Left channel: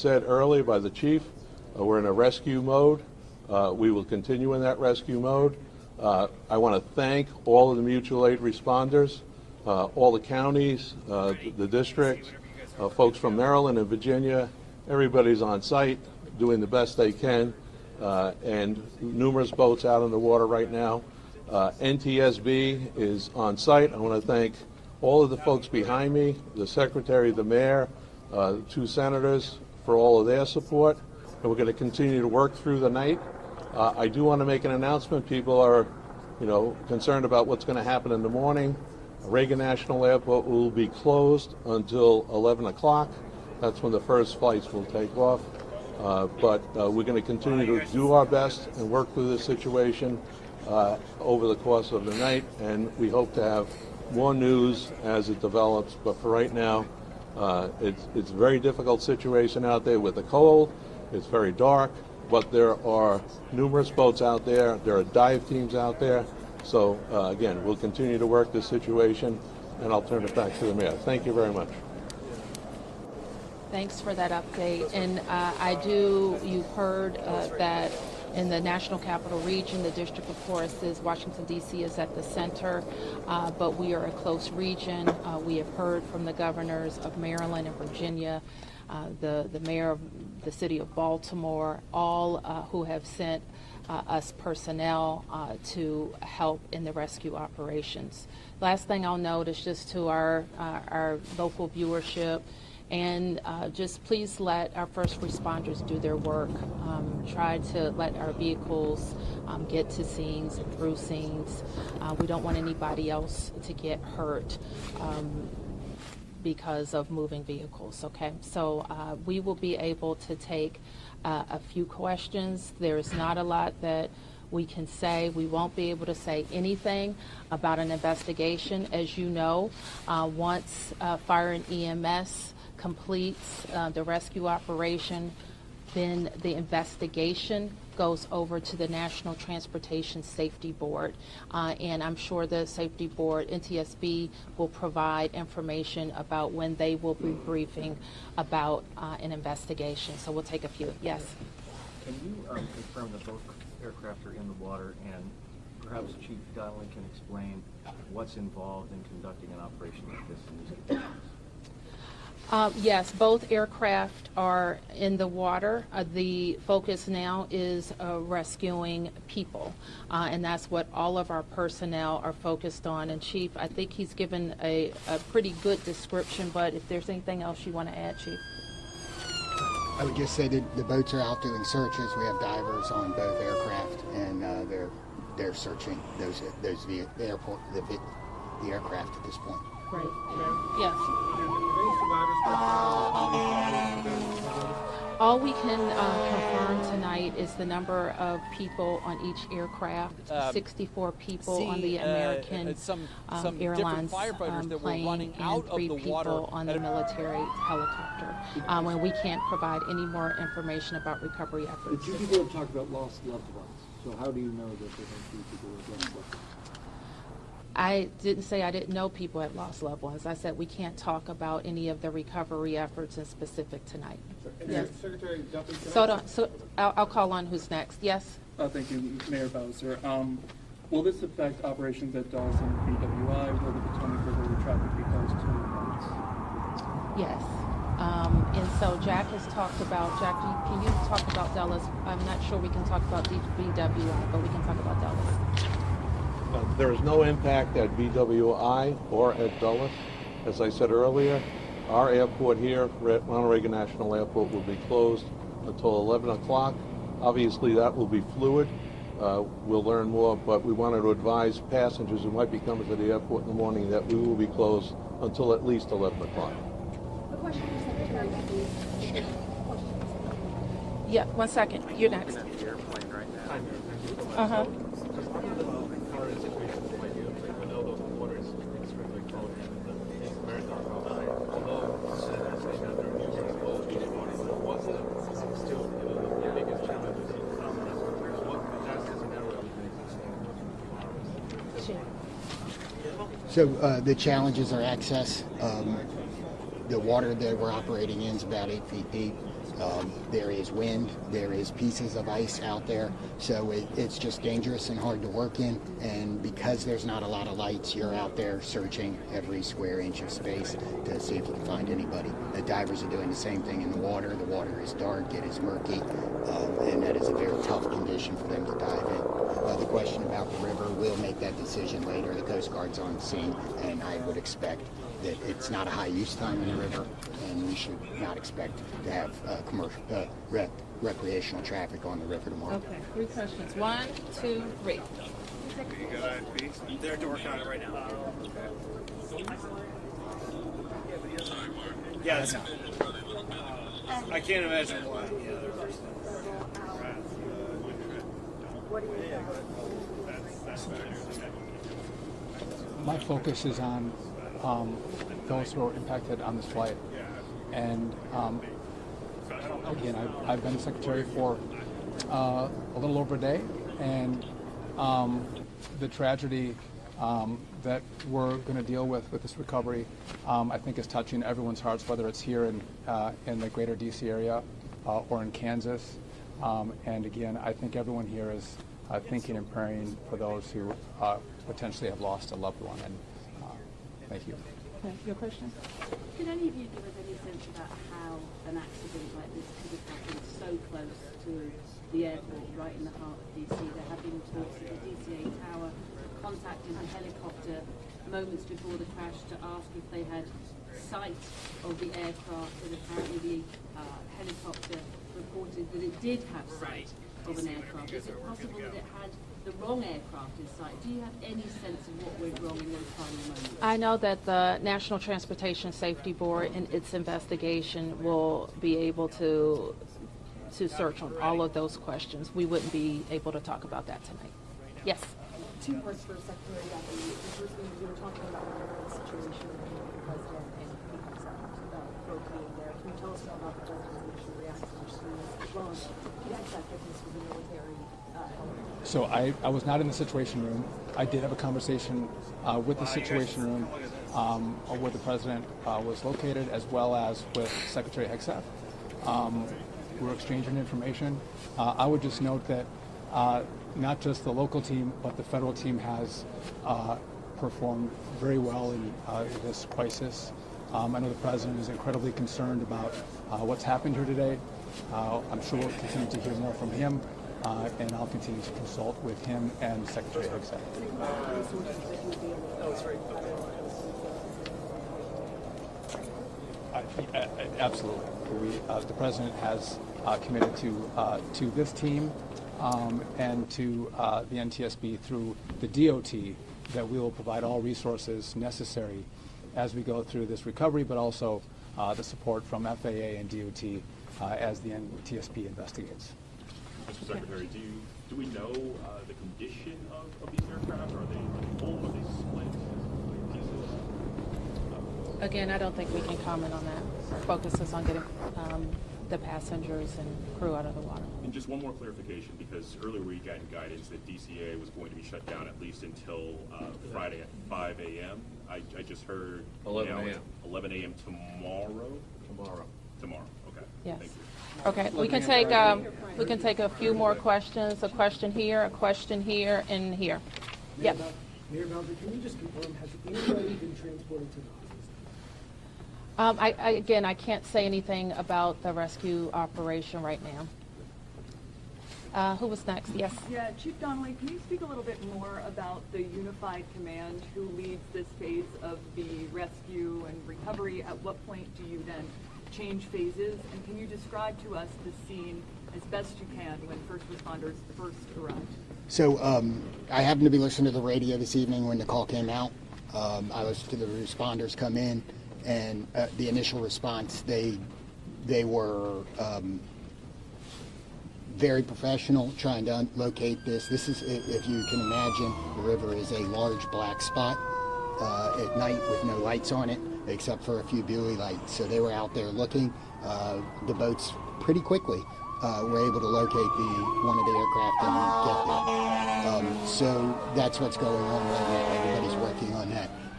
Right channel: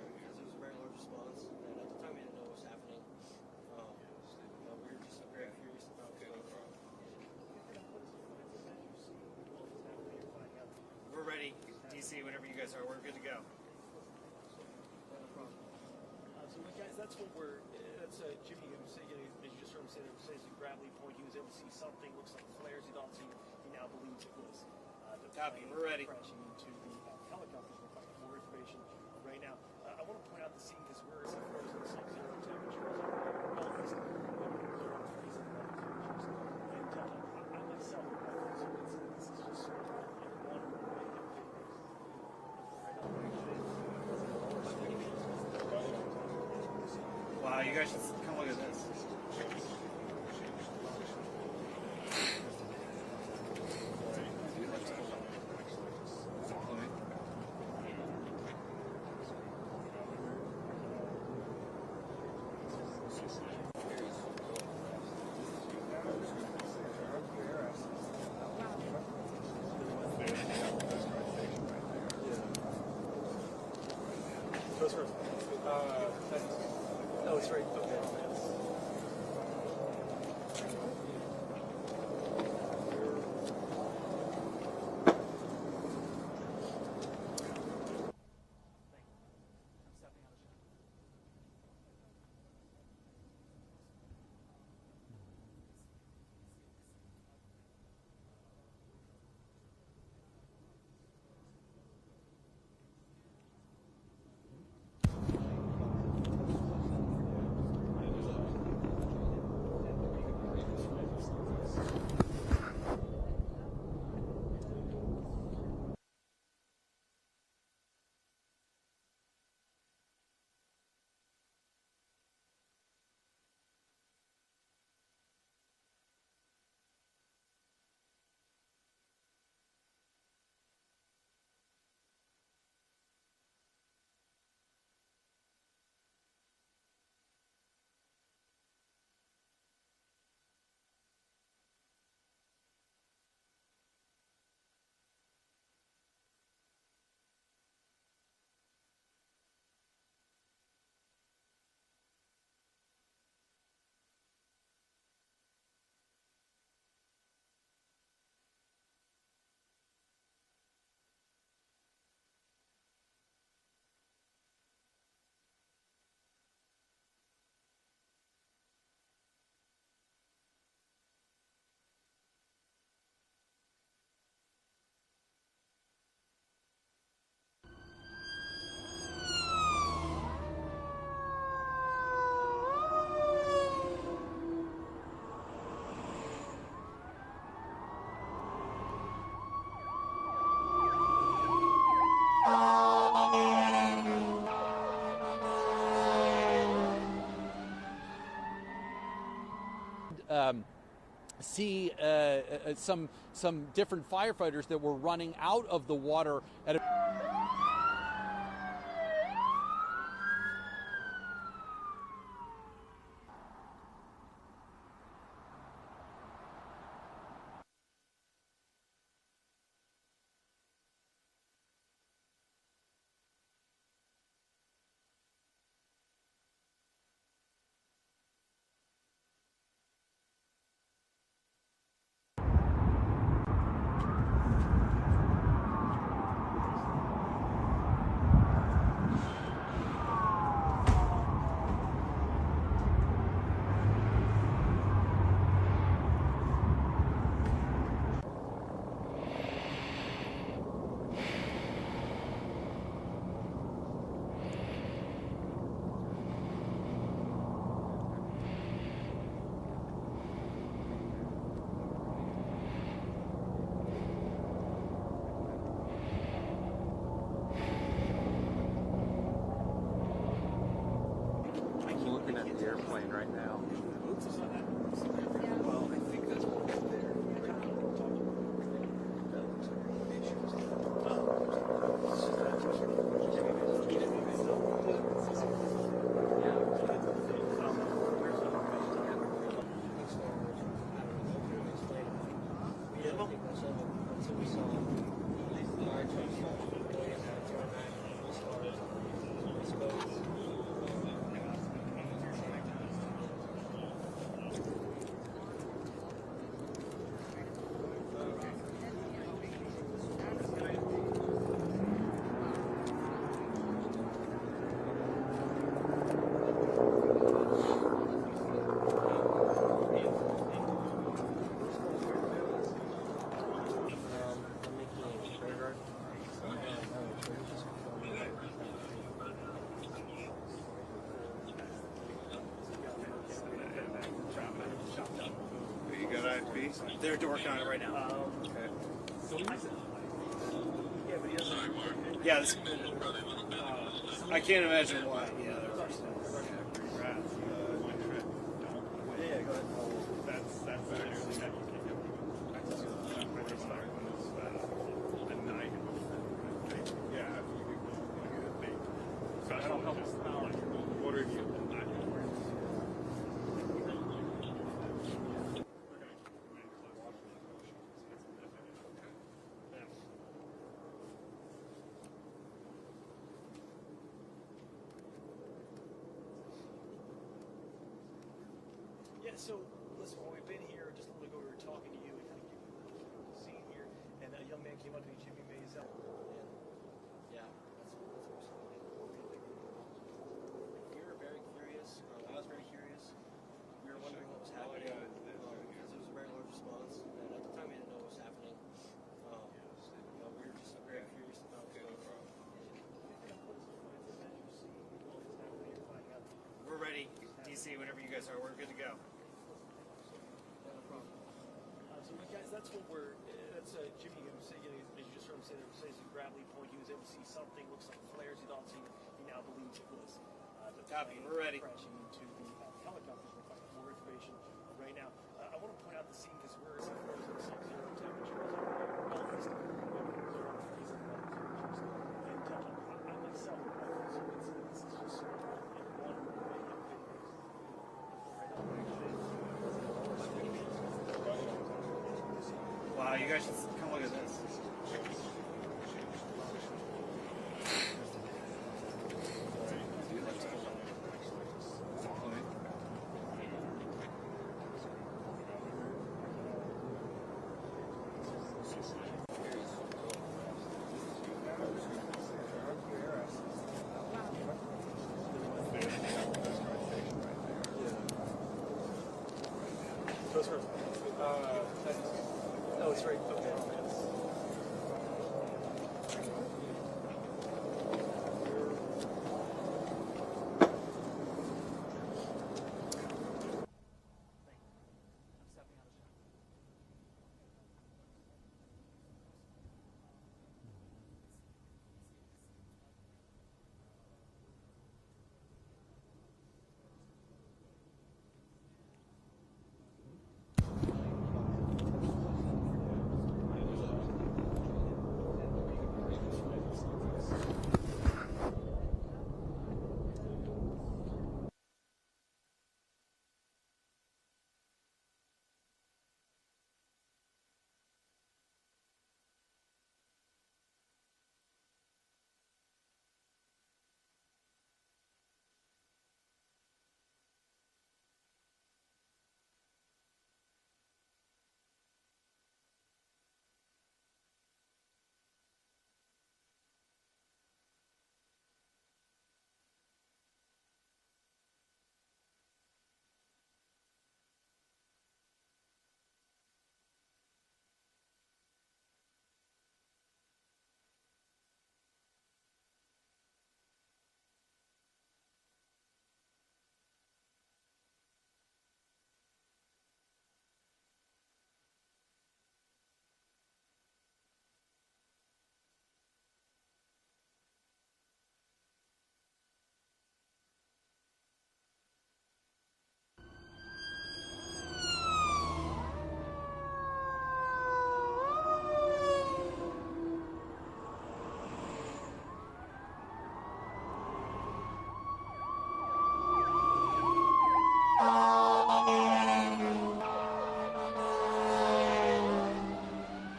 said earlier by the chief, we're in a rescue mode. We will continue in that rescue mode. I want to thank all of the mutual aid responders, all the counties, the districts, folks from Maryland and Virginia. Everybody's on site doing the best they can, and numerous boats out in the water right now. NTSB is on site. I want to thank all of the folks behind me, the secretary, the mayor, the two senators for all of their support, and we're going to continue to work through the night. I do want to make an announcement. People are, concerned about what's going to happen in the morning. Reagan National Airport will be closed until 11 o'clock. That's when the first flights will take off. But we're going to continue to do our best and work through this situation over the course of the night, and we hope to have more news as it develops. But for right now, it's a very difficult situation out there with the cold. It's very dark, but there are numerous boats out there. There are dive teams out there. So again, we'll continue to work this situation, and I'll turn it back to the mayor. Thank you very much. Thanks for that update. And you've heard that in the National Capital Region, the District of Course is Washington, D.C. is at the center, but we are a close region. We have heard from the governors of Maryland and Virginia, the mayor of the city of Baltimore, all who have sent us personnel to help in the rescue operations. Last thing I'll note is just to our local viewership, and just please let our first responders do their work. Try to let our vehicles get to scenes, through scenes. We don't want anybody else to get hurt because of moving vehicles, okay? So we will be able to take a few questions. There's not a lot that we can say. We won't be able to say anything about an investigation. As you know, once fire and EMS completes the rescue operation, then the investigation goes over to the National Transportation Safety Board. And I'm sure the Safety Board, NTSB, will provide information about when they will be briefing about an investigation. So we'll take a few. Yes? Can you confirm that both aircraft are in the water, and perhaps Chief Donnelly can explain what's involved in conducting an operation like this in these conditions? Yes, both aircraft are in the water. The focus now is rescuing people, and that's what all of our personnel are focused on. And Chief, I think he's given a pretty good description, but if there's anything else you want to add, Chief? I would just say that the boats are out doing searches. We have divers on both aircraft, and they're searching the aircraft at this point. Right. Yes. All we can confirm tonight is the number of people on each aircraft. 64 people on the American some Airlines different firefighters that were running out of the water on the military helicopter. When we can't provide any more information about recovery efforts. The two people have talked about lost loved ones. So how do you know that there are two people who have lost loved ones? I didn't say I didn't know people had lost loved ones. I said we can't talk about any of the recovery efforts in specific tonight. Yes. Secretary Duffy. So I'll call on who's next. Yes? Thank you, Mayor Bowser. Will this affect operations at Dawson and BWI or the traffic vehicles? Yes. And so Jack has talked about, can you talk about Dallas? I'm not sure we can talk about BW, but we can talk about Dallas. There is no impact at BWI or at Dulles. As I said earlier, our airport here, Ronald Reagan National Airport, will be closed until 11 o'clock. Obviously, that will be fluid. We'll learn more, but we wanted to advise passengers who might be coming to the airport in the morning that we will be closed until at least 11 o'clock. Yeah, 1 second. You're next. Looking at the airplane right now. Uh-huh. So the challenges are access. The water that we're operating in is about 8 feet deep. There is wind, there is pieces of ice out there, so it's just dangerous and hard to work in. And because there's not a lot of lights, you're out there searching every square inch of space to see if we can find anybody. The divers are doing the same thing in the water. The water is dark, it is murky, and that is a very tough condition for them to dive in. The question about the river, we'll make that decision later. The Coast Guard's on the scene, and I would expect that it's not a high use time in the river, and we should not expect to have commercial, recreational traffic on the river tomorrow. Okay, 3 questions. 1, 2, 3. You got IFB? They're working on it right now. Yeah, this, I can't imagine why. Yeah, my focus is on those who are impacted on this flight. And I've been secretary for a little over a day, and the tragedy that we're going to deal with this recovery, I think is touching everyone's hearts, whether it's here in the greater DC area or in Kansas. And again, I think everyone here is thinking and praying for those who potentially have lost a loved one. And thank you. Okay, your question? Can any of you give us any sense about how an accident like this could have happened so close to the airport, right in the heart of DC? There have been talks at the DCA Tower contacting the helicopter moments before the crash to ask if they had sight of the aircraft, and apparently the helicopter reported that it did have sight of an aircraft. Is it possible that it had the wrong aircraft in sight? Do you have any sense of what went wrong in those final moments? I know that the National Transportation Safety Board in its investigation will be able to search on all of those questions. We wouldn't be able to talk about that tonight. Yes. 2 parts for Secretary So I was not in the Situation Room. I did have a conversation with the Situation Room where the President was located, as well as with Secretary Hegseth. We were exchanging information. I would just note that not just the local team, but the federal team has performed very well in this crisis. I know the President is incredibly concerned about what's happened here today. I'm sure we'll continue to hear more from him, and I'll continue to consult with him and Secretary Hegseth. Absolutely. The President has committed to this team and to the NTSB through the DOT that we will provide all resources necessary as we go through this recovery, but also the support from FAA and DOT as the NTSB investigates. Mr. Secretary, do we know the condition of these aircraft? Again, I don't think we can comment on that. Our focus is on getting the passengers and crew out of the water. And just one more clarification, because earlier we got guidance that DCA was going to be shut down at least until Friday at 5 a.m. I just heard 11 a.m. 11 a.m. tomorrow? Tomorrow, okay. Yes. Thank you. Okay, we can take a few more questions. A question here, and here. Yep. Mayor Bowser, can you just confirm, has anybody been transported to the Again, I can't say anything about the rescue operation right now. Who was next? Yes. Yeah, Chief Donnelly, can you speak a little bit more about the unified command who leads this phase of the rescue and recovery? At what point do you then change phases? And can you describe to us the scene as best you can when first responders first arrived? So I happened to be listening to the radio this evening when the call came out. I listened to the responders come in, and the initial response, they were very professional trying to locate this. This is, if you can imagine, the river is a large black spot at night with no lights on it except for a few buoy lights. So they were out there looking. The boats pretty quickly were able to locate one of the aircraft. So that's what's going on. Everybody's working on that.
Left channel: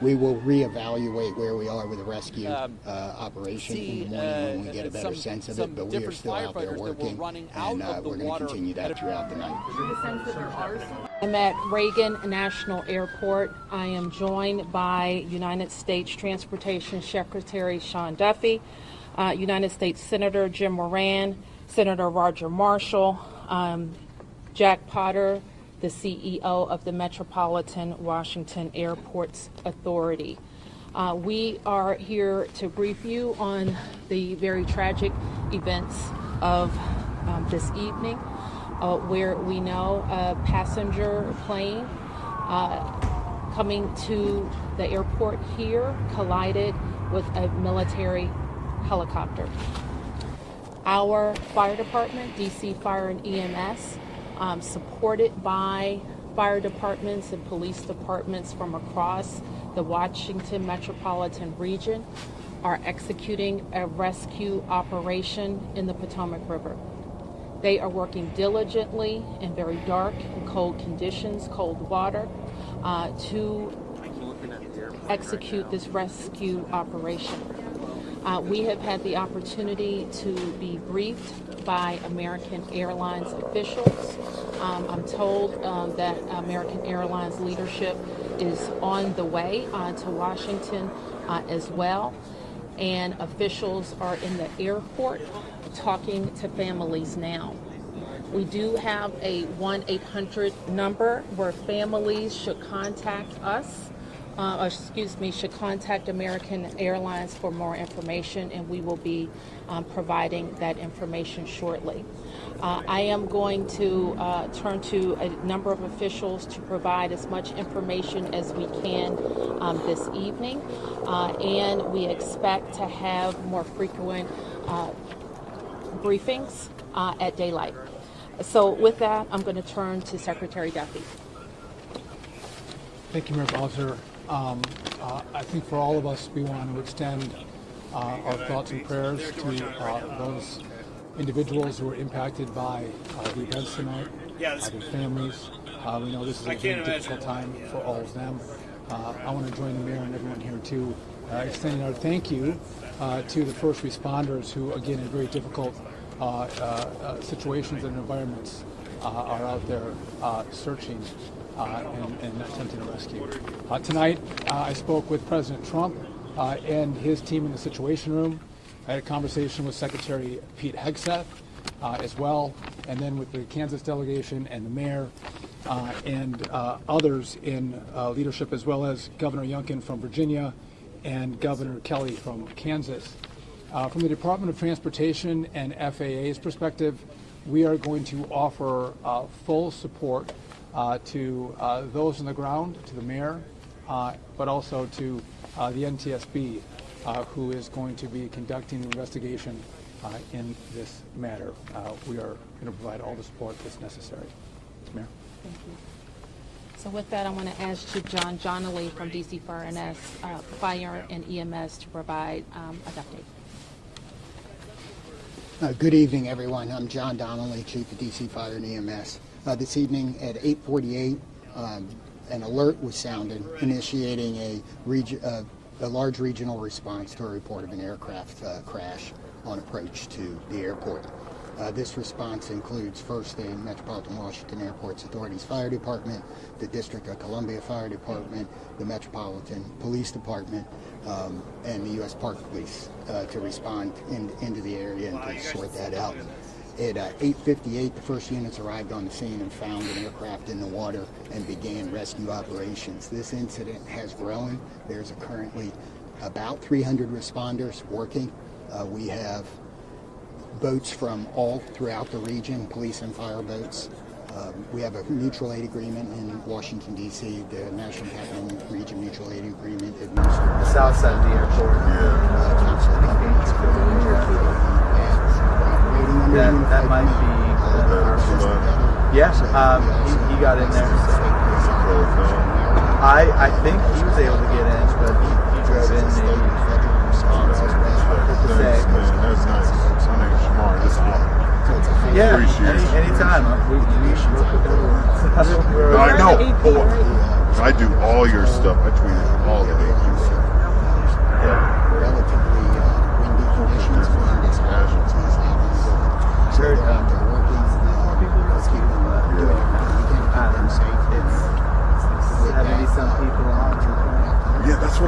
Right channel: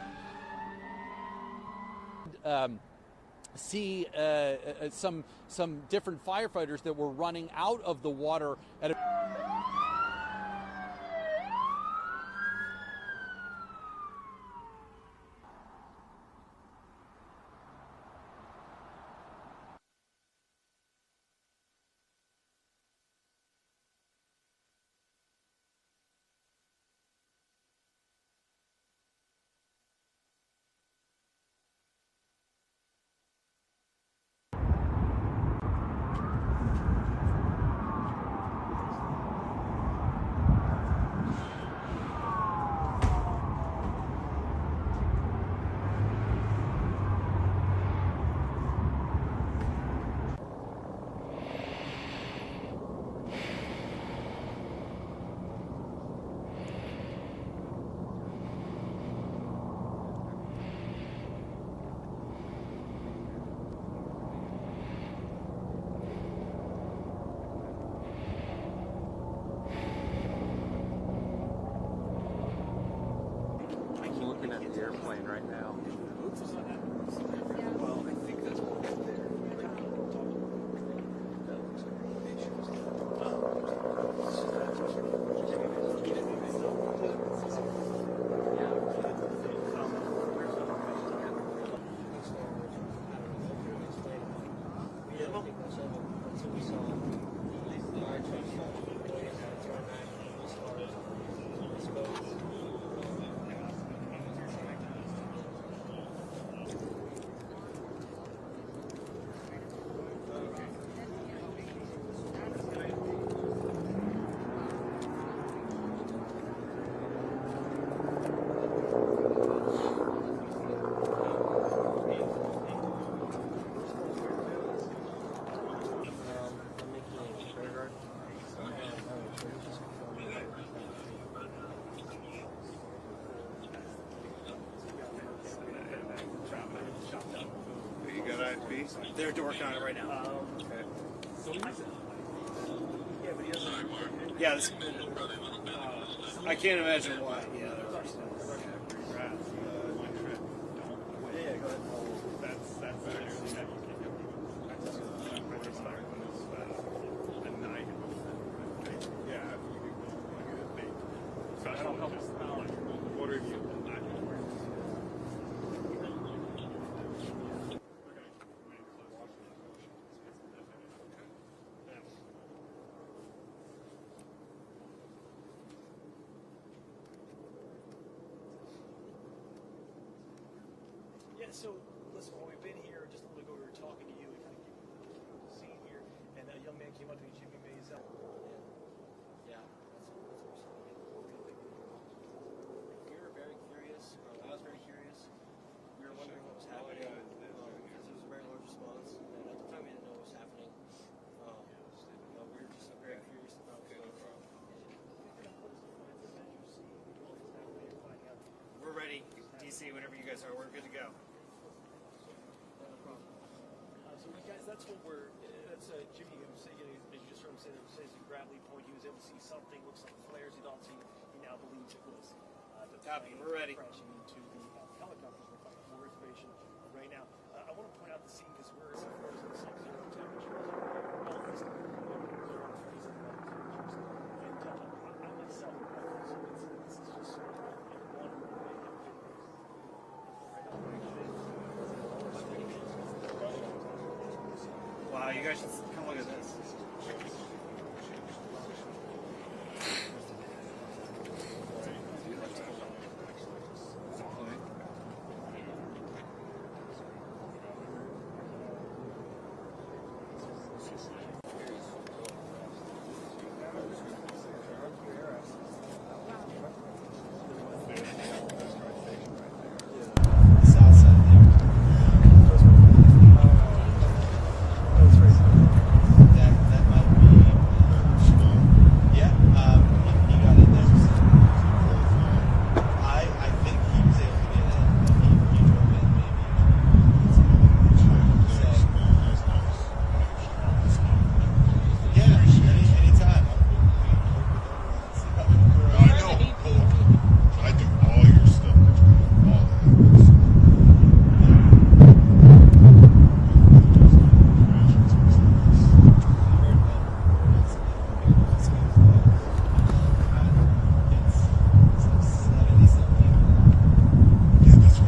we will reevaluate where we are with the rescue operation. See when we get a better sense of some it, but different we are still out there firefighters that were working, running out and, of the we're gonna water. continue that throughout the night. I'm at Reagan National Airport. I am joined by United States Transportation Secretary Sean Duffy, United States Senator Jim Moran, Senator Roger Marshall, Jack Potter, the CEO of the Metropolitan Washington Airports Authority. We are here to brief you on the very tragic events of this evening, where we know a passenger plane coming to the airport here collided with a military helicopter. Our fire department, DC Fire and EMS, supported by fire departments and police departments from across the Washington metropolitan region, are executing a rescue operation in the Potomac River. They are working diligently in very dark, cold conditions, cold water, to execute this rescue operation. We have had the opportunity to be briefed by American Airlines officials. I'm told that American Airlines leadership is on the way to Washington as well, and officials are in the airport talking to families now. We do have a 1-800 number where families should contact us, should contact American Airlines for more information, and we will be providing that information shortly. I am going to turn to a number of officials to provide as much information as we can this evening, and we expect to have more frequent briefings at daylight. So with that, I'm going to turn to Secretary Duffy. Thank you, Mayor Bowser. I think for all of us, we want to extend our thoughts and prayers to those individuals who were impacted by the events tonight. Yeah, their families. We know this is I can't imagine a time for all of them. I want to join the mayor and everyone here to extend our thank you to the first responders who, again, in very difficult situations and environments, are out there searching and attempting to rescue. Tonight, I spoke with President Trump and his team in the Situation Room. I had a conversation with Secretary Pete Hegseth as well, and then with the Kansas delegation and the mayor and others in leadership, as well as Governor Youngkin from Virginia and Governor Kelly from Kansas. From the Department of Transportation and FAA's perspective, we are going to offer full support to those on the ground, to the mayor, but also to the NTSB, who is going to be conducting the investigation in this matter. We are going to provide all the support that's necessary. Mayor. Thank you. So with that, I want to ask Chief John Johnley from DC Fire and EMS to provide an update. Good evening, everyone. I'm John Donnelly, Chief of DC Fire and EMS. This evening at 8:48, an alert was sounded, initiating a large regional response to a report of an aircraft crash on approach to the airport. This response includes first the Metropolitan Washington Airports Authority's Fire Department, the District of Columbia Fire Department, the Metropolitan Police Department, and the U.S. Park Police to respond into the area and sort that out. At 8:58, the first units arrived on the scene and found the aircraft in the water and began rescue operations. This incident has grown. There's currently about 300 responders working. We have boats from all throughout the region, police and fire boats. We have a mutual aid agreement in Washington, D.C., the National Capital Region Mutual Aid Agreement. The south side of the airport. That might be. Yes, he got in there. I think he was able to get in, but he drove in maybe. Yeah, anytime. We should work with everyone. I know. I do all your stuff. I tweet all of it.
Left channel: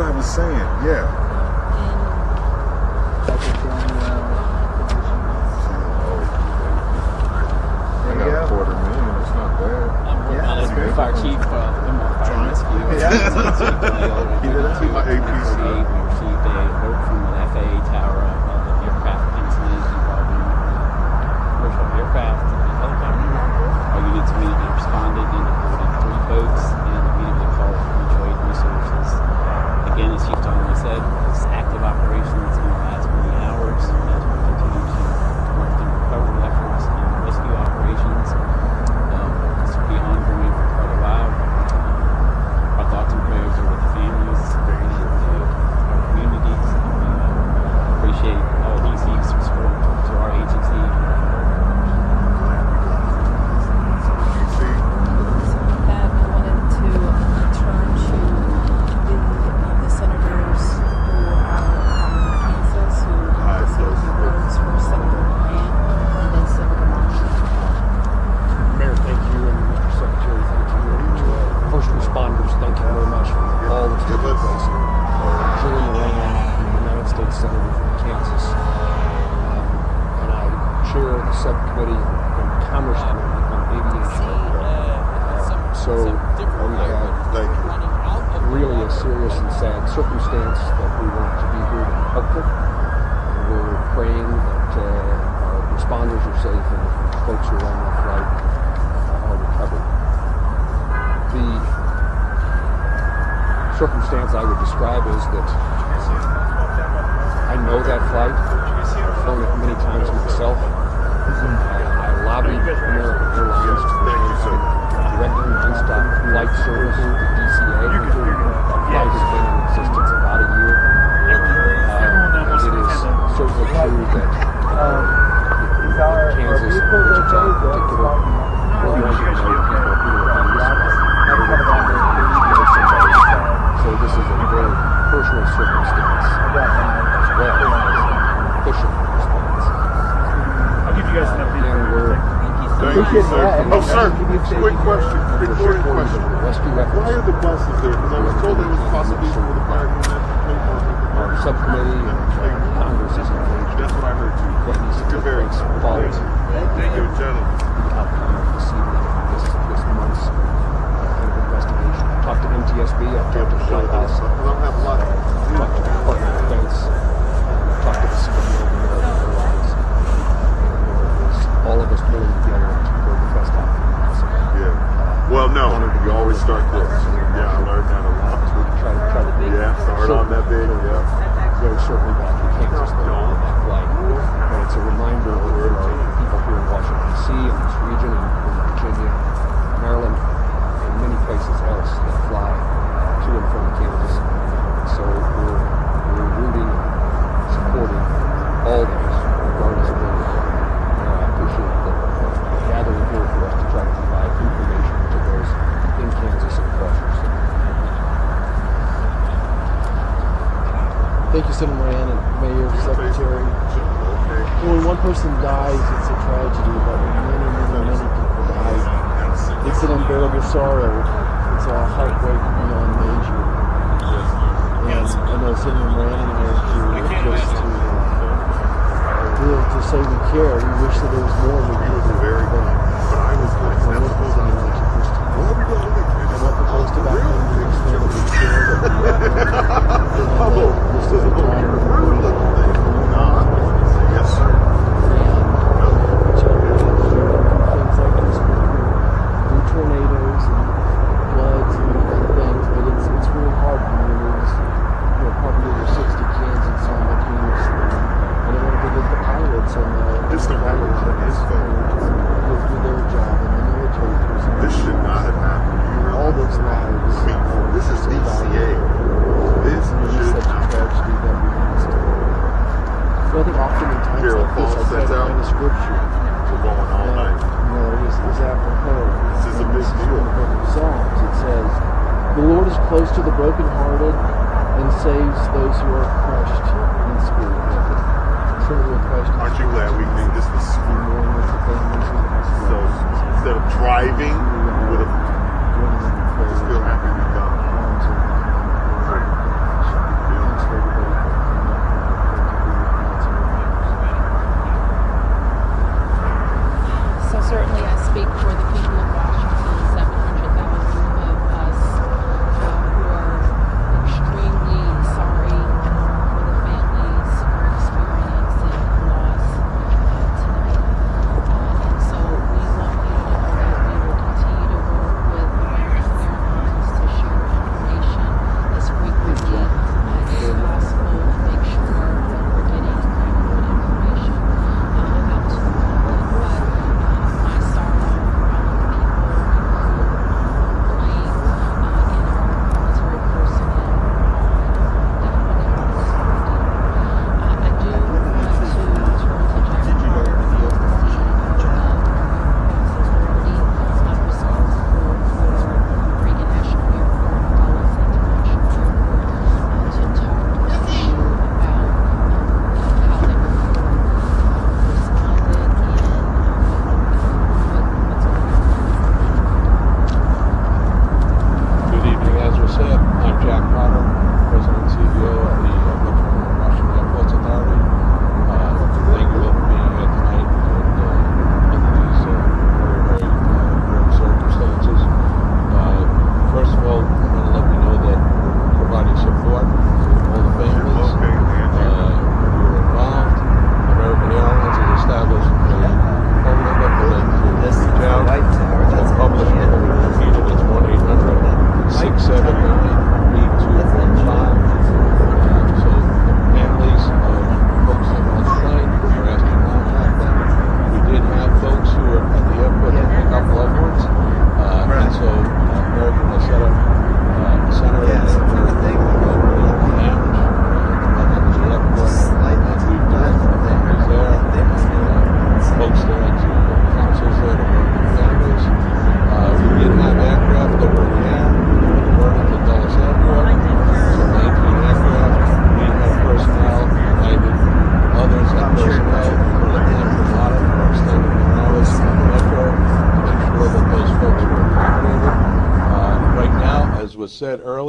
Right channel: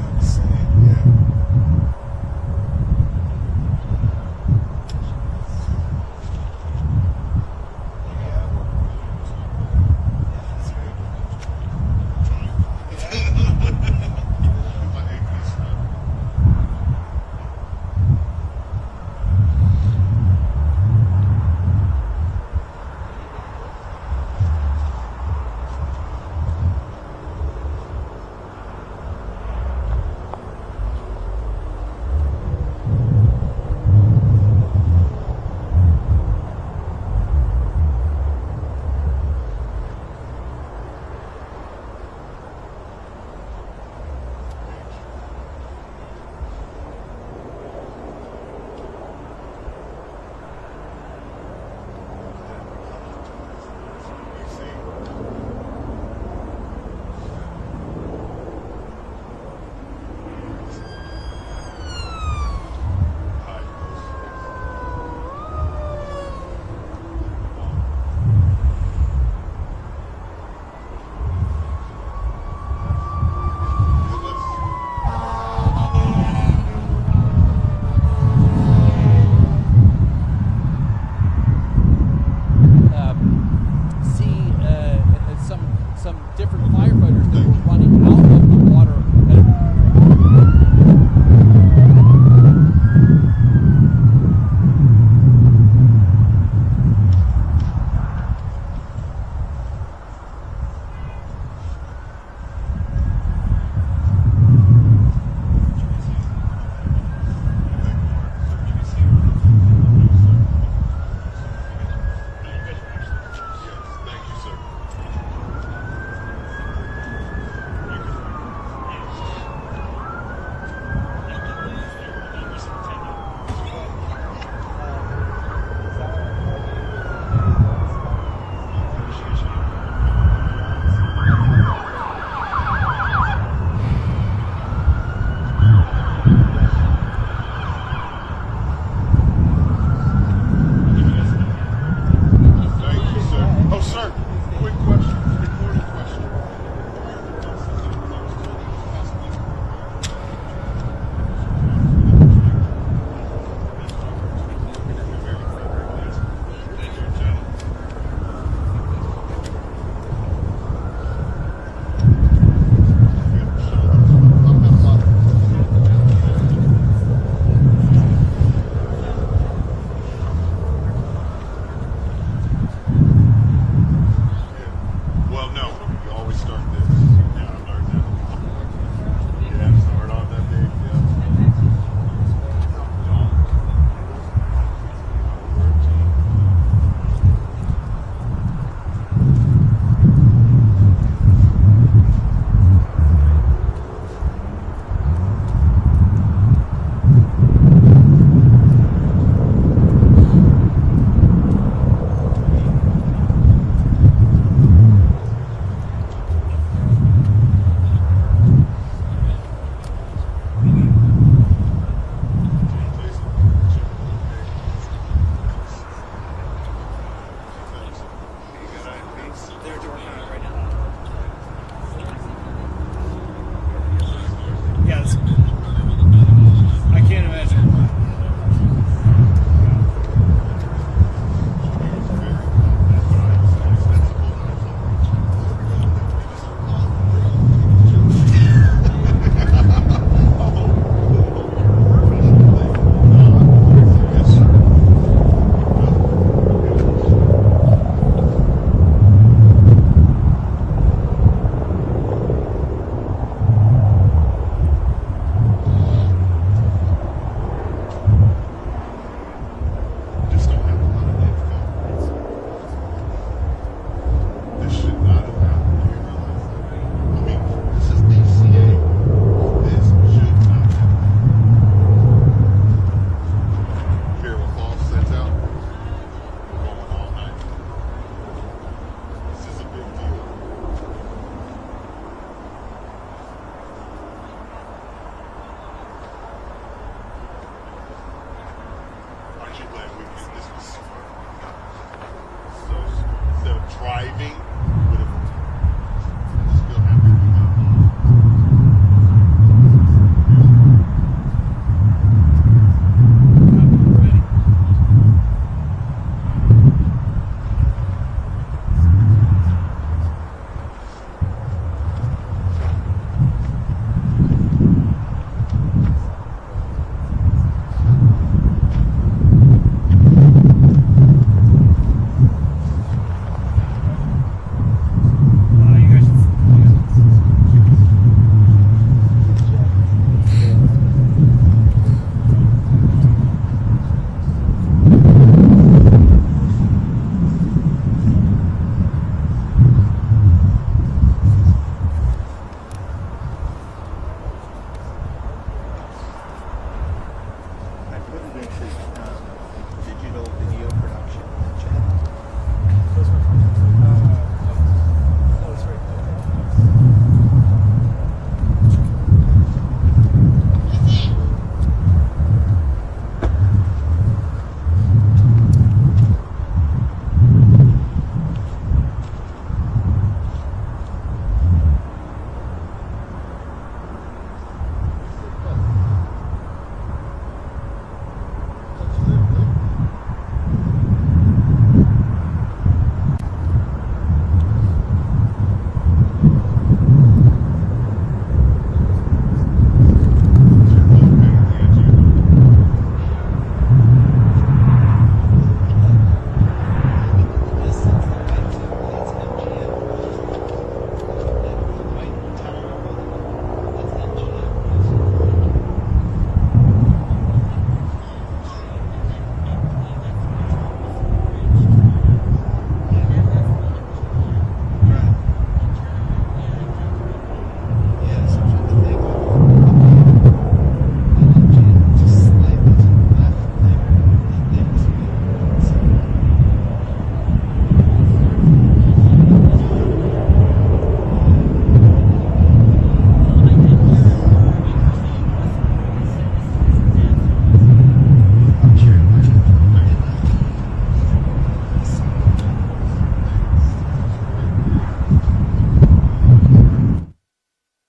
I was saying. Yeah. I got a $250,000. It's not bad. Fire chief, He did it to my APC. We received a note from the FAA tower of an aircraft incident involving commercial aircraft and helicopter. Our units immediately responded and deployed 3 boats and immediately called for mutual aid resources. Again, as Chief Donnelly said, this active operation is going to last many hours as we continue to conduct the recovery efforts and rescue operations. This will be ongoing for quite a while. Our thoughts and prayers are with the families and our communities. We appreciate all DC's support to our agency. That I wanted to turn to the senators who are Kansas, who votes for Senator and Senator Mayor, thank you, and Mr. Secretary, thank you, and first responders, thank you very much for all the service. Julie Moran, United States Senator from Kansas, and I chair the subcommittee on Congress. Some different firefighters that were running out of the water. Serious and sad circumstance. We're praying that responders are safe and folks who are on the flight are recovered. The circumstance I would describe is that I know that flight. I've flown it many times myself. I lobbied American Airlines to directly stop flight service with DCA. We've been in existence about a year. It is certainly true that Kansas, in particular, so this is a very personal circumstance as well as pushing response. I'll give you guys an update. Thank you, sir. Oh, sir, quick question. Recording question. Why are the buses there? Because I was told that was possibly for the fire Our subcommittee, Congress is engaged. That's what I heard. You're very quality. Thank you, gentlemen. Talk to NTSB. I'll get to show us. I'm having a lot of all of us pulling together to bring the best outcomes. Yeah. Well, no, you always start there. Yeah, I learned that a lot. Yeah, start on that big. Yeah. Very shortly back to Kansas, that flight. And it's a reminder of where people here in Washington, D.C., and this region, and Virginia, Maryland, and many places else that fly to and from Kansas. So we're rooting, supporting all of us. Thank you, Senator Moran and Mayor, Secretary. When one person dies, it's a tragedy, but many people die. It's an unbearable sorrow. It's a heartbreak beyond measure. Yes. I know Senator Moran. I can't imagine. To say we care, we wish that there was more we could do. Very good. But I was like, that's the most yes, sir. Tornadoes and floods and other things, but it's really hard for us. We're part of the 60 kids and some of the kids. And I think the pilots and This don't have a lot of info. for their job in the military. This should not have happened. Do you realize? All those matters. I mean, this is DCA. This should not have happened. So I think oftentimes Carol like Paul this, sets I out. find the scripture. We're going all night. You know, it is apropos. This is a big deal. Psalms, it says, "The Lord is close to the brokenhearted and saves those who are crushed in spirit." Truly a question. Aren't you glad we made this this So instead of driving, we would have still happy to be done.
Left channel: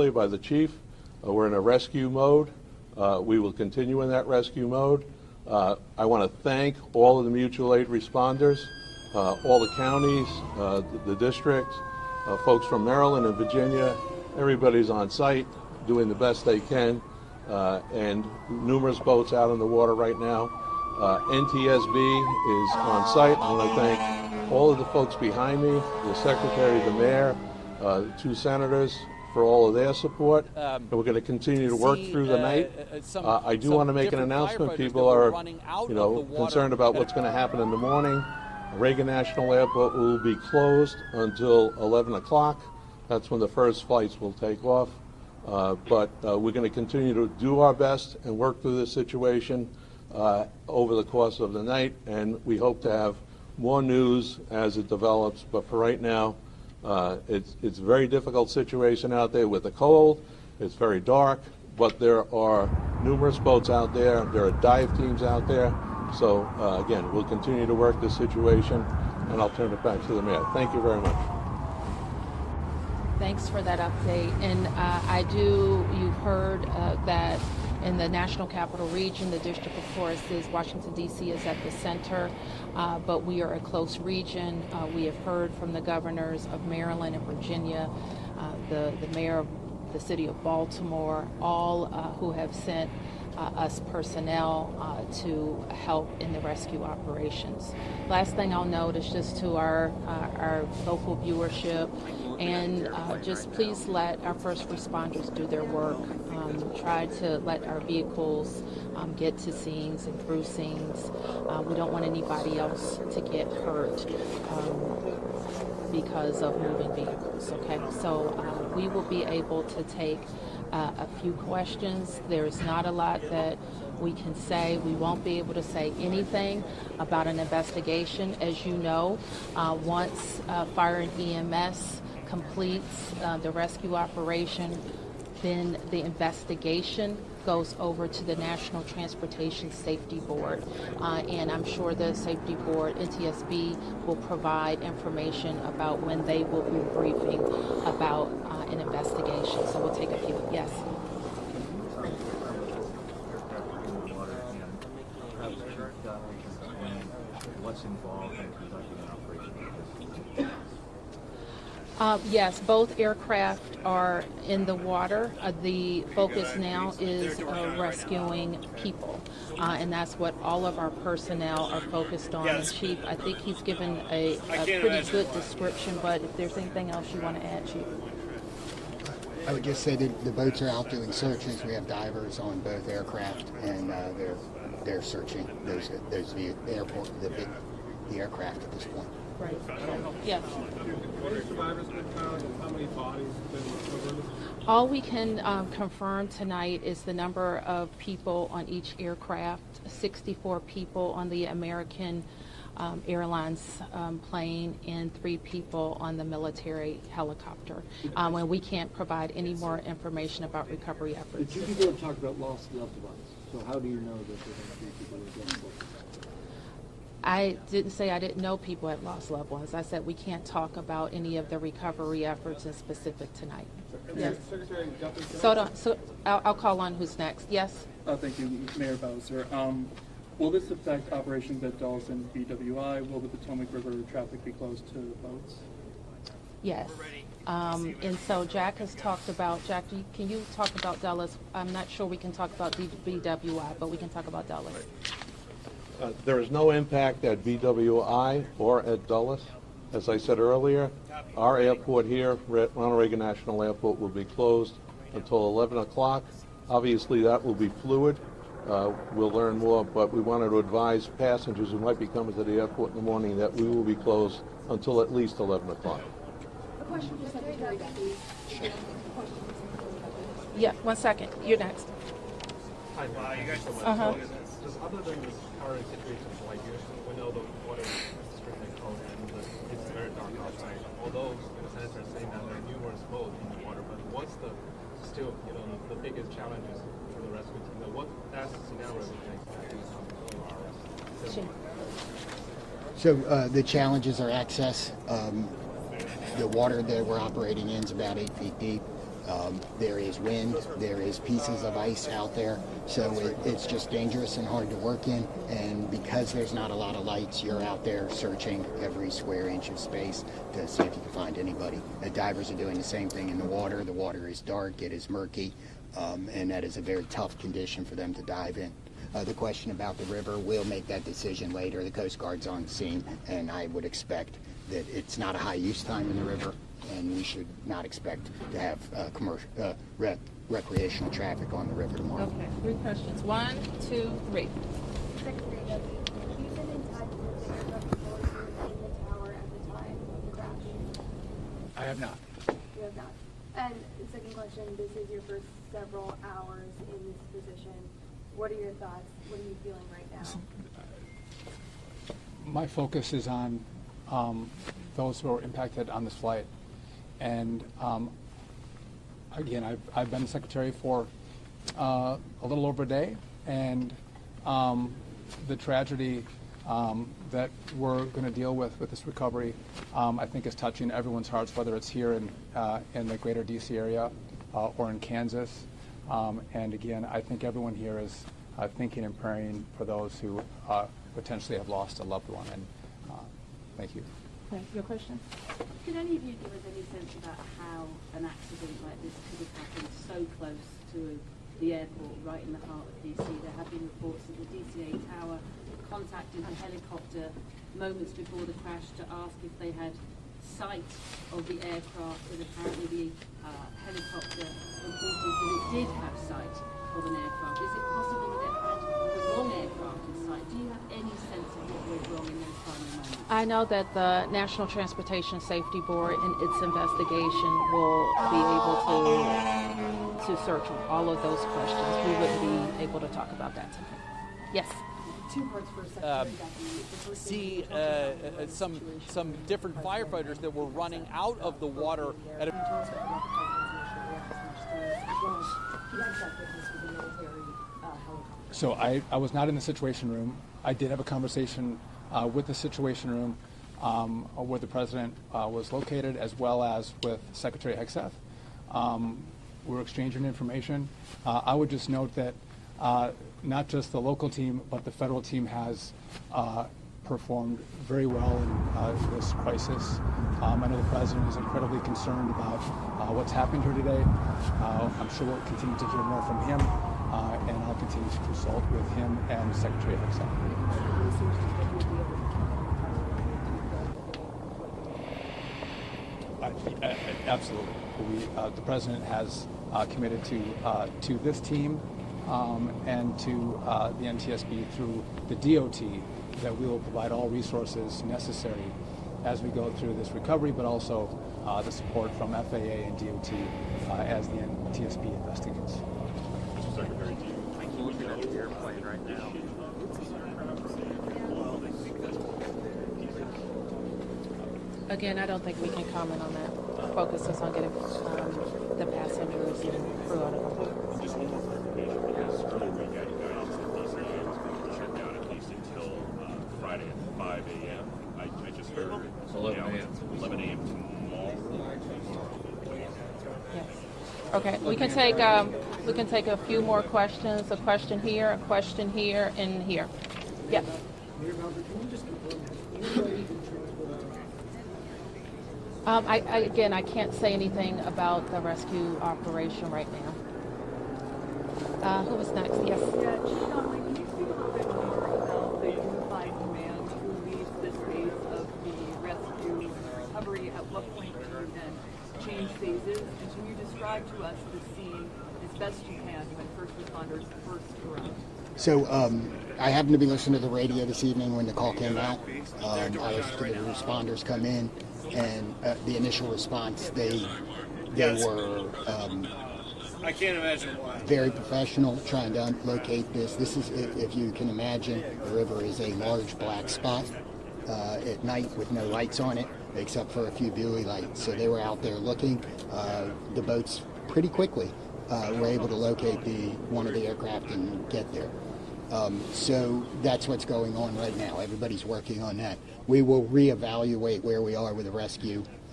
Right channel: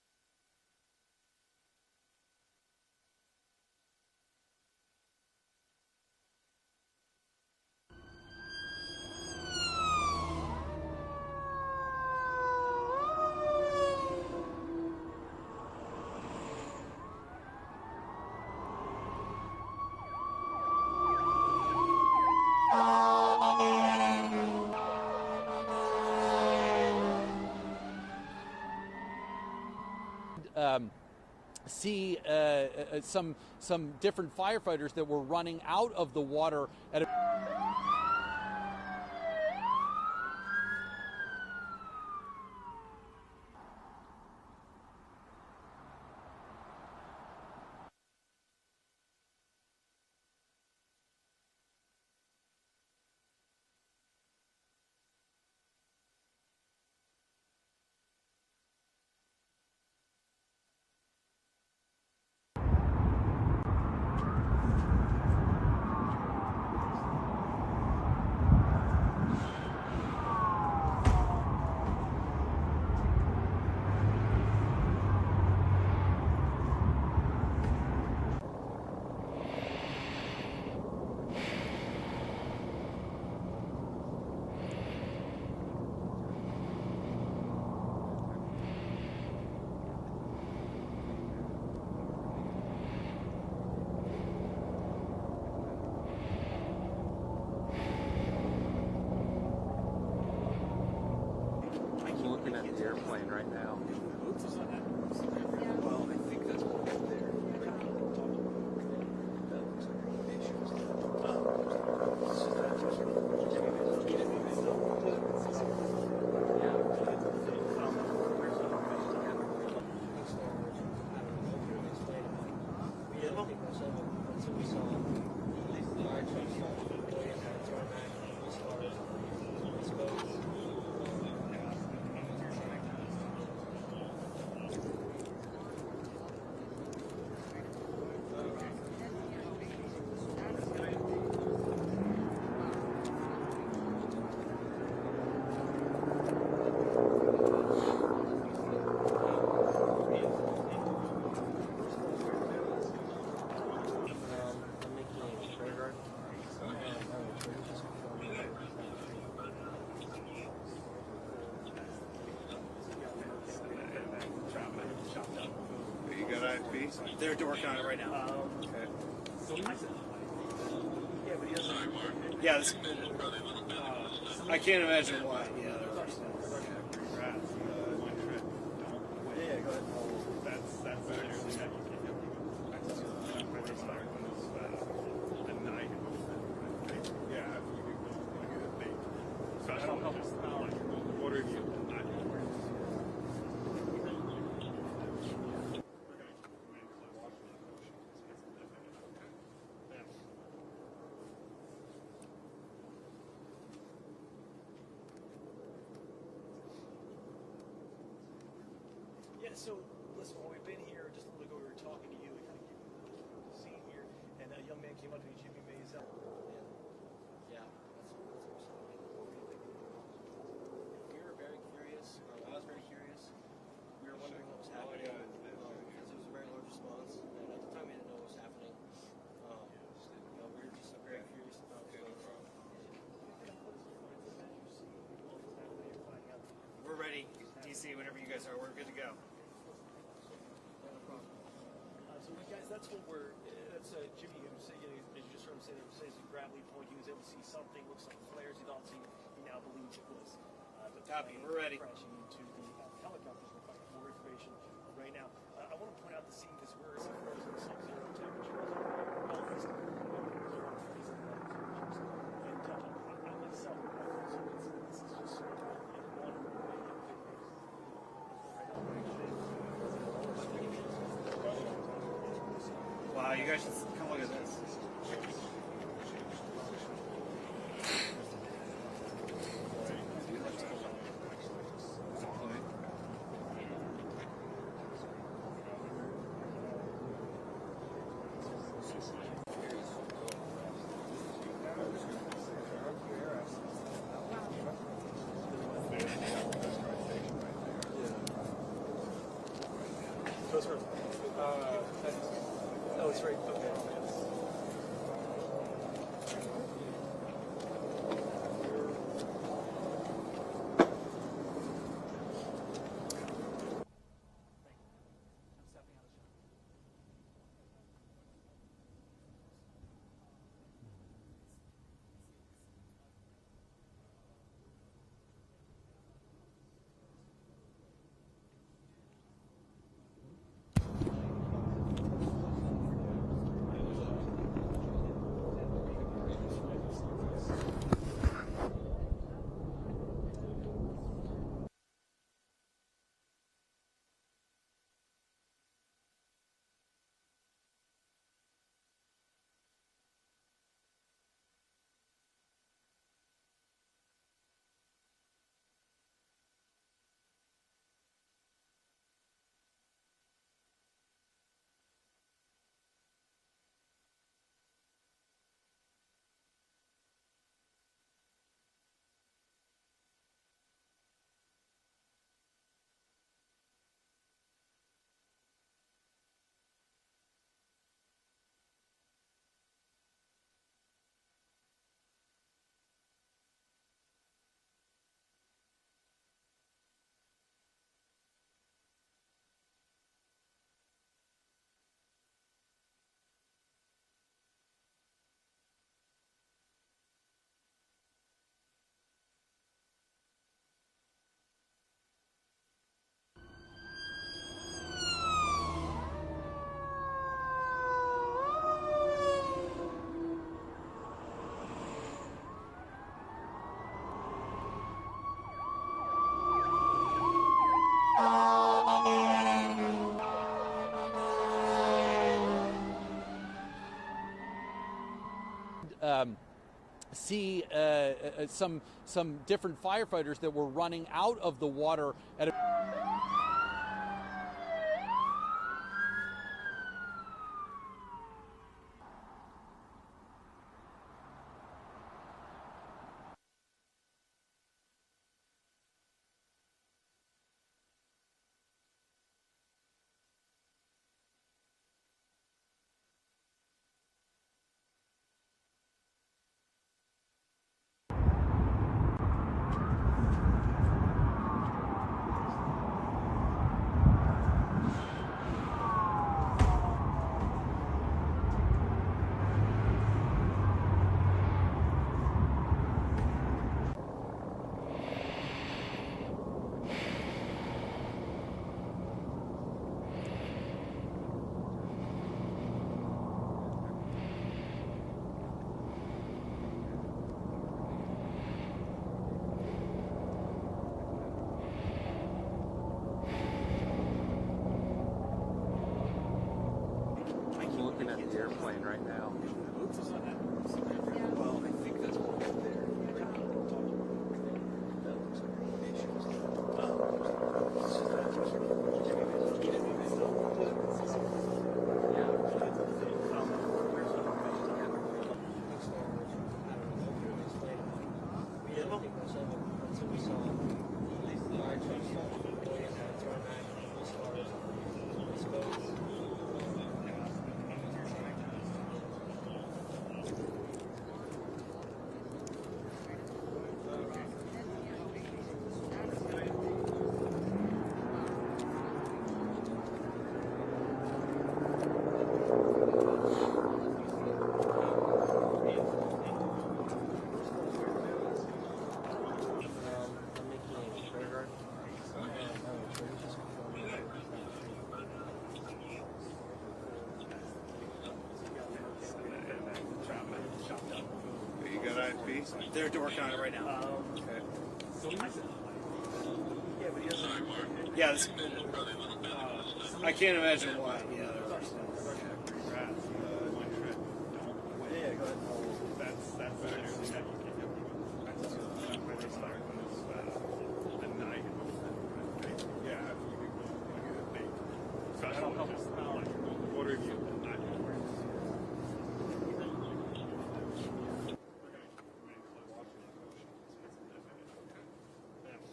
earlier by the chief, we're in a rescue mode. We will continue in that rescue mode. I want to thank all of the mutual aid responders, all the counties, the districts, folks from Maryland and Virginia. Everybody's on site doing the best they can, and numerous boats out in the water right now. NTSB is on site. I want to thank all of the folks behind me, the secretary, the mayor, 2 senators, for all of their support. And we're going to continue to work through the night. I do want to make an announcement. People are concerned about what's going to happen in the morning. Reagan National Airport will be closed until 11 o'clock. That's when the first flights will take off. But we're going to continue to do our best and work through this situation over the course of the night, and we hope to have more news as it develops. But for right now, it's a very difficult situation out there with the cold. It's very dark, but there are numerous boats out there. There are dive teams out there. So again, we'll continue to work this situation, and I'll turn it back to the mayor. Thank you very much. Thanks for that update. And you've heard that in the National Capital Region, the District of Course is Washington, D.C. is at the center, but we are a close region. We have heard from the governors of Maryland and Virginia, the mayor of the city of Baltimore, all who have sent us personnel to help in the rescue operations. Last thing I'll note is just to our local viewership, and just please let our first responders do their work. Try to let our vehicles get to scenes and through scenes. We don't want anybody else to get hurt because of moving vehicles. Okay, so we will be able to take a few questions. There's not a lot that we can say. We won't be able to say anything about an investigation. As you know, once Fire and EMS completes the rescue operation, then the investigation goes over to the National Transportation Safety Board. And I'm sure the Safety Board, NTSB, will provide information about when they will be briefing about an investigation. So we'll take a few. Yes. Yes, both aircraft are in the water. The focus now is rescuing people, and that's what all of our personnel are focused on. Yeah, Chief, I think he's given a pretty good description, but if there's anything else you want to add, Chief? I would just say that the boats are out doing searches. We have divers on both aircraft, and they're searching. There's the airport, the aircraft at this point. Right. Yeah. All we can confirm tonight is the number of people on each aircraft, 64 people on the American Airlines plane and 3 people on the military helicopter. And we can't provide any more information about recovery efforts. Did you talk about lost loved ones? So how do you know that? I didn't say I didn't know people had lost loved ones. I said we can't talk about any of the recovery efforts in specific tonight. Yes. So I'll call on who's next. Yes? Thank you, Mayor Bowser. Will this affect operations at Dulles and BWI? Will the Potomac River traffic be closed to boats? Yes. And so Jack has talked about, Jack, can you talk about Dulles? I'm not sure we can talk about BWI, but we can talk about Dulles. There is no impact at BWI or at Dulles. As I said earlier, our airport here, Ronald Reagan National Airport, will be closed until 11 o'clock. Obviously, that will be fluid. We'll learn more, but we wanted to advise passengers who might be coming to the airport in the morning that we will be closed until at least 11 o'clock. Yeah, 1 second. You're next. Wow, you guys look at this. So the challenges are access. The water that we're operating in is about 8 feet deep. there is wind, there is pieces of ice out there, so it's just dangerous and hard to work in. And because there's not a lot of lights, you're out there searching every square inch of space to see if you can find anybody. The divers are doing the same thing in the water. The water is dark, it is murky, and that is a very tough condition for them to dive in. The question about the river, we'll make that decision later. The Coast Guard's on scene, and I would expect that it's not a high use time in the river, and we should not expect to have commercial, recreational traffic on the river tomorrow. Okay, 3 questions. 1, 2, 3. I have not. You have not. And second question, this is your first several hours in this position. What are your thoughts? What are you feeling right now? My focus is on those who are impacted on this flight. And again, I've been secretary for a little over a day, and the tragedy that we're going to deal with this recovery, I think is touching everyone's hearts, whether it's here in the greater DC area or in Kansas. And again, I think everyone here is thinking and praying for those who potentially have lost a loved one. And thank you. Okay, your question? Could any of you give us any sense about how an accident like this could have happened so close to the airport, right in the heart of DC? There have been reports that the DCA tower contacted a helicopter moments before the crash to ask if they had sight of the aircraft, and apparently the helicopter did have sight of an aircraft. Is it possible that they had the wrong aircraft in sight? Do you have any sense of what went wrong in those final moments? I know that the National Transportation Safety Board in its investigation will be able to search all of those questions. We will be able to talk about that tonight. Yes. See some different firefighters that were running out of the water at a So I was not in the Situation Room. I did have a conversation with the Situation Room where the President was located, as well as with Secretary Hegseth. We're exchanging information. I would just note that not just the local team, but the federal team has performed very well in this crisis. I know the President is incredibly concerned about what's happened here today. I'm sure we'll continue to hear more from him, and I'll continue to consult with him and Secretary Hegseth. Absolutely. The President has committed to this team and to the NTSB through the DOT that we will provide all resources necessary as we go through this recovery, but also the support from FAA and DOT as the NTSB investigates. I'm looking at the airplane right now. Again, I don't think we can comment on that. Our focus is on getting the passengers. Okay, we can take a few more questions. A question here, and here. Yeah. Again, I can't say anything about the rescue operation right now. Who is next? Yes. So I happened to be listening to the radio this evening when the call came out. They're working on it right now. Responders come in, and the initial response, they were I can't imagine why. Very professional, trying to locate this. This is, if you can imagine, the river is a large black spot at night with no lights on it, except for a few buoy lights. So they were out there looking. The boats pretty quickly were able to locate one of the aircraft and get there. So that's what's going on right now. Everybody's working on that. We will reevaluate where we are with the rescue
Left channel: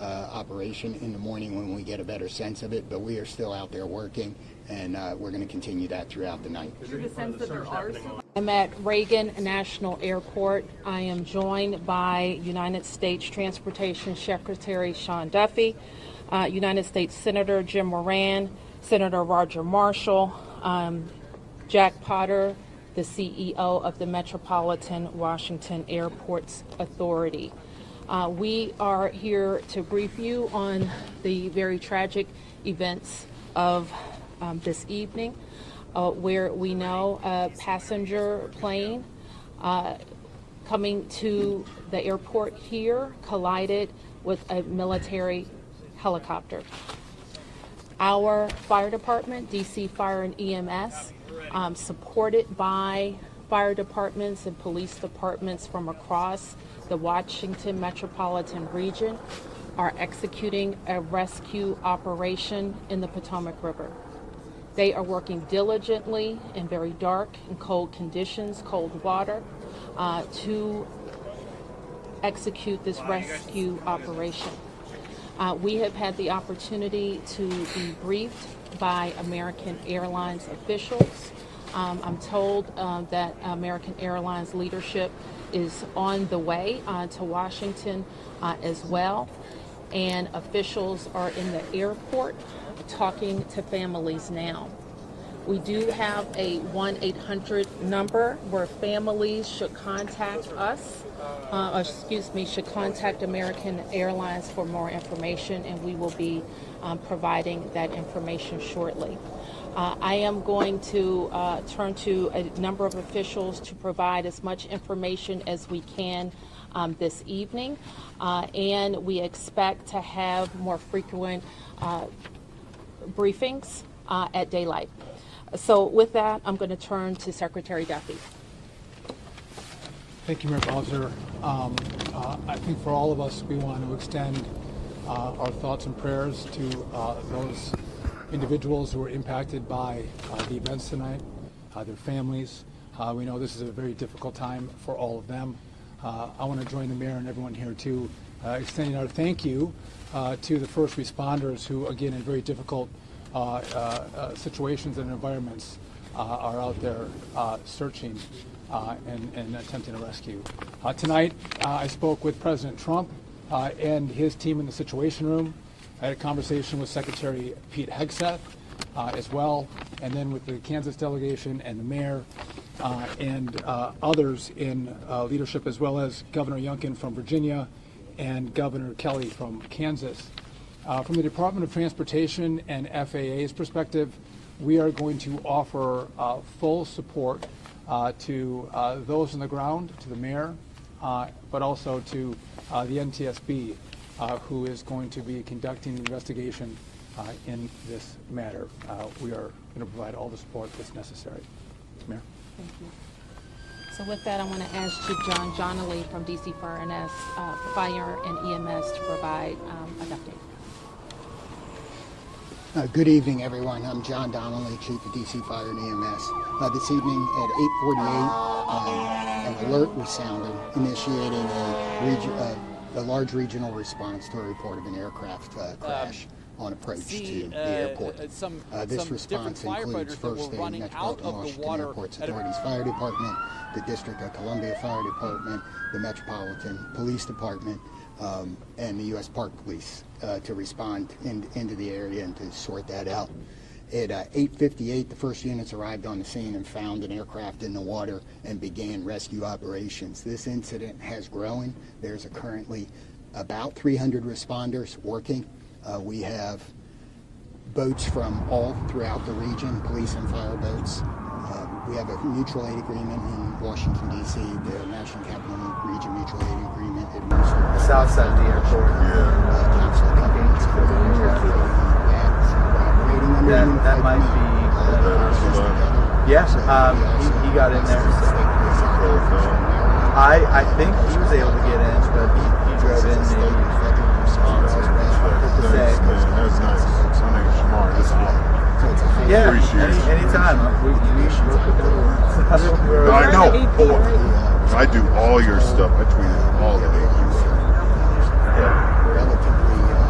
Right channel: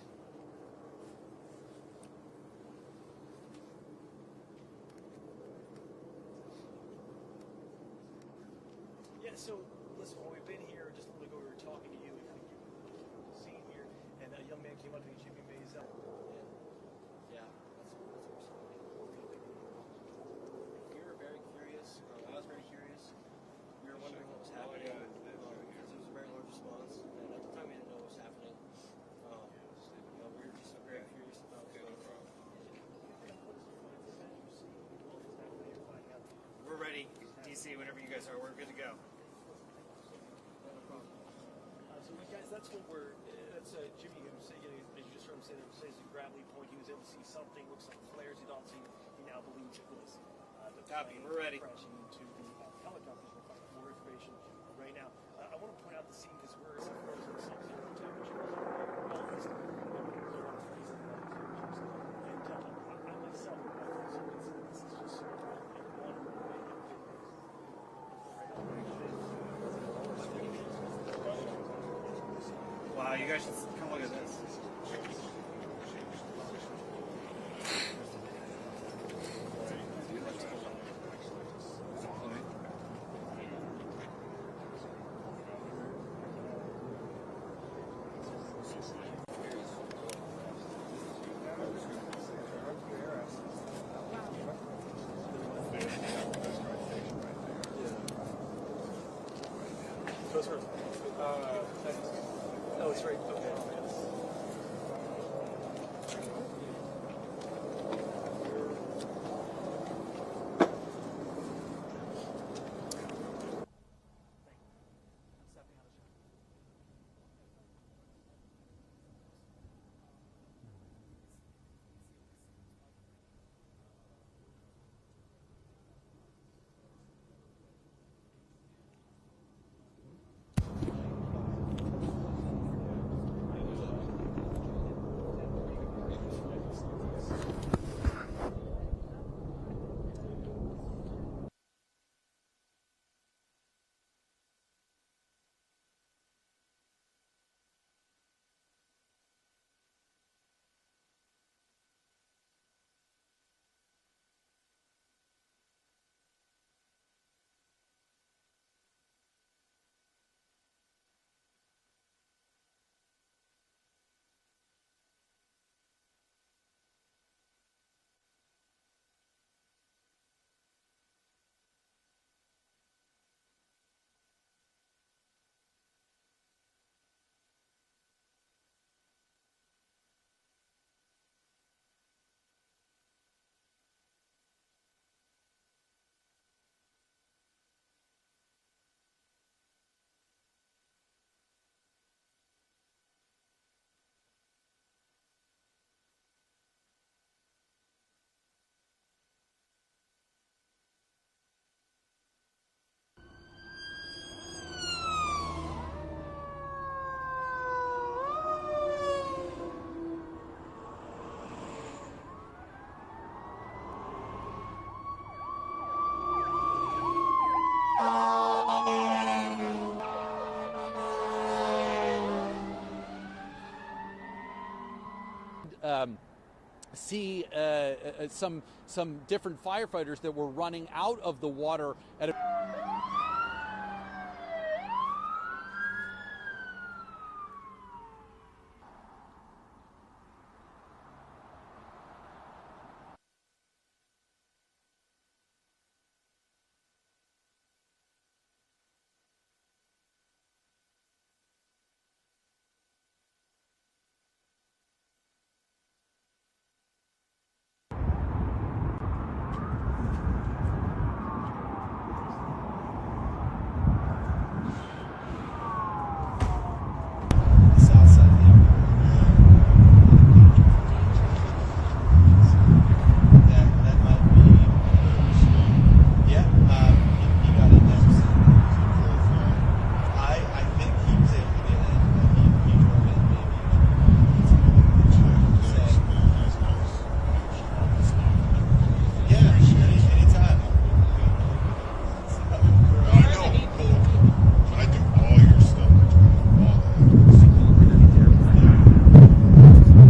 operation in the morning when we get a better sense of it, but we are still out there working, and we're going to continue that throughout the night. Is there a sense that there are some? I'm at Reagan National Airport. I am joined by United States Transportation Secretary Sean Duffy, United States Senator Jim Moran, Senator Roger Marshall, Jack Potter, the CEO of the Metropolitan Washington Airports Authority. We are here to brief you on the very tragic events of this evening, where we know a passenger plane coming to the airport here collided with a military helicopter. Our fire department, DC Fire and EMS, supported by fire departments and police departments from across the Washington metropolitan region, are executing a rescue operation in the Potomac River. They are working diligently in very dark and cold conditions, cold water, to execute this rescue operation. We have had the opportunity to be briefed by American Airlines officials. I'm told that American Airlines leadership is on the way to Washington as well, and officials are in the airport talking to families now. We do have a 1-800 number where families should contact us, should contact American Airlines for more information, and we will be providing that information shortly. I am going to turn to a number of officials to provide as much information as we can this evening, and we expect to have more frequent briefings at daylight. So with that, I'm going to turn to Secretary Duffy. Thank you, Mayor Bowser. I think for all of us, we want to extend our thoughts and prayers to those individuals who were impacted by the events tonight, their families. We know this is a very difficult time for all of them. I want to join the mayor and everyone here too, extending our thank you to the first responders who, again, in very difficult situations and environments, are out there searching and attempting a rescue. Tonight, I spoke with President Trump and his team in the Situation Room. I had a conversation with Secretary Pete Hegseth as well, and then with the Kansas delegation and the mayor and others in leadership, as well as Governor Youngkin from Virginia and Governor Kelly from Kansas. From the Department of Transportation and FAA's perspective, we are going to offer full support to those on the ground, to the mayor, but also to the NTSB, who is going to be conducting the investigation in this matter. We are going to provide all the support that's necessary. Mayor. Thank you. So with that, I want to ask Chief John Donnelly from DC Fire and EMS to provide an update. Good evening, everyone. I'm John Donnelly, Chief of DC Fire and EMS. This evening at 8:48, an alert was sounded, initiating the large regional response to a report of an aircraft crash on approach to the airport. Some different firefighters that were running out of the water. Fire Department, the District of Columbia Fire Department, the Metropolitan Police Department, and the U.S. Park Police to respond into the area and to sort that out. At 8:58, the first units arrived on the scene and found an aircraft in the water and began rescue operations. This incident has grown. There's currently about 300 responders working. We have boats from all throughout the region, police and fire boats. We have a mutual aid agreement in Washington, D.C., the National Capital Region Mutual Aid Agreement. South side of the airport. That might be. Yes, he got in there. So. I think he was able to get in, but he drove in maybe. That's nice. My name's Shamar. This is Yeah, anytime. I know. I do all your stuff. I tweet all the agents. Yeah.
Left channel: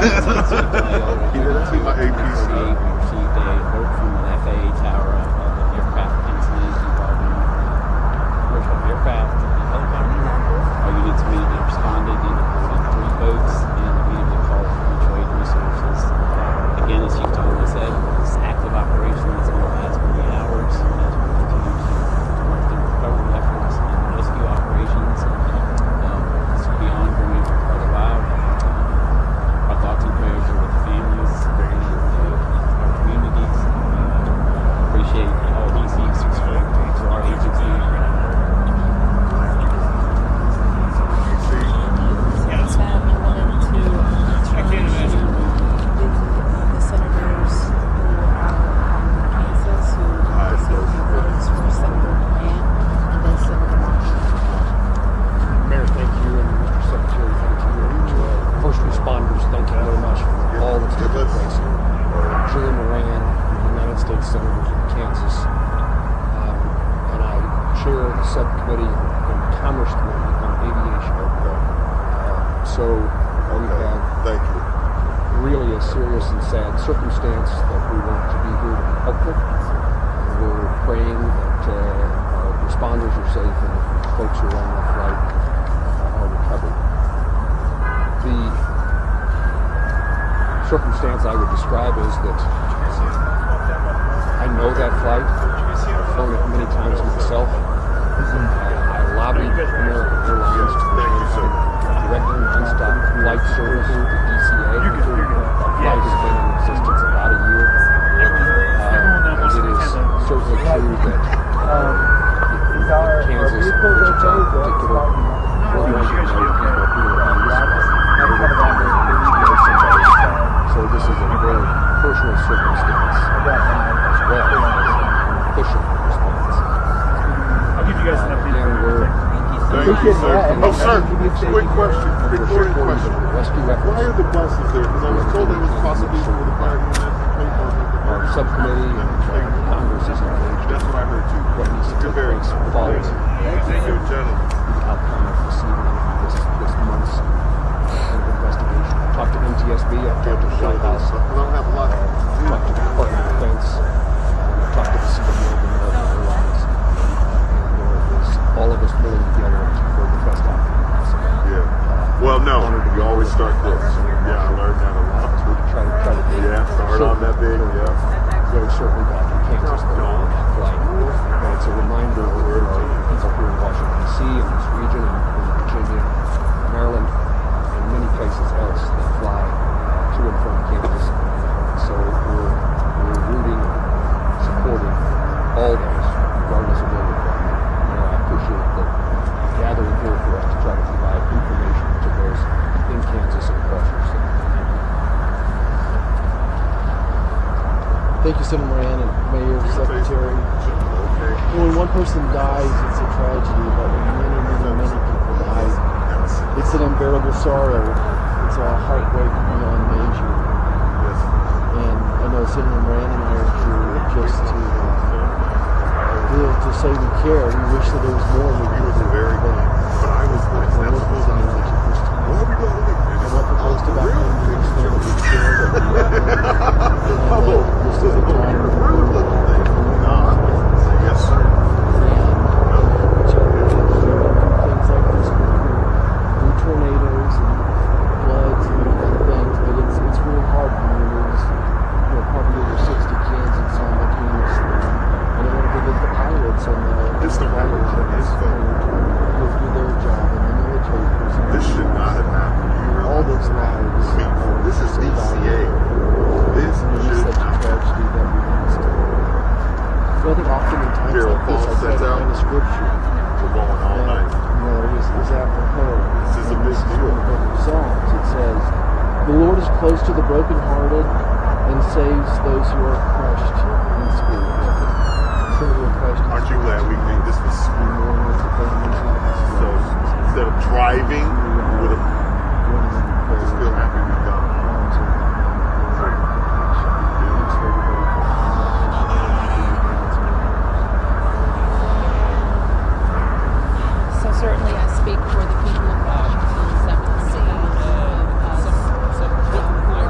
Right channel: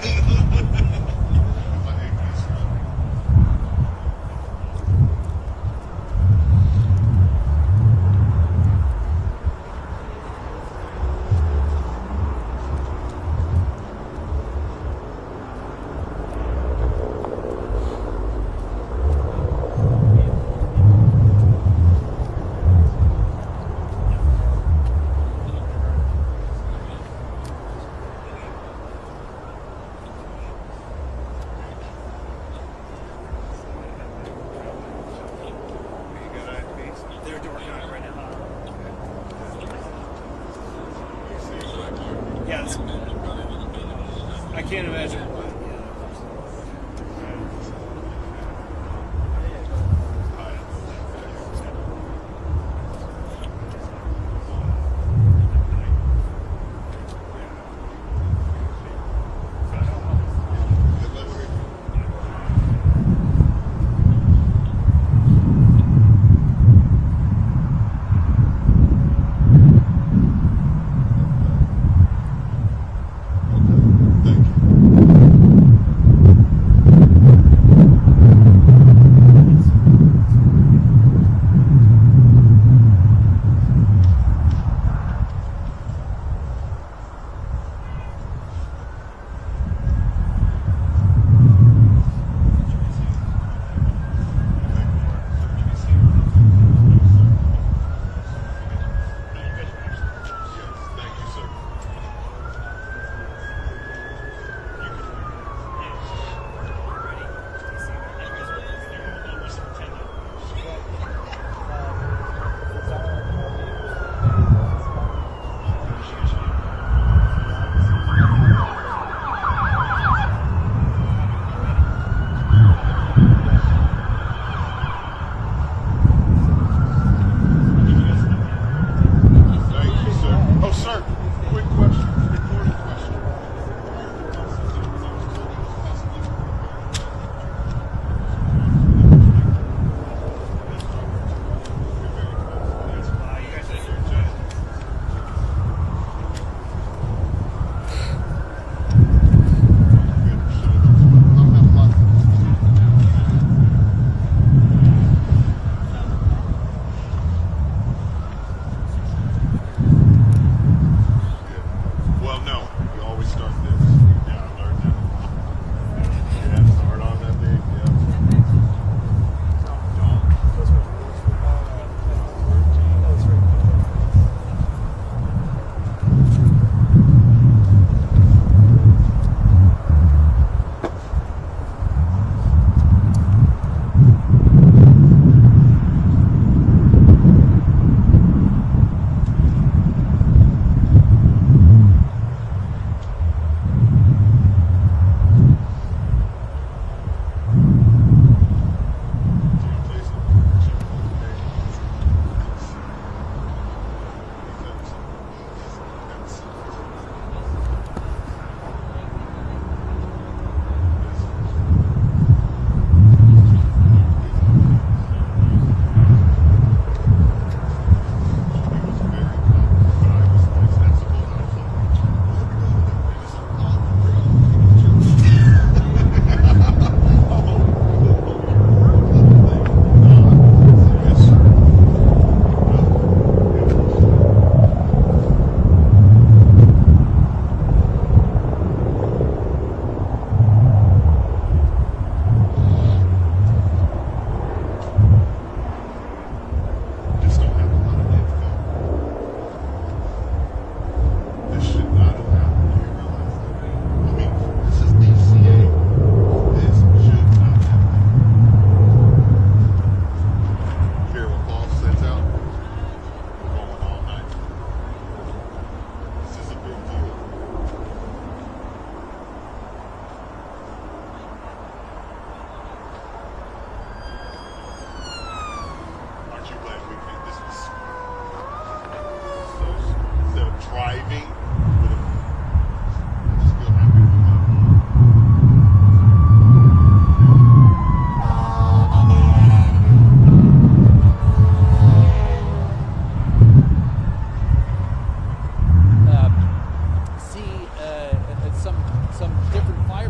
That's my APC. Received a alert from the FAA tower of aircraft incident involving commercial aircraft and helicopter. Our units immediately responded in 3 boats and immediately called for mutual aid resources. Again, as Chief told us, it's active operations over the last 48 hours. Recovery efforts and rescue operations still be ongoing as well. Our thoughts and prayers are with families and our communities. Appreciate all DC's support for our agency. Yeah, I can't imagine. Mayor, thank you, and Secretary, thank you, first responders, thank you very much for all that's taking place. Julie Moran, United States Senator from Kansas, and I chair the subcommittee in Congress on aviation. So we have Thank you. really a serious and sad circumstance that we want to be helpful. We're praying that responders are safe, folks who are on the flight are recovered. The circumstance I would describe is that I know that flight. I've flown it many times myself. I lobbied American Airlines to directly nonstop flight service to DCA. Flight has been in existence about a year. It is certainly true that Kansas, Wichita in particular, so this is a very personal circumstance as well. Official response. I'll give you guys an update. Thank you, sir. Oh, sir, quick question, recording question. Why are the buses there? Because I was told it was possibly for the fire unit. Our subcommittee in Congress is engaged. That's what I heard too. You're very followed. Thank you, gentlemen. Outcome this month's investigation. Talk to NTSB up there at the White House. I don't have a lot. Talk to the Department of Defense. Talk to the Secretary of American Airlines. All of us really together to for the best opportunities. Yeah. Well, no, you always start this. Yeah, I learned that a lot. Try to do Yeah, start on that big. Yeah. very shortly back in Kansas. It's a reminder of where our units are here in Washington, D.C., in this region, in Virginia, Maryland, and many places else that fly to and from campus. So we're rooting, supporting all those, regardless of what they do. I appreciate the gathering here for us to try to provide to those in Kansas and across our state. Thank you, Senator Moran and Mayor, Secretary. When one person dies, it's a tragedy, but many people die. It's an unbearable sorrow. It's a heartbreak beyond measure. And I know Senator Moran and Mayor just to say we care. We wish that there was more. He was very good, but I was like, that's supposed to be what are we going to look at? Yes, sir. Tornadoes and floods and other things, but it's really hard to lose. Probably over 60 kids and some of the kids. And the pilots and This don't happen. go through their job in the military. This should not have happened. All those lives. I mean, this is DCA. This should not have happened. So I think oftentimes Carol like Paul this, I sets think out. the scripture. We're going all night. Is that for her? This is a big deal. Psalms, it says, "The Lord is close to the brokenhearted and saves those who are crushed in spirit." So we're crushed in Aren't you glad we made this was so instead of driving, we would have still happy we got it. So certainly I speak for the people of Washington that will see Some different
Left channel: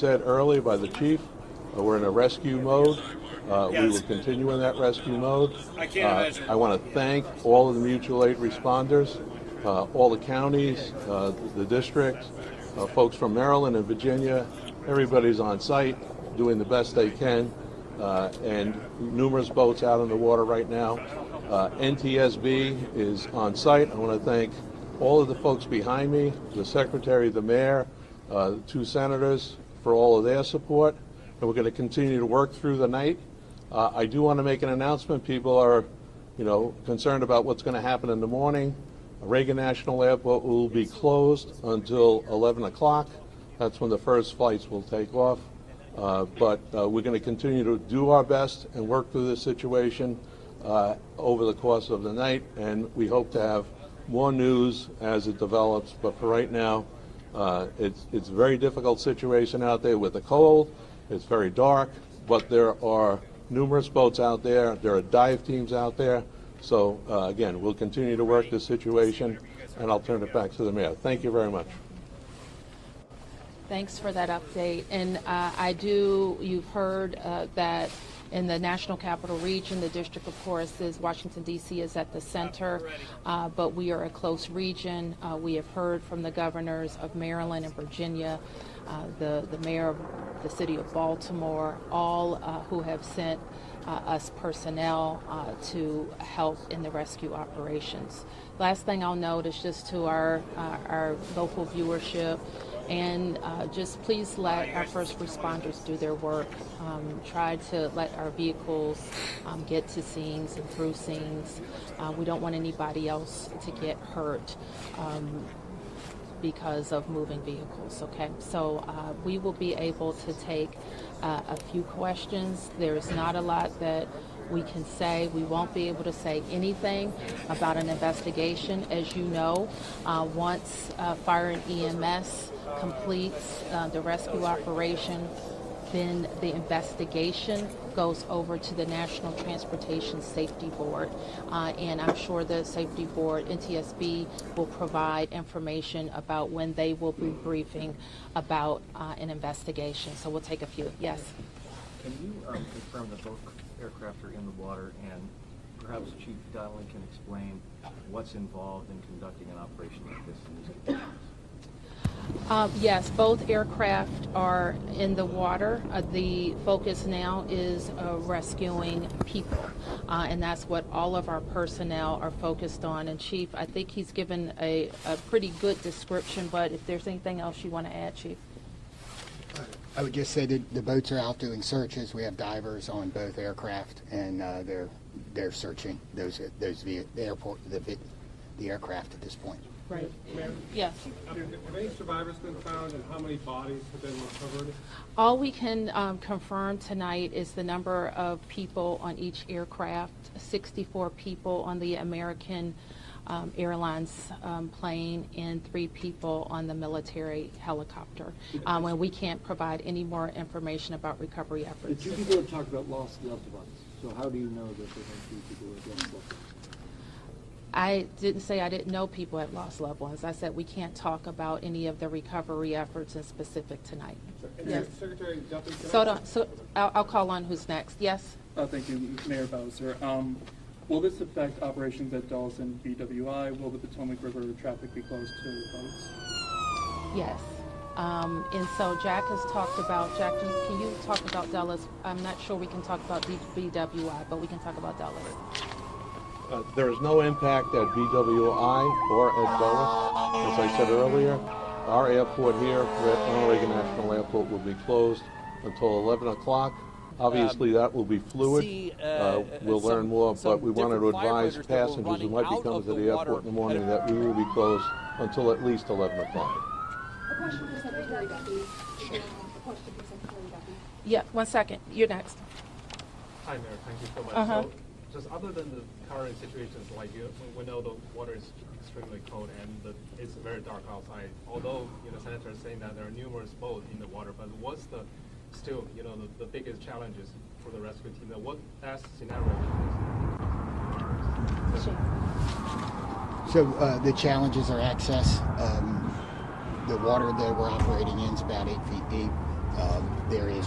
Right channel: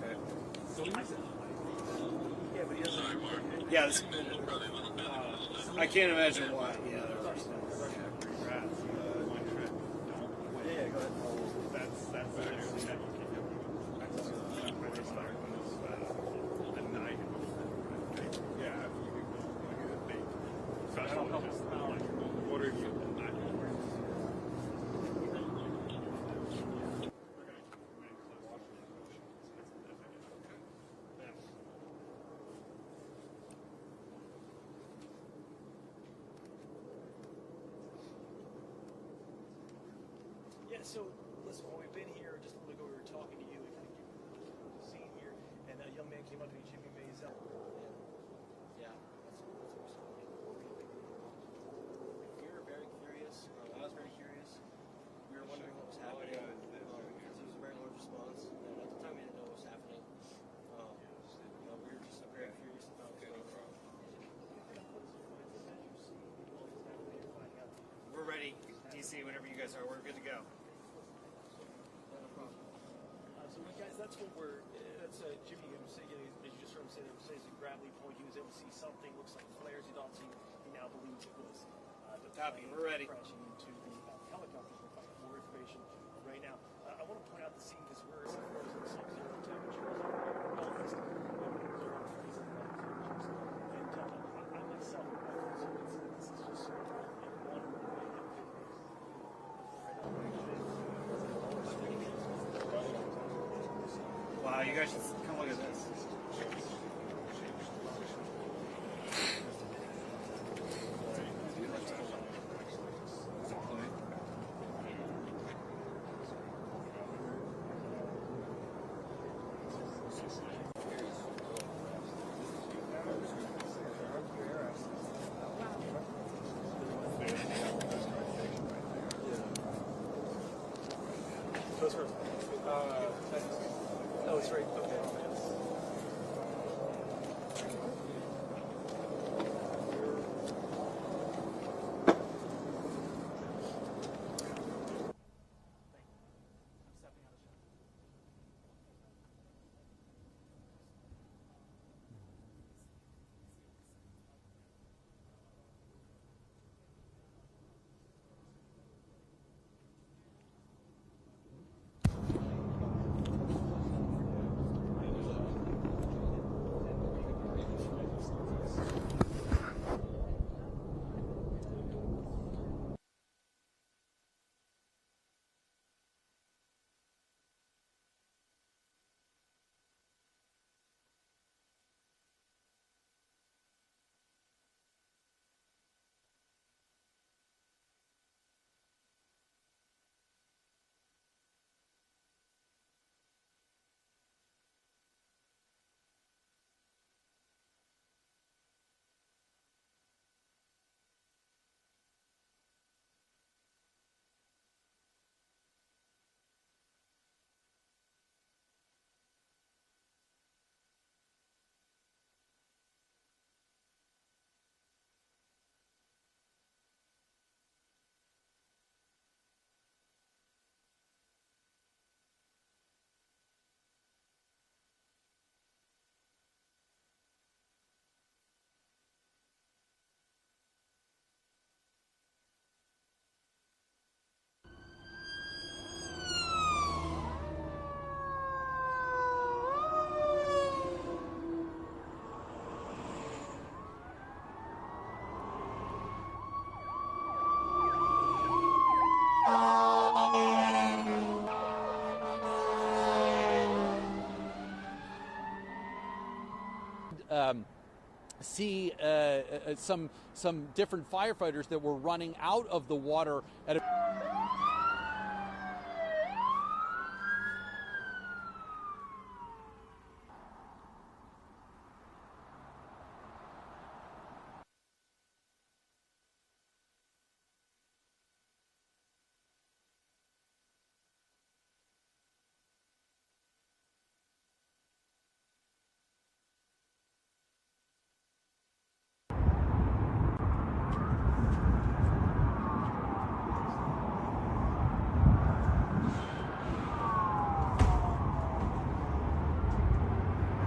said earlier by the chief, we're in a rescue mode. We will continue in that rescue mode. I can't imagine. I want to thank all of the mutual aid responders, all the counties, the district, folks from Maryland and Virginia. Everybody's on site doing the best they can, and numerous boats out in the water right now. NTSB is on site. I want to thank all of the folks behind me, the secretary, the mayor, the two senators for all of their support. And we're going to continue to work through the night. I do want to make an announcement. People are, concerned about what's going to happen in the morning. Reagan National Airport will be closed until 11 o'clock. That's when the first flights will take off. But we're going to continue to do our best and work through this situation over the course of the night. And we hope to have more news as it develops. But for right now, it's a very difficult situation out there with the cold. It's very dark, but there are numerous boats out there. There are dive teams out there. So, again, we'll continue to work this situation, and I'll turn it back to the mayor. Thank you very much. Thanks for that update. And you've heard that in the National Capital Region, the District, of course, is Washington, D.C. is at the center, but we are a close region. We have heard from the governors of Maryland and Virginia, the mayor of the city of Baltimore, all who have sent us personnel to help in the rescue operations. Last thing I'll note is just to our local viewership, and just please let our first responders do their work. Try to let our vehicles get to scenes and through scenes. We don't want anybody else to get hurt because of moving vehicles, okay? So we will be able to take a few questions. There's not a lot that we can say. We won't be able to say anything about an investigation. As you know, once fire and EMS completes the rescue operation, then the investigation goes over to the National Transportation Safety Board. And I'm sure the Safety Board, NTSB, will provide information about when they will be briefing about an investigation. So we'll take a few. Yes? Can you confirm that both aircraft are in the water, and perhaps Chief Donnelly can explain what's involved in conducting an operation like this in these conditions? Yes, both aircraft are in the water. The focus now is rescuing people, and that's what all of our personnel are focused on. And Chief, I think he's given a pretty good description, but if there's anything else you want to add, Chief? I would just say that the boats are out doing searches. We have divers on both aircraft, and they're searching the aircraft at this point. Right. Yes. Have any survivors been found, and how many bodies have been recovered? All we can confirm tonight is the number of people on each aircraft, 64 people on the American Airlines plane and 3 people on the military helicopter. And we can't provide any more information about recovery efforts. The 2 people have talked about lost loved ones. So how do you know that there are 2 people who have lost loved ones? I didn't say I didn't know people had lost loved ones. I said we can't talk about any of the recovery efforts in specific tonight. Yes. Secretary Duffy. So I'll call on who's next. Yes? Thank you, Mayor Bowser. Will this affect operations at Dulles and BWI? Will the Potomac River traffic be closed to boats? Yes. And so Jack has talked about, Jack, can you talk about Dulles? I'm not sure we can talk about BWI, but we can talk about Dulles. There is no impact at BWI or at Dulles. As I said earlier, our airport here, American Airport, will be closed until 11 o'clock. Obviously, that will be fluid. We'll learn more, but we wanted to advise passengers who might be coming to the airport in the morning that we will be closed until at least 11 o'clock. Yeah, 1 second. You're next. Hi, Mayor. Thank you so much. So, just other than the current situations, like we know the water is extremely cold and it's very dark outside. Although Senator is saying that there are numerous boats in the water, but what's the biggest challenges for the rescue team? What best scenario? So the challenges are access. The water that we're operating in is about 8 feet deep.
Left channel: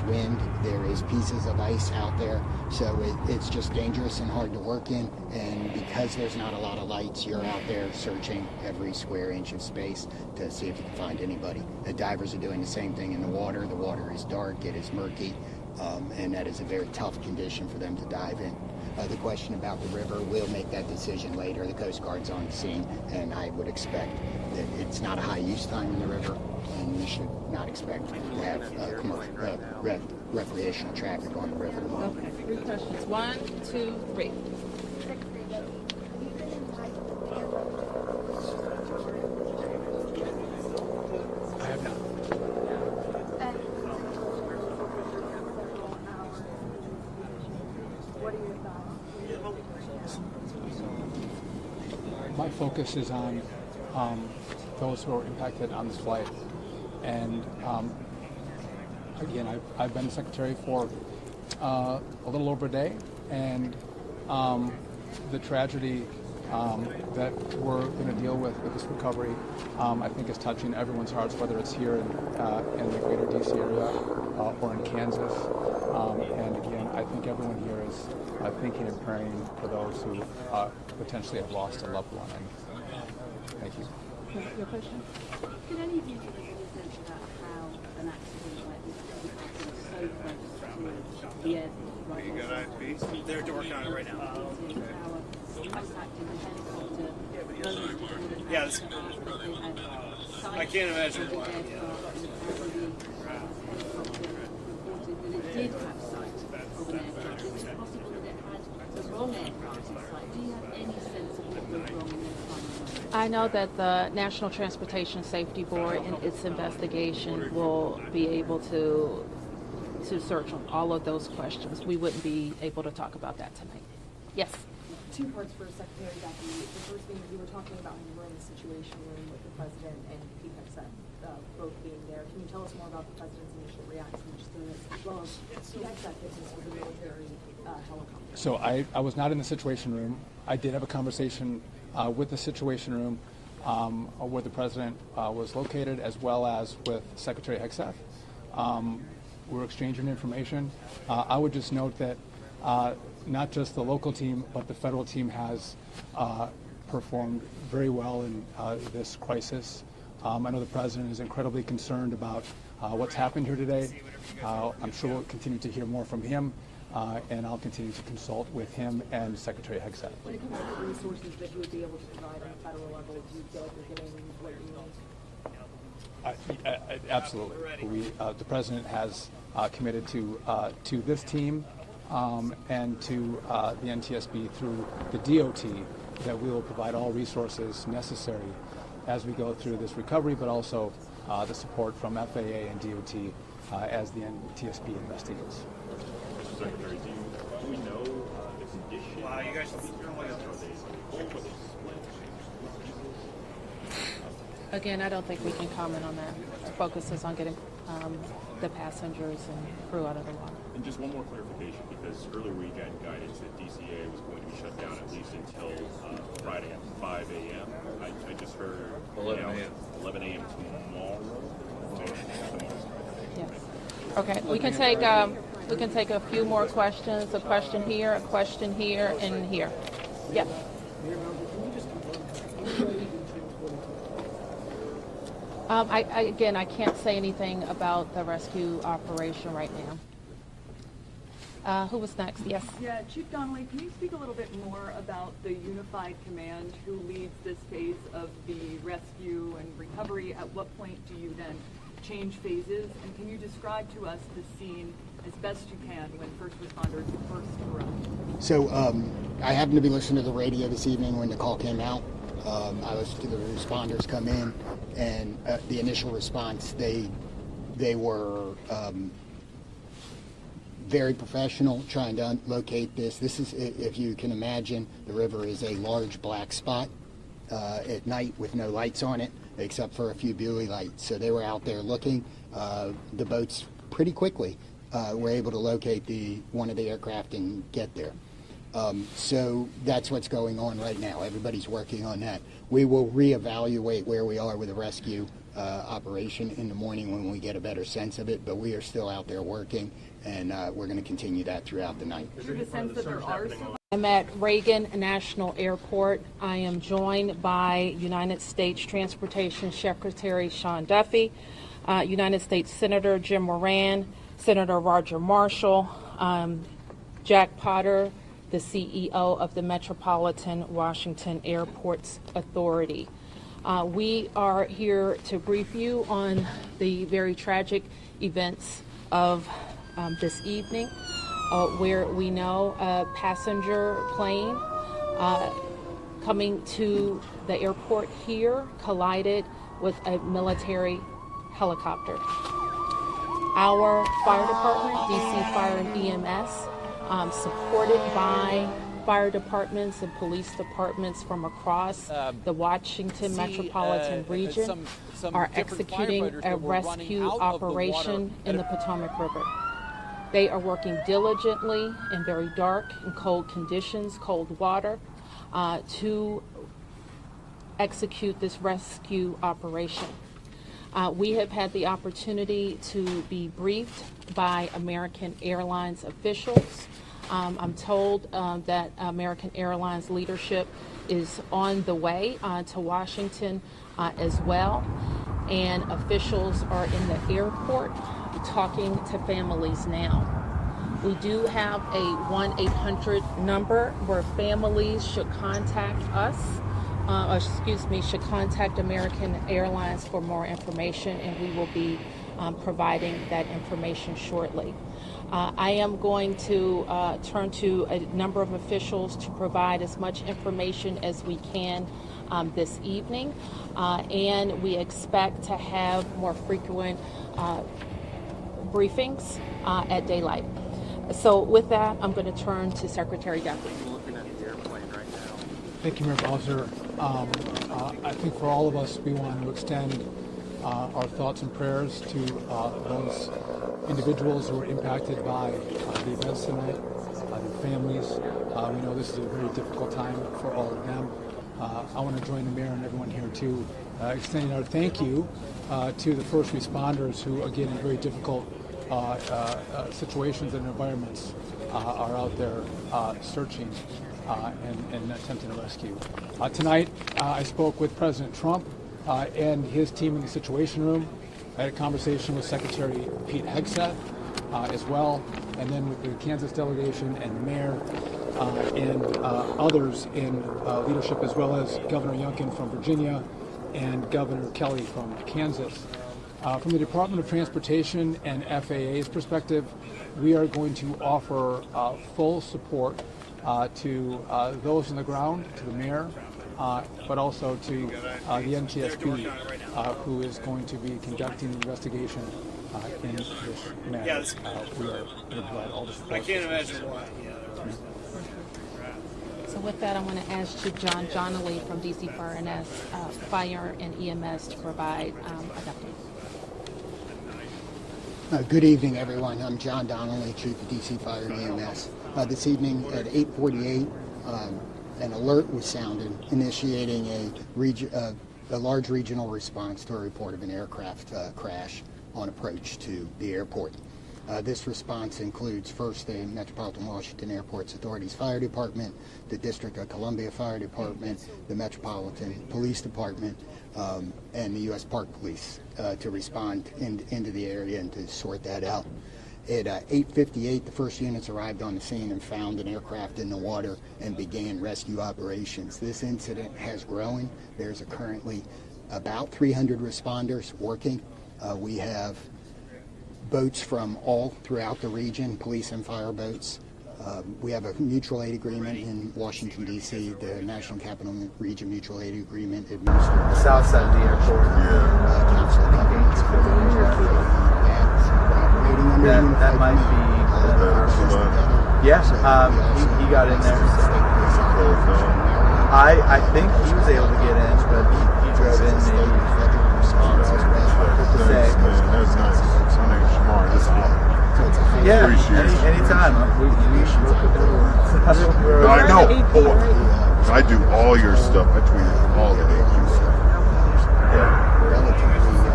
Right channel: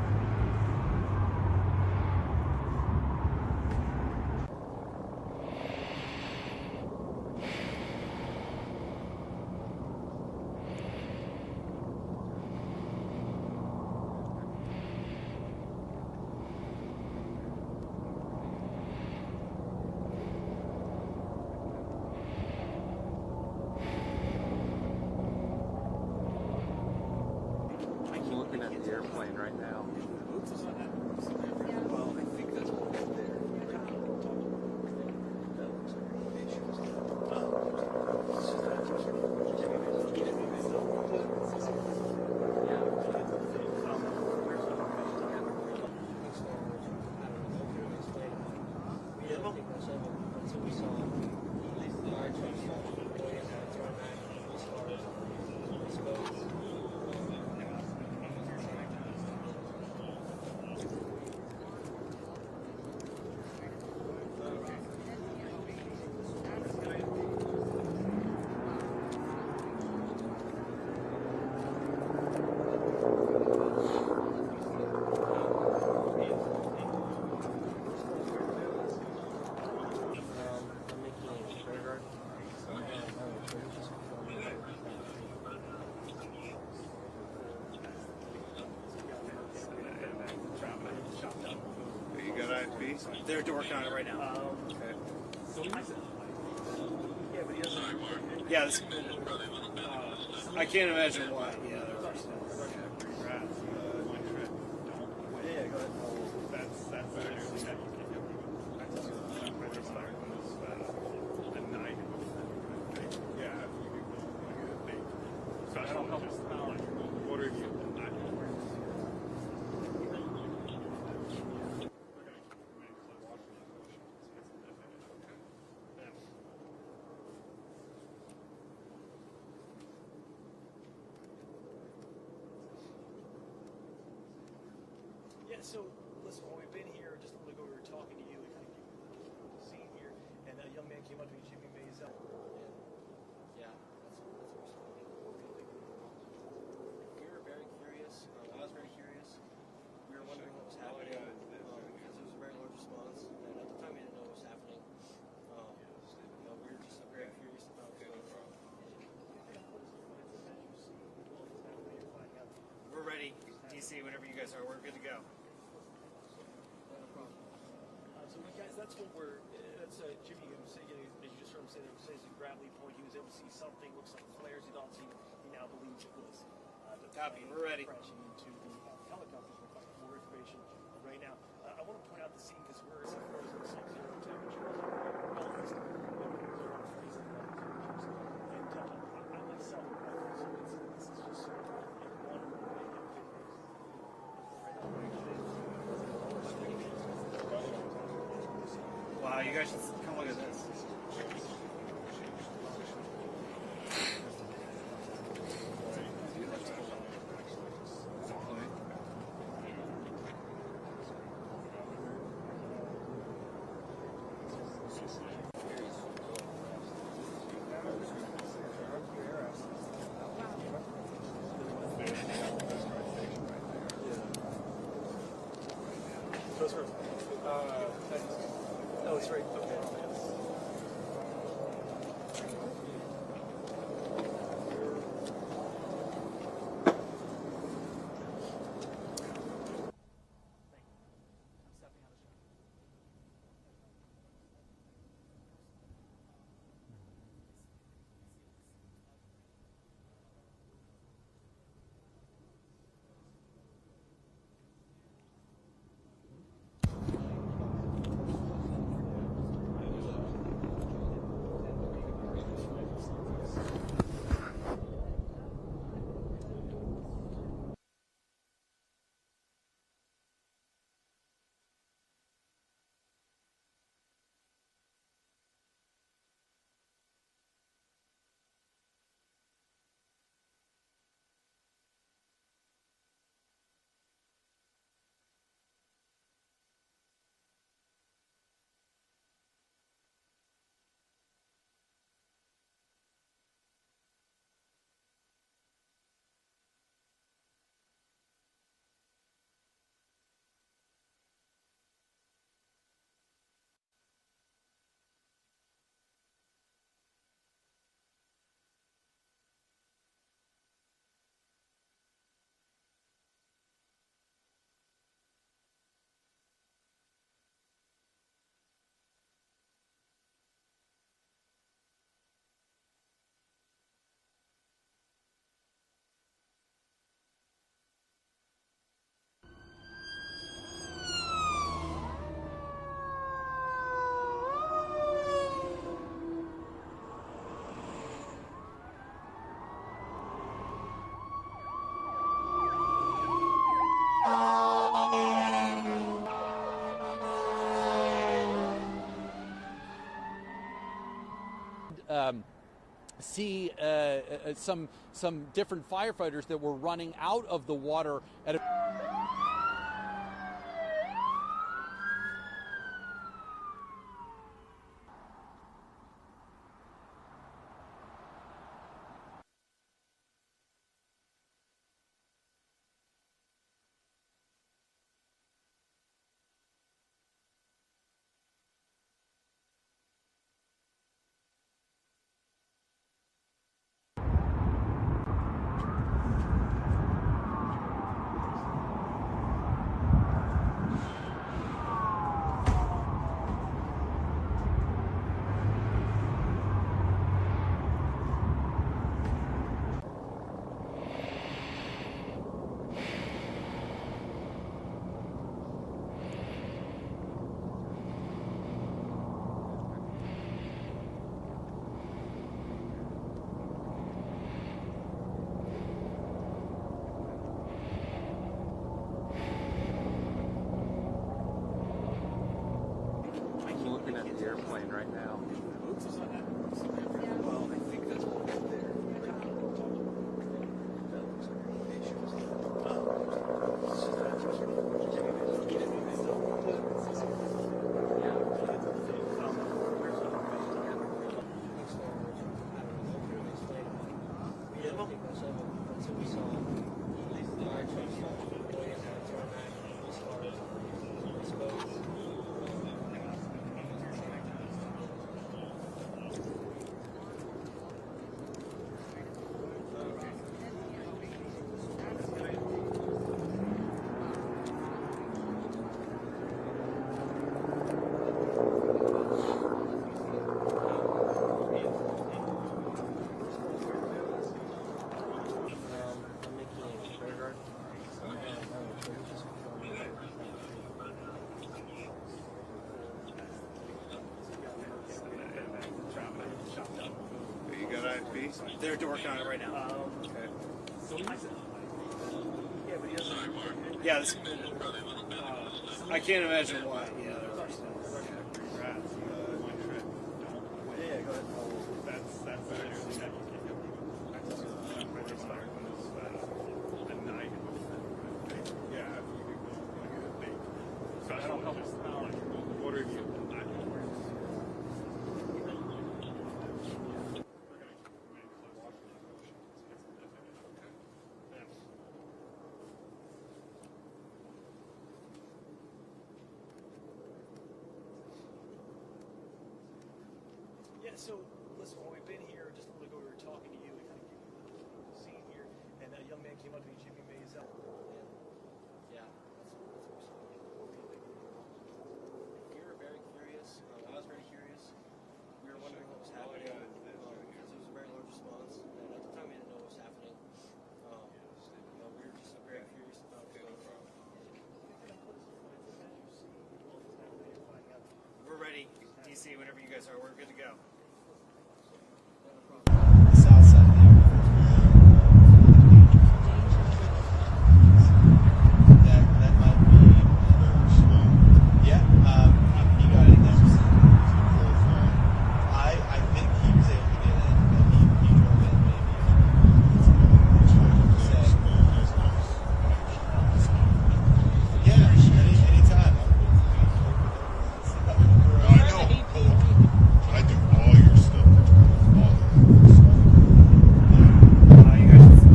wind, there is pieces of ice out there, so it's just dangerous and hard to work in. And because there's not a lot of lights, you're out there searching every square inch of space to see if you can find anybody. The divers are doing the same thing in the water. The water is dark, it is murky, and that is a very tough condition for them to dive in. The question about the river, we'll make that decision later. The Coast Guard's on the scene, and I would expect that it's not a high use time in the river, and we should not expect I'm looking at the airplane right now. recreational traffic on the river. Questions 1, 2, 3. My focus is on those who are impacted on this flight. And again, I've been secretary for a little over a day, and the tragedy that we're going to deal with this recovery, I think is touching everyone's hearts, whether it's here in the greater DC area or in Kansas. And I think everyone here is thinking and praying for those who potentially have lost a loved one. Thank you. You got IFP? They're working on it right now. Yeah, I can't imagine why. I know that the National Transportation Safety Board, in its investigation, will be able to search all of those questions. We wouldn't be able to talk about that tonight. Yes? Two parts for Secretary Jackie. The first thing, you were talking about when you were in the situation room with the president and Pete Hexet both being there. Can you tell us more about the president's initial reaction just in this, as well as Pete Hexet was So I was not in the situation room. I did have a conversation with the situation room where the president was located, as well as with Secretary Hexet. We're exchanging information. I would just note that not just the local team, but the federal team has performed very well in this crisis. I know the president is incredibly concerned about what's happened here today. I'm sure we'll continue to hear more from him, and I'll continue to consult with him and Secretary Hexet. Absolutely. The president has committed to this team and to the NTSB through the DOT that we will provide all resources necessary as we go through this recovery, but also the support from FAA and DOT as the NTSB investigates. Wow, you guys should come look at this. Again, I don't think we can comment on that. The focus is on getting the passengers and crew out of there. And just one more clarification, because earlier we got guidance that DCA was going to be shut down at least until Friday at 5 a.m. I just heard 11 a.m. Okay, we can take a few more questions. A question here, and here. Yeah. I can't say anything about the rescue operation right now. Who was next? Yes. Yeah, Chief Donnelly, can you speak a little bit more about the unified command who leads this phase of the rescue and recovery? At what point do you then change phases? And can you describe to us the scene as best you can when first responders first arrive? So I happened to be listening to the radio this evening when the call came out. I listened to the responders come in, and the initial response, they were very professional, trying to locate this. This is, if you can imagine, the river is a large black spot at night with no lights on it, except for a few buoy lights. So they were out there looking. The boats pretty quickly were able to locate one of the aircraft and get there. So that's what's going on right now. Everybody's working on that. We will reevaluate where we are with the rescue operation in the morning when we get a better sense of it, but we are still out there working, and we're going to continue that throughout the night. Is there a sense that there are I'm at Reagan National Airport. I am joined by United States Transportation Secretary Sean Duffy, United States Senator Jim Moran, Senator Roger Marshall, Jack Potter, the CEO of the Metropolitan Washington Airports Authority. We are here to brief you on the very tragic events of this evening, where we know a passenger plane coming to the airport here collided with a military helicopter. Our fire department, DC Fire and EMS, supported by fire departments and police departments from across the Washington metropolitan region some are different executing firefighters a that were running rescue out of the water operation in the Potomac River. They are working diligently in very dark and cold conditions, cold water, to execute this rescue operation. We have had the opportunity to be briefed by American Airlines officials. I'm told that American Airlines leadership is on the way to Washington as well, and officials are in the airport talking to families now. We do have a 1-800 number where families should contact us, should contact American Airlines for more information, and we will be providing that information shortly. I am going to turn to a number of officials to provide as much information as we can this evening, and we expect to have more frequent briefings at daylight. So with that, I'm going to turn to Secretary Duffy. I'm looking at the airplane right now. Thank you, Mayor Bowser. I think for all of us, we want to extend our thoughts and prayers to those individuals who are impacted by the events tonight, their families. We know this is a very difficult time for all of them. I want to join the mayor and everyone here to extend our thank you to the first responders who, again, in very difficult situations and environments, are out there searching and attempting to rescue. Tonight, I spoke with President Trump and his team in the Situation Room. I had a conversation with Secretary Pete Hegseth as well, and then the Kansas delegation and the mayor and others in leadership, as well as Governor Youngkin from Virginia and Governor Kelly from Kansas. From the Department of Transportation and FAA's perspective, we are going to offer full support to those on the ground, to the mayor, but also to the NTSB, who is going to be conducting the investigation. I can't imagine why. So with that, I'm going to ask Chief John Donnelly from DC Fire and EMS to provide Good evening, everyone. I'm John Donnelly, Chief of DC Fire and EMS. This evening at 8:48, an alert was sounded, initiating a large regional response to a report of an aircraft crash on approach to the airport. This response includes first the Metropolitan Washington Airports Authority's Fire Department, the District of Columbia Fire Department, the Metropolitan Police Department, and the U.S. Park Police to respond into the area and to sort that out. At 8:58, the first units arrived on the scene and found an aircraft in the water and began rescue operations. This incident has grown. There's currently about 300 responders working. We have boats from all throughout the region, police and fire boats. We have a mutual aid agreement in Washington, D.C., the National Capital Region Mutual Aid Agreement administered. South side of the airport. That might be. Yes, he got in there. I think he was able to get in, but he drove in maybe. To say. Yeah, anytime. I know. I do all your stuff. I tweet all the agents. Yeah.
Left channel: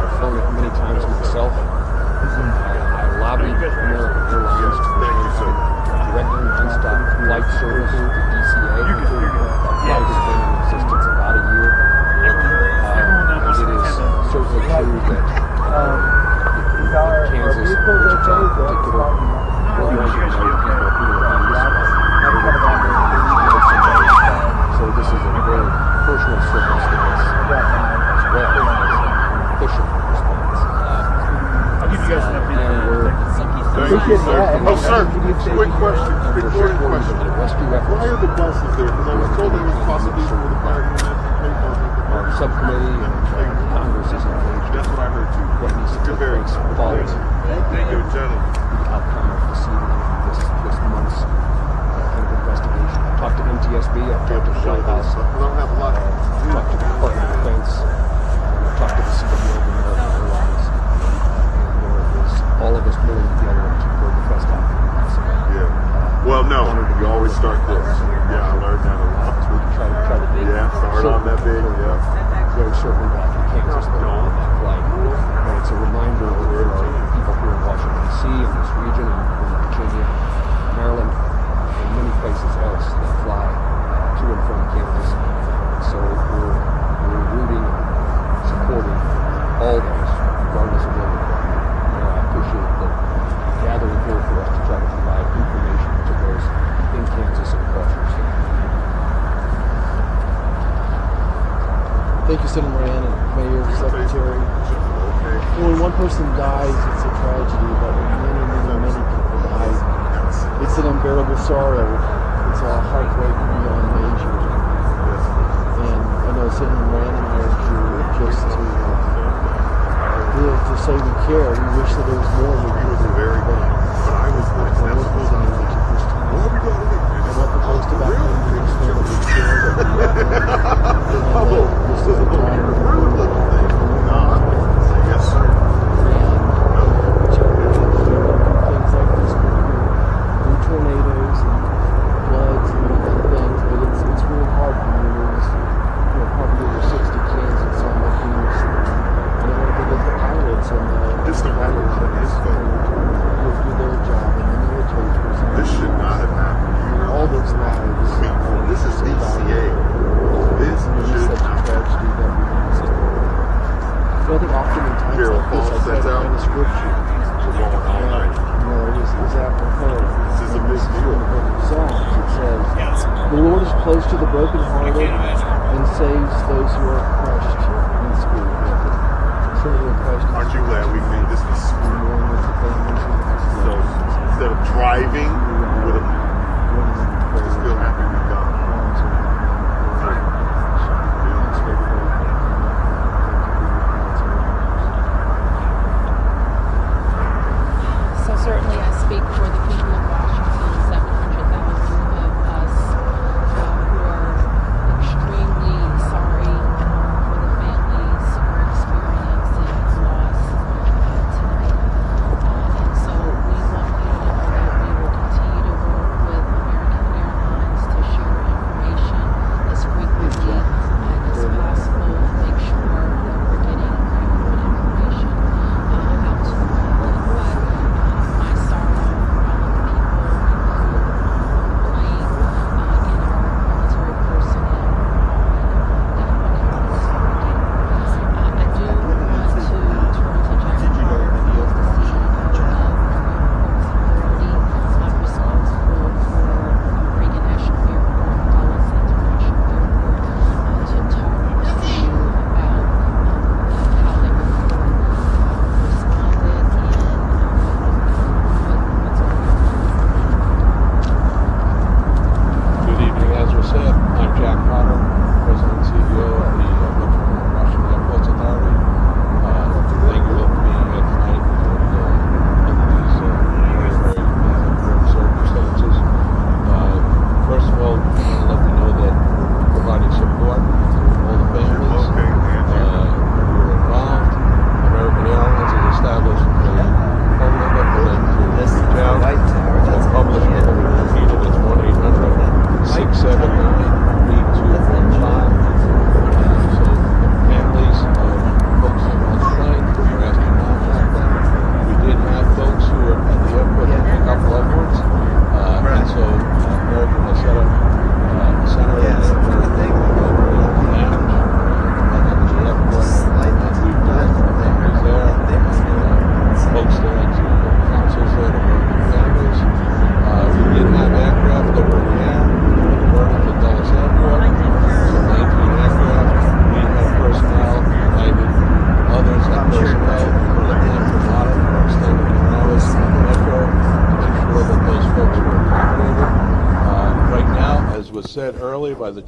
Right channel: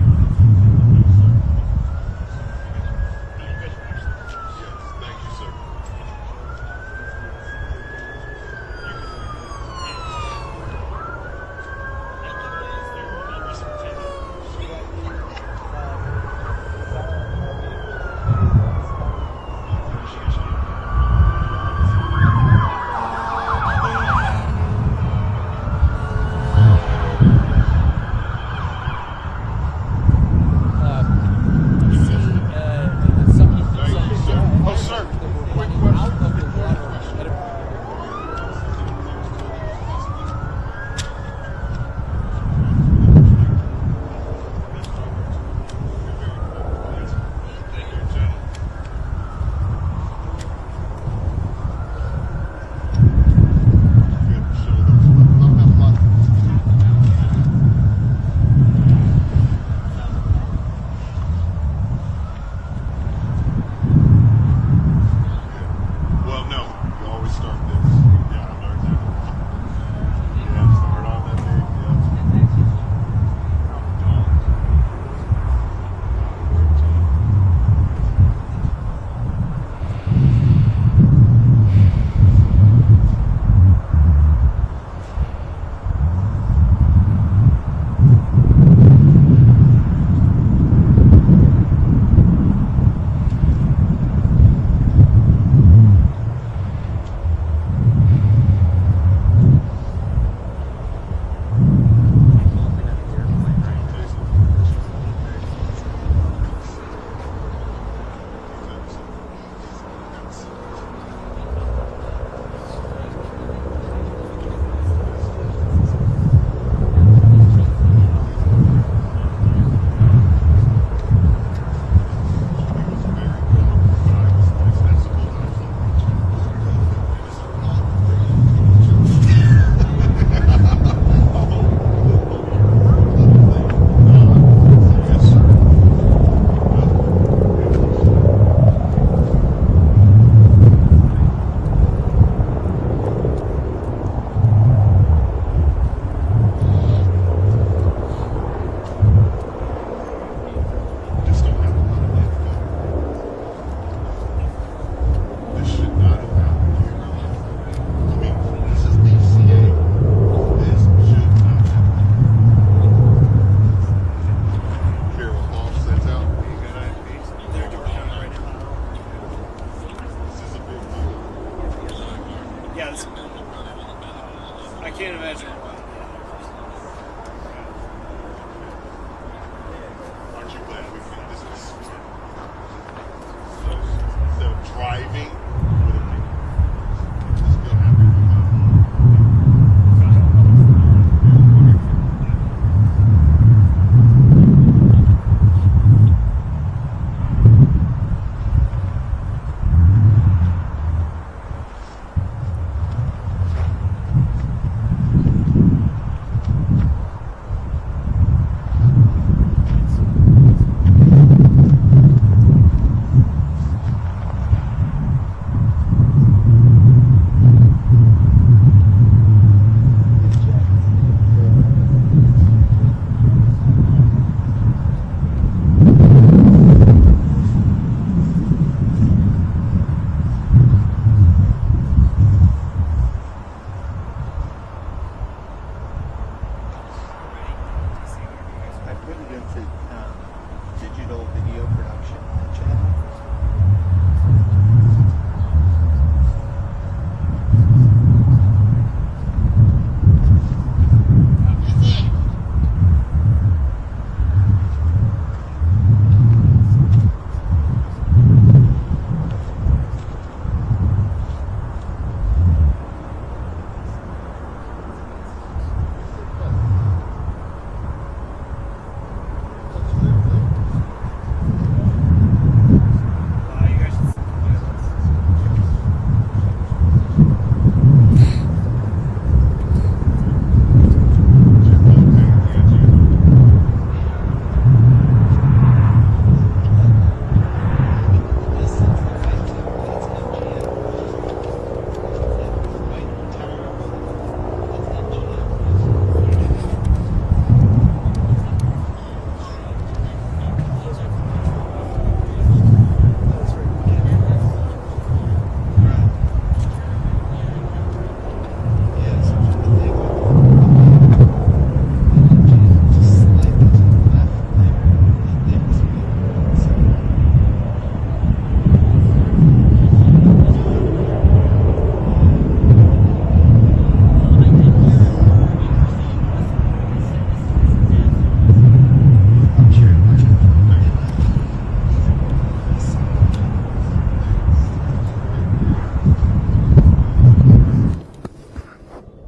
I've flown it many times myself. I lobbied American Airlines to directly nonstop flight service to DCA. Flight has been in existence about a year. It is certainly true that Kansas, in particular, so this is a very personal service for us as well as official response. Oh, sir, quick question, recording question. Why are the buses there? Because I was told they were possibly for the fire unit. Our subcommittee and Congress is engaged. That's what I heard too. What needs to take place follows Thank you, gentlemen. outcome of this month's investigation. I talked to NTSB, I talked to the White House, I don't have a lot. talked to the Department of Defense, I talked to the Secretary of American Airlines, and there is all of us pulling together to bring the best outcomes. Yeah. Well, no, you always start this. Yeah, I learned that a lot. Yeah, start on that big. Yeah. Very certain that we can't just let it fly. And it's a reminder that there are people here in Washington, D.C., in this region, in Virginia, Maryland, and many places else that fly to and from campus. So we're rooting, supporting all of us, regardless of what we do. I appreciate that gathering here for us to try to provide information to those in Kansas and across the state. Thank you, Senator Moran, Mayor, Secretary. When one person dies, it's a tragedy, but many people die. It's an unbearable sorrow. It's a heartbreaking age. And I know Senator Moran just to live to say we care. We wish that it was more. He was very good, but I was accessible. Yes, sir. Just don't have this should not have happened. All those things. This is DCA. This should not have happened. Carol Paul sets out. We're going all night. This is a big deal. The Lord is close to the brokenhearted and saves those who are crushed. Aren't you glad we made this decision? So instead of driving, we would have still happy we got So certainly I speak for the people of Washington, 700,000 of us who are extremely sorry for the families who are experiencing loss tonight. And so we want you to know that we will continue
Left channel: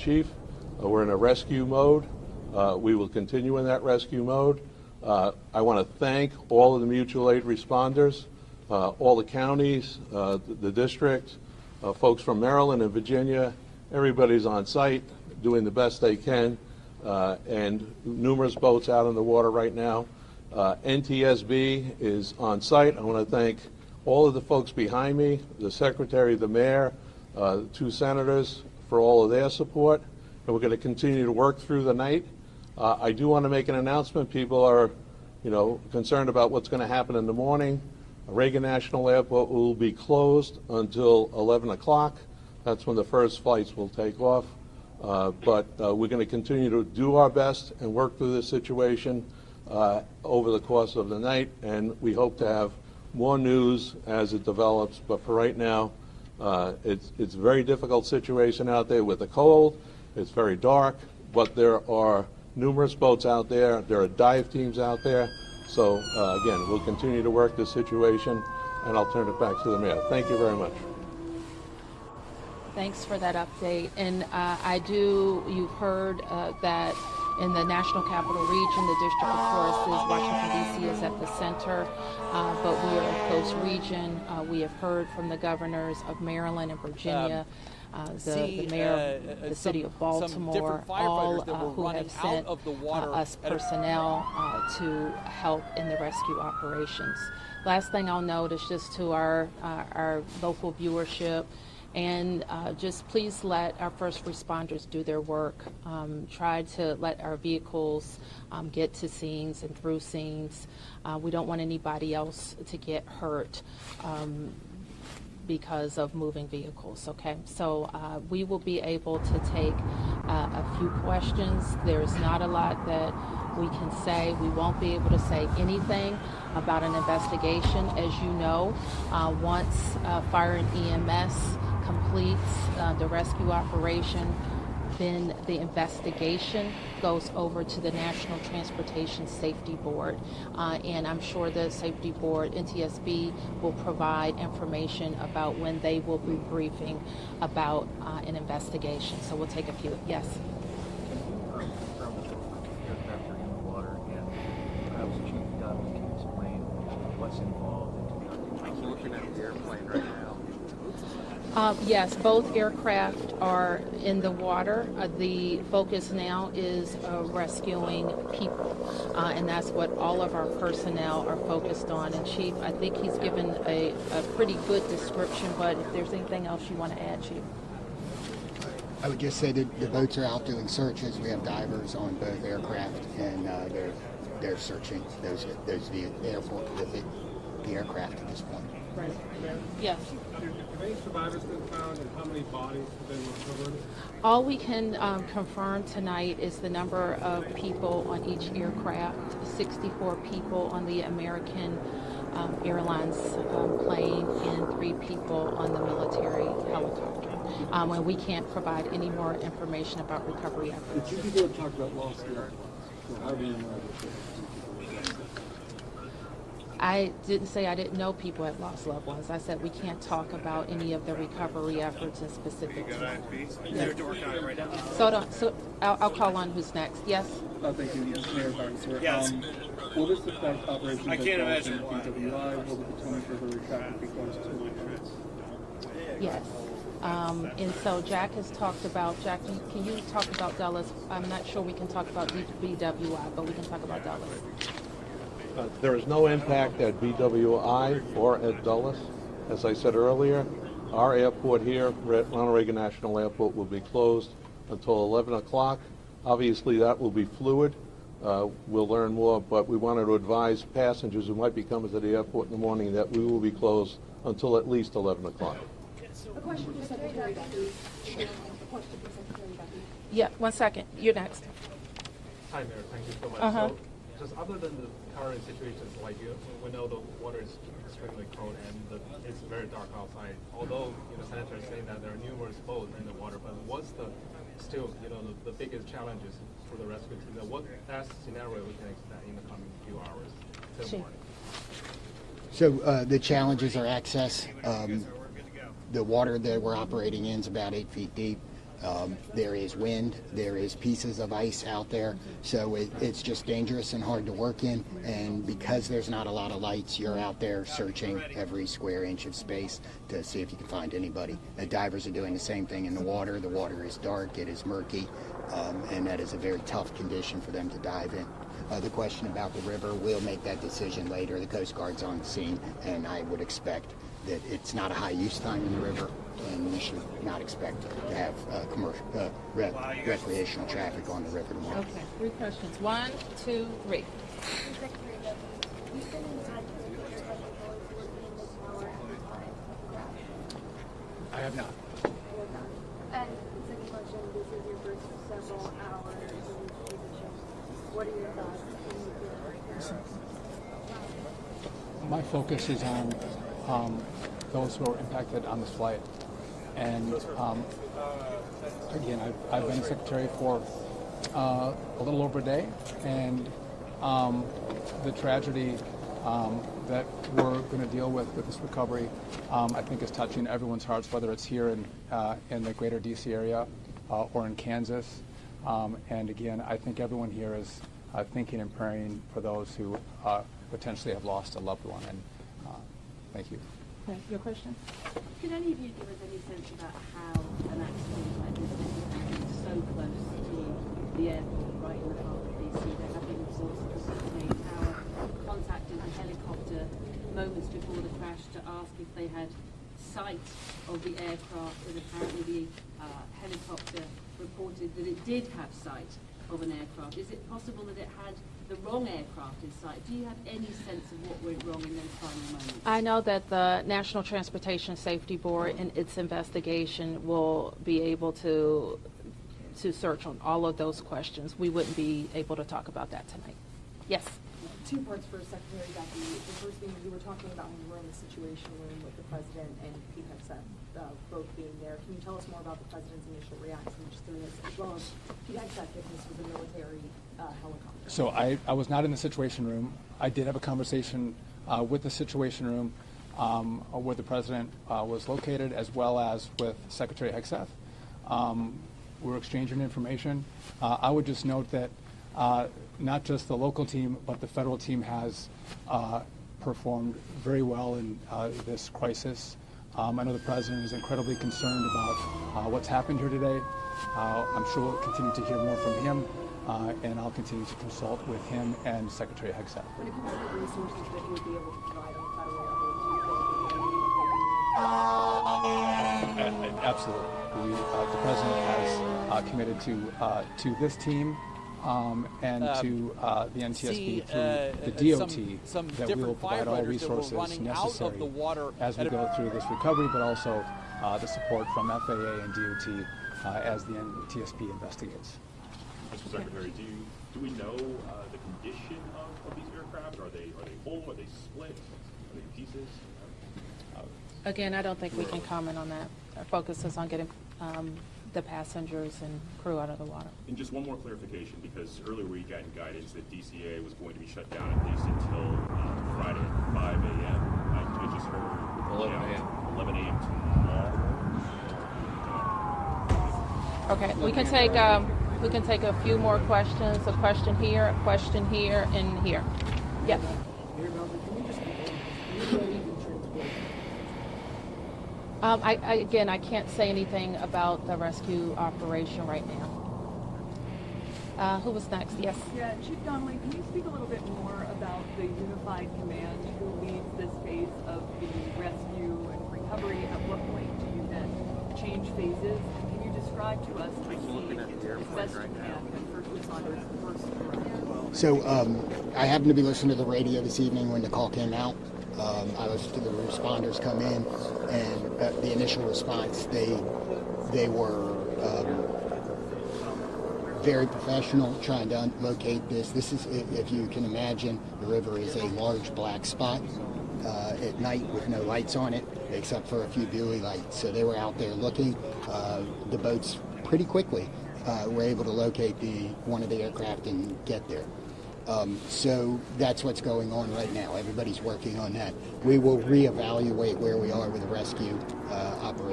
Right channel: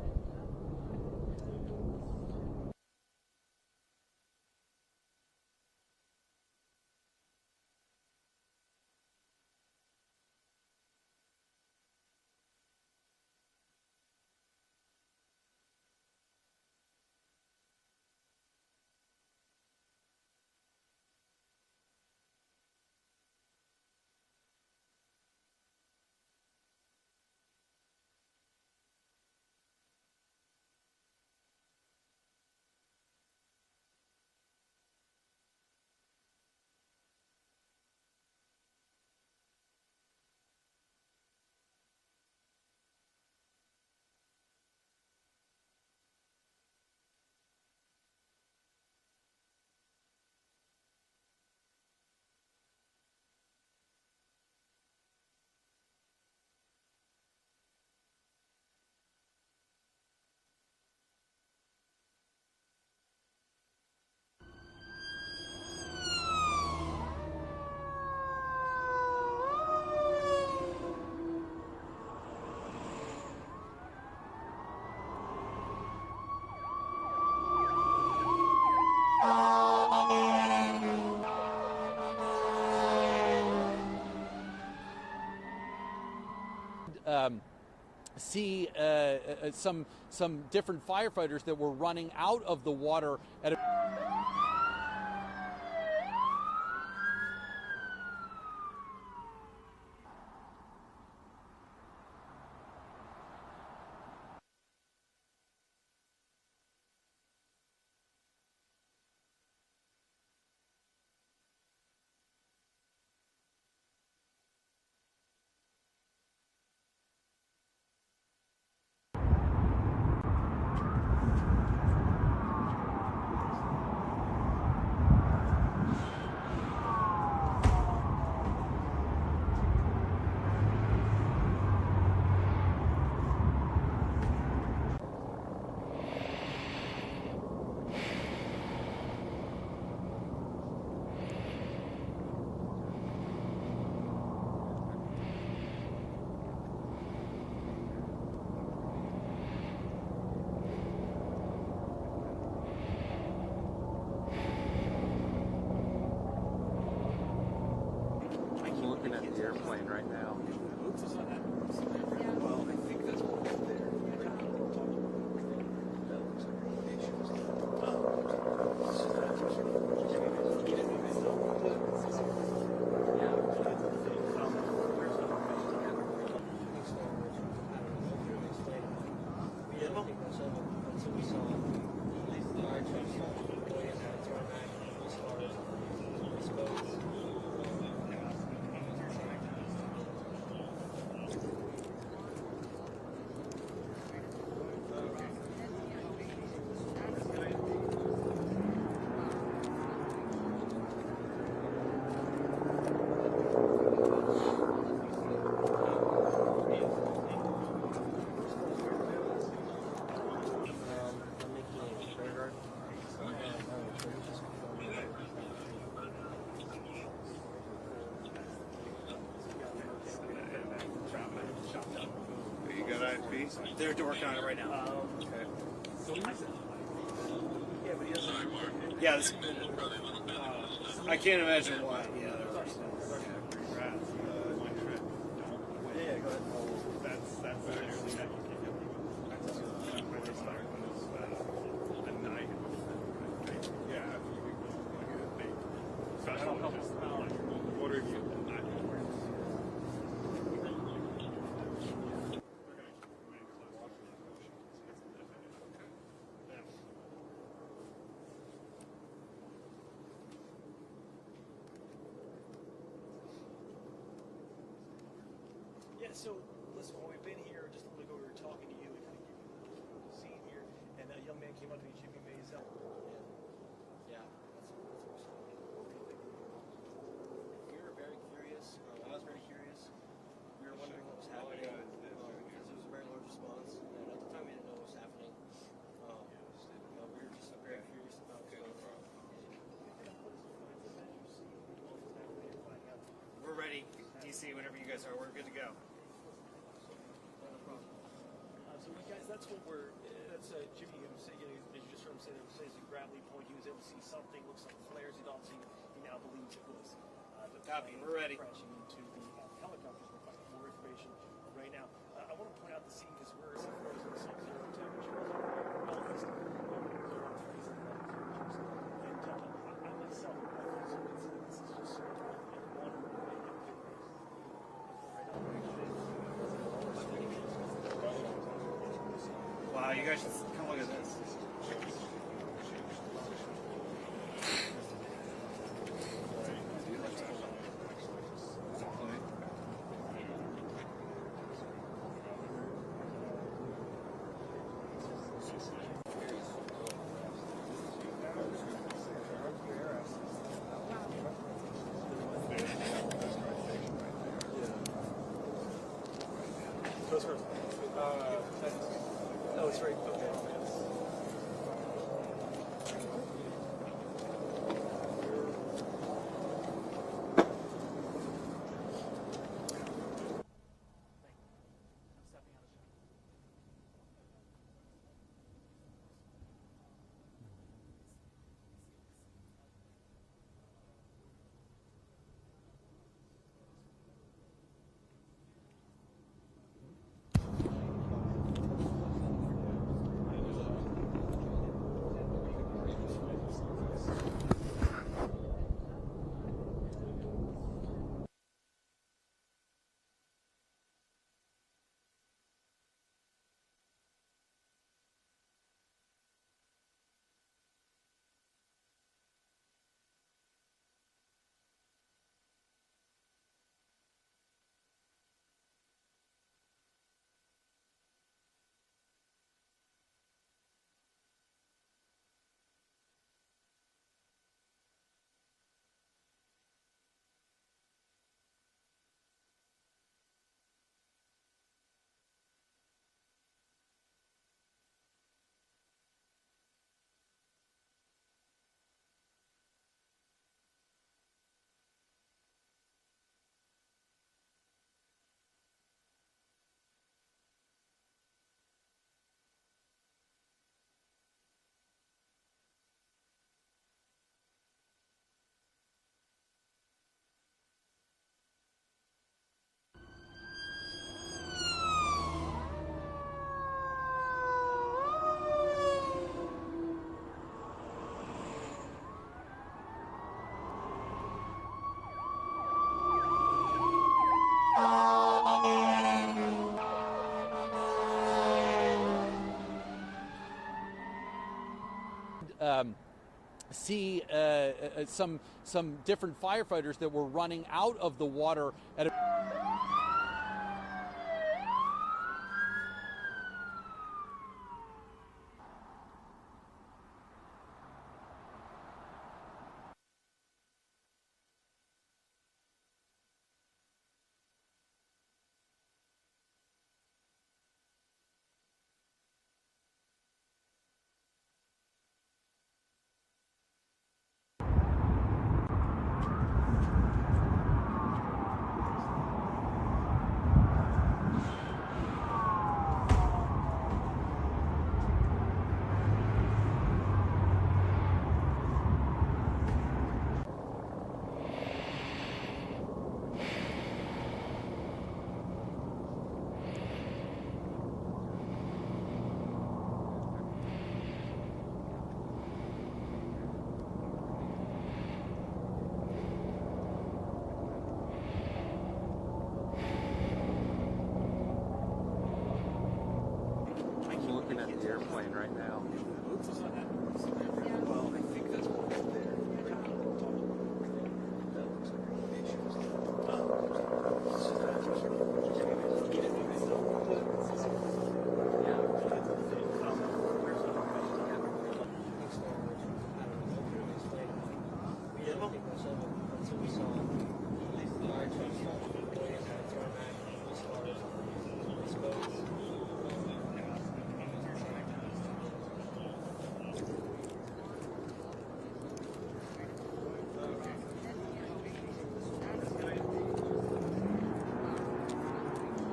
Chief. We're in a rescue mode. We will continue in that rescue mode. I want to thank all of the mutual aid responders, all the counties, the district, folks from Maryland and Virginia. Everybody's on site doing the best they can, and numerous boats out in the water right now. NTSB is on site. I want to thank all of the folks behind me, the Secretary, the Mayor, the 2 senators for all of their support, and we're going to continue to work through the night. I do want to make an announcement. People are, concerned about what's going to happen in the morning. Reagan National Airport will be closed until 11 o'clock. That's when the first flights will take off. But we're going to continue to do our best and work through this situation over the course of the night, and we hope to have more news as it develops. But for right now, it's a very difficult situation out there with the cold. It's very dark, but there are numerous boats out there. There are dive teams out there. So again, we'll continue to work this situation, and I'll turn it back to the Mayor. Thank you very much. Thanks for that update. And you've heard that in the National Capital Region, the District of Washington, D.C. is at the center, but we are a close region. We have heard from the governors of Maryland and Virginia. The mayor, the city of Baltimore, some different firefighters that were running out of the water. Us personnel to help in the rescue operations. Last thing I'll note is just to our local viewership, and just please let our first responders do their work. Try to let our vehicles get to scenes and through scenes. We don't want anybody else to get hurt because of moving vehicles, okay? So we will be able to take a few questions. There's not a lot that we can say. We won't be able to say anything about an investigation. As you know, once fire and EMS completes the rescue operation, then the investigation goes over to the National Transportation Safety Board. And I'm sure the Safety Board, NTSB, will provide information about when they will be briefing about an investigation. So we'll take a few. Yes? I'm looking at the airplane right now. Yes, both aircraft are in the water. The focus now is rescuing people, and that's what all of our personnel are focused on. And Chief, I think he's given a pretty good description, but if there's anything else you want to add, Chief? I would just say that the boats are out doing searches. We have divers on both aircraft, and they're searching those vehicles with the aircraft as well. Yes. All we can confirm tonight is the number of people on each aircraft, 64 people on the American Airlines plane and 3 people on the military helicopter. And we can't provide any more information about recovery. I didn't say I didn't know people had lost loved ones. I said we can't talk about any of the recovery efforts in specific. You got IP? They're working on it right now. So I'll call on who's next. Yes? Yes. I can't imagine why. Yes. And so Jack has talked about, can you talk about Dulles? I'm not sure we can talk about BWI, but we can talk about Dulles. There is no impact at BWI or at Dulles. As I said earlier, our airport here, Ronald Reagan National Airport, will be closed until 11 o'clock. Obviously, that will be fluid. We'll learn more, but we wanted to advise passengers who might be coming to the airport in the morning that we will be closed until at least 11 o'clock. Yeah, 1 second. You're next. Hi, Mayor. Thank you so much. So, just other than the current situations, like we know the water is extremely cold and it's very dark outside. Although the senator is saying that there are numerous boats in the water, but what's the biggest challenges to the rescue? What best scenario we can expect in the coming few hours? So the challenges are access. The water that we're operating in is about 8 feet deep. There is wind, there is pieces of ice out there, so it's just dangerous and hard to work in, and because there's not a lot of lights, you're out there searching every square inch of space to see if you can find anybody. The divers are doing the same thing in the water. The water is dark, it is murky, and that is a very tough condition for them to dive in. The question about the river, we'll make that decision later. The Coast Guard's on the scene, and I would expect that it's not a high use time in the river, and we should not expect to have commercial recreational traffic on the river. Okay, 3 questions. 1, 2, 3. I have not. My focus is on those who are impacted on this flight. And again, I've been secretary for a little over a day, and the tragedy that we're going to deal with this recovery, I think is touching everyone's hearts, whether it's here in the greater DC area or in Kansas. And again, I think everyone here is thinking and praying for those who potentially have lost a loved one. And thank you. Okay, your question? Could any of you give us any sense about how an accident like this so close to the airport right in the contacted a helicopter moments before the crash to ask if they had sight of the aircraft, and apparently the helicopter reported that it did have sight of an aircraft. Is it possible that it had the wrong aircraft in sight? Do you have any sense of what went wrong in those final moments? I know that the National Transportation Safety Board in its investigation will be able to search on all of those questions. We wouldn't be able to talk about that tonight. Yes? 2 parts for Secretary Duffy. The first thing, you were talking about when you were in the Situation Room with the President and Pete Hegseth both being there. Can you tell us more about the President's initial reaction to this, as well as Pete Hegseth, if this was a military helicopter? So I was not in the Situation Room. I did have a conversation with the Situation Room where the President was located, as well as with Secretary Hegseth. We're exchanging information. I would just note that not just the local team, but the federal team has performed very well in this crisis. I know the President is incredibly concerned about what's happened here today. I'm sure we'll continue to hear more from him, and I'll continue to consult with him and Secretary Hegseth. Absolutely. The President has committed to this team and to the NTSB, the DOT, some different firefighters that were running out of the water as we go through this recovery, but also the support from FAA and DOT as the NTSB investigates. Mr. Secretary, do we know the condition of these aircraft? Are they whole? Are they split? Are they pieces? Again, I don't think we can comment on that. Our focus is on getting the passengers and crew out of the water. And just one more clarification, because earlier we got guidance that DCA was going to be shut down at least until Friday at 5 a.m. Could you just 11 a.m. Okay, we can take a few more questions. A question here, and here. Yes. Again, I can't say anything about the rescue operation right now. Who was next? Yes. Yeah, Chief Donnelly, can you speak a little bit more about the unified command who leads this phase of the rescue and recovery, and what point do you then change phases? Can you describe to us? I'm looking at the airplane right now. So I happened to be listening to the radio this evening when the call came out. I listened to the responders come in, and the initial response, they were very professional, trying to locate this. This is, if you can imagine, the river is a large black spot at night with no lights on it, except for a few buoy lights. So they were out there looking. The boats pretty quickly were able to locate one of the aircraft and get there. So that's what's going on right now. Everybody's working on that. We will reevaluate where we are with the rescue operation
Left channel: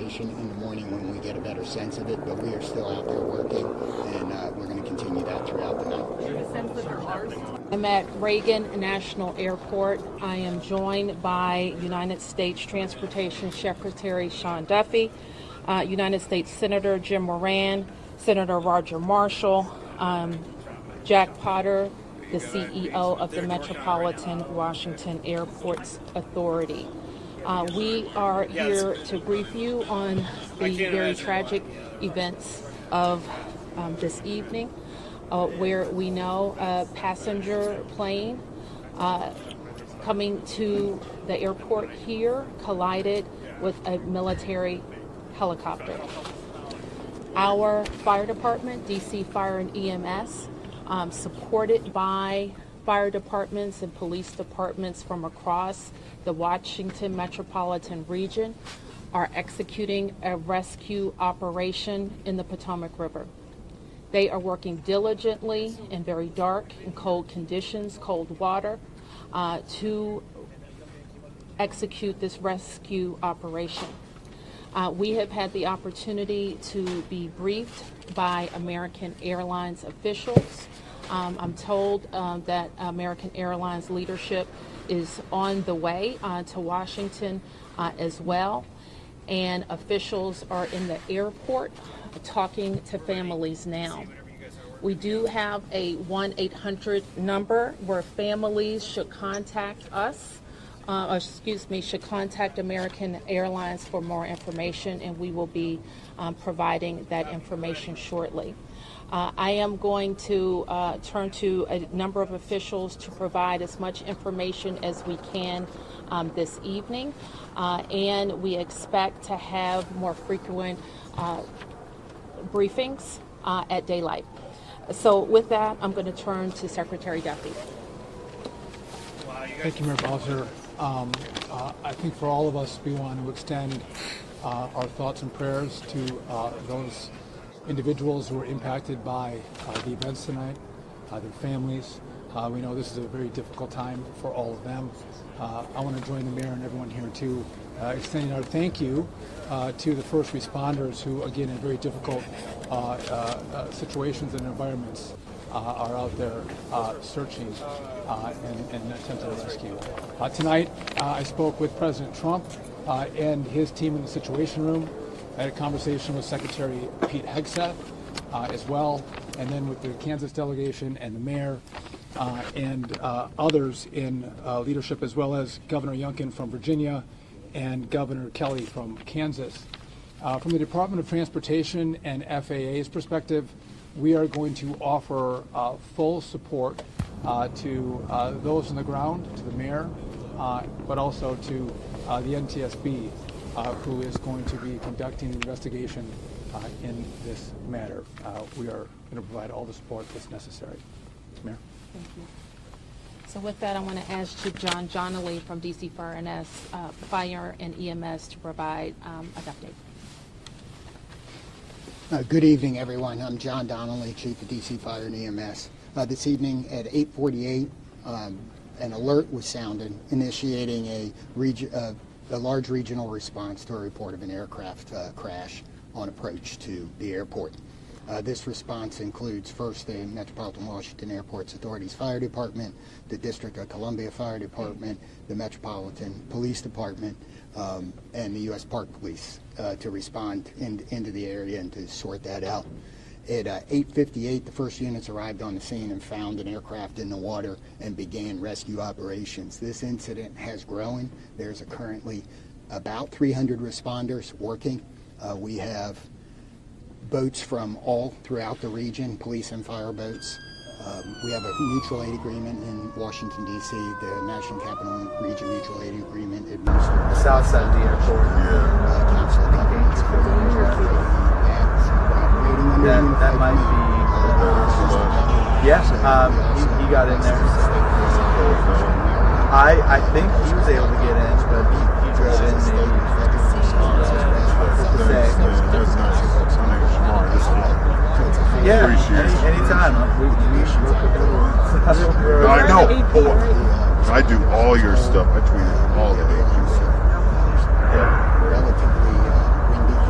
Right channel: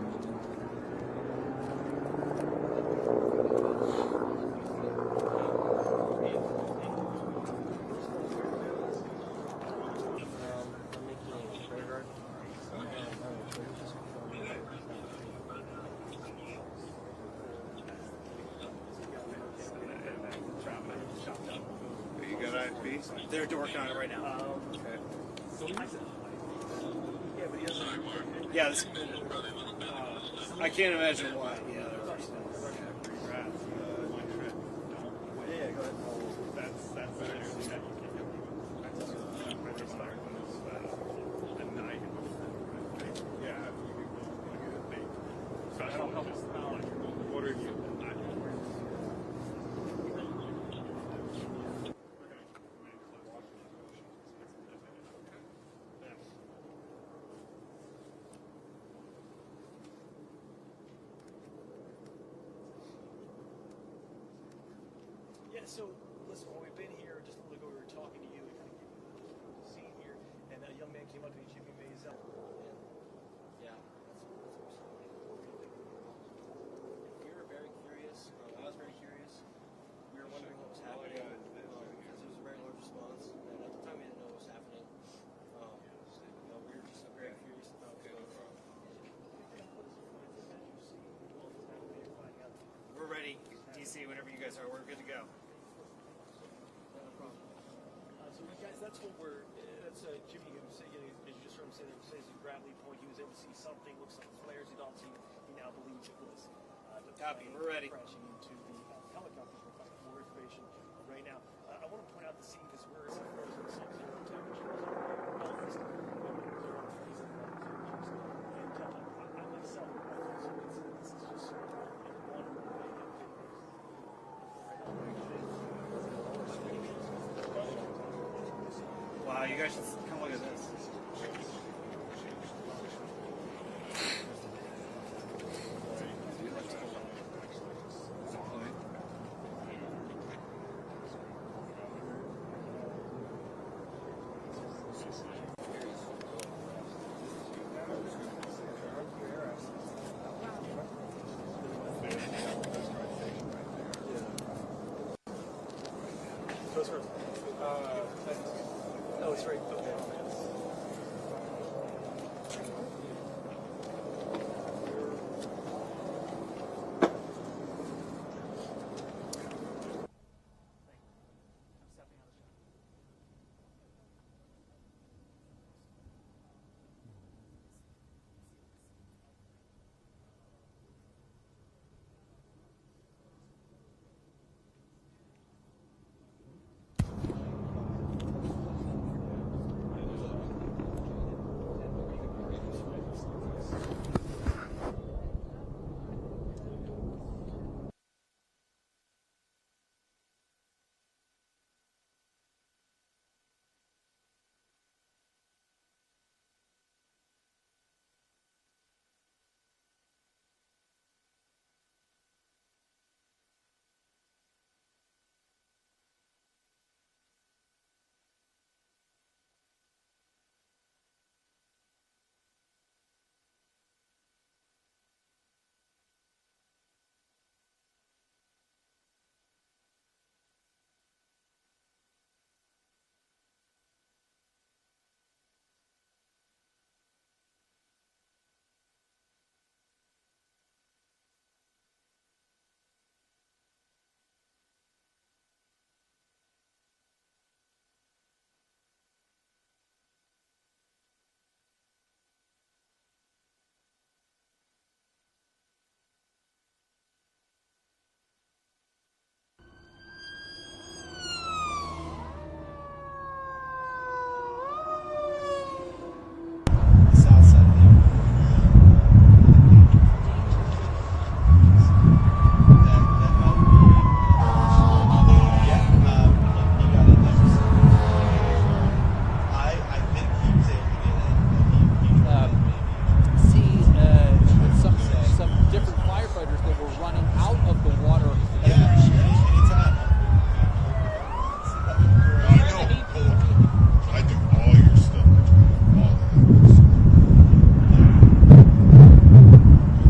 information in the morning when we get a better sense of it, but we are still out there working, and we're going to continue that throughout the night. I'm at Reagan National Airport. I am joined by United States Transportation Secretary Sean Duffy, United States Senator Jim Moran, Senator Roger Marshall, Jack Potter, the CEO of the Metropolitan Washington Airports Authority. We are here to brief you on the very tragic events of this evening, where we know a passenger plane coming to the airport here collided with a military helicopter. Our fire department, DC Fire and EMS, supported by fire departments and police departments from across the Washington metropolitan region, are executing a rescue operation in the Potomac River. They are working diligently in very dark and cold conditions, cold water, to execute this rescue operation. We have had the opportunity to be briefed by American Airlines officials. I'm told that American Airlines leadership is on the way to Washington as well, and officials are in the airport talking to families now. We do have a 1-800 number where families should contact us, should contact American Airlines for more information, and we will be providing that information shortly. I am going to turn to a number of officials to provide as much information as we can this evening, and we expect to have more frequent briefings at daylight. So with that, I'm going to turn to Secretary Duffy. Thank you, Mayor Bowser. I think for all of us, we want to extend our thoughts and prayers to those individuals who were impacted by the events tonight, their families. We know this is a very difficult time for all of them. I want to join the mayor and everyone here to extend our thank you to the first responders who, again, in very difficult situations and environments, are out there searching and attempting to rescue. Tonight, I spoke with President Trump and his team in the Situation Room. I had a conversation with Secretary Pete Hegseth as well, and then with the Kansas delegation and the mayor and others in leadership, as well as Governor Youngkin from Virginia and Governor Kelly from Kansas. From the Department of Transportation and FAA's perspective, we are going to offer full support to those on the ground, to the mayor, but also to the NTSB, who is going to be conducting the investigation in this matter. We are going to provide all the support that's necessary. Mayor. Thank you. So with that, I want to ask Chief John Donnelly from DC Fire and EMS to provide an update. Good evening, everyone. I'm John Donnelly, Chief of DC Fire and EMS. This evening at 8:48, an alert was sounded, initiating a large regional response to a report of an aircraft crash on approach to the airport. This response includes first the Metropolitan Washington Airports Authority's Fire Department, the District of Columbia Fire Department, the Metropolitan Police Department, and the U.S. Park Police to respond into the area and to sort that out. At 8:58, the first units arrived on the scene and found an aircraft in the water and began rescue operations. This incident has grown. There's currently about 300 responders working. We have boats from all throughout the region, police and fire boats. We have a mutual aid agreement in Washington, D.C., the National Capital Region Mutual Aid Agreement. South side of the airport. That might be. Yes, he got in there. I think he was able to get in, but he drove in maybe. Some different firefighters that were running out of the water. Yeah, anytime. I know. I do all your stuff. I tweet all the agencies.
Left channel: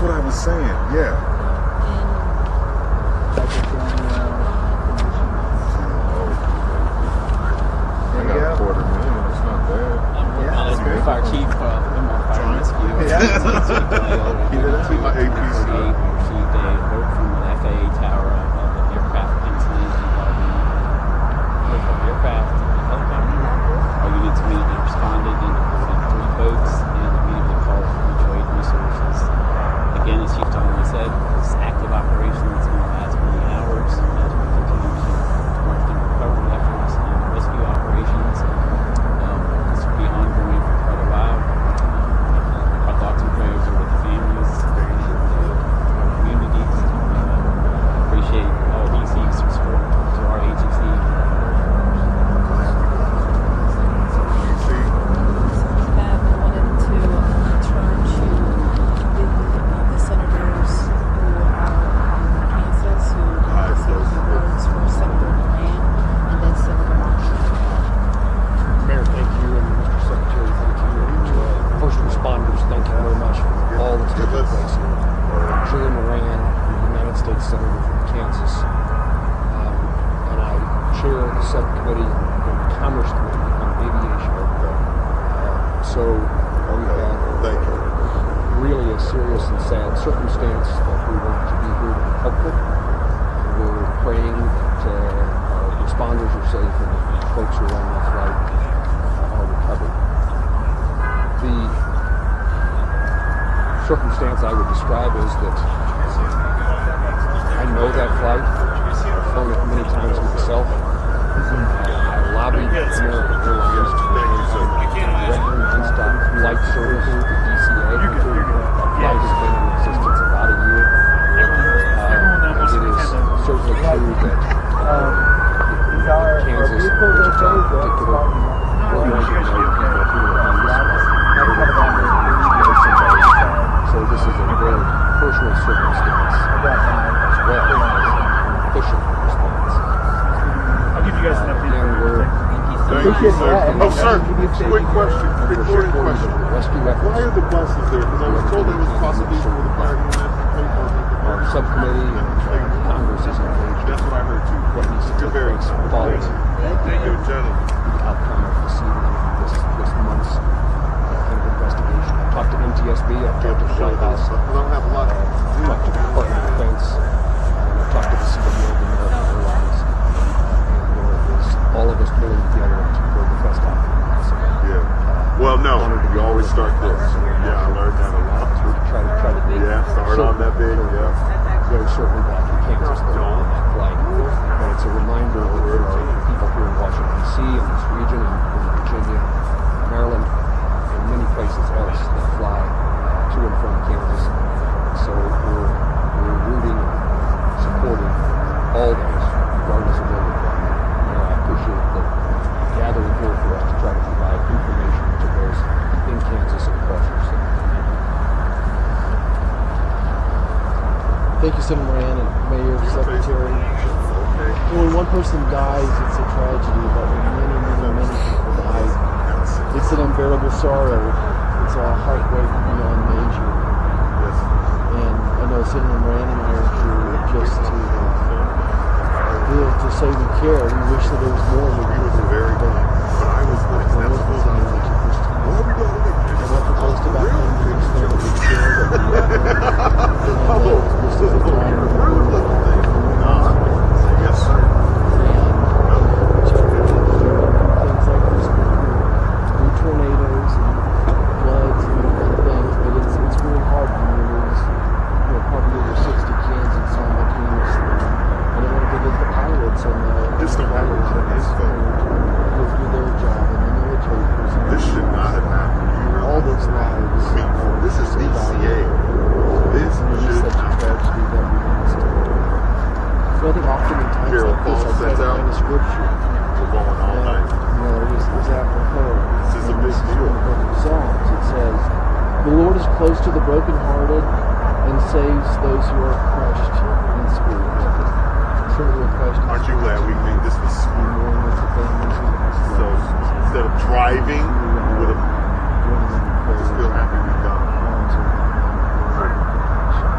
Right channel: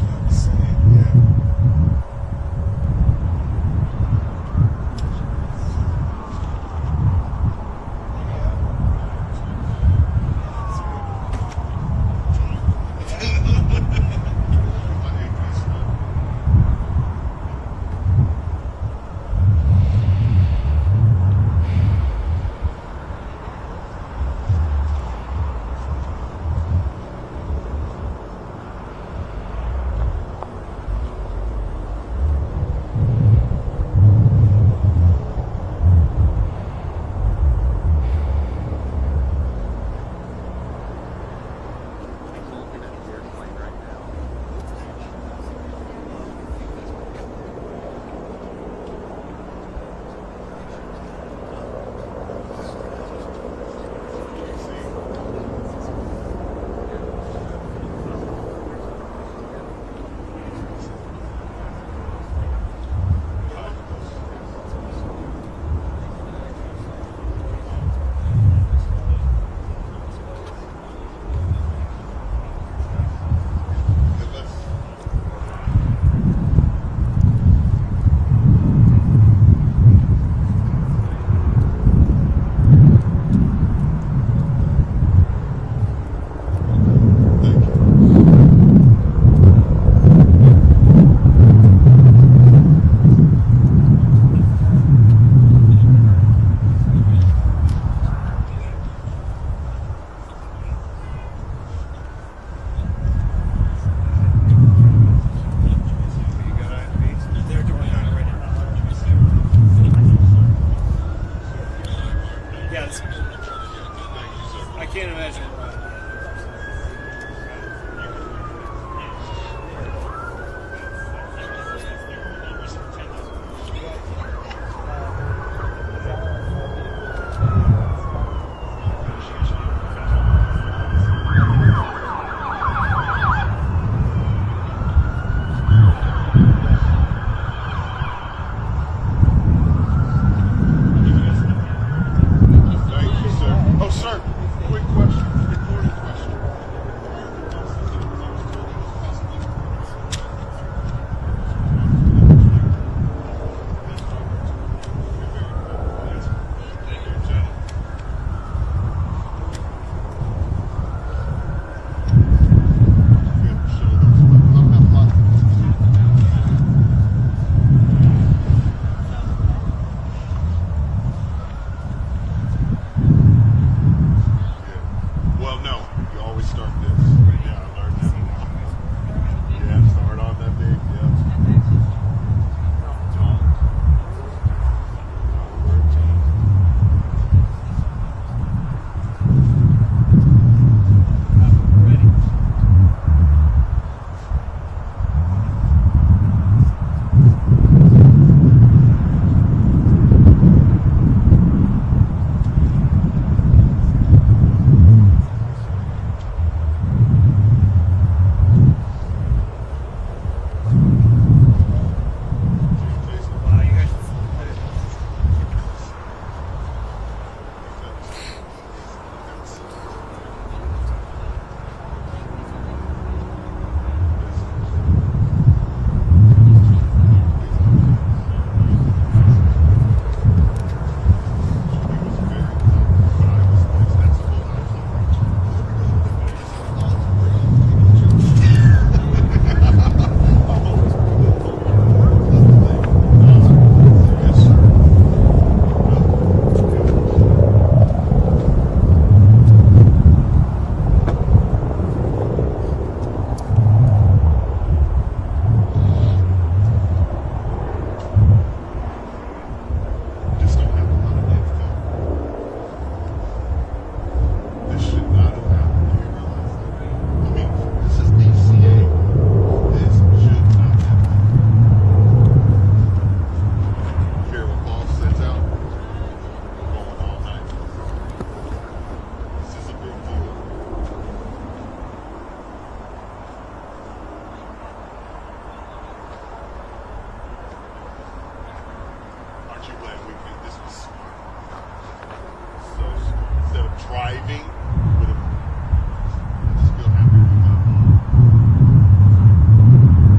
That's what I was saying. Yeah. I got a $250,000. It's not bad. Fire chief, fire rescue. Give it to my APC. Received a alert from the FAA tower of an aircraft incident involving aircraft, helicopter. Our units immediately responded and sent 3 boats and immediately called for mutual aid resources. Again, as Chief Tolman said, this active operation is going to last many hours as we continue to work the recovery efforts and rescue operations. This will be ongoing for quite a while. Our thoughts and prayers are with the families and the community. Appreciate all DC's support to our agency. Mayor, thank you, and Secretary for the community. First responders, thank you very much for all that's taken place. Julie Moran, United States Senator from Kansas, and I chair the subcommittee on Commerce and Aviation. So, thank you. Really a serious and sad circumstance. We're praying to responders are safe, folks who are on this flight are recovered. The circumstance I would describe is that I know that flight. I've flown it many times myself. I lobbied for American Airlines I can't imagine. to stop flight service with the DCA. Flight has been in existence about a year. It is certainly true that Kansas, so this is a very personal circumstance as well as pushing response. I'll give you guys an update. Thank you, sir. Oh, sir, quick question, recording question. Why are the buses there? Because I was told they was possibly for the fire unit. Our subcommittee, Congress is engaged. That's what I heard too. You're very following Thank you, gentlemen. outcome of this month's investigation. Talked to NTSB, I've talked to the White House. I don't have a lot. Talked to the Department of Defense. Talked to the Secretary of American Airlines. All of us pulling together to bring the best outcome. Yeah. Well, no, you always start this. Yeah, I learned that a lot. Try to do. Yeah, start on that big. Yeah. Very shortly back in Kansas, flight. And it's a reminder of our people here in Washington, D.C. and this region, and Virginia, Maryland, and many places else that fly to and from Kansas. So we're rooting, supporting all those regardless of what they do. I appreciate them gathering here for us to try to provide information to those in Kansas and across the state. Thank you, Senator Moran and Mayor, Secretary. When one person dies, it's a tragedy, but when many people die, it's an unbearable sorrow. It's a heartbreak beyond measure. And I know Senator Moran and Mayor Drew just to live to save and care. We wish that there was more of it. It was very good. But I was like, that's supposed to be what are we going to do? Yes, sir. This don't happen like this, though. This should not have happened. Do you realize? I mean, this is DCA. This should not have happened. Carol Paul sets out. We're going all night. This is a big deal. It says, "The Lord is close to the brokenhearted and saves those who are crushed in spirit." Aren't you glad we made this this morning? So instead of driving, we would have still happy we done.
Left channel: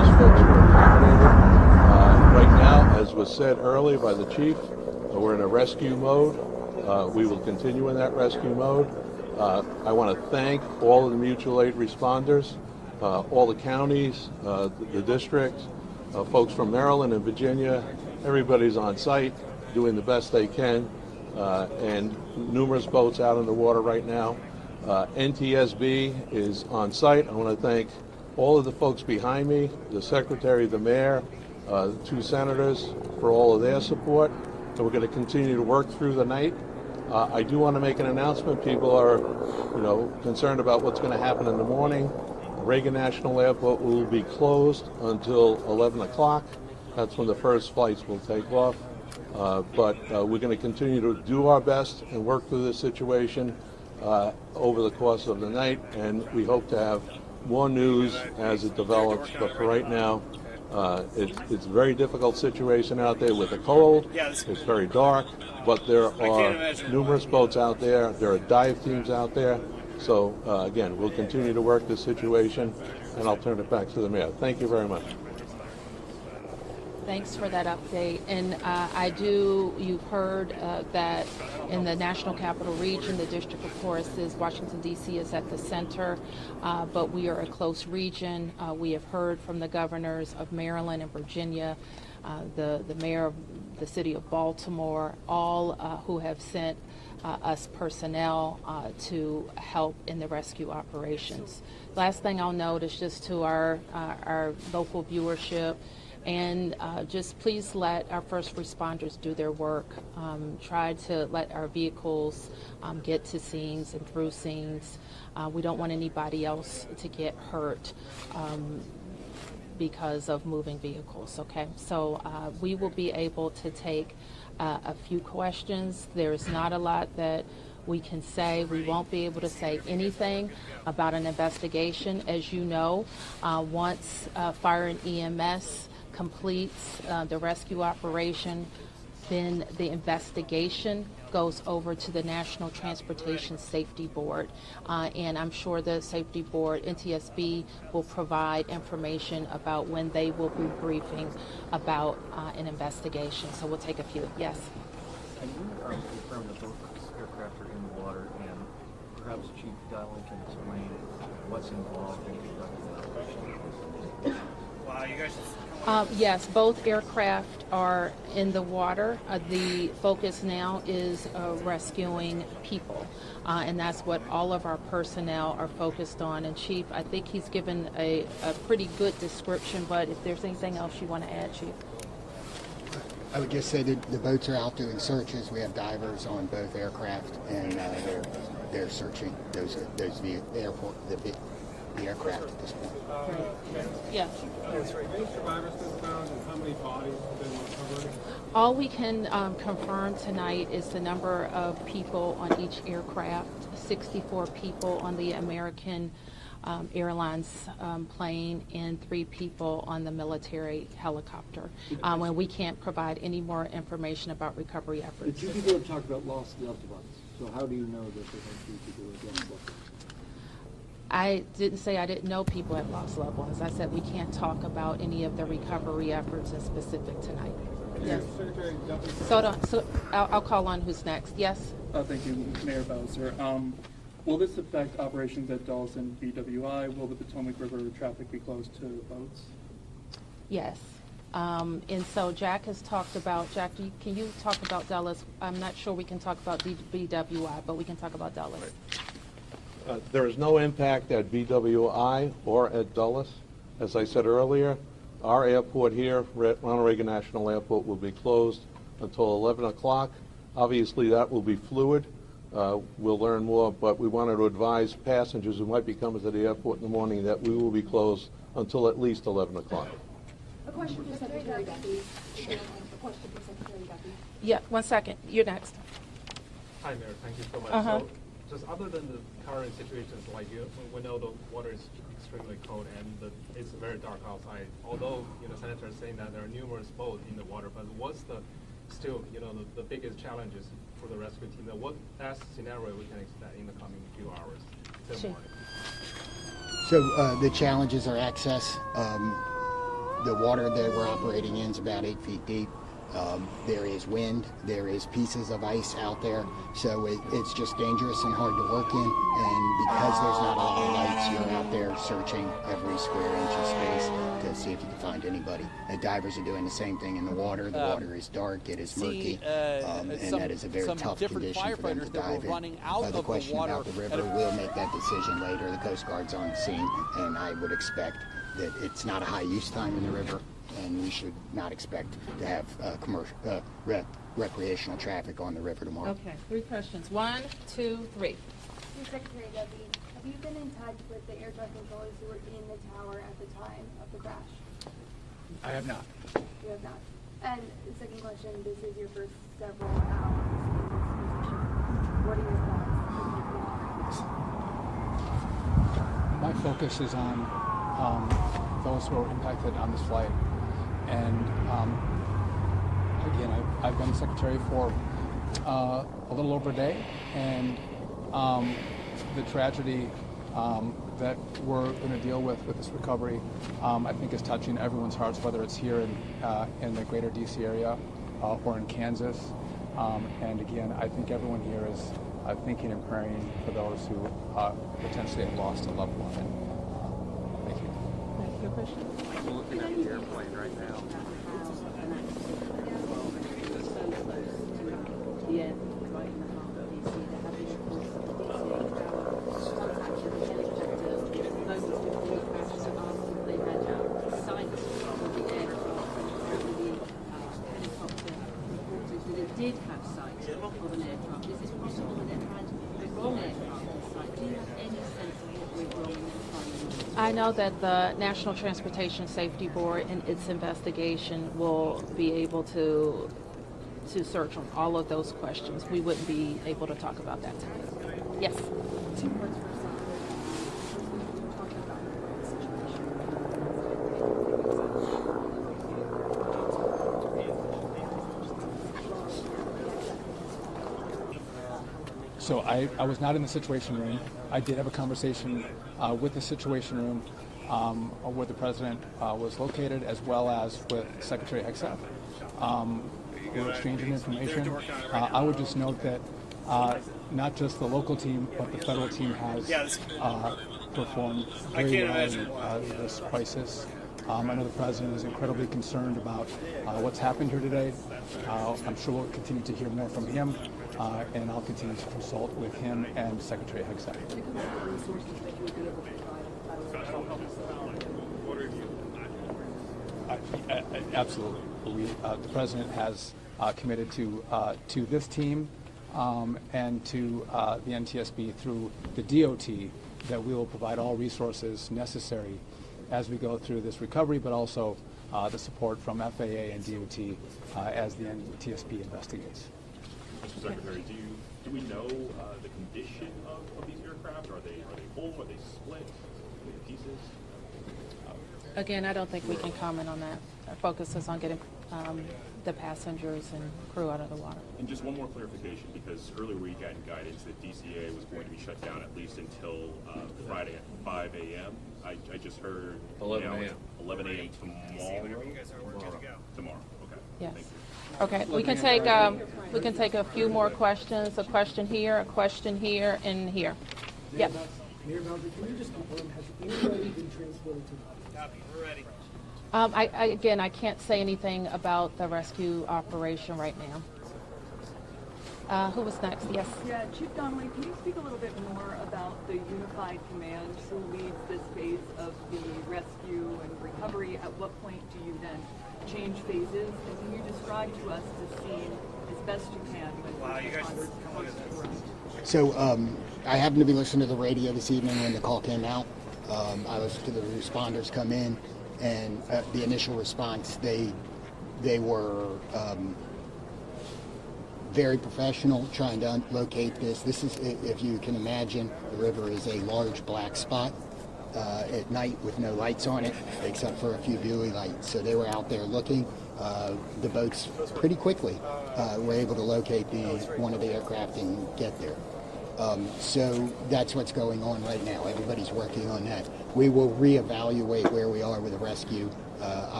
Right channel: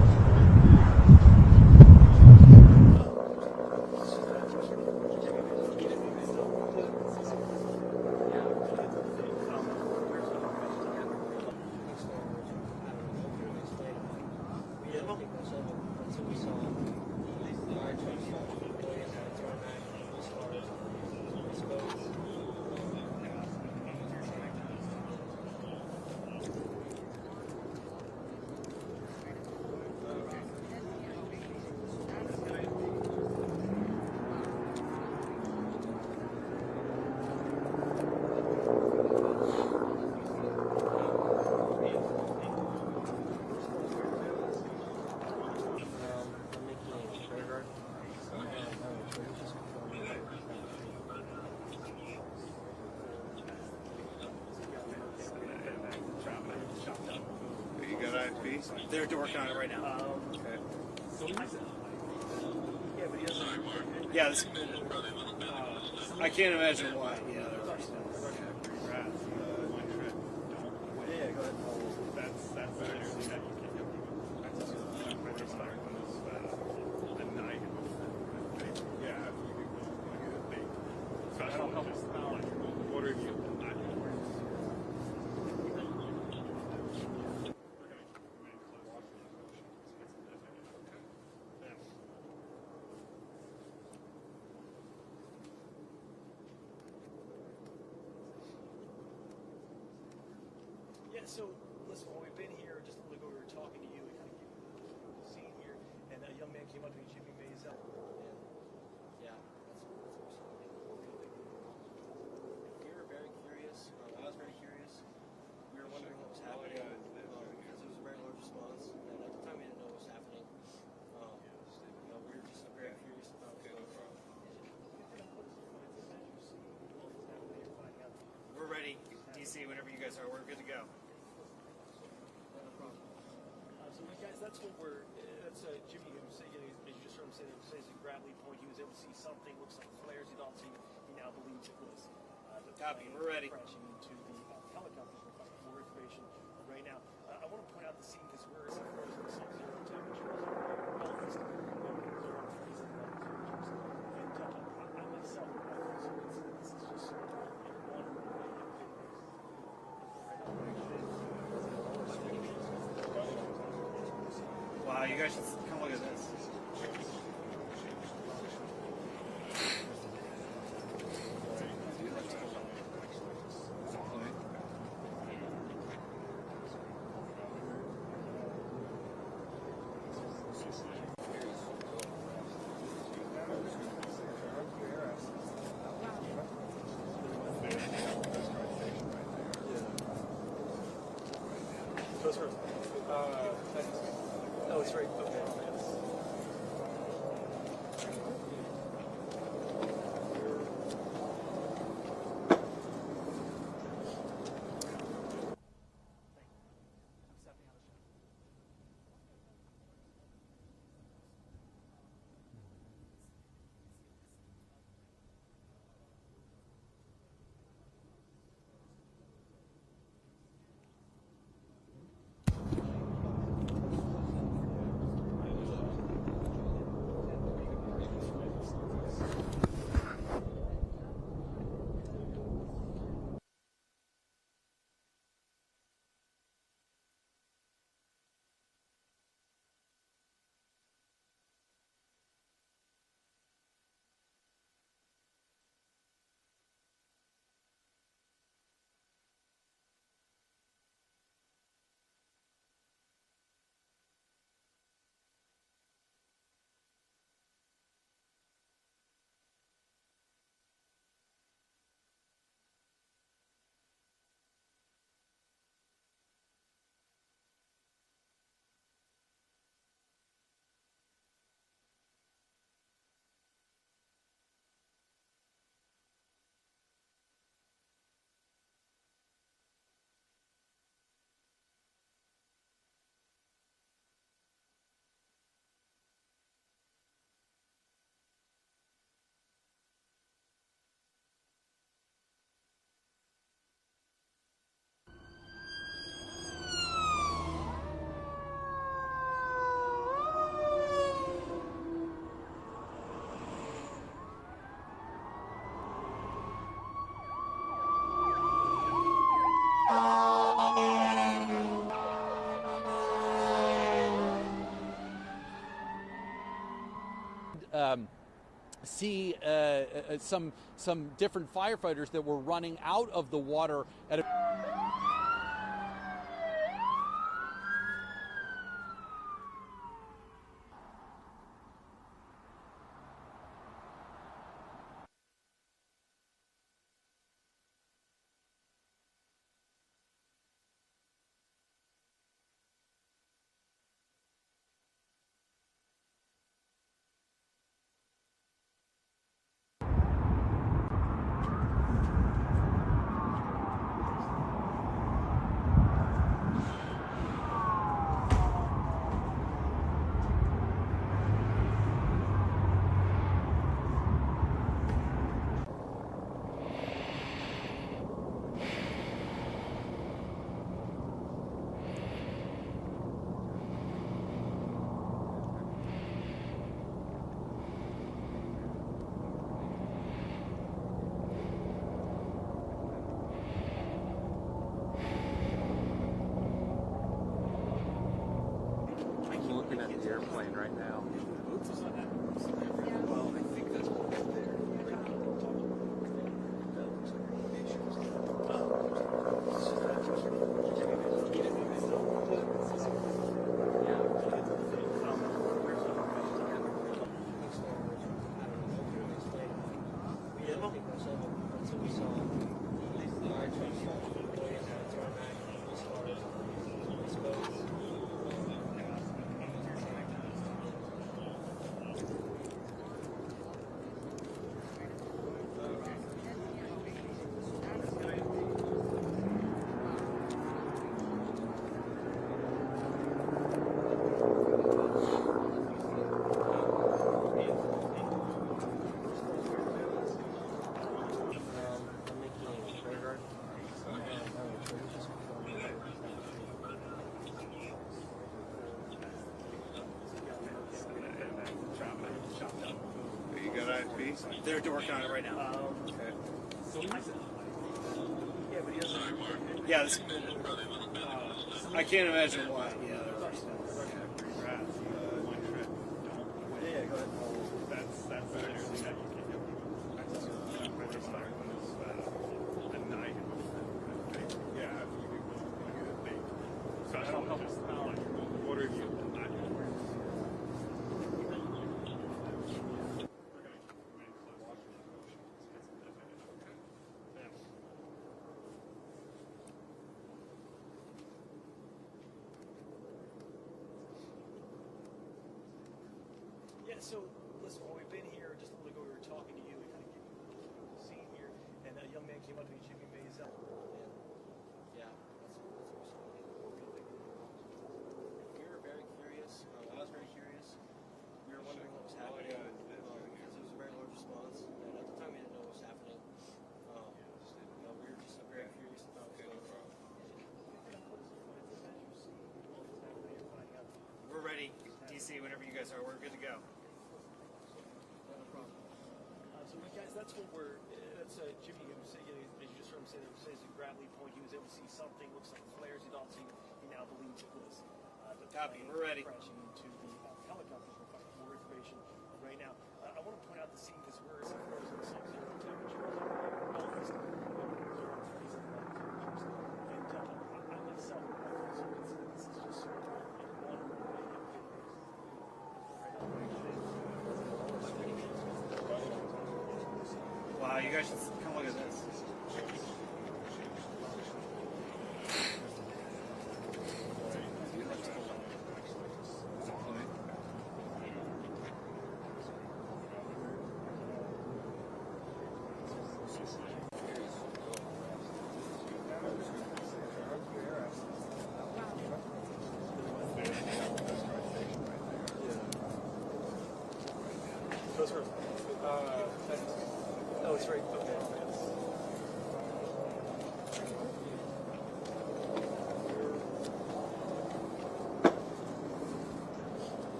earlier by the chief, we're in a rescue mode. We will continue in that rescue mode. I want to thank all of the mutual aid responders, all the counties, the district, folks from Maryland and Virginia. Everybody's on site doing the best they can, and numerous boats out in the water right now. NTSB is on site. I want to thank all of the folks behind me, the secretary, the mayor, the two senators for all of their support. So we're going to continue to work through the night. I do want to make an announcement. People are, concerned about what's going to happen in the morning. Reagan National Airport will be closed until 11 o'clock. That's when the first flights will take off. But we're going to continue to do our best and work through this situation over the course of the night, and we hope to have more news as it develops. But for right now, it's a very difficult situation out there with the cold. It's very dark, but there are numerous boats out there. There are dive teams out there. So again, we'll continue to work this situation, and I'll turn it back to the mayor. Thank you very much. Thanks for that update. And you've heard that in the National Capital Region, the District of Course is Washington, D.C. is at the center, but we are a close region. We have heard from the governors of Maryland and Virginia, the mayor of the city of Baltimore, all who have sent us personnel to help in the rescue operations. Last thing I'll note is just to our local viewership, and just please let our first responders do their work. Try to let our vehicles get to scenes and through scenes. We don't want anybody else to get hurt because of moving vehicles, okay? So we will be able to take a few questions. There's not a lot that we can say. We won't be able to say anything about an investigation. As you know, once fire and EMS completes the rescue operation, then the investigation goes over to the National Transportation Safety Board. And I'm sure the Safety Board, NTSB, will provide information about when they will be briefing about an investigation. So we'll take a few. Yes? Wow, you guys yes, both aircraft are in the water. The focus now is rescuing people, and that's what all of our personnel are focused on. And Chief, I think he's given a pretty good description, but if there's anything else you want to add, Chief? I would just say that the boats are out doing searches. We have divers on both aircraft, and they're searching the aircraft. Yeah. All we can confirm tonight is the number of people on each aircraft, 64 people on the American Airlines plane and 3 people on the military helicopter. And we can't provide any more information about recovery efforts. The 2 people have talked about lost loved ones. So how do you know that there are 3 people who have lost loved ones? I didn't say I didn't know people have lost loved ones. I said we can't talk about any of the recovery efforts in specific tonight. Yes. So I'll call on who's next. Yes? Thank you, Mayor Bowser. Will this affect operations at Dulles and BWI? Will the Potomac River traffic be closed to boats? Yes. And so Jack has talked about, Jack, can you talk about Dulles? I'm not sure we can talk about BWI, but we can talk about Dulles. There is no impact at BWI or at Dulles. As I said earlier, our airport here, Ronald Reagan National Airport, will be closed until 11 o'clock. Obviously, that will be fluid. We'll learn more, but we wanted to advise passengers who might be coming to the airport in the morning that we will be closed until at least 11 o'clock. A question for Secretary Duffy. A question for Secretary Duffy. Yeah, 1 second. You're next. Hi, Mayor. Thank you so much. So, just other than the current situations, like we know the water is extremely cold and it's very dark outside. Although Senator is saying that there are numerous boats in the water, but what's the biggest challenges for the rescue team? What best scenario we can expect in the coming few hours? Sure. So the challenges are access. The water that we're operating in is about 8 feet deep. There is wind, there is pieces of ice out there, so it's just dangerous and hard to work in, and because there's not a lot of lights, you're out there searching every square inch of space to see if you can find anybody. And divers are doing the same thing in the water. The water is dark, it is murky, and that is a very tough different condition for them firefighters to that were dive in. running out The of the question water about the river, we'll make that decision later. The Coast Guard's on the scene, and I would expect that it's not a high use time in the river, and we should not expect to have commercial recreational traffic on the river tomorrow. Okay, 3 questions. 1, 2, 3. Secretary Debbie, have you been in touch with the air traffic controllers who were in the tower at the time of the crash? I have not. You have not. And the second question, this is your first several hours. What are your thoughts? My focus is on those who are impacted on this flight. And again, I've been secretary for a little over a day, and the tragedy that we're going to deal with this recovery, I think is touching everyone's hearts, whether it's here in the greater DC area or in Kansas. And again, I think everyone here is thinking and praying for those who potentially have lost a loved one. I'm looking at the airplane right now. I know that the National Transportation Safety Board in its investigation will be able to search on all of those questions. We wouldn't be able to talk about that today. Yes. So I was not in the Situation Room. I did have a conversation with the Situation Room where the President was located, as well as with Secretary Exxon. Exchanging information. I would just note that not just the local team, but the federal team has performed I can't imagine this crisis. I know the President is incredibly concerned about what's happened here today. I'm sure we'll continue to hear more from him, and I'll continue to consult with him and Secretary Exxon. Absolutely. The President has committed to this team and to the NTSB through the DOT that we will provide all resources necessary as we go through this recovery, but also the support from FAA and DOT as the NTSB investigates. Mr. Secretary, do we know the condition of these aircraft? Are they whole? Are they split into pieces? Again, I don't think we can comment on that. Our focus is on getting the passengers and crew out of the water. And just one more clarification, because earlier we had guidance that DCA was going to be shut down at least until Friday at 5 a.m. I just heard 11 a.m. 11 a.m. DC, whenever you guys are, we're good to go. Tomorrow. Okay. Yes. Okay, we can take a few more questions. A question here, and here. Yep. Copy, we're ready. Again, I can't say anything about the rescue operation right now. Who was next? Yes. Yeah, Chief Donnelly, can you speak a little bit more about the unified command who leads this phase of the rescue and recovery? At what point do you then change phases? And can you describe to us the scene as best you can? Wow, you guys should come look at this. So I happened to be listening to the radio this evening when the call came out. I listened to the responders come in, and the initial response, they were very professional trying to locate this. This is, if you can imagine, the river is a large black spot at night with no lights on it, except for a few dewy lights. So they were out there looking. The boats pretty quickly were able to locate one of the aircraft and get there. So that's what's going on right now. Everybody's working on that. We will reevaluate where we are with the rescue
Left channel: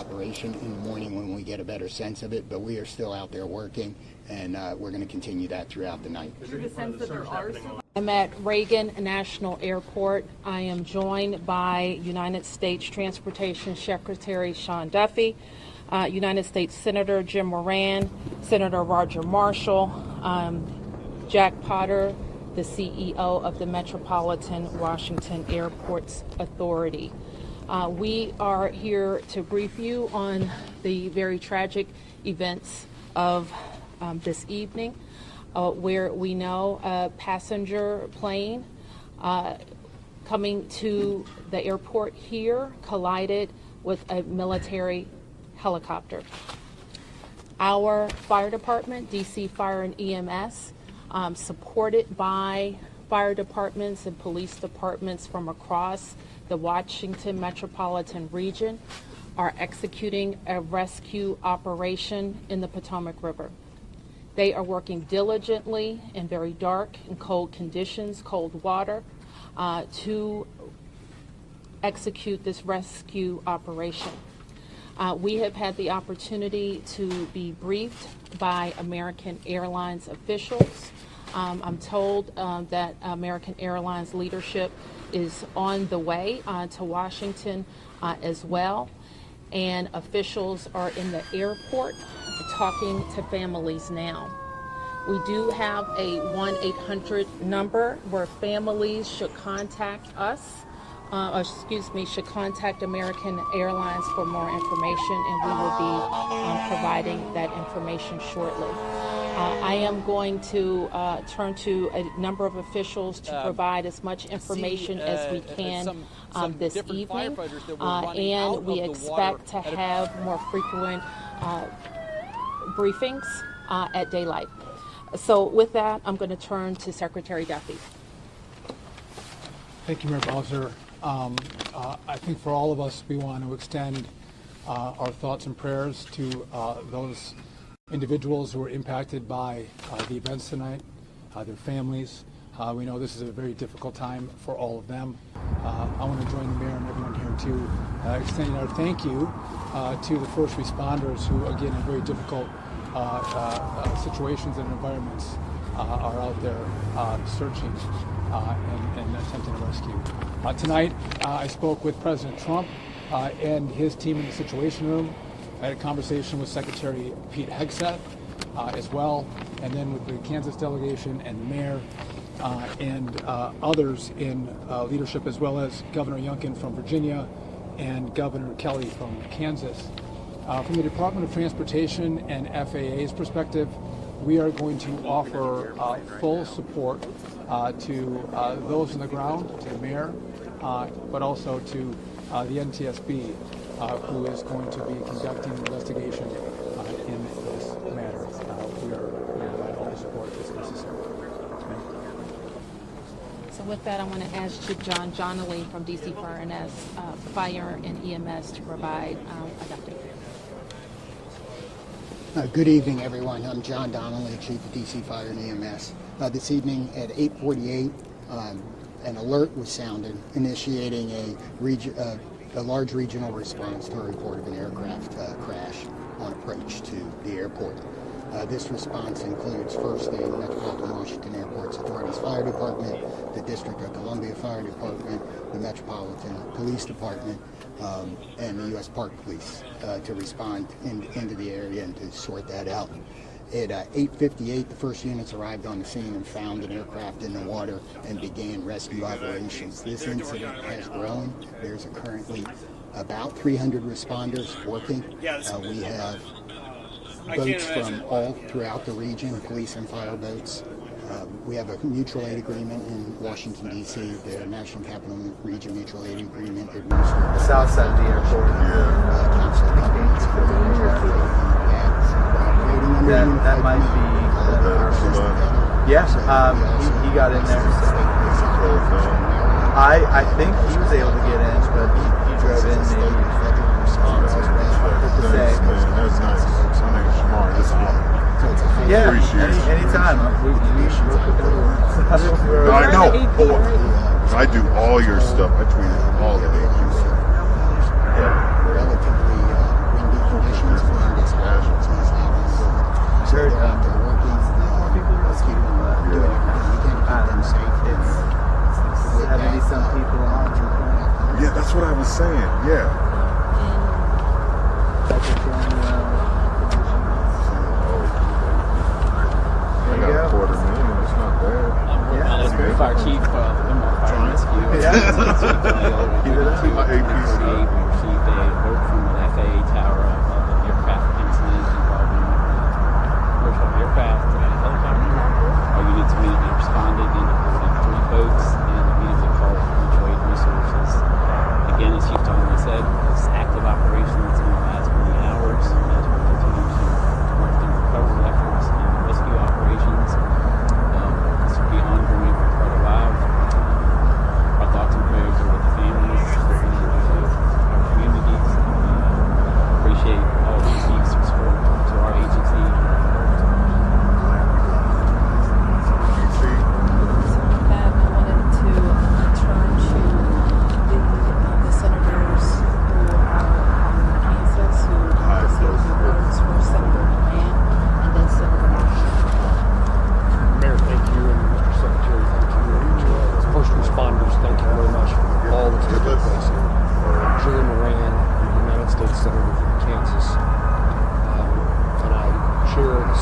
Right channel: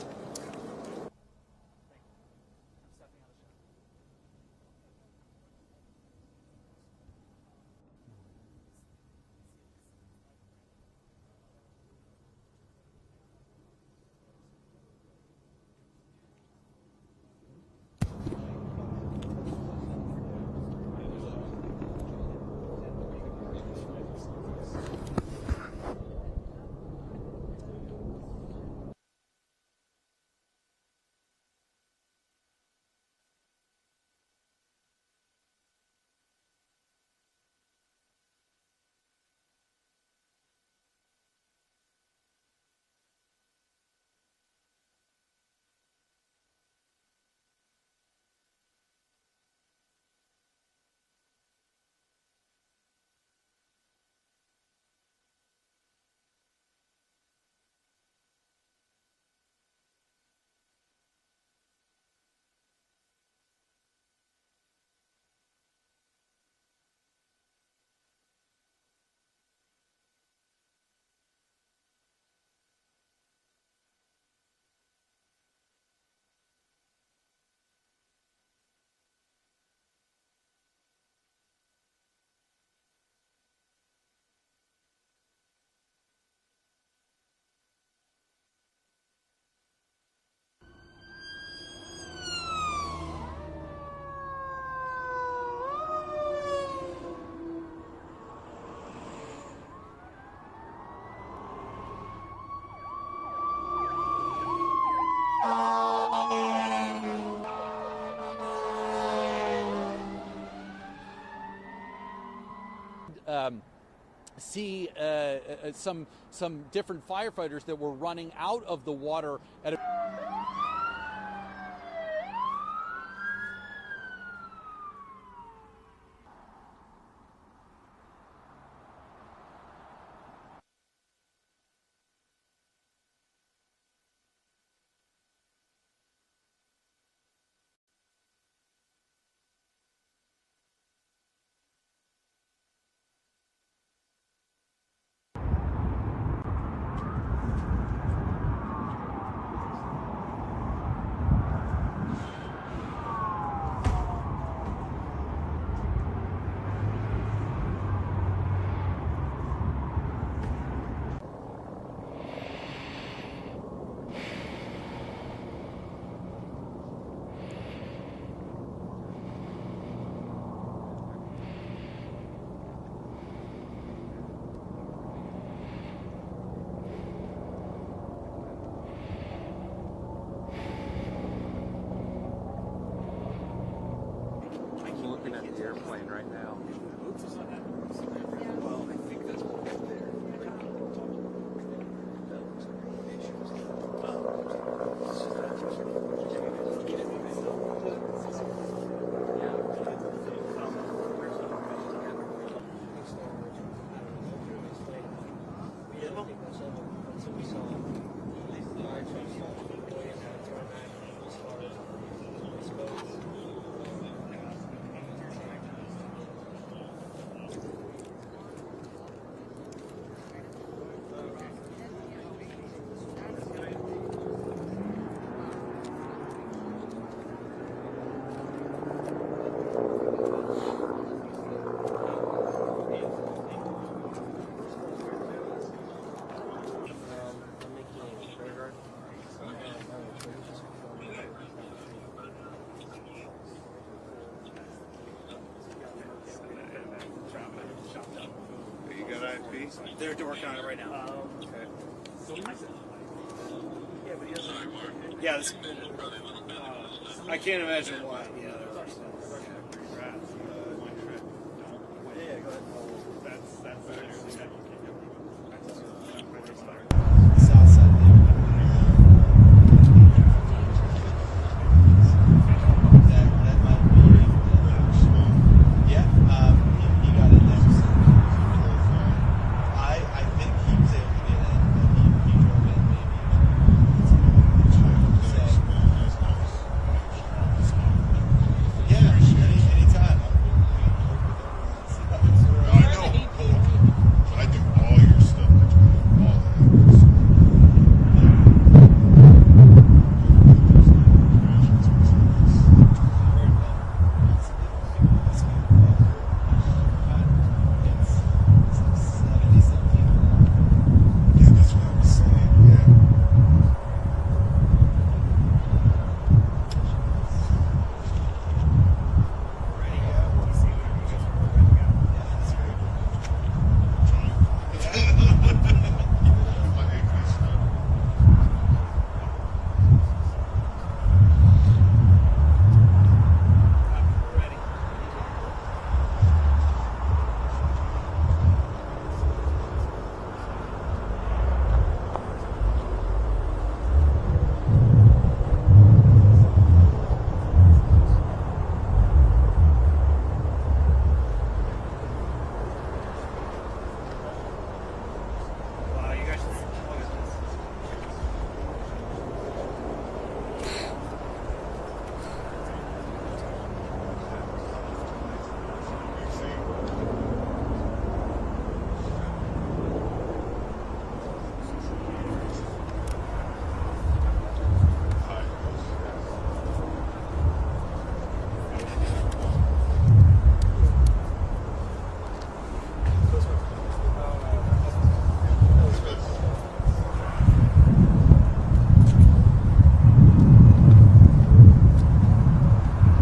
operation in the morning when we get a better sense of it, but we are still out there working, and we're going to continue that throughout the night. Is there a sense that there are still... I'm at Reagan National Airport. I am joined by United States Transportation Secretary Sean Duffy, United States Senator Jim Moran, Senator Roger Marshall, Jack Potter, the CEO of the Metropolitan Washington Airports Authority. We are here to brief you on the very tragic events of this evening, where we know a passenger plane coming to the airport here collided with a military helicopter. Our fire department, DC Fire and EMS, supported by fire departments and police departments from across the Washington metropolitan region, are executing a rescue operation in the Potomac River. They are working diligently in very dark and cold conditions, cold water, to execute this rescue operation. We have had the opportunity to be briefed by American Airlines officials. I'm told that American Airlines leadership is on the way to Washington as well, and officials are in the airport talking to families now. We do have a 1-800 number where families should contact us, should contact American Airlines for more information, and we will be providing that information shortly. I am going to turn to a number of officials to provide as much information as we can some this different evening. firefighters that were running out of the water. And we expect to have more frequent briefings at daylight. So with that, I'm going to turn to Secretary Duffy. Thank you, Mayor Bowser. I think for all of us, we want to extend our thoughts and prayers to those individuals who were impacted by the events tonight, their families. We know this is a very difficult time for all of them. I want to join the Mayor and Region here to extend our thank you to the first responders who, again, in very difficult situations and environments are out there searching and attempting to rescue. Tonight, I spoke with President Trump and his team in the Situation Room. I had a conversation with Secretary Pete Hegseth as well, and then with the Kansas delegation and the mayor and others in leadership, as well as Governor Youngkin from Virginia and Governor Kelly from Kansas. From the Department of Transportation and FAA's perspective, we are going to offer full support to those on the ground, to the mayor, but also to the NTSB, who is going to be conducting the investigation in this matter. So with that, I'm going to ask Chief John Donnelly from DC Fire and EMS to provide an update. Good evening, everyone. I'm John Donnelly, Chief of DC Fire and EMS. This evening at 8:48, an alert was sounded, initiating a large regional response to a report of an aircraft crash approach to the airport. This response includes first the Metropolitan Washington Airports Authority's Fire Department, the District of Columbia Fire Department, the Metropolitan Police Department, and the U.S. Park Police to respond into the area and to sort that out. At 8:58, the first units arrived on the scene and found an aircraft in the water and began rescue operations. This incident has grown. There's currently about 300 responders working. We have boats from all throughout the region, police and fire boats. We have a mutual aid agreement in Washington, D.C., the National Capital Region Mutual Aid Agreement. South side of the airport. That might be yes, he got in there. So. I think he was able to get in, but he drove in maybe. To say. Yeah, anytime. I know. I do all your stuff. I tweet all the pages.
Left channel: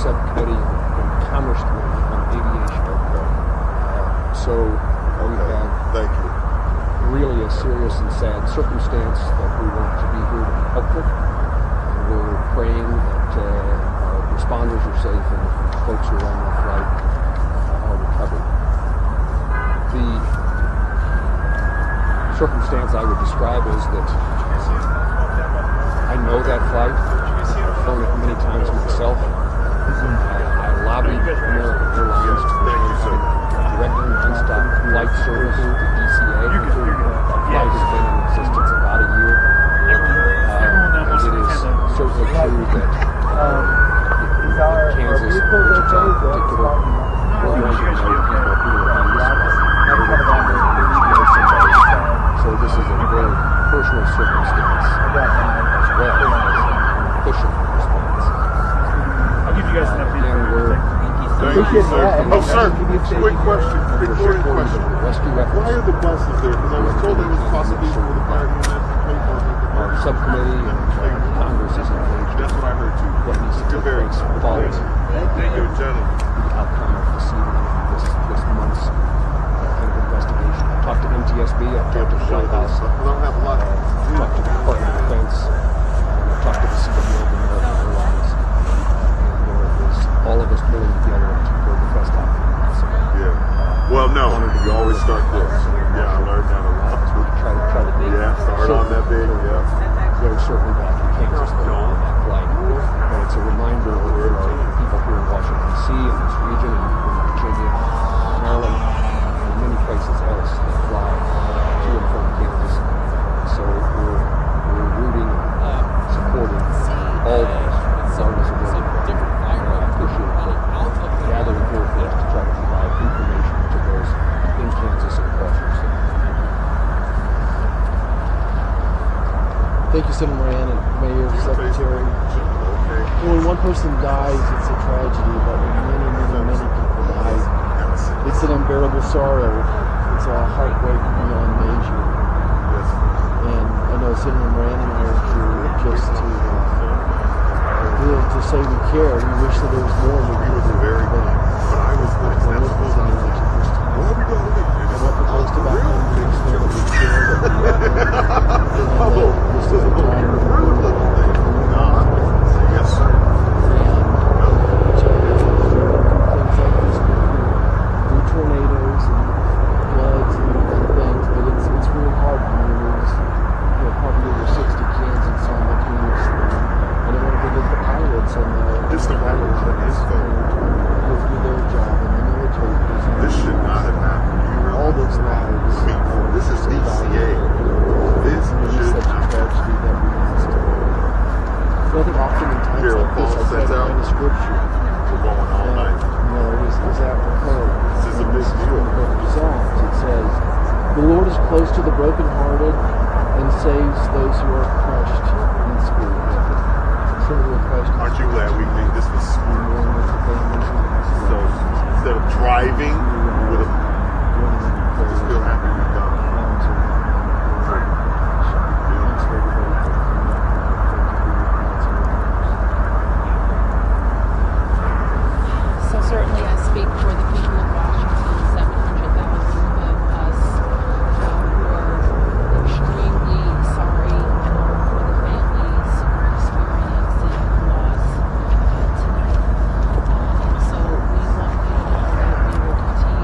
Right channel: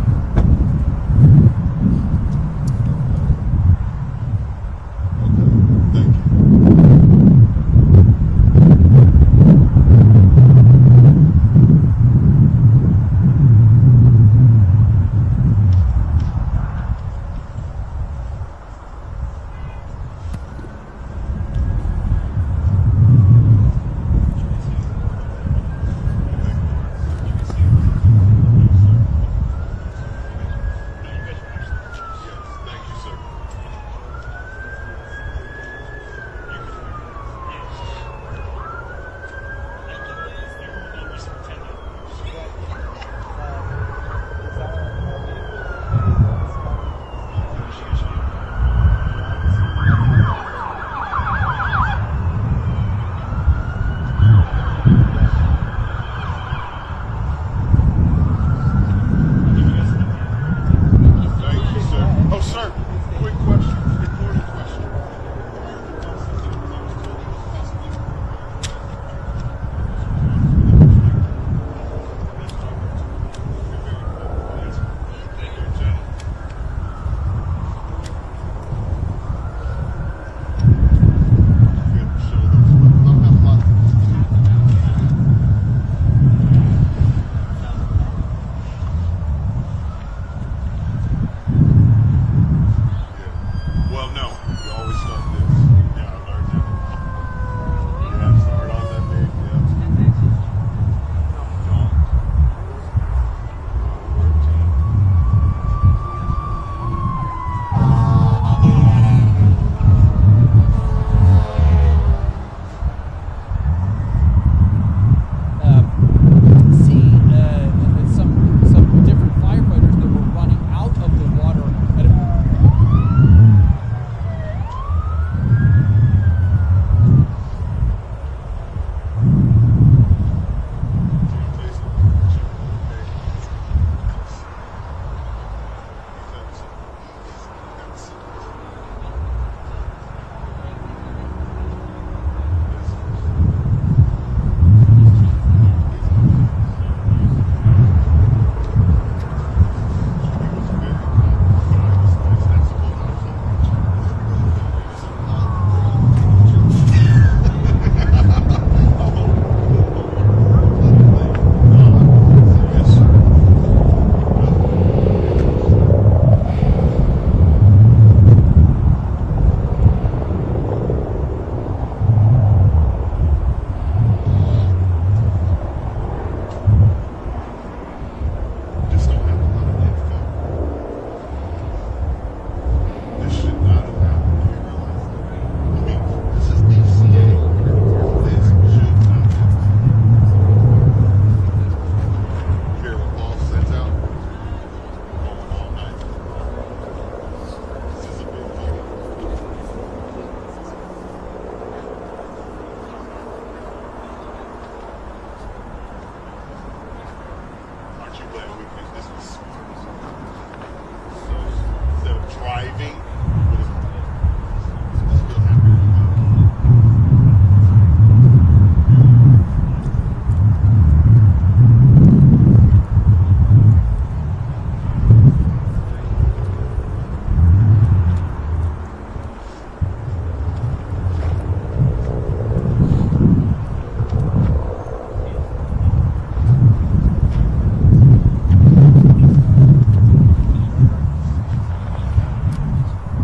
subcommittee congressman on aviation. So we had Thank you. really a serious and sad circumstance that we wanted to be helped with. We're praying that responders are safe and folks who are on that flight are recovered. The circumstance I would describe is that I know that flight. I've flown it many times myself. I lobbied American Airlines to directly non-stop flight service to DCA. The flight has been in existence about a year. And it is certainly true that Kansas, Wichita in particular, will mention people who so this is a very personal circumstance as well as official response. I'll give you guys an update. Thank you, sir. Oh, sir, quick question, recording question. Why are the buses there? Because I was told it was possibly for the fire unit. Our subcommittee and Congress is engaged. That's what I heard too. You're very following Thank you, Jenny. outcome of this month's investigation. Talked to NTSB, I've talked to White House, Don't have a lot. talked to the Department of Defense, talked to the Secretary of American Airlines, and it was all of us pulling together to bring the best out. Yeah. Well, no, you always start this. Yeah, I learned that a lot. Try to do Yeah, start on that big. Yeah. very certainly that you can't just go on that flight. And it's a reminder of people here in Washington, D.C. and this region, and Virginia, Maryland, and many places else that fly beautiful Kansas. So we're rooting, supporting some different firefighters that were running out of the water. to those in Kansas and Washington. Thank you, Senator Moran and Mayor, Secretary. When one person dies, it's a tragedy, but when many people die, it's an unbearable sorrow. It's a heartbreak beyond measure. And I know Senator Moran and Mayor just to say we care. We wish that there was more. He was a very good. But I was like, that's what I was like. Where are we going to live? Yes, sir. Tornadoes and floods and other things, but it's really hard for us. We have probably over 60 kids in some of the communities. And I want to give the pilots and This don't happen a lot of this, though. This should not have happened. You realize? All those matters. This is DCA. This should not have happened. Carol Paul sets out. We're going all night. This is a big deal. It says, "The Lord is close to the brokenhearted and saves those who are crushed in spirit." Aren't you glad we think this was smooth? So instead of driving, you would have still happy to be done. So certainly I speak for the people of Washington, 700,000 of us. We're extremely sorry for our families, respondents, and loss. So we want to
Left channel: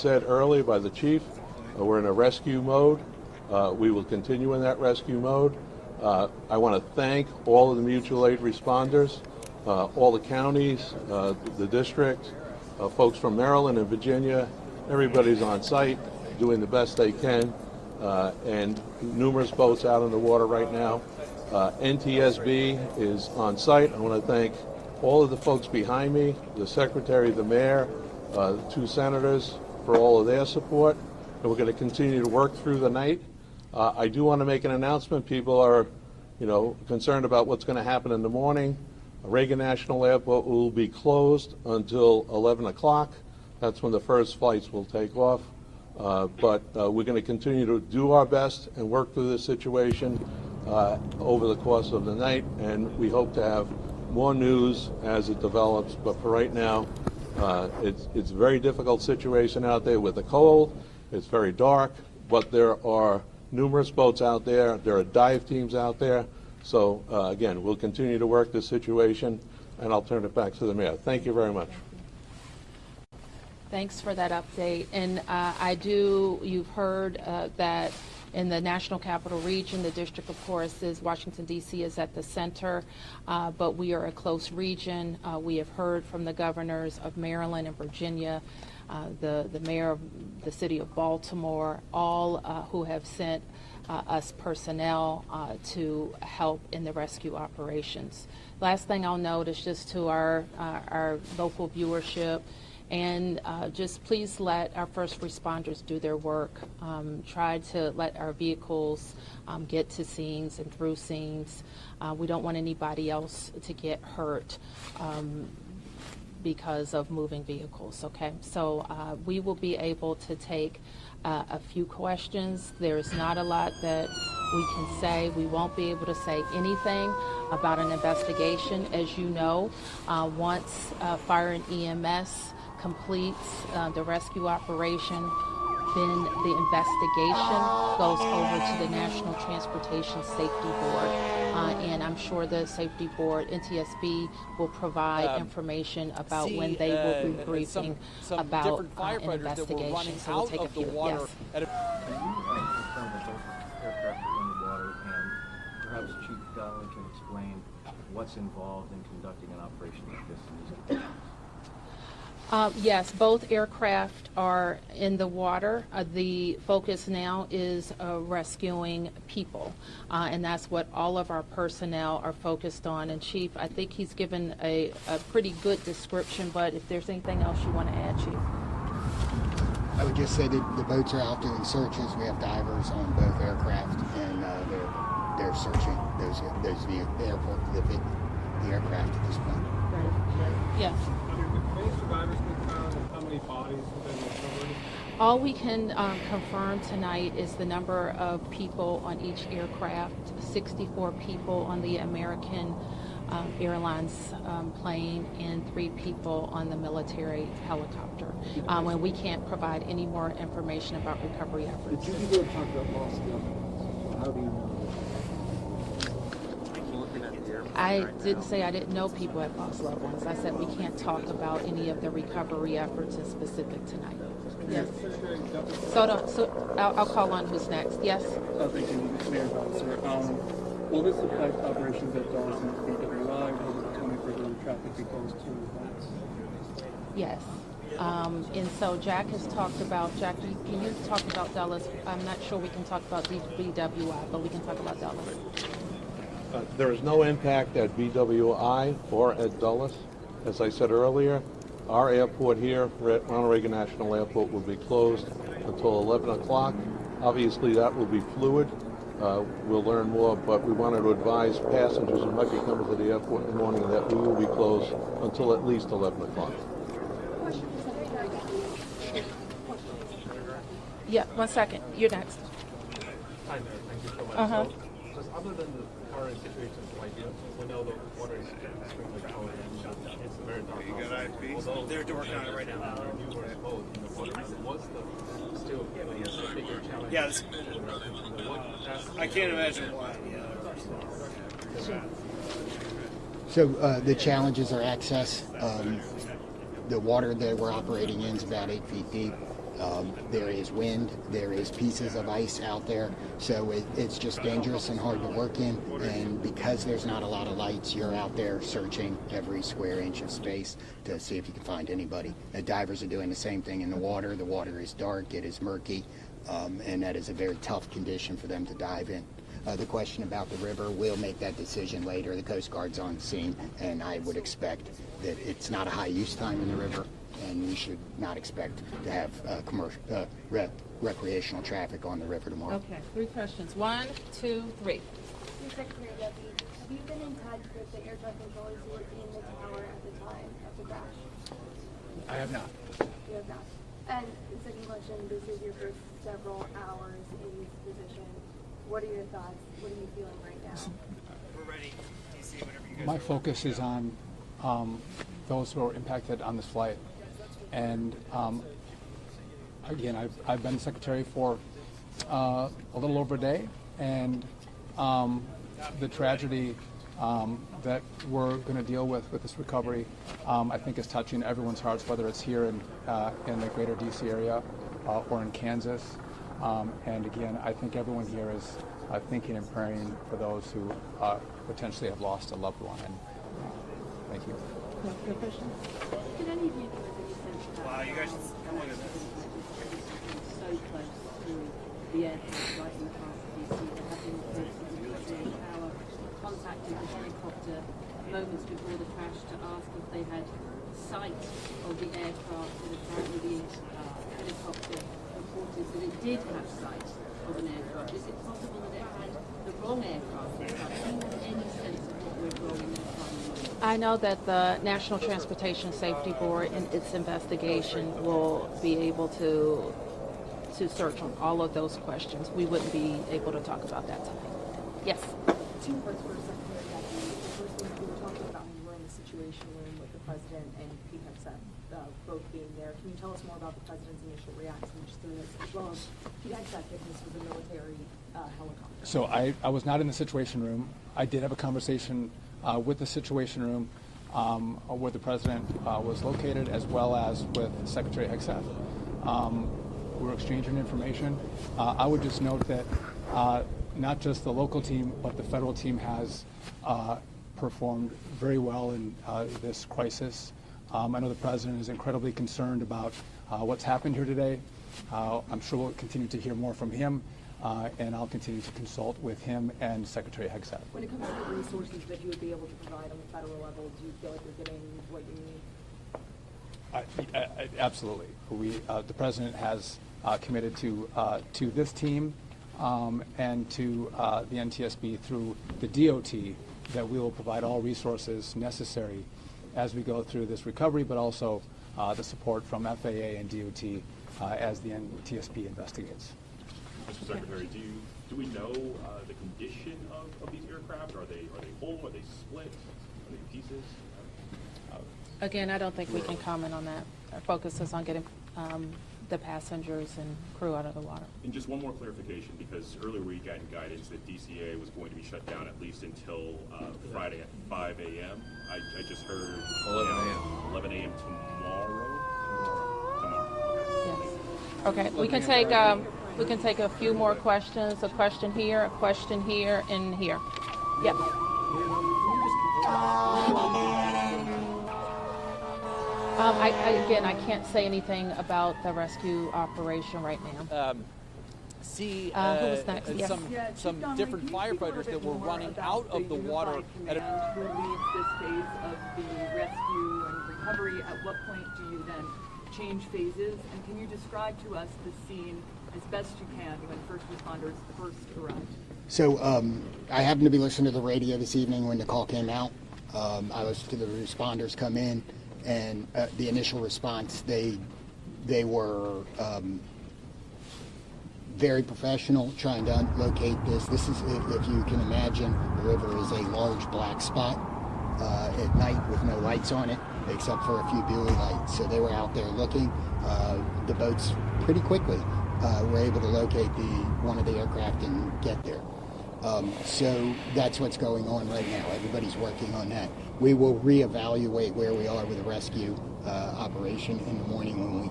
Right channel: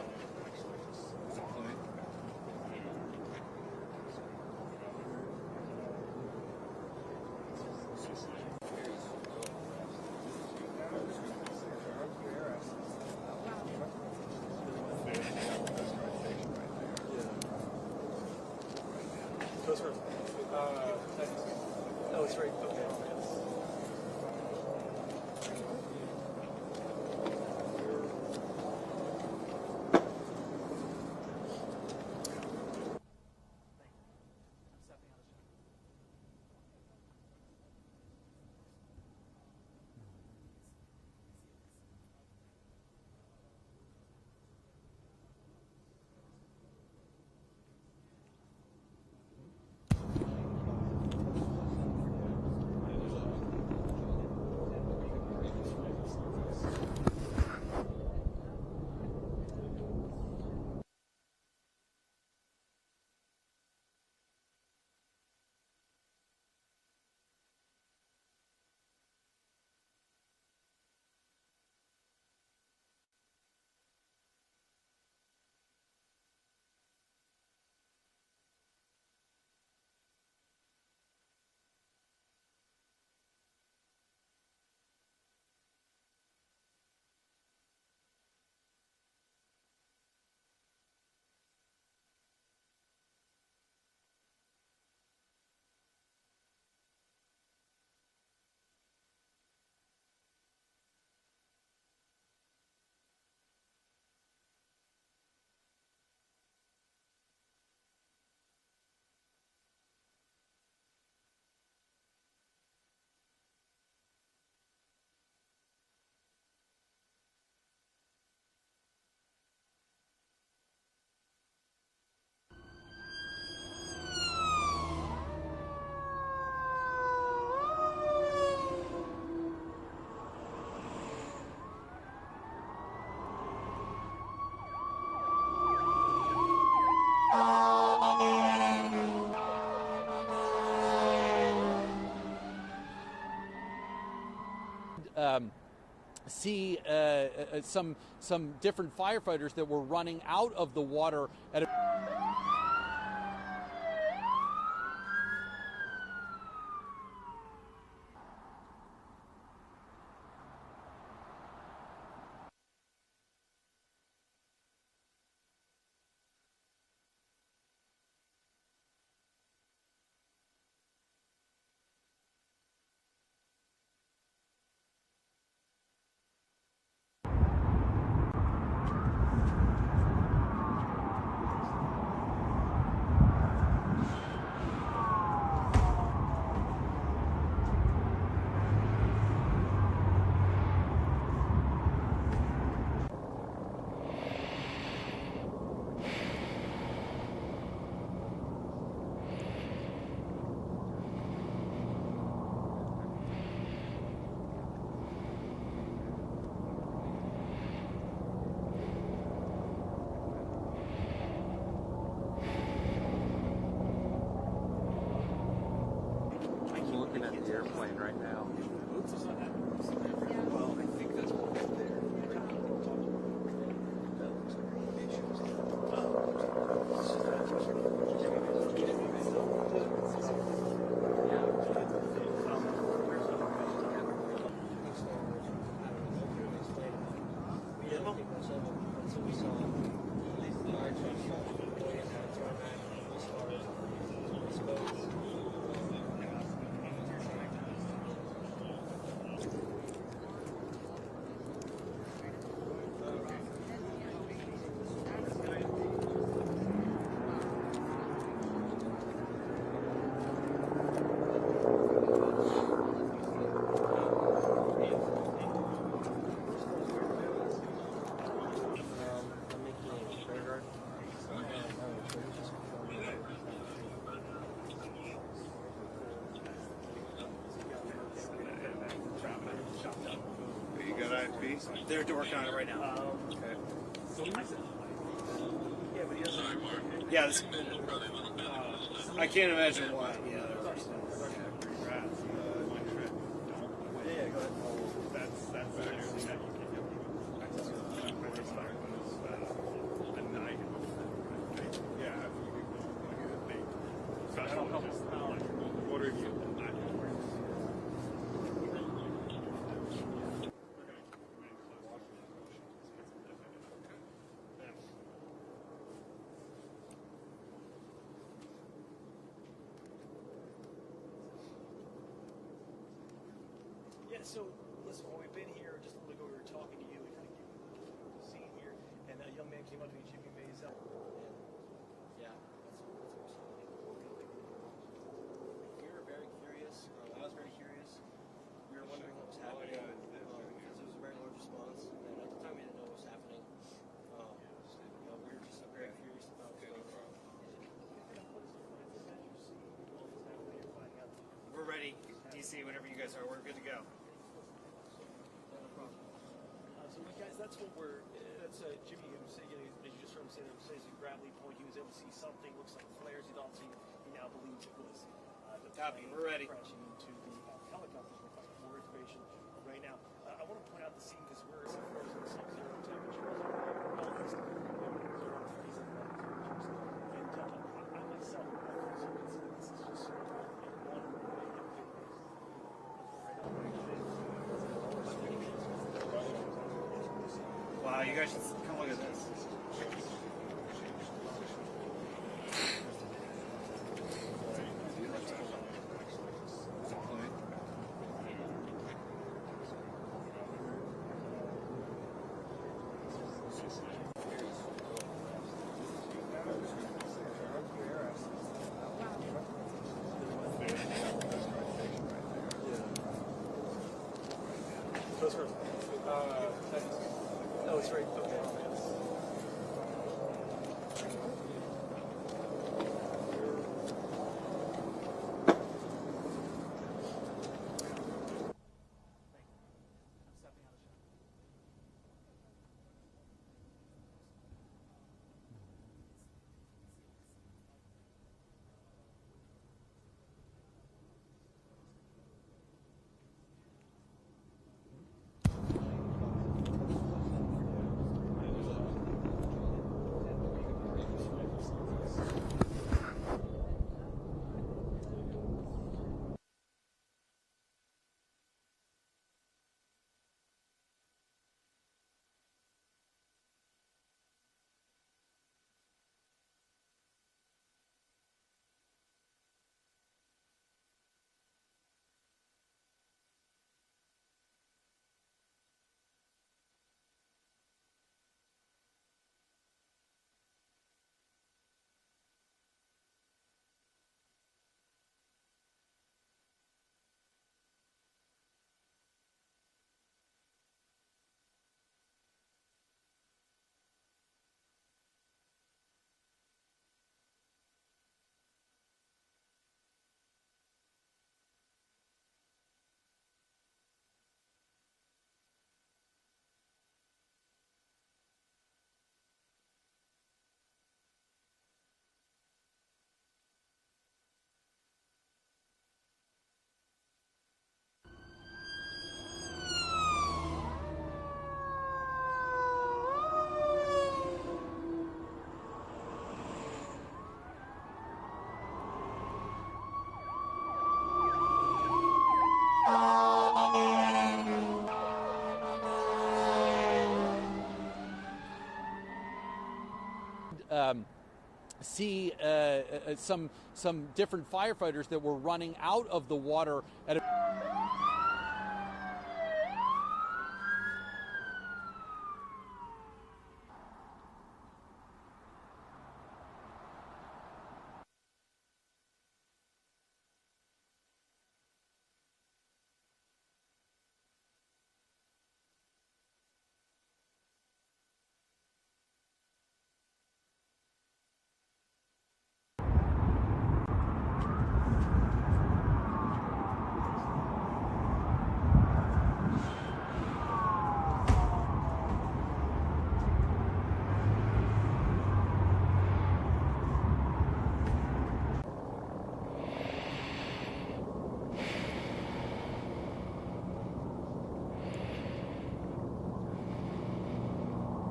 said earlier by the chief, we're in a rescue mode. We will continue in that rescue mode. I want to thank all of the mutual aid responders, all the counties, the district, folks from Maryland and Virginia. Everybody's on site doing the best they can, and numerous boats out in the water right now. NTSB is on site. I want to thank all of the folks behind me, the secretary, the mayor, the two senators for all of their support. And we're going to continue to work through the night. I do want to make an announcement. People are, concerned about what's going to happen in the morning. Reagan National Airport will be closed until 11 o'clock. That's when the first flights will take off. But we're going to continue to do our best and work through this situation over the course of the night, and we hope to have more news as it develops. But for right now, it's a very difficult situation out there with the cold. It's very dark, but there are numerous boats out there. There are dive teams out there. So again, we'll continue to work this situation, and I'll turn it back to the mayor. Thank you very much. Thanks for that update. And you've heard that in the National Capital Region, the district, of course, is Washington, D.C. is at the center, but we are a close region. We have heard from the governors of Maryland and Virginia, the mayor of the city of Baltimore, all who have sent us personnel to help in the rescue operations. Last thing I'll note is just to our local viewership, and just please let our first responders do their work. Try to let our vehicles get to scenes and through scenes. We don't want anybody else to get hurt because of moving vehicles, okay? So we will be able to take a few questions. There's not a lot that we can say. We won't be able to say anything about an investigation. As you know, once fire and EMS completes the rescue operation, then the investigation goes over to the National Transportation Safety Board, and I'm sure the Safety Board, NTSB, will provide information about when they will be briefing some about different firefighters that were running so out of the water. Yes. At Perhaps Chief Donnelly can explain what's involved in conducting an operation like this. Yes, both aircraft are in the water. The focus now is rescuing people, and that's what all of our personnel are focused on. And Chief, I think he's given a pretty good description, but if there's anything else you want to add, Chief. I would just say that the boats are out doing searches. We have divers on both aircraft, and they're searching the airport, the aircraft at this point. Yes. All we can confirm tonight is the number of people on each aircraft, 64 people on the American Airlines plane and 3 people on the military helicopter. And we can't provide any more information about recovery efforts. I didn't say I didn't know people at Los Lobos. I said we can't talk about any of the recovery efforts in specific tonight. Yes. So I'll call on who's next. Yes. Yes. And so Jack has talked about, you talked about Dulles. I'm not sure we can talk about BWI, but we can talk about Dulles. There is no impact at BWI or at Dulles. As I said earlier, our airport here on Reagan National Airport will be closed until 11 o'clock. Obviously, that will be fluid. We'll learn more, but we wanted to advise passengers who might be coming to the airport in the morning that we will be closed until at least 11 o'clock. Yeah, 1 second. You're next. Uh-huh. You got IFB? They're working on it right now. Yeah, I can't imagine why. So the challenges are access. The water that we're operating in is about 8 feet deep. There is wind, there is pieces of ice out there, so it's just dangerous and hard to work in, and because there's not a lot of lights, you're out there searching every square inch of space to see if you can find anybody. The divers are doing the same thing in the water. The water is dark, it is murky, and that is a very tough condition for them to dive in. The question about the river, we'll make that decision later. The Coast Guard's on scene, and I would expect that it's not a high use time in the river, and we should not expect to have commercial, recreational traffic on the river tomorrow. Okay, 3 questions. 1, 2, 3. I have not. You have not. And the second question, this is your first several hours in this position. What are your thoughts? What are you feeling right now? We're ready. DC, whenever you guys My are focus is on those who are impacted on this flight. And again, I've been secretary for a little over a day, and the tragedy that we're going to deal with this recovery, I think is touching everyone's hearts, whether it's here in the greater DC area or in Kansas. And again, I think everyone here is thinking and praying for those who potentially have lost a loved one. And thank you. Wow, you guys should come look at this. I know that the National Transportation Safety Board in its investigation will be able to search on all of those questions. We wouldn't be able to talk about that today. Yes. We're in the situation room with the president and Pete Hegseth both being there. Can you tell us more about the president's initial reactions to this, as well as Pete Hegseth giving this with a military helicopter? So I was not in the Situation Room. I did have a conversation with the Situation Room where the president was located, as well as with Secretary Hegseth. We're exchanging information. I would just note that not just the local team, but the federal team has performed very well in this crisis. I know the president is incredibly concerned about what's happened here today. I'm sure we'll continue to hear more from him. And I'll continue to consult with him and Secretary Hegseth. When it comes to the resources that you would be able to provide on the federal level, do you feel like you're getting what you need? Absolutely. The president has committed to this team and to the NTSB through the DOT that we will provide all resources necessary as we go through this recovery, but also the support from FAA and DOT as the NTSB investigates. Mr. Secretary, do we know the condition of these aircraft? Are they whole? Are they split? Are they pieces? Again, I don't think we can comment on that. Our focus is on getting the passengers and crew out of the water. And just one more clarification, because earlier we got guidance that DCA was going to be shut down at least until Friday at 5 a.m. I just heard 11 a.m. tomorrow. Okay, we can take a few more questions. A question here, and here. Yep. Again, I can't say anything about the rescue operation right now. Some different firefighters that were running out of the water at a... This phase of the rescue and recovery, at what point do you then change phases? And can you describe to us the scene as best you can when first responders first arrived? So I happened to be listening to the radio this evening when the call came out. I listened to the responders come in, and the initial response, they were very professional, trying to locate this. This is, if you can imagine, the river is a large black spot at night with no lights on it, except for a few blue lights. So they were out there looking. The boats pretty quickly were able to locate one of the aircraft and get there. So that's what's going on right now. Everybody's working on that. We will reevaluate where we are with the rescue operation in the morning when we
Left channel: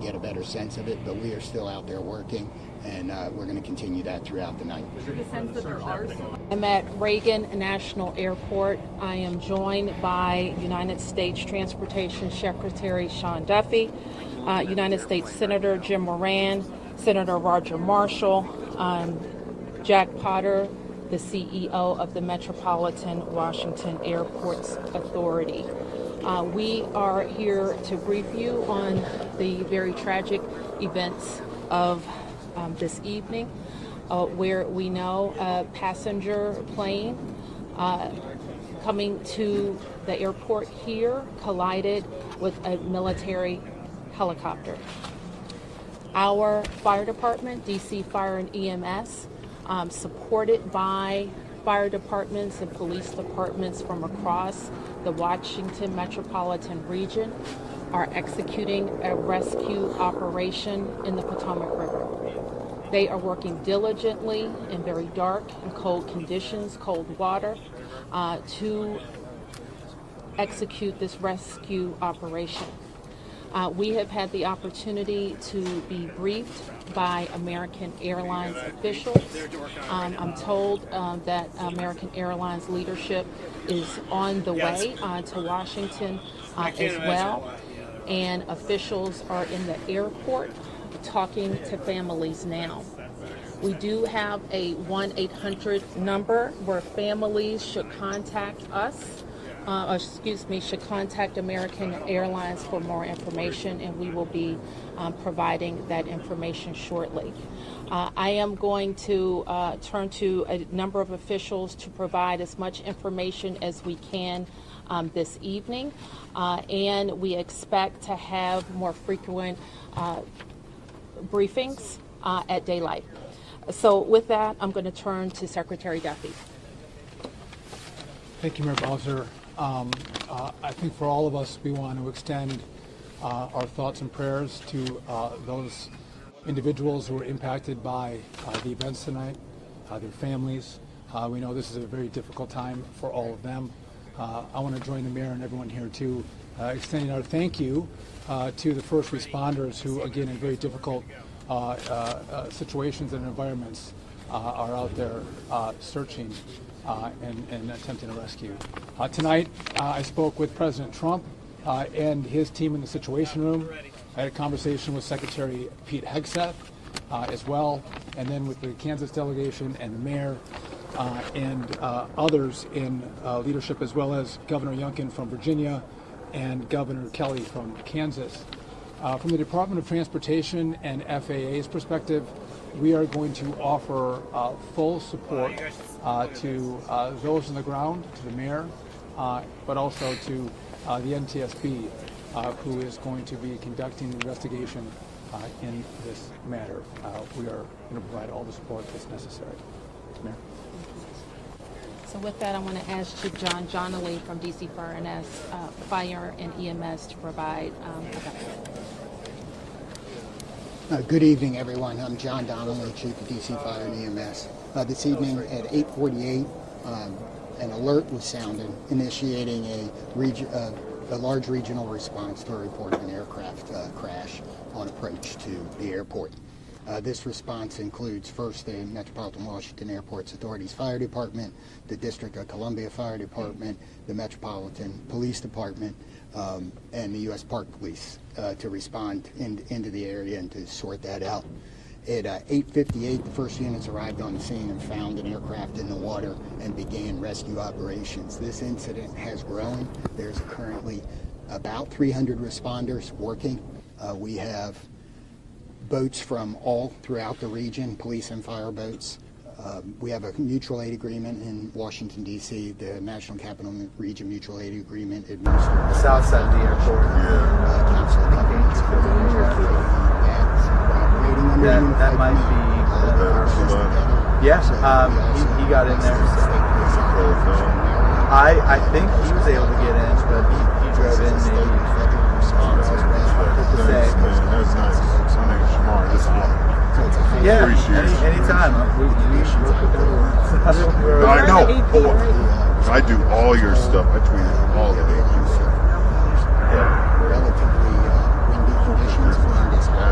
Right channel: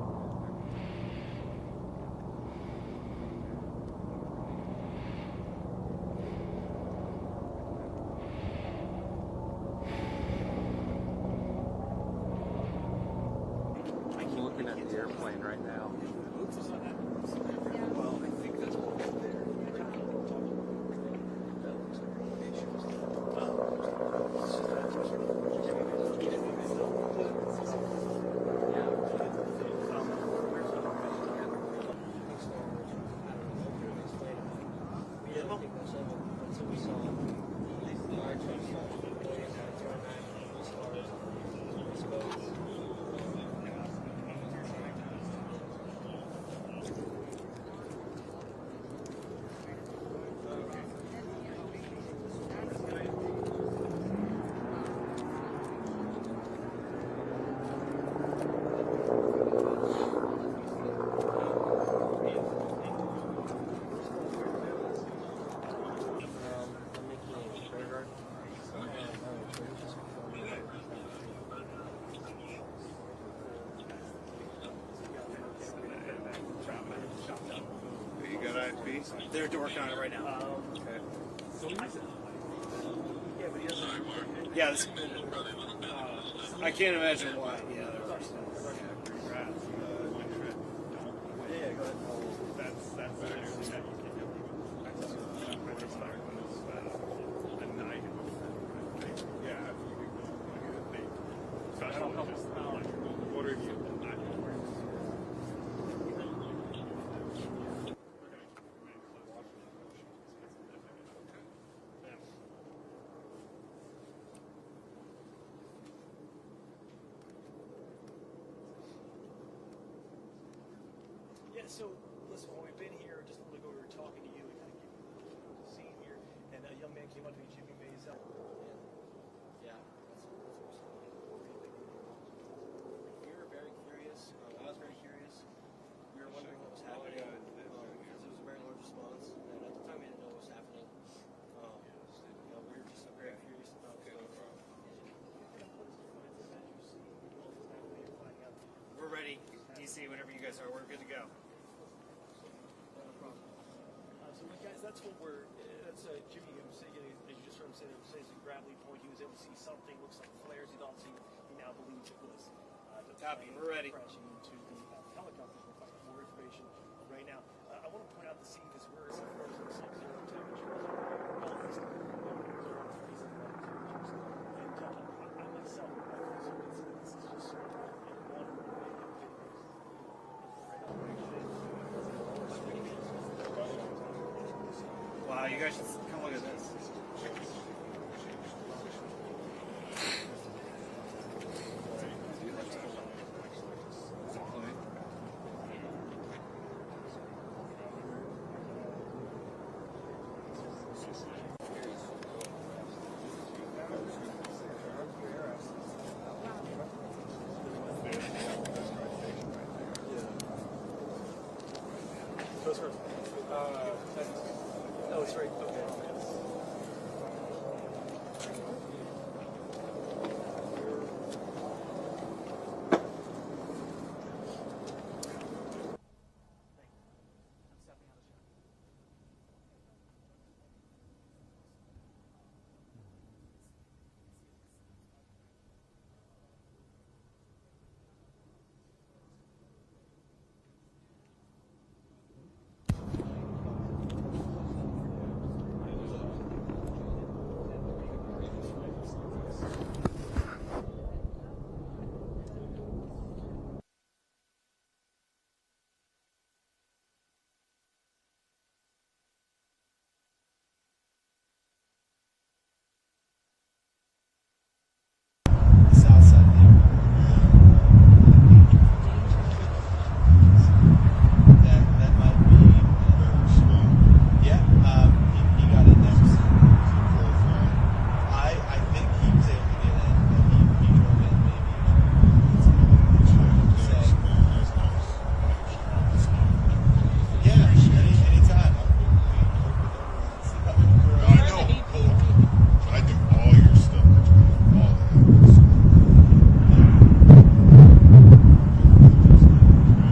get a better sense of it, but we are still out there working, and we're going to continue that throughout the night. I'm at Reagan National Airport. I am joined by United States Transportation Secretary Sean Duffy, United States Senator Jim Moran, Senator Roger Marshall, Jack Potter, the CEO of the Metropolitan Washington Airports Authority. We are here to brief you on the very tragic events of this evening, where we know a passenger plane coming to the airport here collided with a military helicopter. Our fire department, DC Fire and EMS, supported by fire departments and police departments from across the Washington metropolitan region, are executing a rescue operation in the Potomac River. They are working diligently in very dark and cold conditions, cold water, to execute this rescue operation. We have had the opportunity to be briefed by American Airlines officials. I'm told that American Airlines leadership is on the way to Washington as well, and officials are in the airport talking to families now. We do have a 1-800 number where families should contact us. Should contact American Airlines for more information, and we will be providing that information shortly. I am going to turn to a number of officials to provide as much information as we can this evening, and we expect to have more frequent briefings at daylight. So with that, I'm going to turn to Secretary Duffy. Thank you, Mayor Bowser. I think for all of us, we want to extend our thoughts and prayers to those individuals who were impacted by the events tonight, their families. We know this is a very difficult time for all of them. I want to join the mayor and everyone here too, extending our thank you to the first responders who, again, in very difficult situations and environments, are out there searching and attempting to rescue. Tonight, I spoke with President Trump and his team in the Situation Room. I had a conversation with Secretary Pete Hegseth as well, and then with the Kansas delegation and the mayor and others in leadership, as well as Governor Youngkin from Virginia and Governor Kelly from Kansas. From the Department of Transportation and FAA's perspective, we are going to offer full support to those on the ground, to the mayor, but also to the NTSB, who is going to be conducting the investigation in this matter. We are going to provide all the support that's necessary. So with that, I want to ask Chief John Johnley from DC Fire and EMS to provide. Good evening, everyone. I'm John Donnelly, Chief of DC Fire and EMS. This evening at 8:48, an alert was sounded, initiating a large regional response to a report of an aircraft crash on approach to the airport. This response includes first the Metropolitan Washington Airports Authority's Fire Department, the District of Columbia Fire Department, the Metropolitan Police Department, and the U.S. Park Police to respond into the area and to sort that out. At 8:58, the first units arrived on the scene and found an aircraft in the water and began rescue operations. This incident has grown. There's currently about 300 responders working. We have boats from all throughout the region, police and fire boats. We have a mutual aid agreement in Washington, D.C., the National Capital Region Mutual Aid Agreement administered. South side of the airport. That might be. Yes, he got in there. I think he was able to get in, but he drove in maybe. That's nice. Smart. Yeah, anytime. I know. I do all your stuff. I tweet all of it.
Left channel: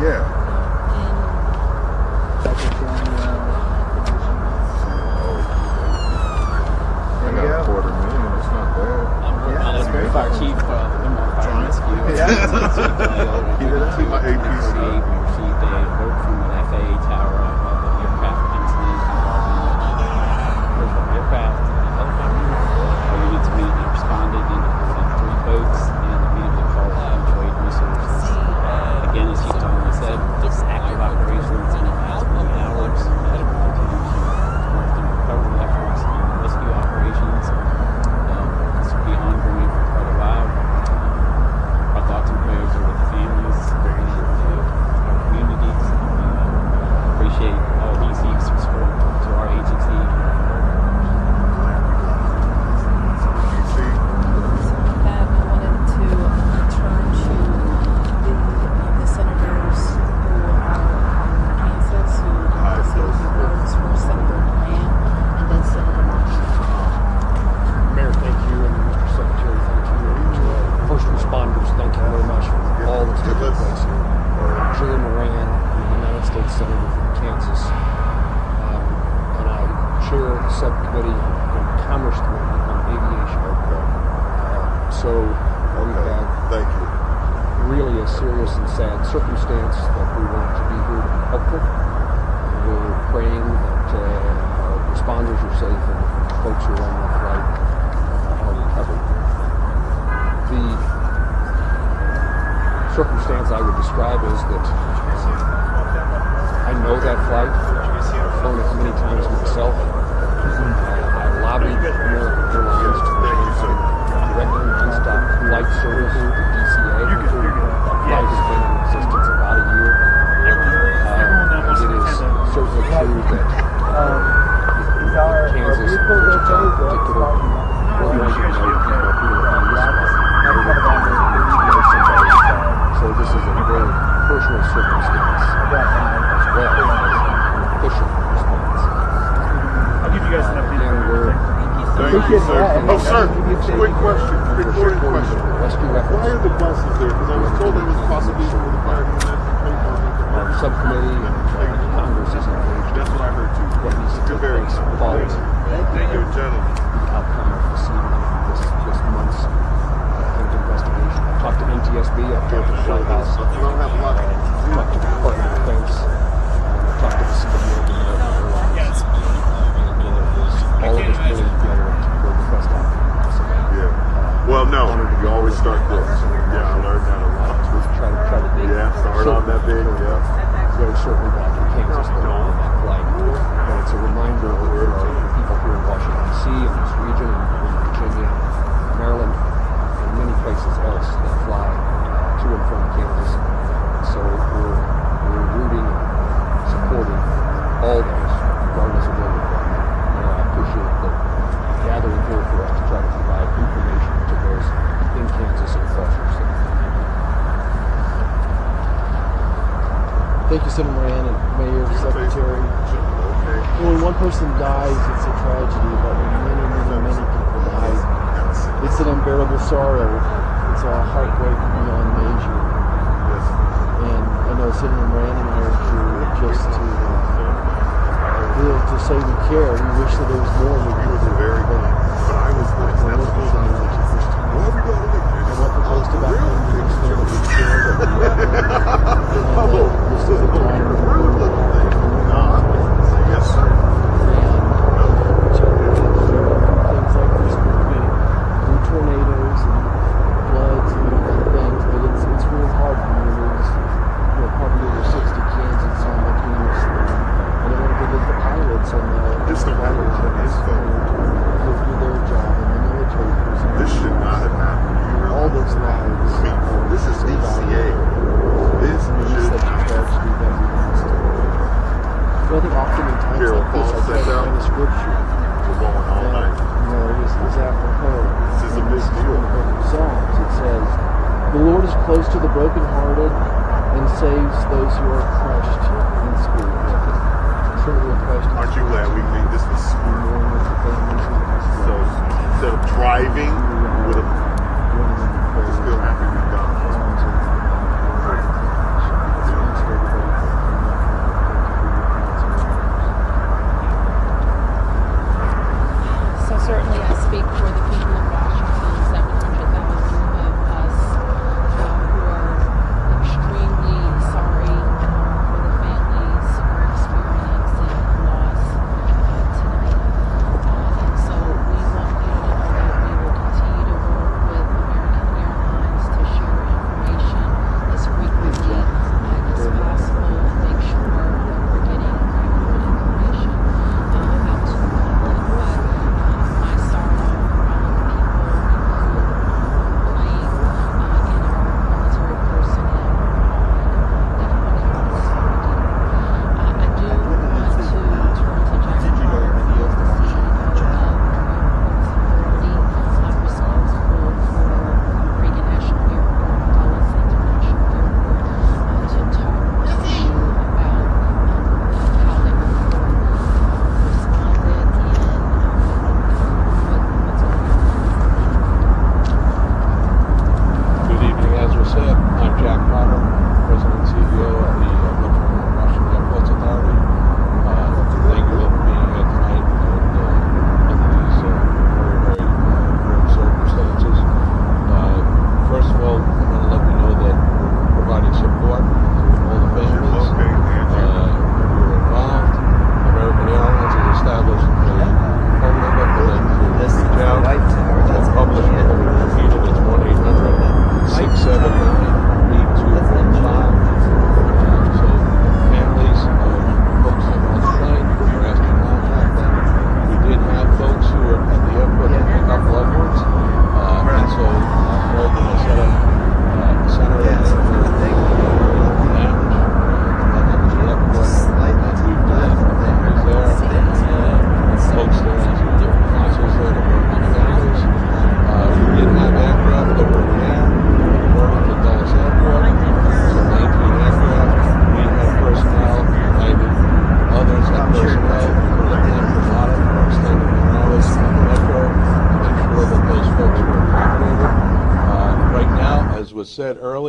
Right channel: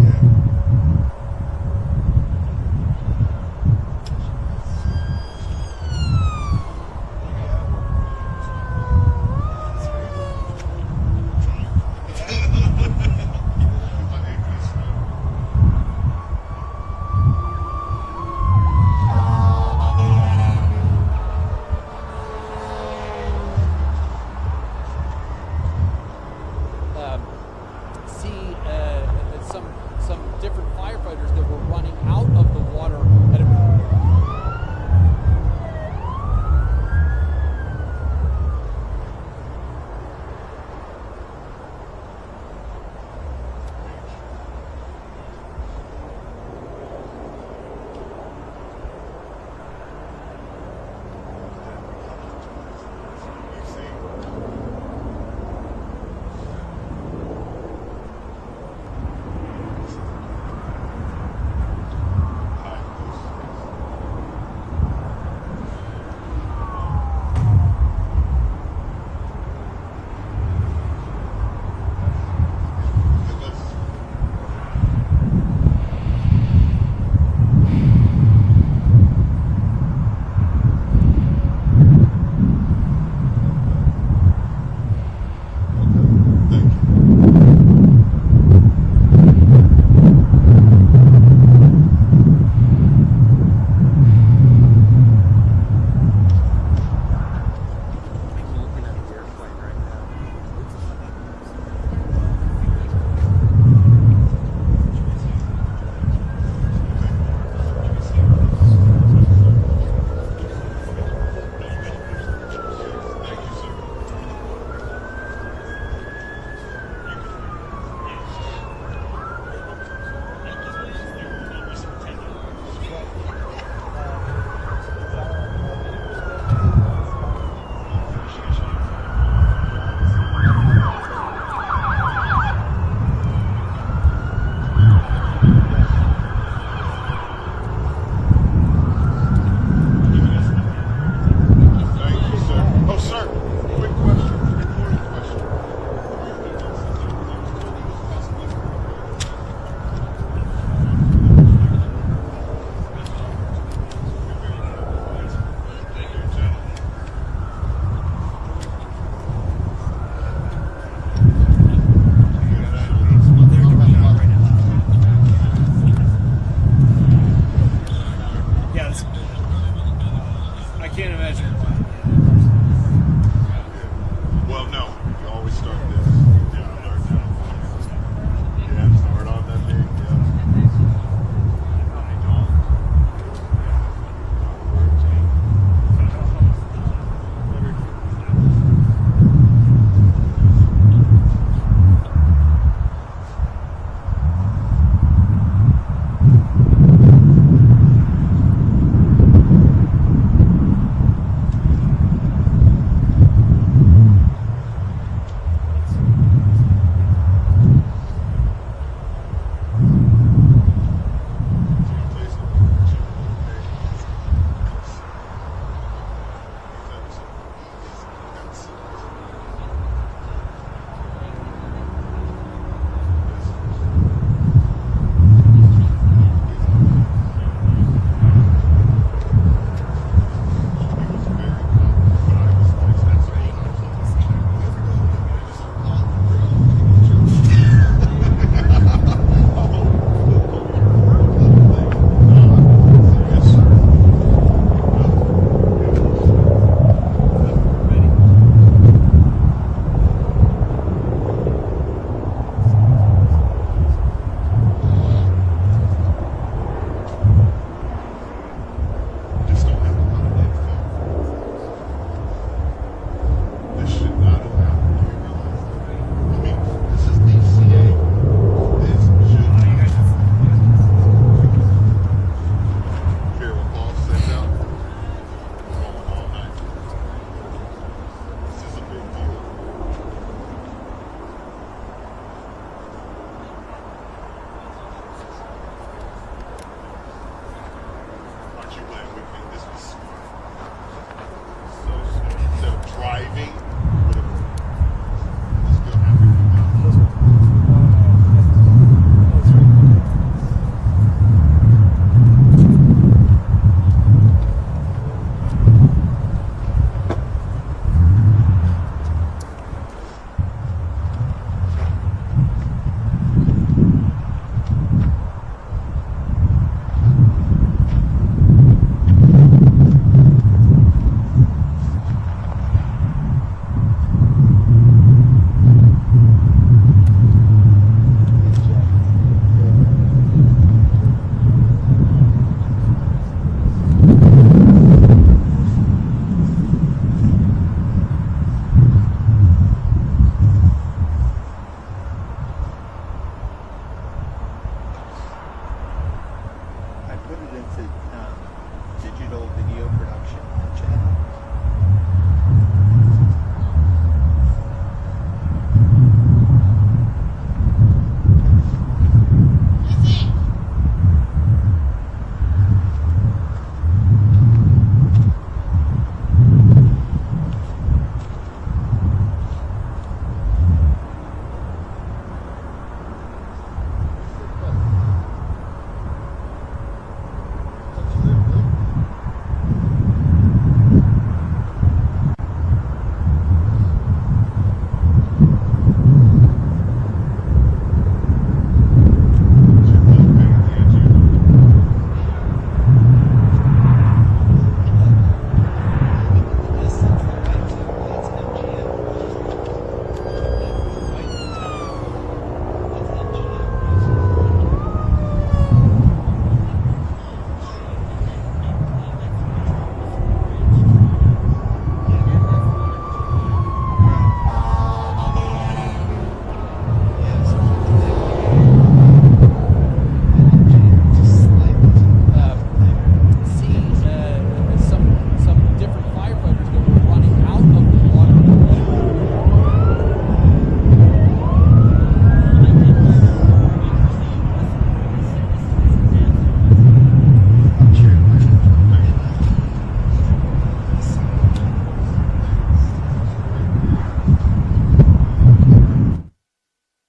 Yeah. I got a $250,000. It's not bad. Fire chief, Keep it up. My APC. received a vote from the FAA tower of the aircraft comes in. Aircraft immediately responded and sent 3 boats and immediately called mutual aid resources. Again, as you said, some different firefighters that were running out of the water at a efforts and rescue operations. This will be ongoing for quite a while. Our thoughts and prayers are with the families, our communities. Appreciate all DC's support to our agency. That I wanted to turn to the senators Kansas who votes for Senator Graham and then Senator Washington. Mayor, thank you, and Mr. Secretary, thank you. First responders, thank you very much for all that's taken place. Julie Moran, United States Senator from Kansas, and I chair the subcommittee on Commerce on aviation. So, Thank you. really a serious and sad circumstance that we wanted to be helpful. We're praying that responders are safe and folks who are on that flight. The circumstance I would describe is that I know that flight. I've flown it many times myself. I've lobbied for airlines to regularly stop flight service with DCA. Flight has been in existence about a year. It is certainly true that Kansas, so this is a very personal circumstance as well as official response. I'll give you guys an update. Thank you, sir. Oh, sir, quick question. Recording question. Why are the buses there? Because I was told they was possibly for the fire Subcommittee Congress is engaged. That's what I heard too. You're very Quality. Thank you, gentlemen. Outcome this month's investigation. Talked to NTSB up there at the White House. Department of Defense. Yeah, I can't imagine. Yeah. Well, no, you always start there. Yeah, I learned that a lot. Yeah, start on that big. Yeah. So certainly that we can't just go on that flight. And it's a reminder of people here in Washington, D.C., and this region, and Virginia, Maryland, and many places else that fly to and from Kansas. So we're rooting and supporting all those regardless of what they're doing. And I appreciate the gathering here for us to try to provide information to those in Kansas and across our state. Thank you, Senator Moran, and Mayor, Secretary. When one person dies, it's a tragedy, but when many people die, it's an unbearable sorrow. It's a heartbreak beyond measure. And I know Senator Moran and Mayor Drew just to say we care. We wish that there was more. He was a very good. But I was like, that's what we're going to do. Most about Yes, sir. tornadoes and floods and other things, but it's really hard for families who are parked over 60 Kansas on the commutes. They don't get the pilots and Just don't have a nice phone. their job in the military. This should not have happened. All those things. I mean, this is DCA. This should not have happened. Well, oftentimes Carol Paul sent out. the scripture, We're going all night. is that one heard? This is a big deal. Psalms, it says, "The Lord is close to the brokenhearted and saves those who are crushed in spirit." Truly a question. Aren't you glad we made this was so instead of driving, we would have still happy to be done.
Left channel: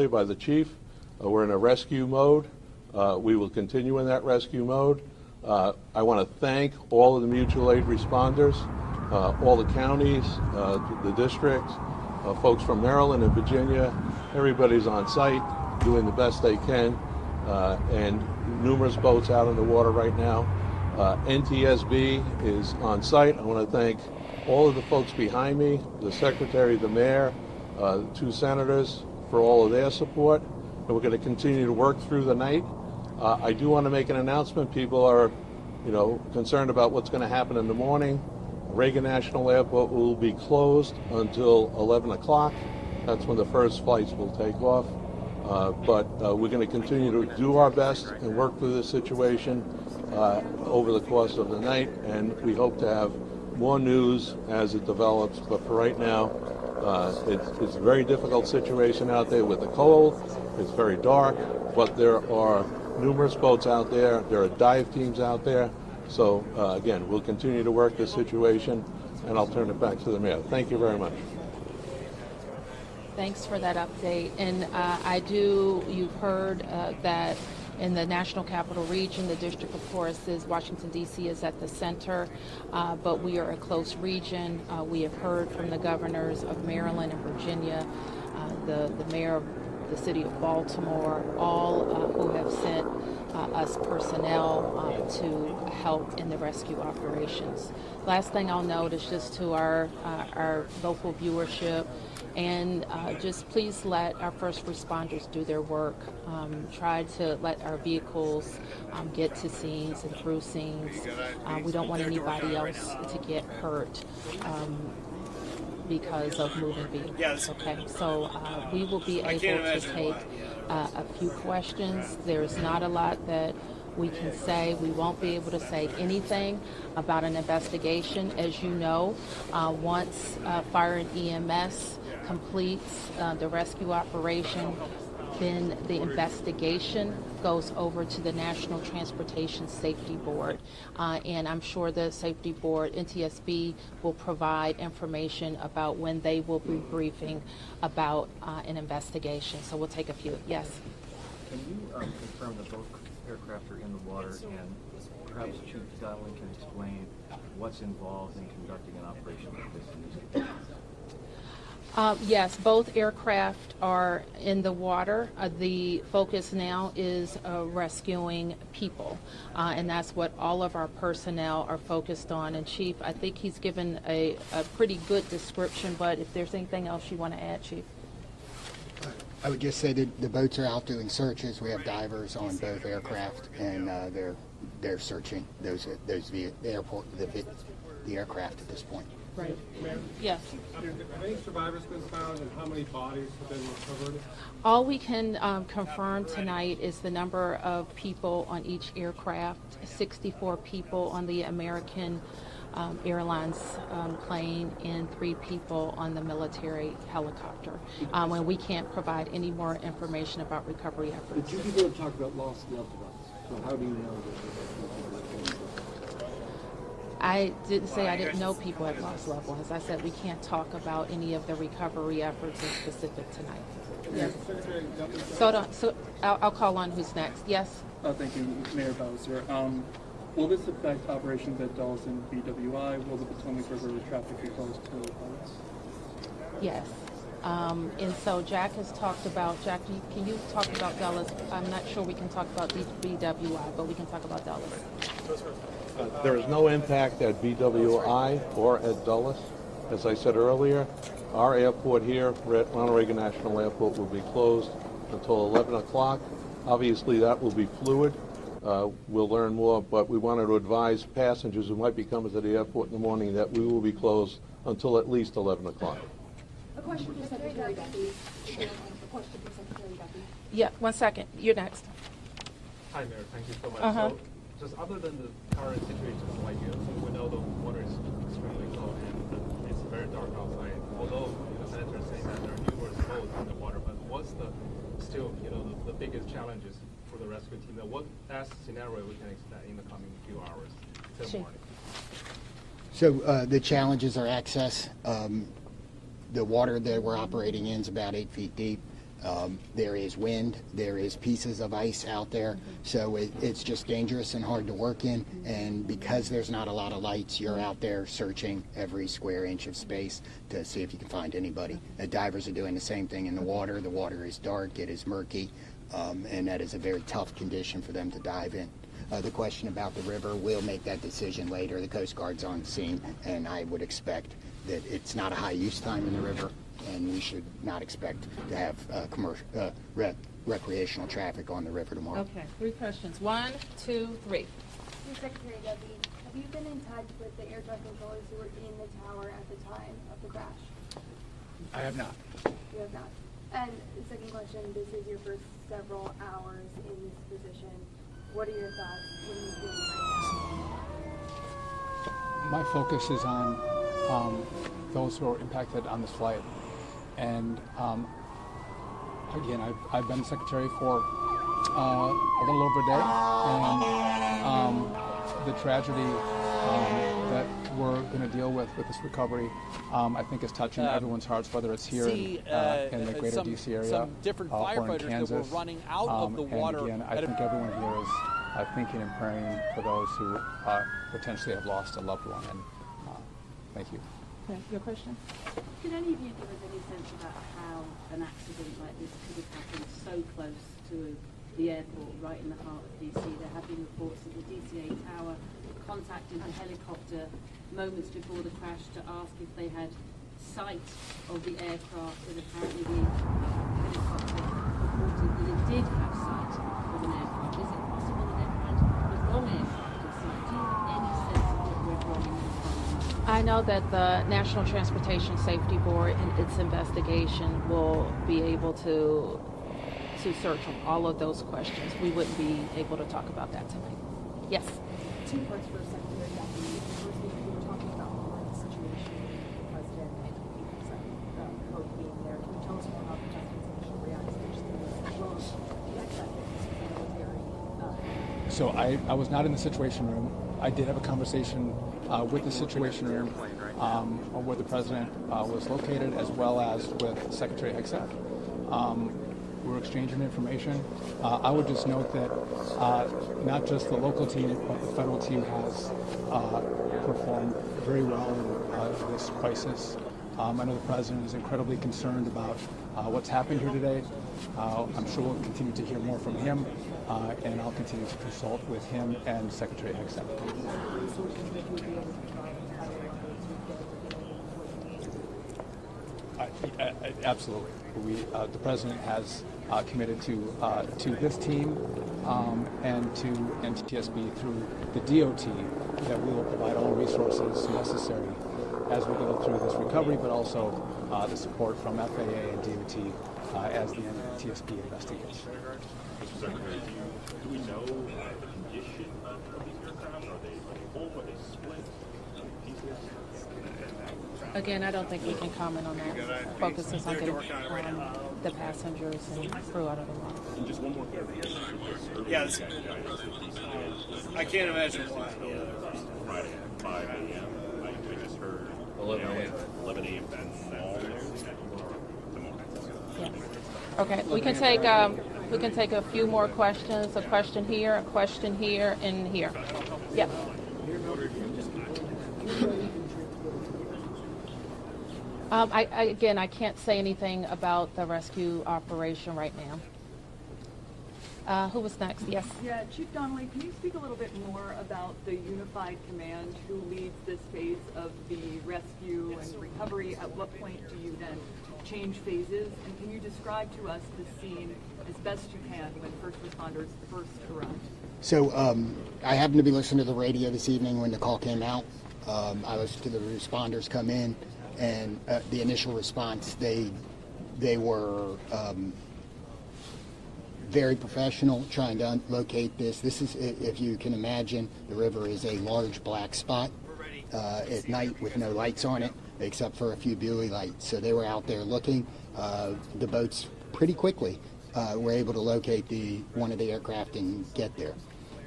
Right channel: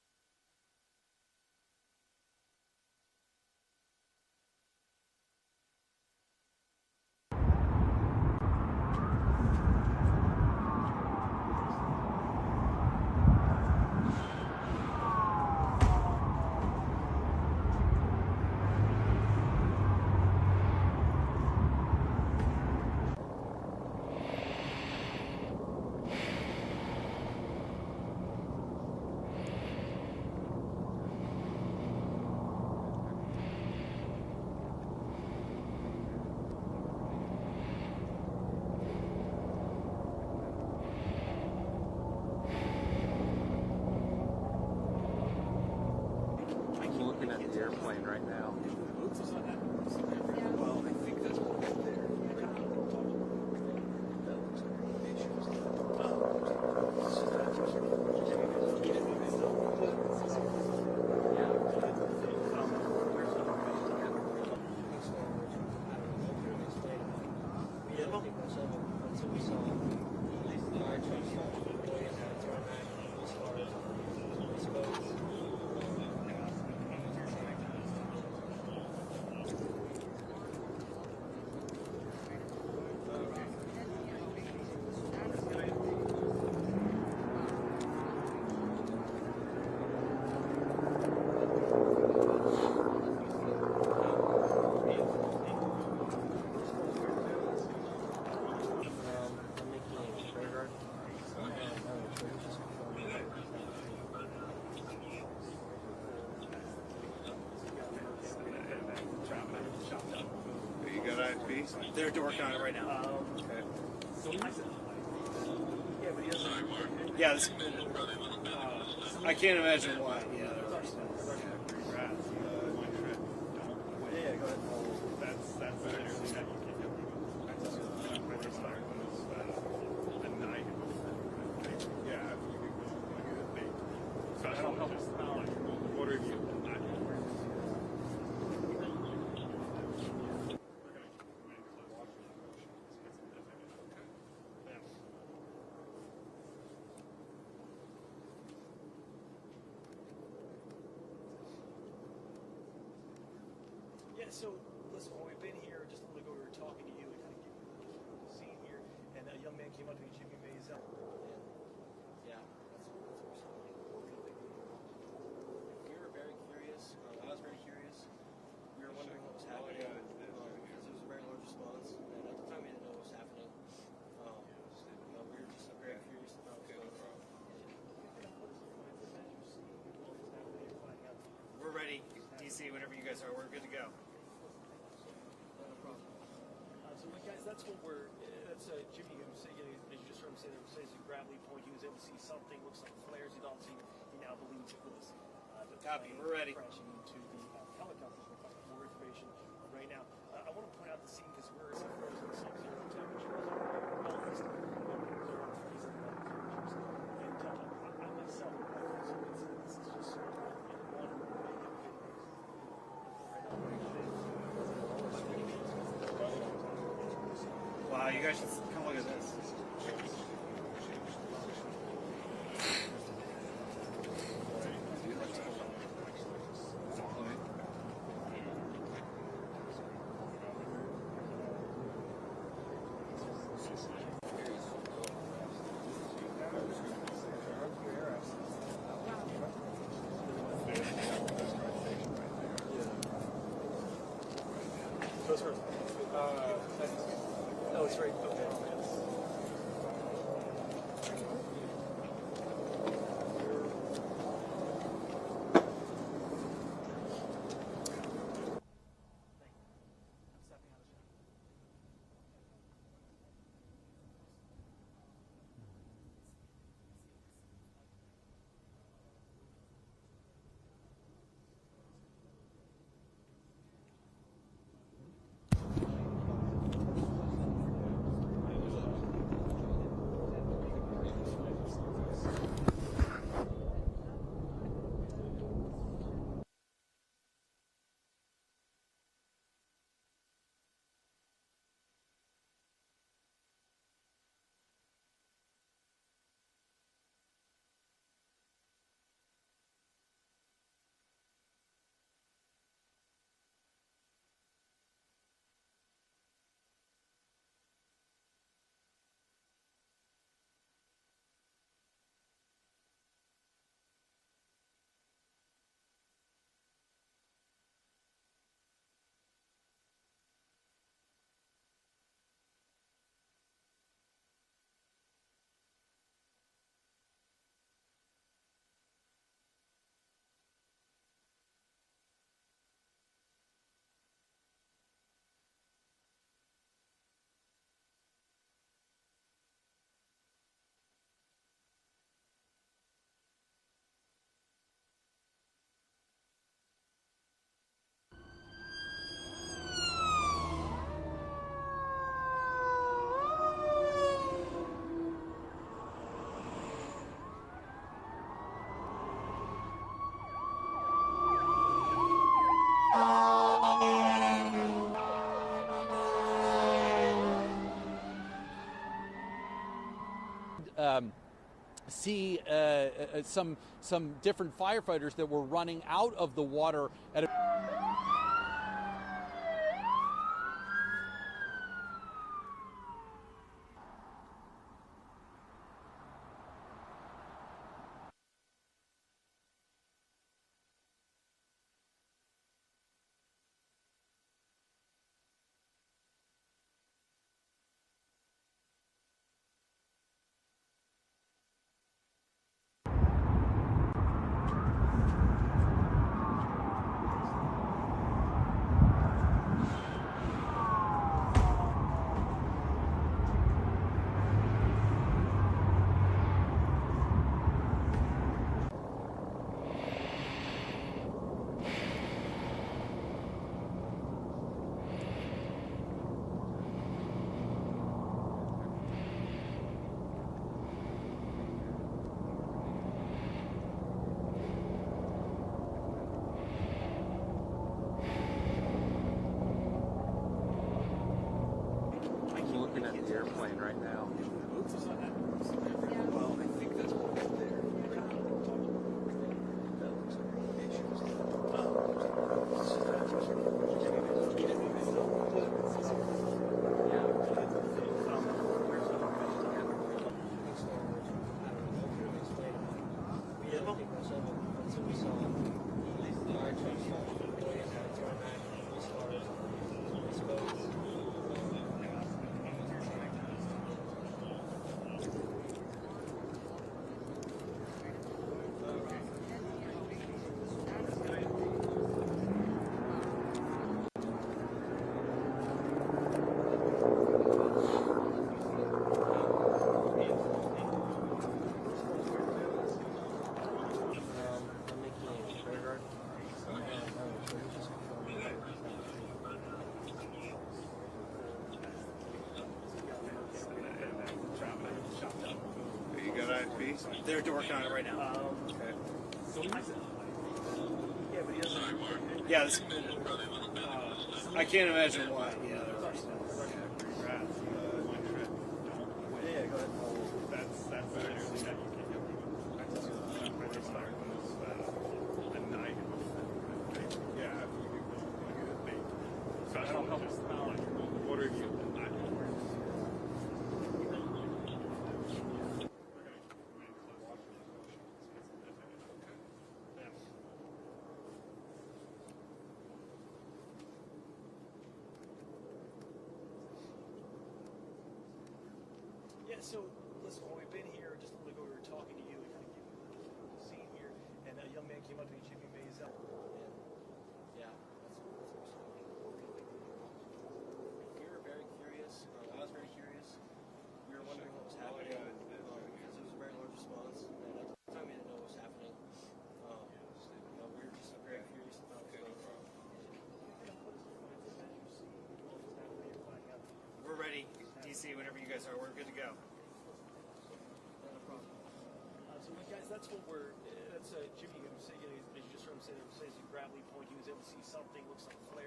earlier by the chief, we're in a rescue mode. We will continue in that rescue mode. I want to thank all of the mutual aid responders, all the counties, the districts, folks from Maryland and Virginia. Everybody's on site doing the best they can, and numerous boats out in the water right now. NTSB is on site. I want to thank all of the folks behind me, the secretary, the mayor, the two senators for all of their support. And we're going to continue to work through the night. I do want to make an announcement. People are, concerned about what's going to happen in the morning. Reagan National Airport will be closed until 11 o'clock. That's when the first flights will take off. But we're going to continue to do our best and work through this situation over the course of the night, and we hope to have more news as it develops. But for right now, it's a very difficult situation out there with the cold. It's very dark, but there are numerous boats out there. There are dive teams out there. So again, we'll continue to work this situation, and I'll turn it back to the mayor. Thank you very much. Thanks for that update. And you've heard that in the National Capital Region, the District of Course is Washington, D.C. is at the center, but we are a close region. We have heard from the governors of Maryland and Virginia, the mayor of the city of Baltimore, all who have sent us personnel to help in the rescue operations. Last thing I'll note is just to our local viewership, and just please let our first responders do their work. Try to let our vehicles get to scenes and through scenes. We don't want anybody else to get hurt because of moving vehicles. Yes. Okay, so we will be able to take a few questions. There's not a lot that we can say. We won't be able to say anything about an investigation. As you know, once fire and EMS completes the rescue operation, then the investigation goes over to the National Transportation Safety Board. And I'm sure the Safety Board, NTSB, will provide information about when they will be briefing about an investigation. So we'll take a few. Yes? Can you confirm that both aircraft are in the water, and perhaps Chief Donnelly can explain what's involved in conducting an operation like this? Yes, both aircraft are in the water. The focus now is rescuing people, and that's what all of our personnel are focused on. And Chief, I think he's given a pretty good description, but if there's anything else you want to add, Chief? I would just say that the boats are out doing searches. We have divers on both aircraft, and they're searching the aircraft at this point. Right. Yes. Have any survivors been found, and how many bodies have been recovered? All we can confirm tonight is the number of people on each aircraft. 64 people on the American Airlines plane and 3 people on the military helicopter. And we can't provide any more information about recovery efforts. Would you be able to talk about lost loved ones? How do you know? I didn't say I didn't know people at lost loved ones. I said we can't talk about any of the recovery efforts in specific tonight. So I'll call on who's next. Yes? Thank you, Mayor Bowser. Will this affect operations at Dawson BWI? Will the Potomac River traffic control? Yes. And so Jack has talked about, Jack, can you talk about Dulles? I'm not sure we can talk about BWI, but we can talk about Dulles. There is no impact at BWI or at Dulles. As I said earlier, our airport here, Ronald Reagan National Airport, will be closed until 11 o'clock. Obviously, that will be fluid. We'll learn more, but we wanted to advise passengers who might be coming to the airport in the morning that we will be closed until at least 11 o'clock. A question for Secretary Duffy. A question for Secretary Duffy. Yeah, 1 second. You're next. Hi, Mayor. Thank you so much. So, just other than the current situation, like we know the water is extremely low. It's very dark outside. Although the center is saying that there are the water, but what's the biggest challenges for the rescue team? What best scenario we can expect in the coming few hours till morning? So the challenges are access. The water that we're operating in is about 8 feet deep. There is wind, there is pieces of ice out there, so it's just dangerous and hard to work in, and because there's not a lot of lights, you're out there searching every square inch of space to see if you can find anybody. Divers are doing the same thing in the water. The water is dark, it is murky, and that is a very tough condition for them to dive in. The question about the river, we'll make that decision later. The Coast Guard's on scene, and I would expect that it's not a high use time in the river, and we should not expect to have commercial, recreational traffic on the river tomorrow. Okay, 3 questions. 1, 2, 3. Secretary Duffy, have you been in touch with the air traffic controllers who were in the tower at the time of the crash? I have not. You have not. And second question, this is your first several hours in this position. What are your thoughts? My focus is on those who are impacted on this flight. And again, I've been secretary for a little over a day, and the tragedy that we're going to deal with this recovery, I think, is touching everyone's hearts, whether it's here in the greater DC area, some different firefighters that were running out of the water. Again, I think everyone here is thinking and praying for those who potentially have lost a loved one. And thank you. Okay, your question? Could any of you give us any sense about how an accident like this could have happened so close to the airport, right in the heart of DC? There have been reports of the DCA tower contacting the helicopter moments before the crash to ask if they had sight of the aircraft, and apparently they did have sight of the aircraft. Is it possible that I know that the National Transportation Safety Board, in its investigation, will be able to search all of those questions. We wouldn't be able to talk about that tonight. Yes. So I was not in the Situation Room. I did have a conversation with the Situation Room where the President was located, as well as with Secretary Exec. We were exchanging information. I would just note that not just the local team, but the federal team has performed very well in this crisis. I know the President is incredibly concerned about what's happening here today. I'm sure we'll continue to hear more from him, and I'll continue to consult with him and Secretary Exec. Absolutely. The President has committed to this team and to NTSB through the DOT that we will provide all resources necessary as we go through this recovery, but also the support from FAA and DOT as the NTSB investigates. Again, I don't think we can comment on that. Focuses on They're working on it right now. the passengers flew out of it. Yeah, I can't imagine why. Okay, we can take a few more questions. A question here, and here. Yeah. Again, I can't say anything about the rescue operation right now. Who was next? Yes. Yeah, Chief Donnelly, can you speak a little bit more about the unified command who leads this phase of the rescue and recovery? At what point do you then change phases? And can you describe to us the scene as best you can when first responders first arrive? So I happened to be listening to the radio this evening when the call came out. I listened to the responders come in, and the initial response, they were very professional trying to locate this. This is, if you can imagine, the river is a large black spot at night with no lights on it except for a few buoy lights. So they were out there looking. The boats pretty quickly were able to locate one of the aircraft and get there.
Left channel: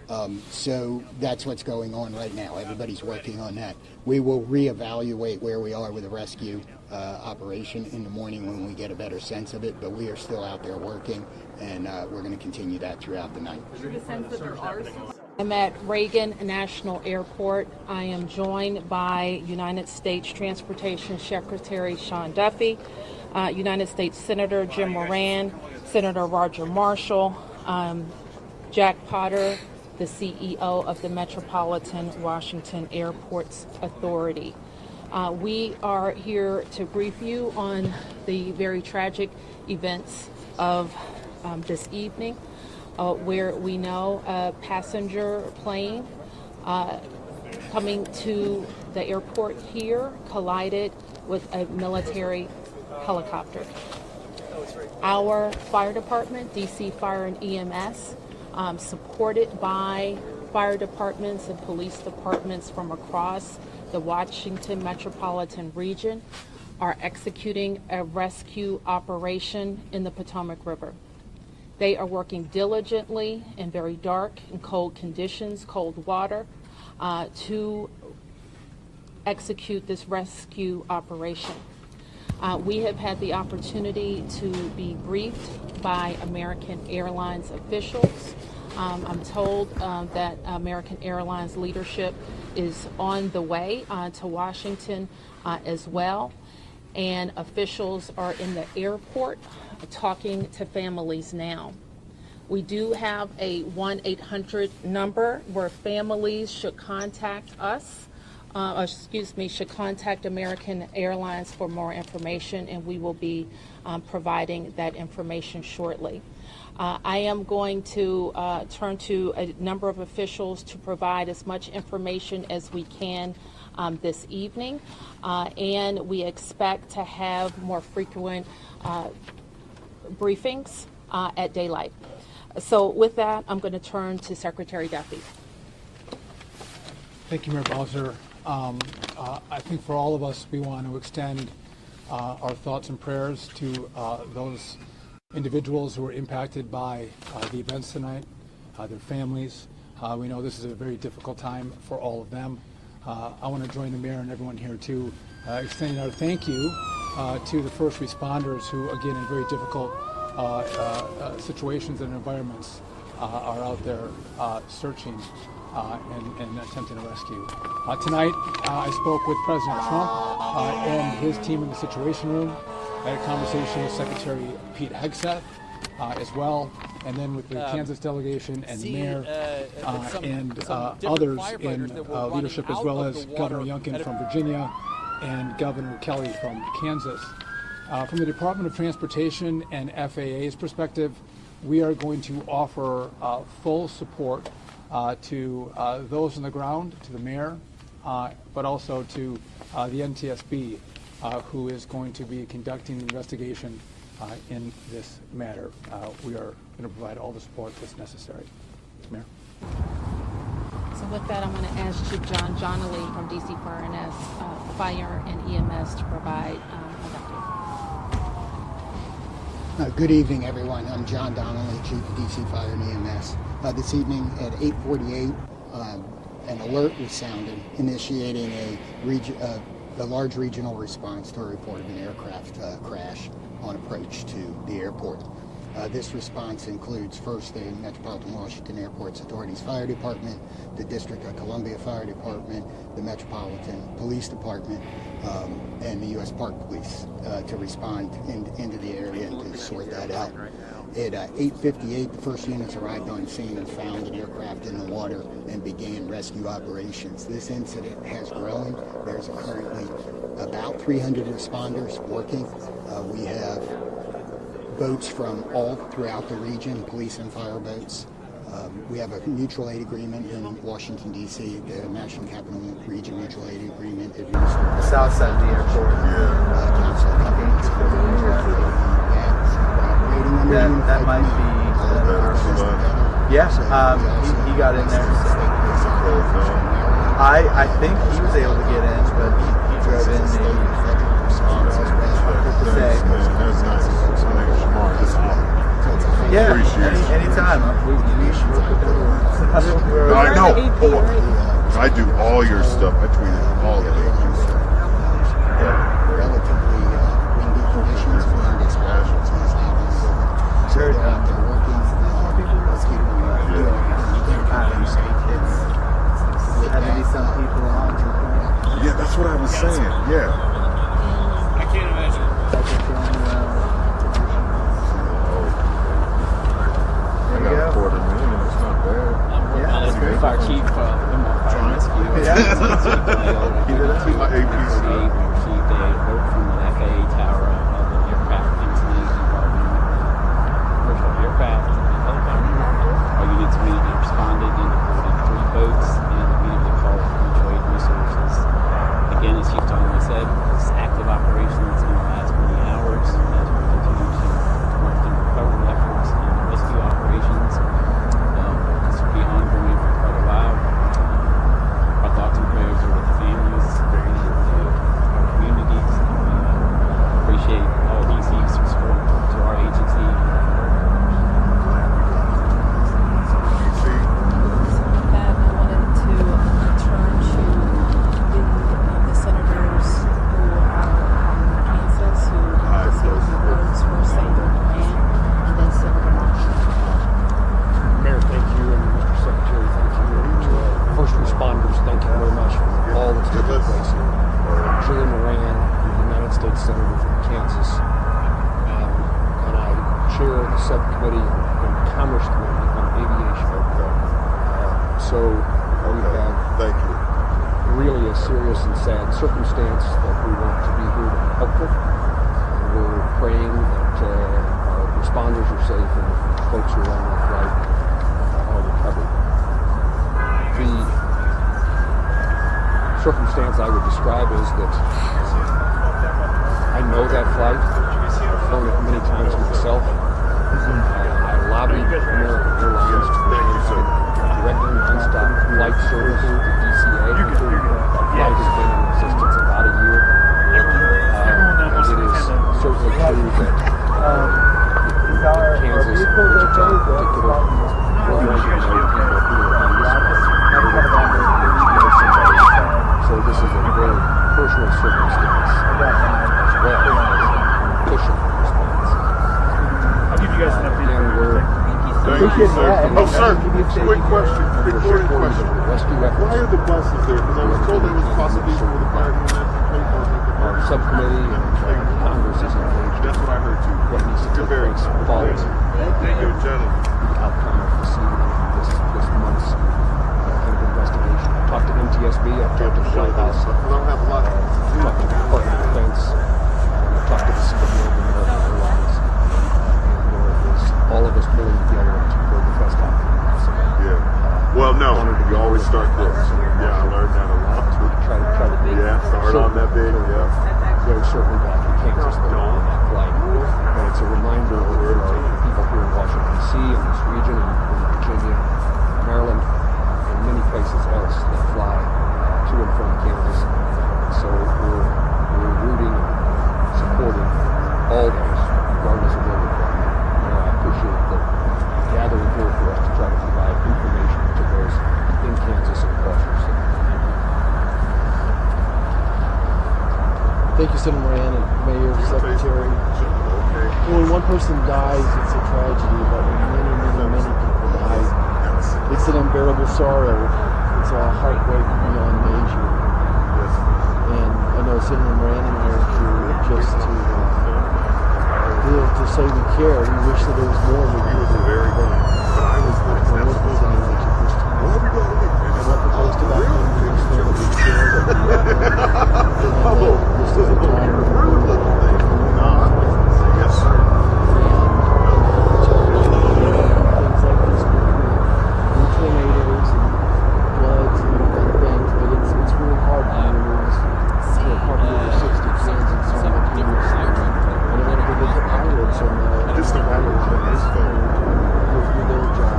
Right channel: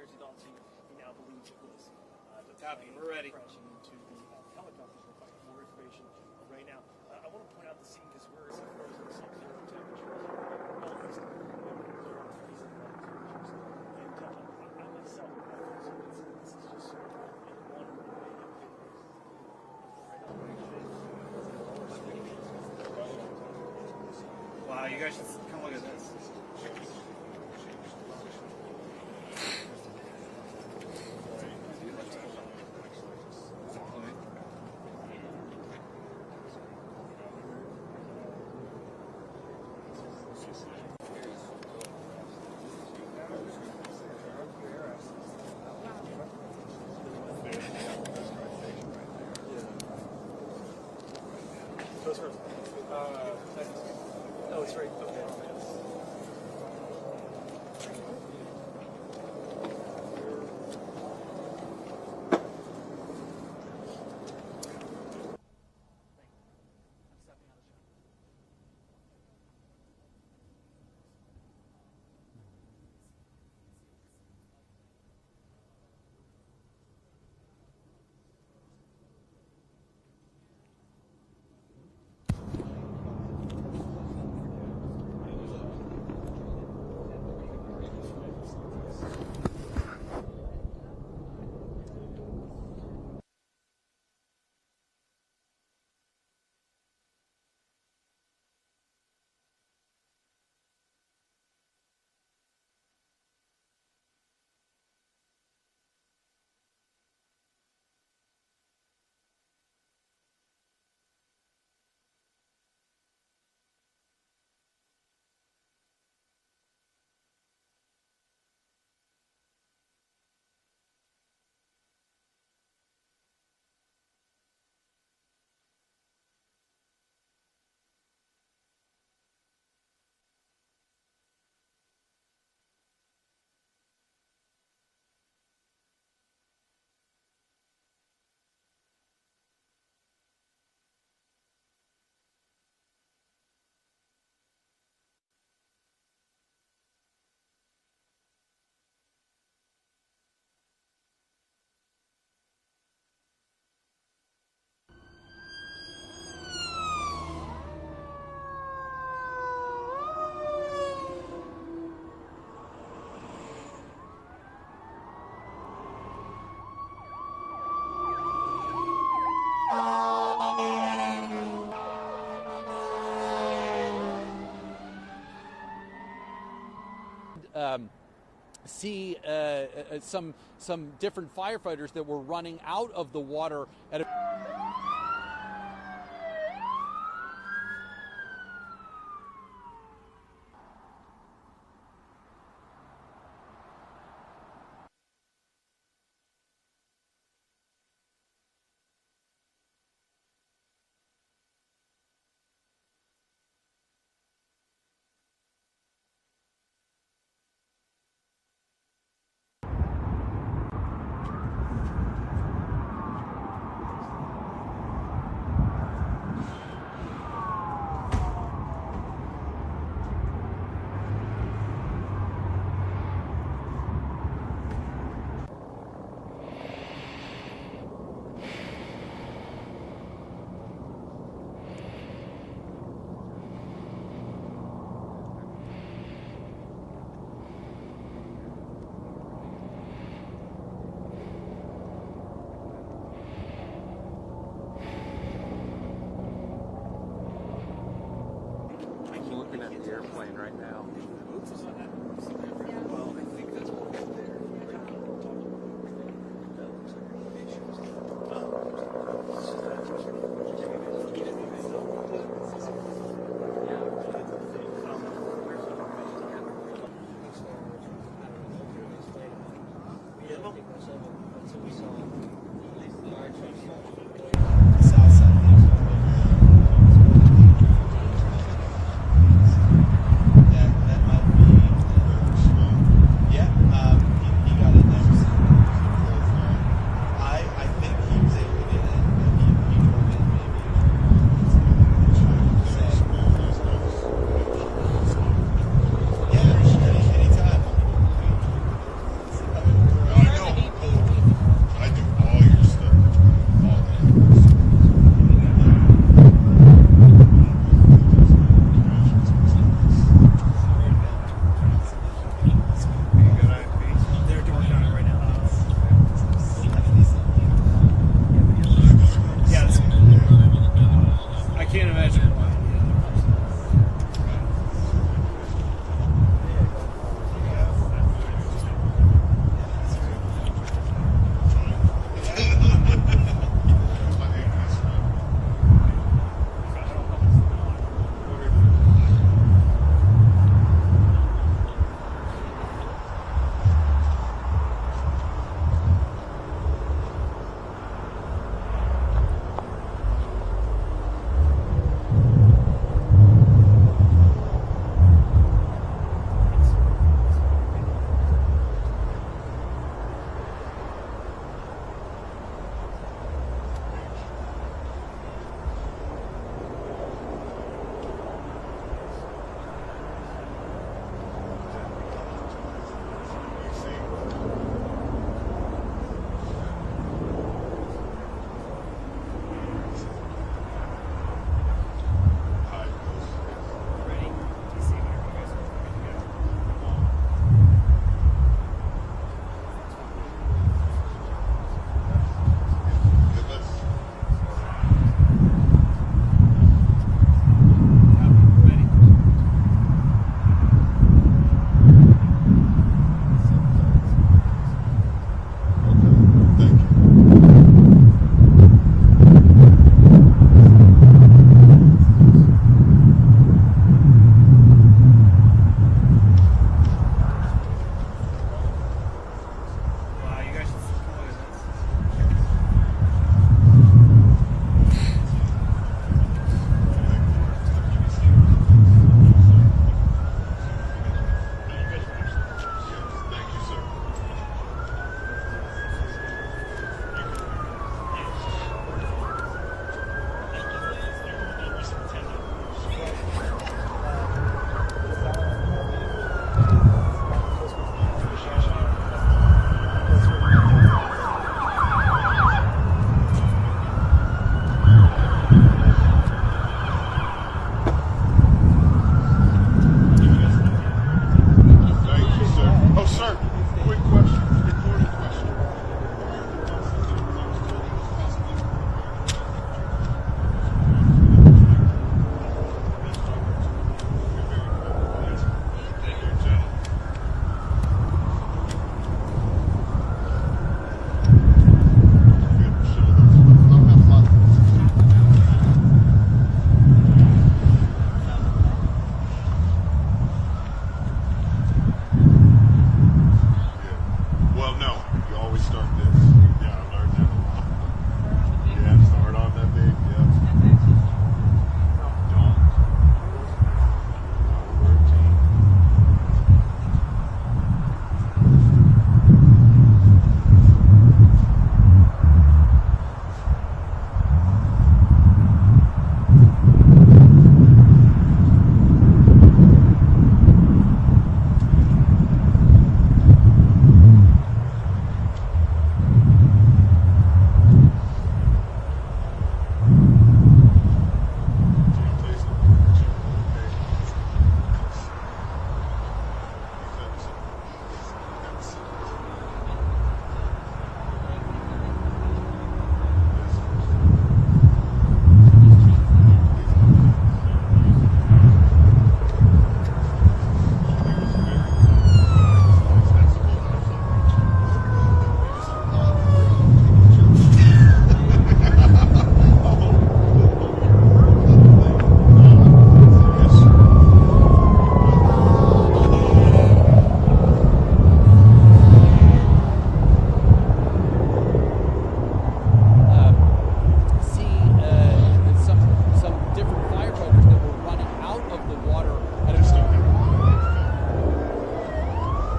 So that's what's going on right now. Everybody's working on that. We will reevaluate where we are with the rescue operation in the morning when we get a better sense of it, but we are still out there working, and we're going to continue that throughout the night. I'm at Reagan National Airport. I am joined by United States Transportation Secretary Sean Duffy, United States Senator Jim Moran, Senator Roger Marshall, Jack Potter, the CEO of the Metropolitan Washington Airports Authority. We are here to brief you on the very tragic events of this evening, where we know a passenger plane coming to the airport here collided with a military helicopter. Our fire department, DC Fire and EMS, supported by fire departments and police departments from across the Washington metropolitan region, are executing a rescue operation in the Potomac River. They are working diligently in very dark and cold conditions, cold water, to execute this rescue operation. We have had the opportunity to be briefed by American Airlines officials. I'm told that American Airlines leadership is on the way to Washington as well, and officials are in the airport talking to families now. We do have a 1-800 number where families should contact us, should contact American Airlines for more information, and we will be providing that information shortly. I am going to turn to a number of officials to provide as much information as we can this evening, and we expect to have more frequent briefings at daylight. So with that, I'm going to turn to Secretary Duffy. Thank you, Mayor Bowser. I think for all of us, we want to extend our thoughts and prayers to those individuals who were impacted by the events tonight, their families. We know this is a very difficult time for all of them. I want to join the mayor and everyone here to extend our thank you to the first responders who, again, in very difficult situations and environments are out there searching and attempting to rescue. Tonight, I spoke with President Trump and his team in the Situation Room. I had a conversation with Secretary Pete Hegseth as well, and then with the Kansas delegation and the mayor some and different others firefighters in that were running leadership, out as well of as the water. Governor Youngkin from Virginia and Governor Kelly from Kansas. From the Department of Transportation and FAA's perspective, we are going to offer full support to those on the ground, to the mayor, but also to the NTSB, who is going to be conducting the investigation in this matter. We are going to provide all the support that's necessary. Mayor. So with that, I'm going to ask Chief John Donnelly from DC Fire and EMS to provide. Good evening, everyone. I'm John Donnelly, Chief of DC Fire and EMS. This evening at 8:48, an alert was sounded, initiating a large regional response to a report of an aircraft crash on approach to the airport. This response includes first the Metropolitan Washington Airports Authority's Fire Department, the District of Columbia Fire Department, the Metropolitan Police Department, and the U.S. Park Police to respond into the area and sort that out. At 8:58, the first units arrived on scene and found the aircraft in the water and began rescue operations. This incident has grown. There's currently about 300 responders working. We have boats from all throughout the region, police and fire boats. We have a mutual aid agreement in Washington, D.C., the National Capital Region mutual aid agreement. The south side of the airport. That might be yes, he got in there. I think he was able to get in, but he drove in maybe. Yeah, anytime. We should. No, I do all your stuff. I tweeted all of it. Yeah, that's what I was saying. Yeah. I can't imagine. I got a quarter million. It's not bad. Fire chief. My APC. Circumstance I would describe is that I know that flight. I've flown it many times myself. I lobbied American Airlines to directly nonstop flight service to DCA. Flight has been in existence about a year. It is certainly true that Kansas, in so this is a very personal circumstance. I'll give you guys an update. Thank you, sir. Oh, sir, quick question, recording question. Why are the buses there? Because I was told it was possibly for the fire unit. Our subcommittee Congress is engaged. That's what I heard too. You're very quality. Thank you, gentlemen. Outcome of this month's investigation. Talked to NTSB. I talked to the White House. I don't have a lot. Department of Defense. Talked to the Secretary of American Airlines. All of us pulling together to bring the best outcome. Yeah. Well, no, you always start this. Yeah, I learned that a lot. Try to yeah, start on that big. Yeah. Very certainly back in Kansas. Don't. Like, and it's a reminder of people here in Washington, D.C. and this region, and Virginia, Maryland, and many places else that fly to and from Kansas. So we're rooting and supporting all those, regardless of what they do. I appreciate the gathering here for us to try to provide information to those in Kansas and across our city. Thank you, Senator Moran and Mayor, Secretary. When one person dies, it's a tragedy, but when many people die, it's an unbearable sorrow. It's a heartbreak beyond measure. And I know Senator Moran and Mayor just to say we care. We wish that there was more. We was very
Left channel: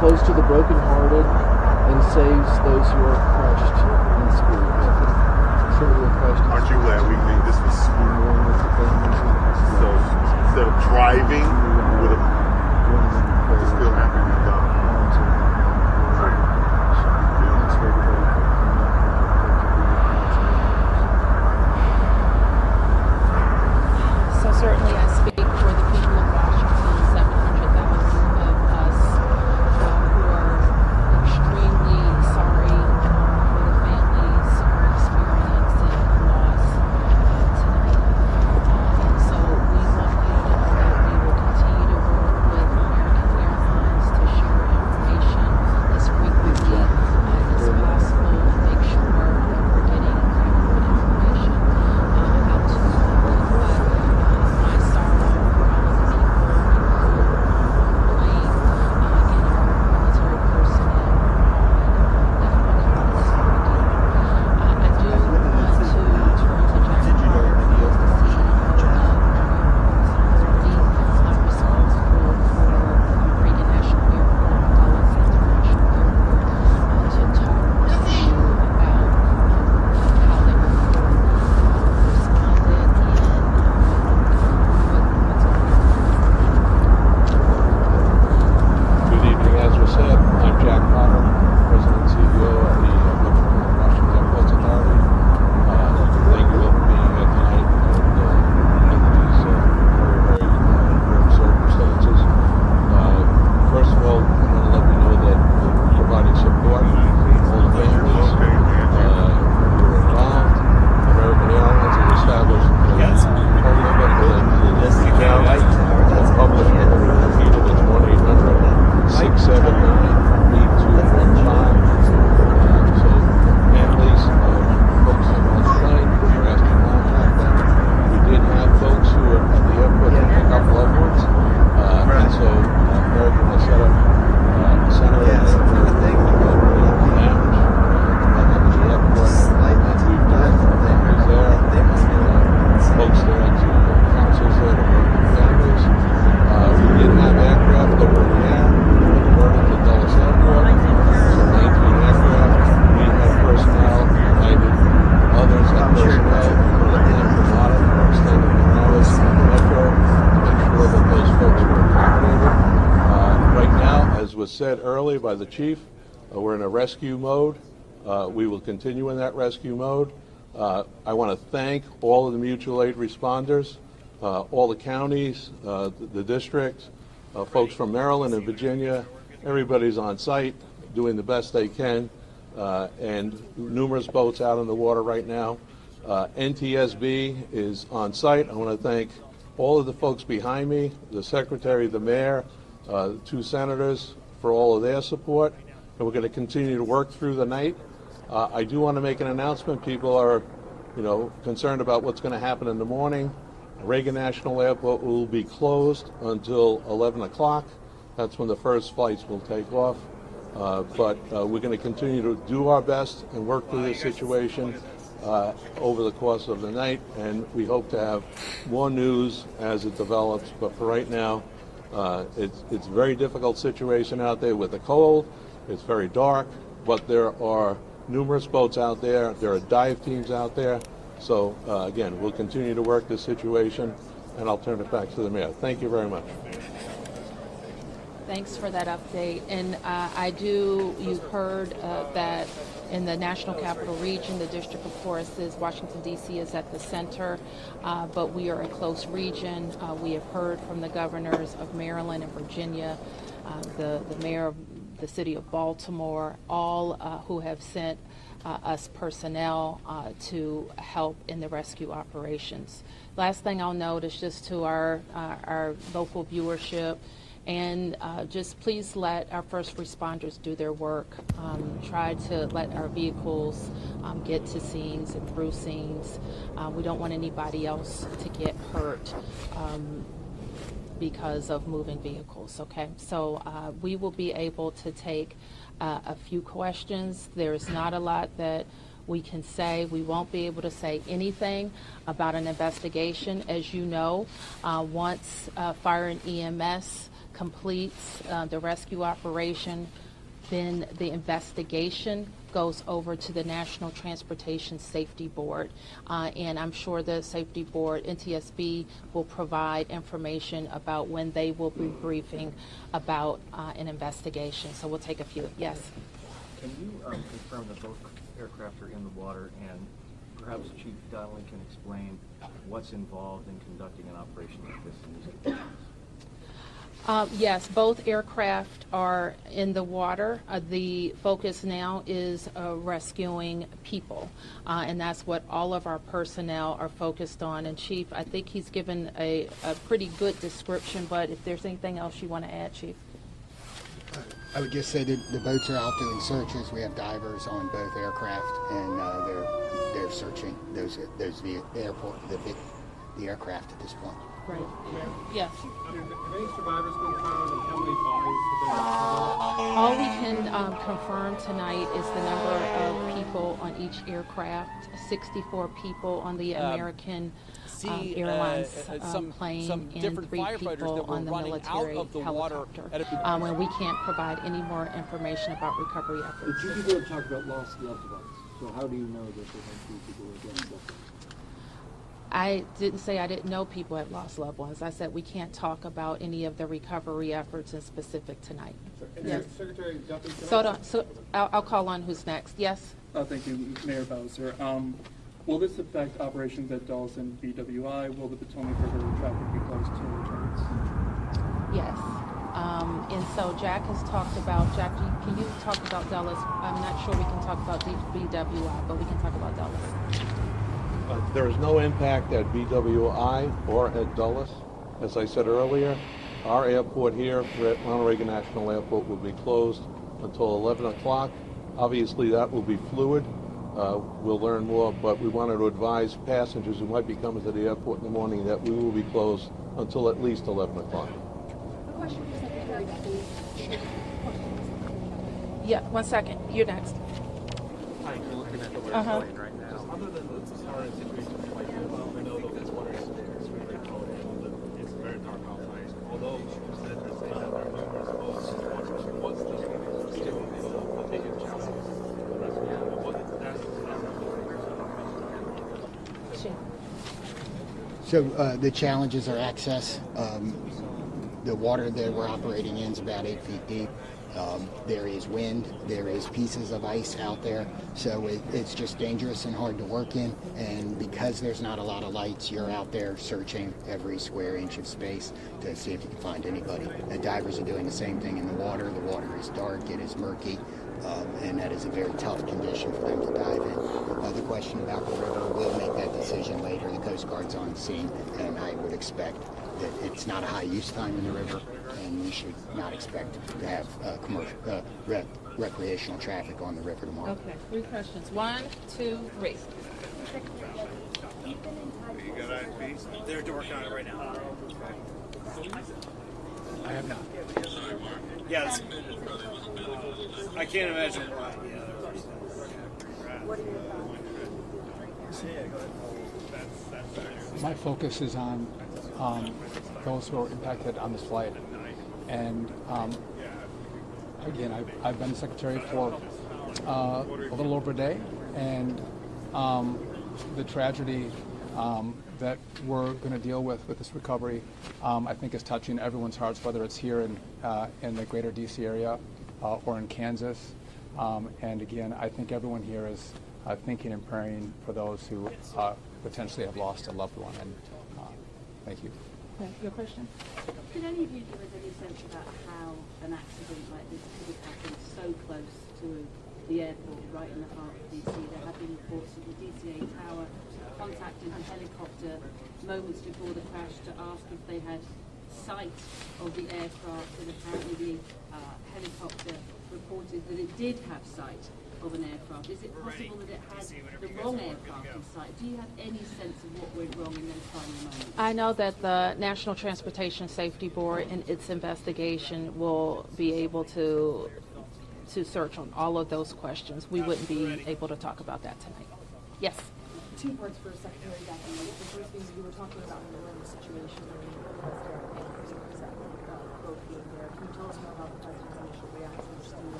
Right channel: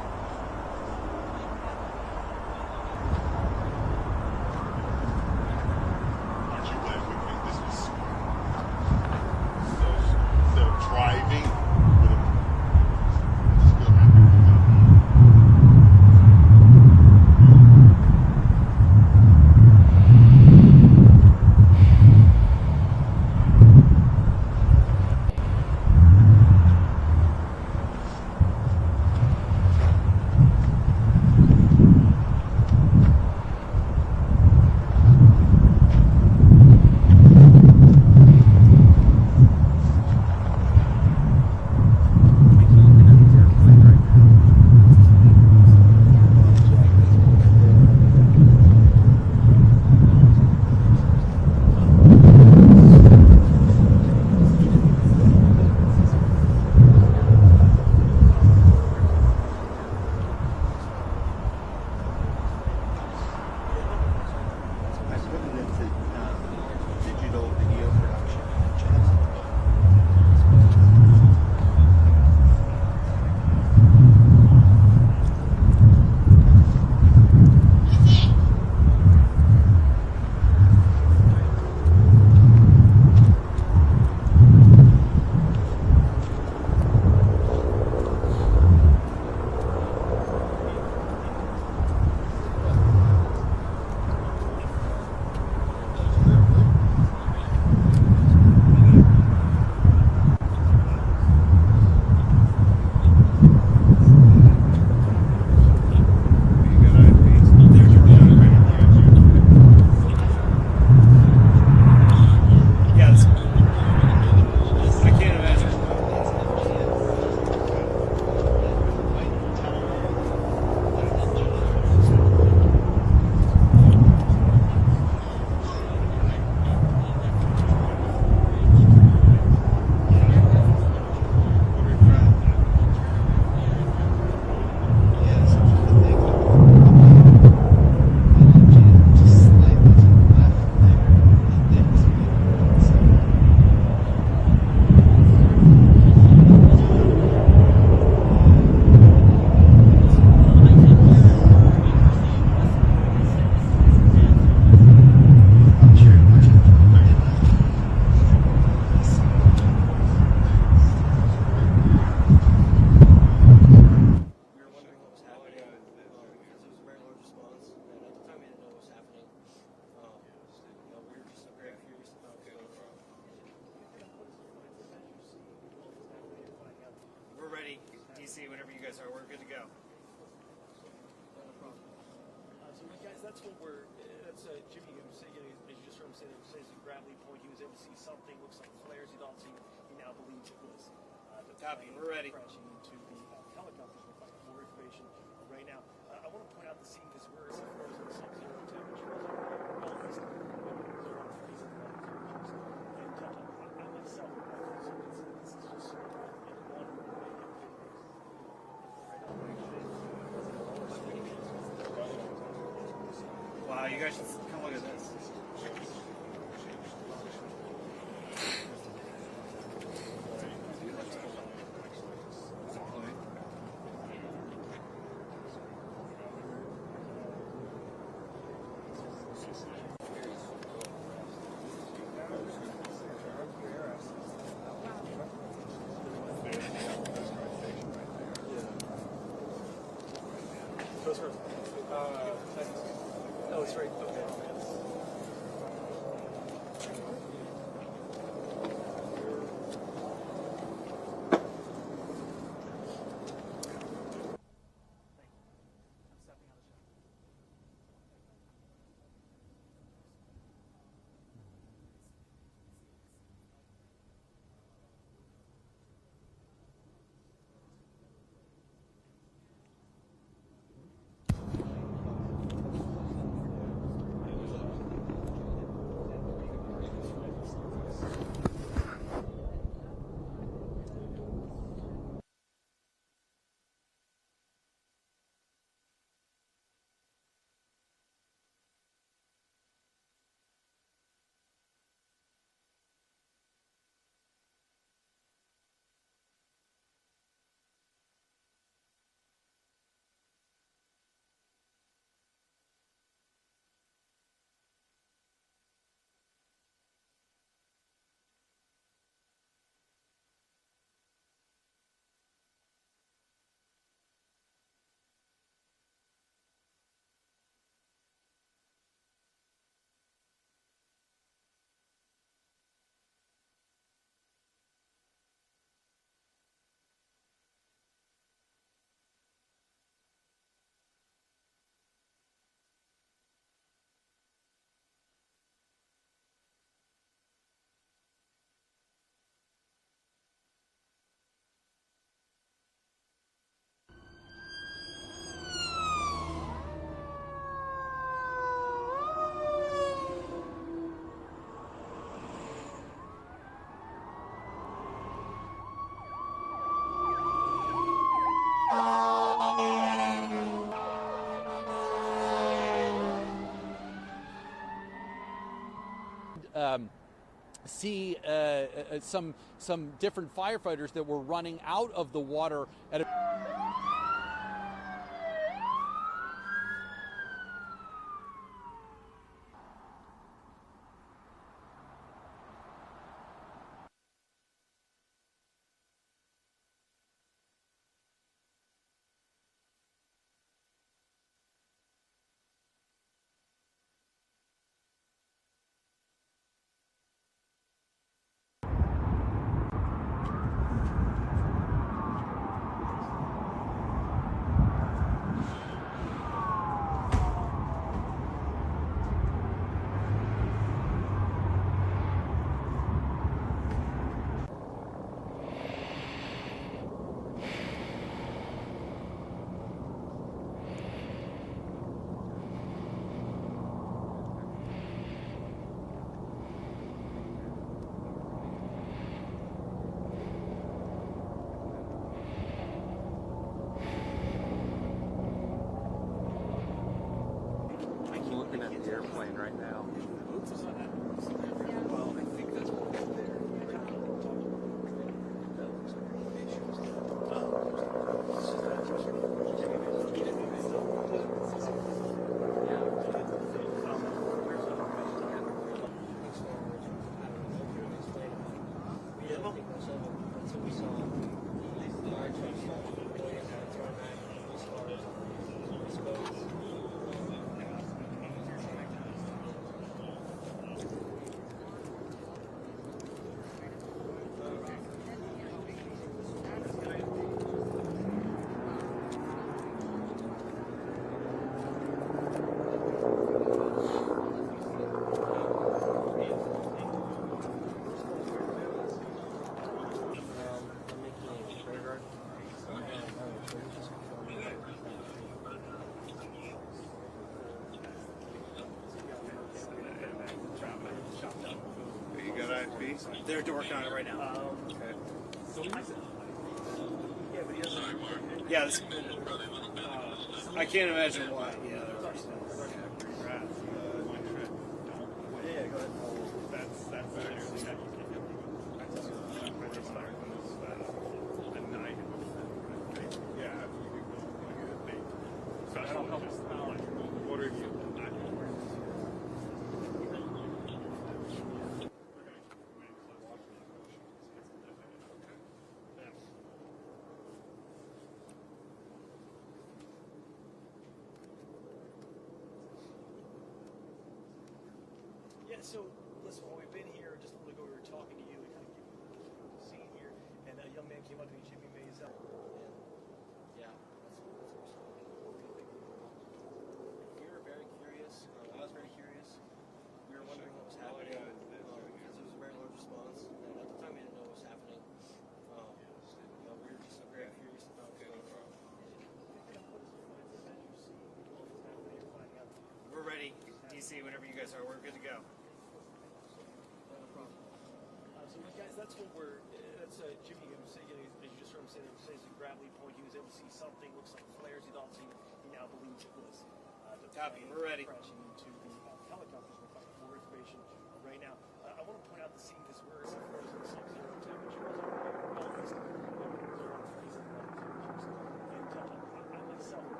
close to the brokenhearted and saves those who are crushed in spirit. Aren't you glad we think this was smooth? So instead of driving, we would have still happy to be done. So certainly I speak for the people of Washington, 700,000 of us who are extremely sorry for your families who are experiencing loss tonight. So we want you to know that we will continue to work with American Airlines to share information as frequently as possible to make sure we're getting accurate information out to the public. My sorrow goes in plane, again, all of our military personnel definitely lost somebody. I do want to apologize for our officers from Reagan National Airport, Dallas International Airport, to talk to you about how they responded and Good evening, as was said. I'm Jack Potter, President and CEO of the Washington Airports Authority. Thank you all for being here tonight in these very, very circumstances. First of all, I want to let you know that we're providing support to all the families involved. American Airlines has established said earlier by the chief, we're in a rescue mode. We will continue in that rescue mode. I want to thank all of the mutual aid responders, all the counties, the district, folks from Maryland and Virginia. Everybody's on site doing the best they can, and numerous boats out in the water right now. NTSB is on site. I want to thank all of the folks behind me, the secretary, the mayor, the two senators, for all of their support, and we're going to continue to work through the night. I do want to make an announcement. People are, concerned about what's going to happen in the morning. Reagan National Airport will be closed until 11 o'clock. That's when the first flights will take off. But we're going to continue to do our best and work through this situation over the course of the night, and we hope to have more news as it develops. But for right now, it's a very difficult situation out there with the cold. It's very dark, but there are numerous boats out there. There are dive teams out there. So again, we'll continue to work this situation, and I'll turn it back to the mayor. Thank you very much. Thanks for that update. And you've heard that in the National Capital Region, the district, of course, is Washington, D.C. is at the center, but we are a close region. We have heard from the governors of Maryland and Virginia, the mayor of the city of Baltimore, all who have sent us personnel to help in the rescue operations. Last thing I'll note is just to our local viewership, and just please let our first responders do their work. Try to let our vehicles get to scenes and through scenes. We don't want anybody else to get hurt because of moving vehicles, okay? So we will be able to take a few questions. There's not a lot that we can say. We won't be able to say anything about an investigation. As you know, once fire and EMS completes the rescue operation, then the investigation goes over to the National Transportation Safety Board. And I'm sure the Safety Board, NTSB, will provide information about when they will be briefing about an investigation. So we'll take a few. Yes? Can you confirm that both aircraft are in the water, and perhaps Chief Donnelly can explain what's involved in conducting an operation like this in these conditions? Yes, both aircraft are in the water. The focus now is rescuing people, and that's what all of our personnel are focused on. And Chief, I think he's given a pretty good description, but if there's anything else you want to add, Chief? I would just say that the boats are out doing searches. We have divers on both aircraft, and they're searching the aircraft at this point. Right. Yes. All we can confirm tonight is the number of people on each aircraft. 64 people on the American Airlines plane, some different and 3 firefighters that were on the running out of the water. and we can't provide any more information about recovery efforts. But you people have talked about lost loved ones. So how do you know that there might be people who have lost loved ones? I didn't say I didn't know people had lost loved ones. I said we can't talk about any of the recovery efforts in specific tonight. Yes. Secretary Duffy, So I'll call on who's next. Yes? Thank you, Mayor Bowser. Will this affect operations at Dulles and BWI? Will the Potomac River traffic be closed to tourists? Yes. And so Jack has talked about, Jack, can you talk about Dulles? I'm not sure we can talk about BWI, but we can talk about Dulles. There is no impact at BWI or at Dulles. As I said earlier, our airport here at Reagan-National Airport will be closed until 11 o'clock. Obviously, that will be fluid. We'll learn more, but we wanted to advise passengers who might be coming to the airport in the morning that we will be closed until at least 11 o'clock. Yeah, 1 second. You're next. I'm looking at the airplane right now. So the challenges are access. The water that we're operating in is about 8 feet deep. There is wind. There is pieces of ice out there. So it's just dangerous and hard to work in. And because there's not a lot of lights, you're out there searching every square inch of space to see if you can find anybody. The divers are doing the same thing in the water. The water is dark. It is murky. And that is a very tough condition for them to dive in. The question about we'll make that decision later. The Coast Guard's on the scene, and I expect that it's not high use time in the river, and we should not expect to have recreational traffic on the river tomorrow. Okay, 3 questions. 1, 2, 3. You got ISP? They're working on it right now. Okay. Yeah, this, I can't imagine why. Yeah. My focus is on those who are impacted on this flight. And again, I've been secretary for a little over a day, and the tragedy that we're going to deal with this recovery, I think is touching everyone's hearts, whether it's here in the greater DC area or in Kansas. And again, I think everyone here is thinking and praying for those who potentially have lost a loved one. And thank you. Your question? Did any of you do any research about how an accident like this could have happened so close to the airport, right in the heart of DC? There have been reports of the DCA tower contacting the helicopter moments before the crash to ask if they had sight of the aircraft, and apparently the helicopter reported that it did have sight of an aircraft. Is it possible that it had the wrong aircraft in sight? Do you have any sense of what went wrong in those final moments? I know that the National Transportation Safety Board in its investigation will be able to search on all of those questions. We wouldn't be able to talk about that tonight. Yes? 2 words for Secretary Duffy. What was the first thing you were talking about in the situation?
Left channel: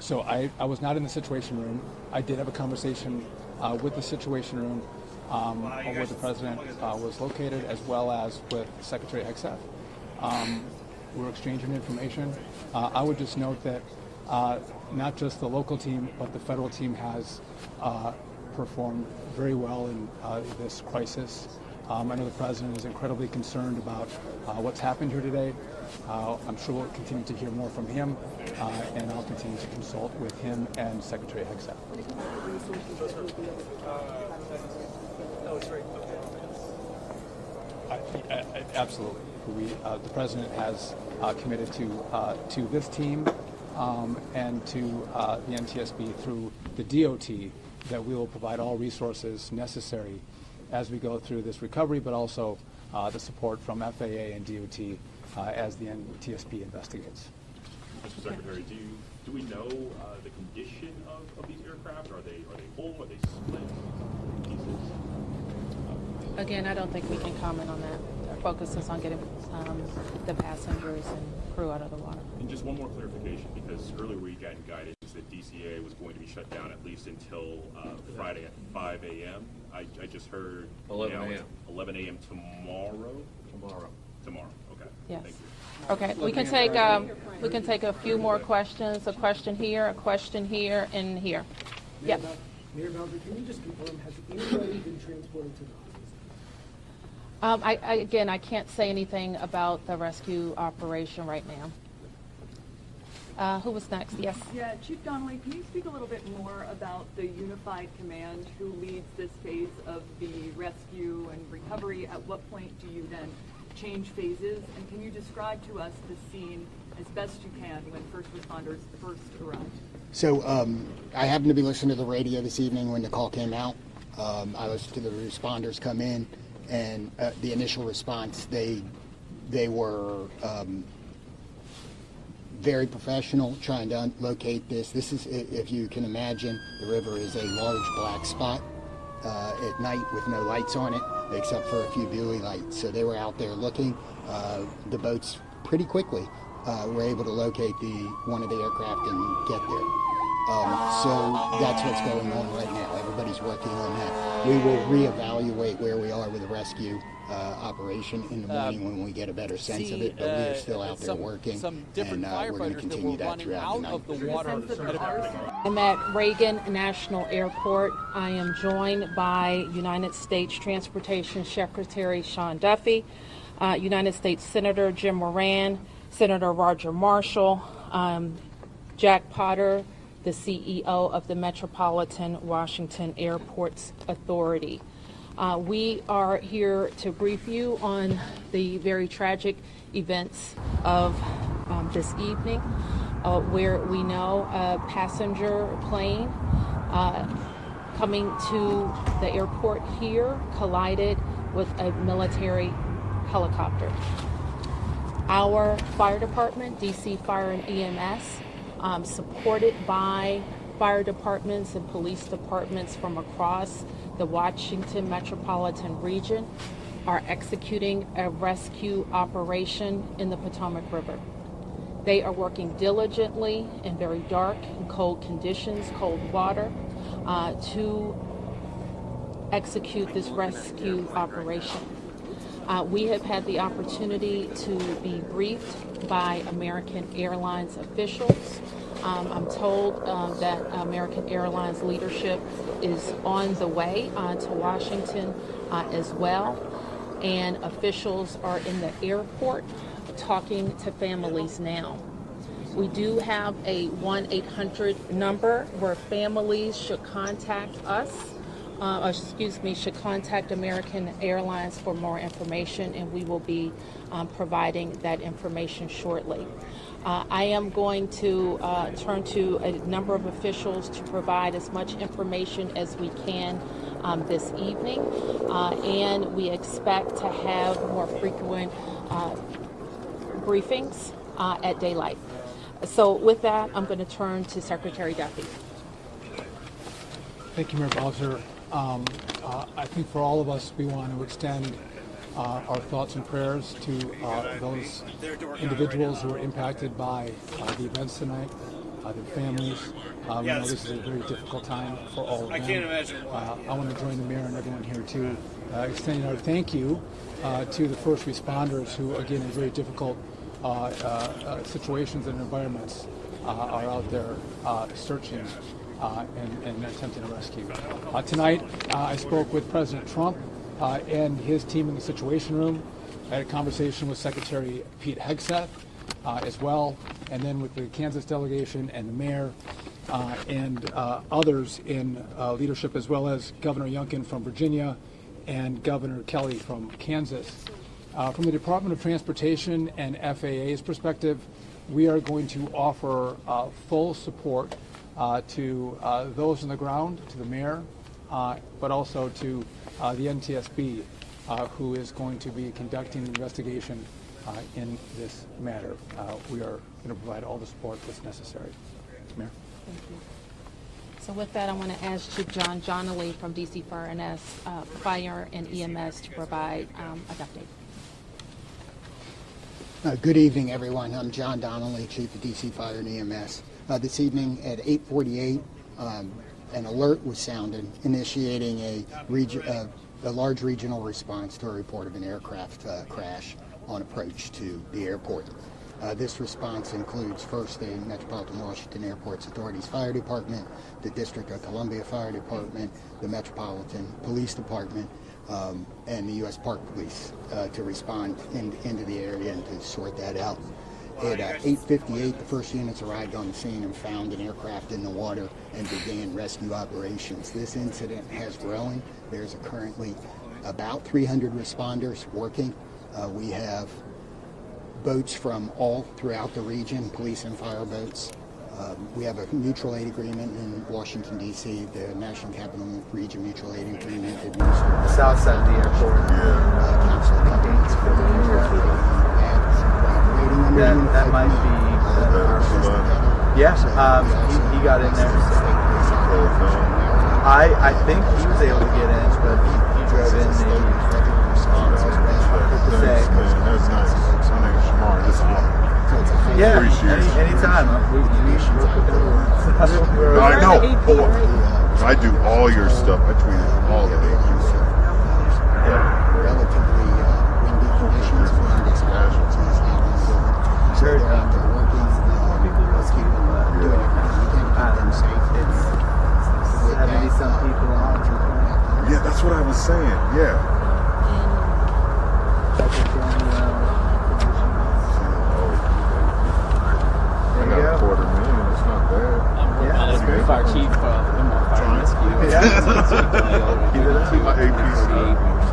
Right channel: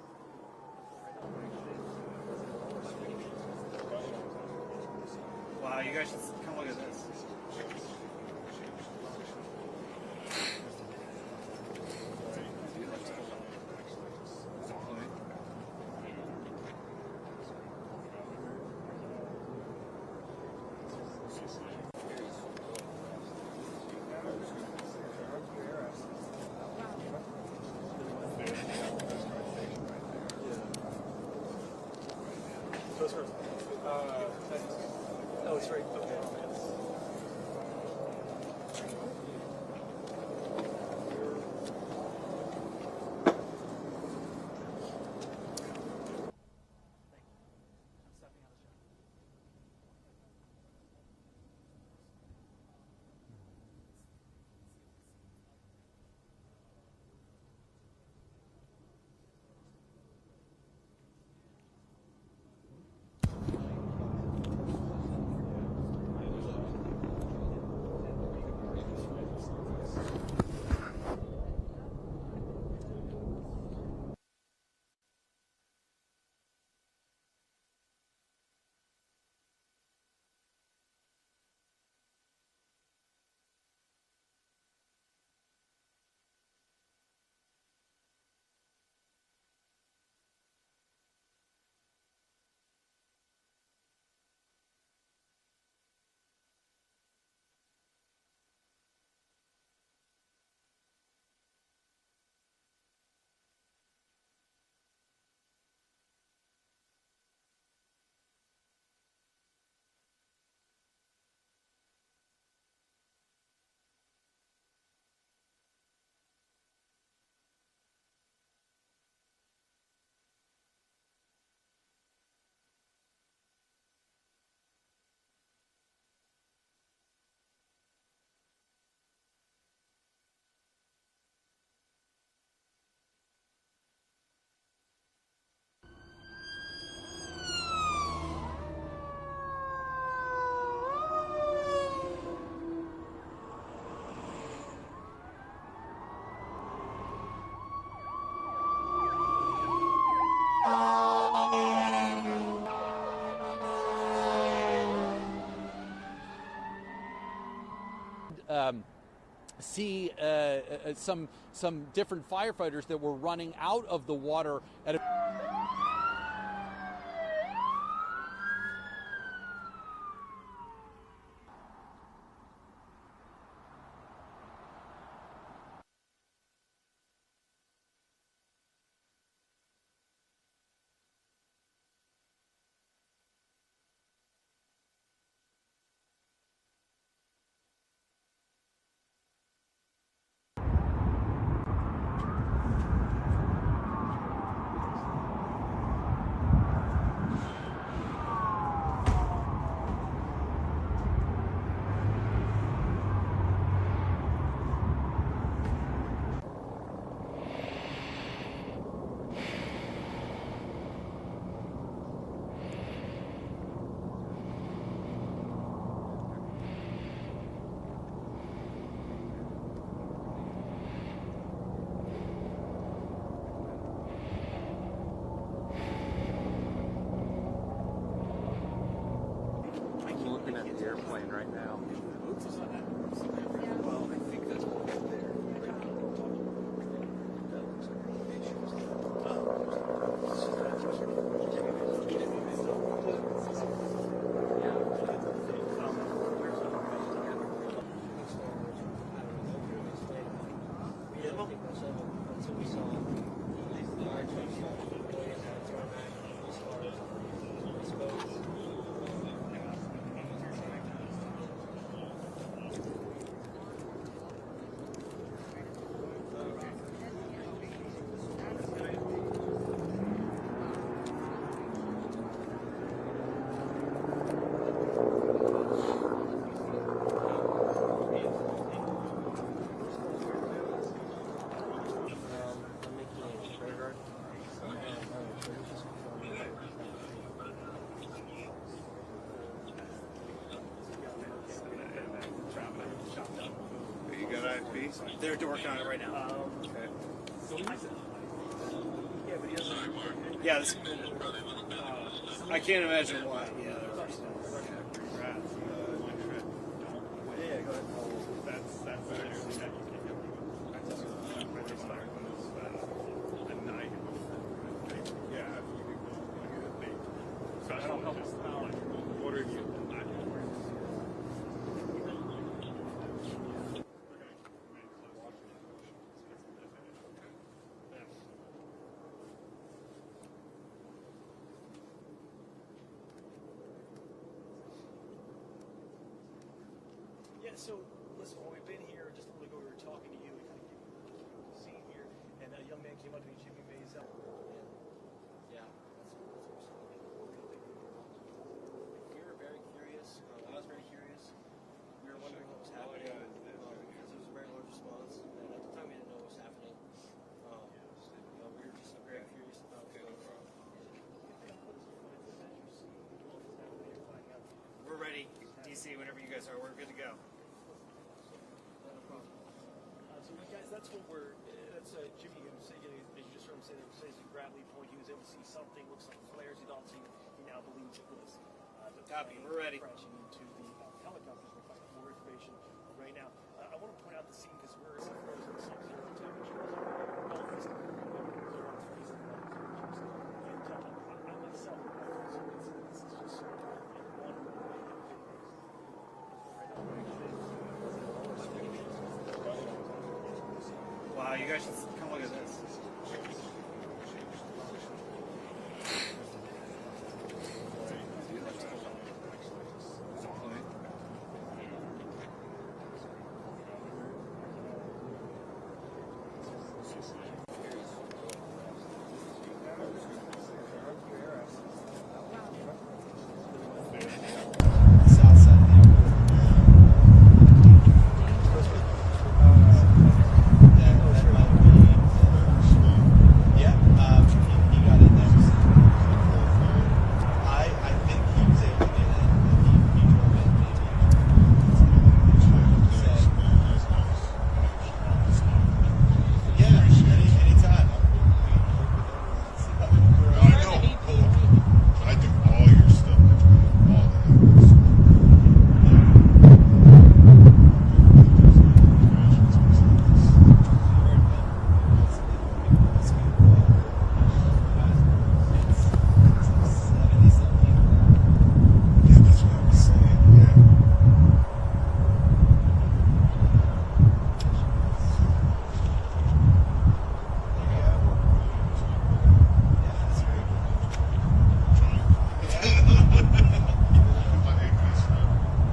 So I was not in the Situation Room. I did have a conversation with the Situation Room where the President was located, as well as with Secretary Hegseth. We're exchanging information. I would just note that not just the local team, but the federal team has performed very well in this crisis. I know the President is incredibly concerned about what's happened here today. I'm sure we'll continue to hear more from him, and we'll continue to consult with him and Secretary Hegseth. Oh, it's right. Okay. Absolutely. The President has committed to this team and to the NTSB through the DOT that we will provide all resources necessary as we go through this recovery, but also the support from FAA and DOT as the NTSB investigates. Mr. Secretary, do we know the condition of these aircraft? Are they whole? Are they Again, I don't think we can comment on that. Our focus is on getting the passengers and crew out of the water. And just one more clarification, because earlier we got guidance that DCA was going to be shut down at least until Friday at 5 a.m. I just heard 11 a.m. 11 a.m. tomorrow. Tomorrow. Okay. Yes. Thank you. Okay. We can take a few more questions. A question here, and here. Yep. Mayor Bowser, can you just confirm, has anybody been transported to the Again, I can't say anything about the rescue operation right now. Who was next? Yes. Yeah, Chief Donnelly, can you speak a little bit more about the unified command who leads this phase of the rescue and recovery? At what point do you then change phases? And can you describe to us the scene as best you can when first responders first arrived? So I happened to be listening to the radio this evening when the call came out. I listened to the responders come in, and the initial response, they were very professional trying to locate this. This is, if you can imagine, the river is a large black spot at night with no lights on it, except for a few buoy lights. So they were out there looking. The boats pretty quickly were able to locate one of the aircraft and get there. So that's what's going on right now. Everybody's working on that. We will reevaluate where we are with the rescue operation in the morning when we get a better sense of it. But we're still out there working. Some different firefighters that were running out of the water. I'm at Reagan National Airport. I am joined by United States Transportation Secretary Sean Duffy, United States Senator Jim Moran, Senator Roger Marshall, Jack Potter, the CEO of the Metropolitan Washington Airports Authority. We are here to brief you on the very tragic events of this evening, where we know a passenger plane coming to the airport here collided with a military helicopter. Our fire department, DC Fire and EMS, supported by fire departments and police departments from across the Washington metropolitan region, are executing a rescue operation in the Potomac River. They are working diligently in very dark and cold conditions, cold water, to execute this rescue operation. We have had the opportunity to be briefed by American Airlines officials. I'm told that American Airlines leadership is on the way to Washington as well, and officials are in the airport talking to families now. We do have a 1-800 number where families should contact us. Should contact American Airlines for more information, and we will be providing that information shortly. I am going to turn to a number of officials to provide as much information as we can this evening, and we expect to have more frequent briefings at daylight. So with that, I'm going to turn to Secretary Duffy. Thank you, Mayor Bowser. I think for all of us, we want to extend our thoughts and prayers to those individuals who were impacted by the events tonight, the families. We know this is a very difficult time for all of them. I can't imagine why. I want to join the mayor and everyone here to extend our thank you to the first responders who, again, in very difficult situations and environments are out there searching and attempting to rescue. Tonight, I spoke with President Trump and his team in the Situation Room. I had a conversation with Secretary Pete Hegseth as well, and then with the Kansas delegation and the mayor and others in leadership, as well as Governor Youngkin from Virginia and Governor Kelly from Kansas. From the Department of Transportation and FAA's perspective, we are going to offer full support to those on the ground, to the mayor, but also to the NTSB, who is going to be conducting an investigation in this matter. We are going to provide all the support that's necessary. Mayor. So with that, I want to ask Chief John Donnelly from DC Fire and EMS to provide an update. Good evening, everyone. I'm John Donnelly, Chief of DC Fire and EMS. This evening at 8:48, an alert was sounded, initiating a large regional response to a report of an aircraft crash on approach to the airport. This response includes first the Metropolitan Washington Airport's Authorities Fire Department, the District of Columbia Fire Department, the Metropolitan Police Department, and the U.S. Park Police to respond into the area and to sort that out. At 8:58, the first units arrived on the scene and found an aircraft in the water and began rescue operations. This incident has grown. There's currently about 300 responders working. We have boats from all throughout the region, police and fire boats. We have a mutual aid agreement in Washington, D.C., the National Capital Region Mutual Aid Agreement. South side of the airport. That might be our system. Yes, he got in there. I think he was able to get in, but he drove in maybe. Yeah, anytime. I know. I do all your stuff. I tweet all the babies. Sure. Let's keep doing patterns. It's 70-some people on. Yeah, that's what I was saying. Yeah. Fire chief, fire rescue. My APC.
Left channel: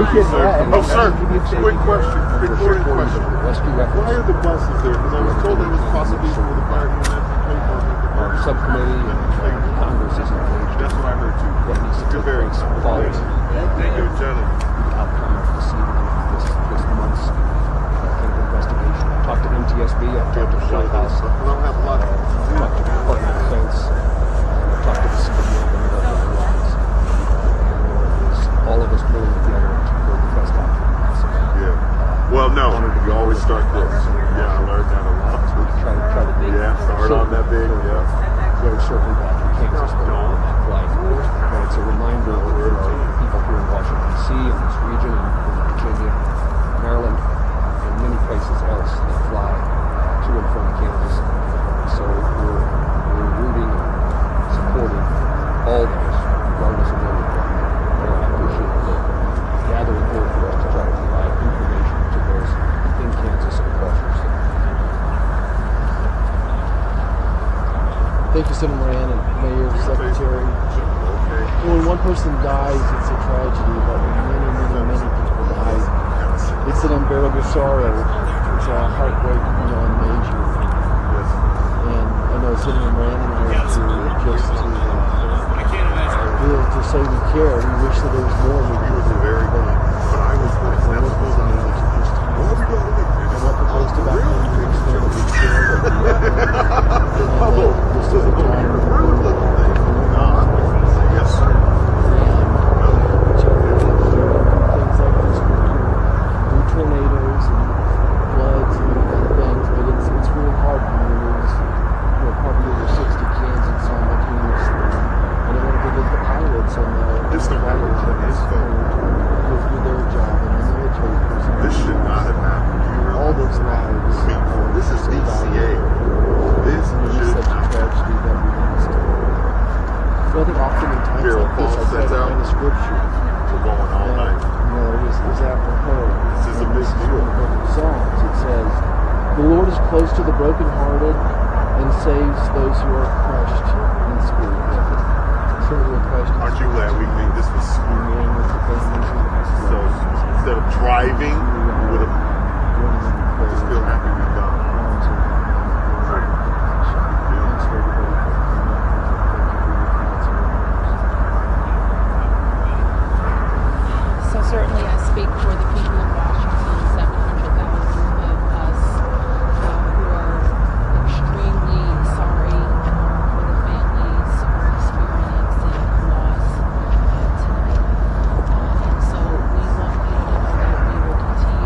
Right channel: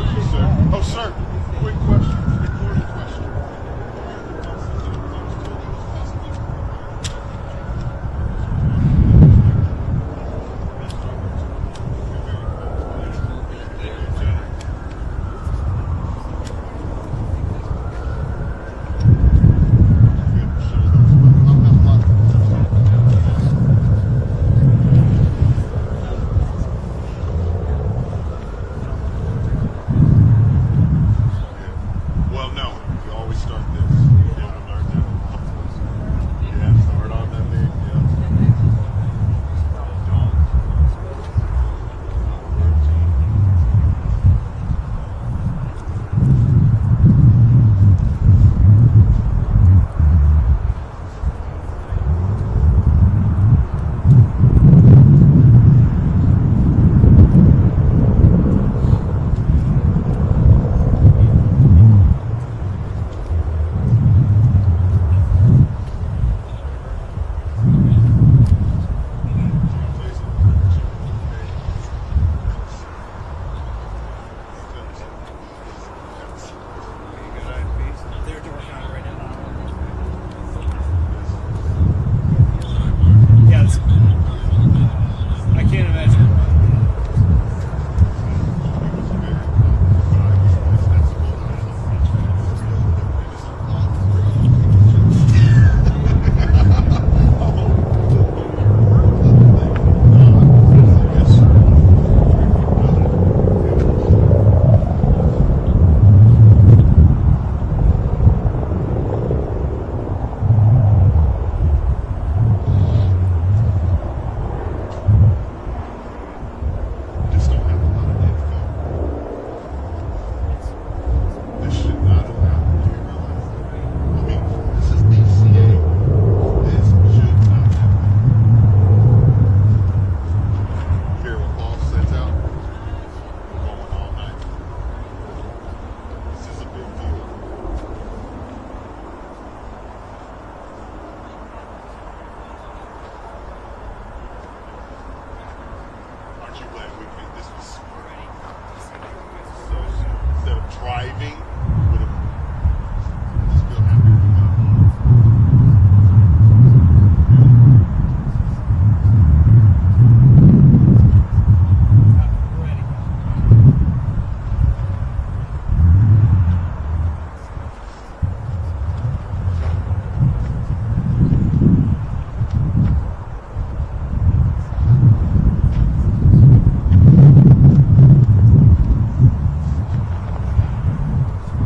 Oh, sir, quick question, recording question. Why are the buses there? Because I was told it was possibly for the fire unit. Subcommittee Congress is engaged. That's what I heard too. You're very quality. Thank you, Jenny. Talk to NTSB. I've talked to Shell House. I don't have much. All of us will Yeah. Well, no, you always start this. Yeah, I learned that a lot. Yeah, start on that big. Yeah. Very shortly that takes us to it's a reminder of people here in Washington, D.C. and this region, Virginia, Maryland, and many places else that fly to and from campus. So we're rooting and supporting all of us, regardless of what our membership gather reporting to try to provide to those within Kansas and partners. Thank you, Senator Moran and Mayor, Secretary. When one person dies, it's a tragedy, but many people die. It's an unbearable sorrow. It's a heartbreak beyond measure. And I know Senator Moran just I can't imagine. to say we care. We wish that there was more. He was a very good, but I was sensible to me. What are we going to do? Yes, sir. Tornadoes, floods, and other things, but it's really hard to lose. Probably over 60 kids and simultaneously. And I want to give the pilots on This don't happen to this though. their job in the military. This should not have happened. All those lives. I mean, this is DCA. This should not have happened. Well, I think oftentimes Carol like Paul this, I sets read out. the scripture. We're going all night. Is that one part? This is a big deal. Psalms, it says, "The Lord is close to the brokenhearted and saves those who are crushed in spirit." Aren't you glad we made this was so instead of driving, we would have still happy we done. So certainly I speak for the people of Washington, 700,000 of us who are extremely sorry for the families who are experiencing loss tonight. And so we want you to know that we will continue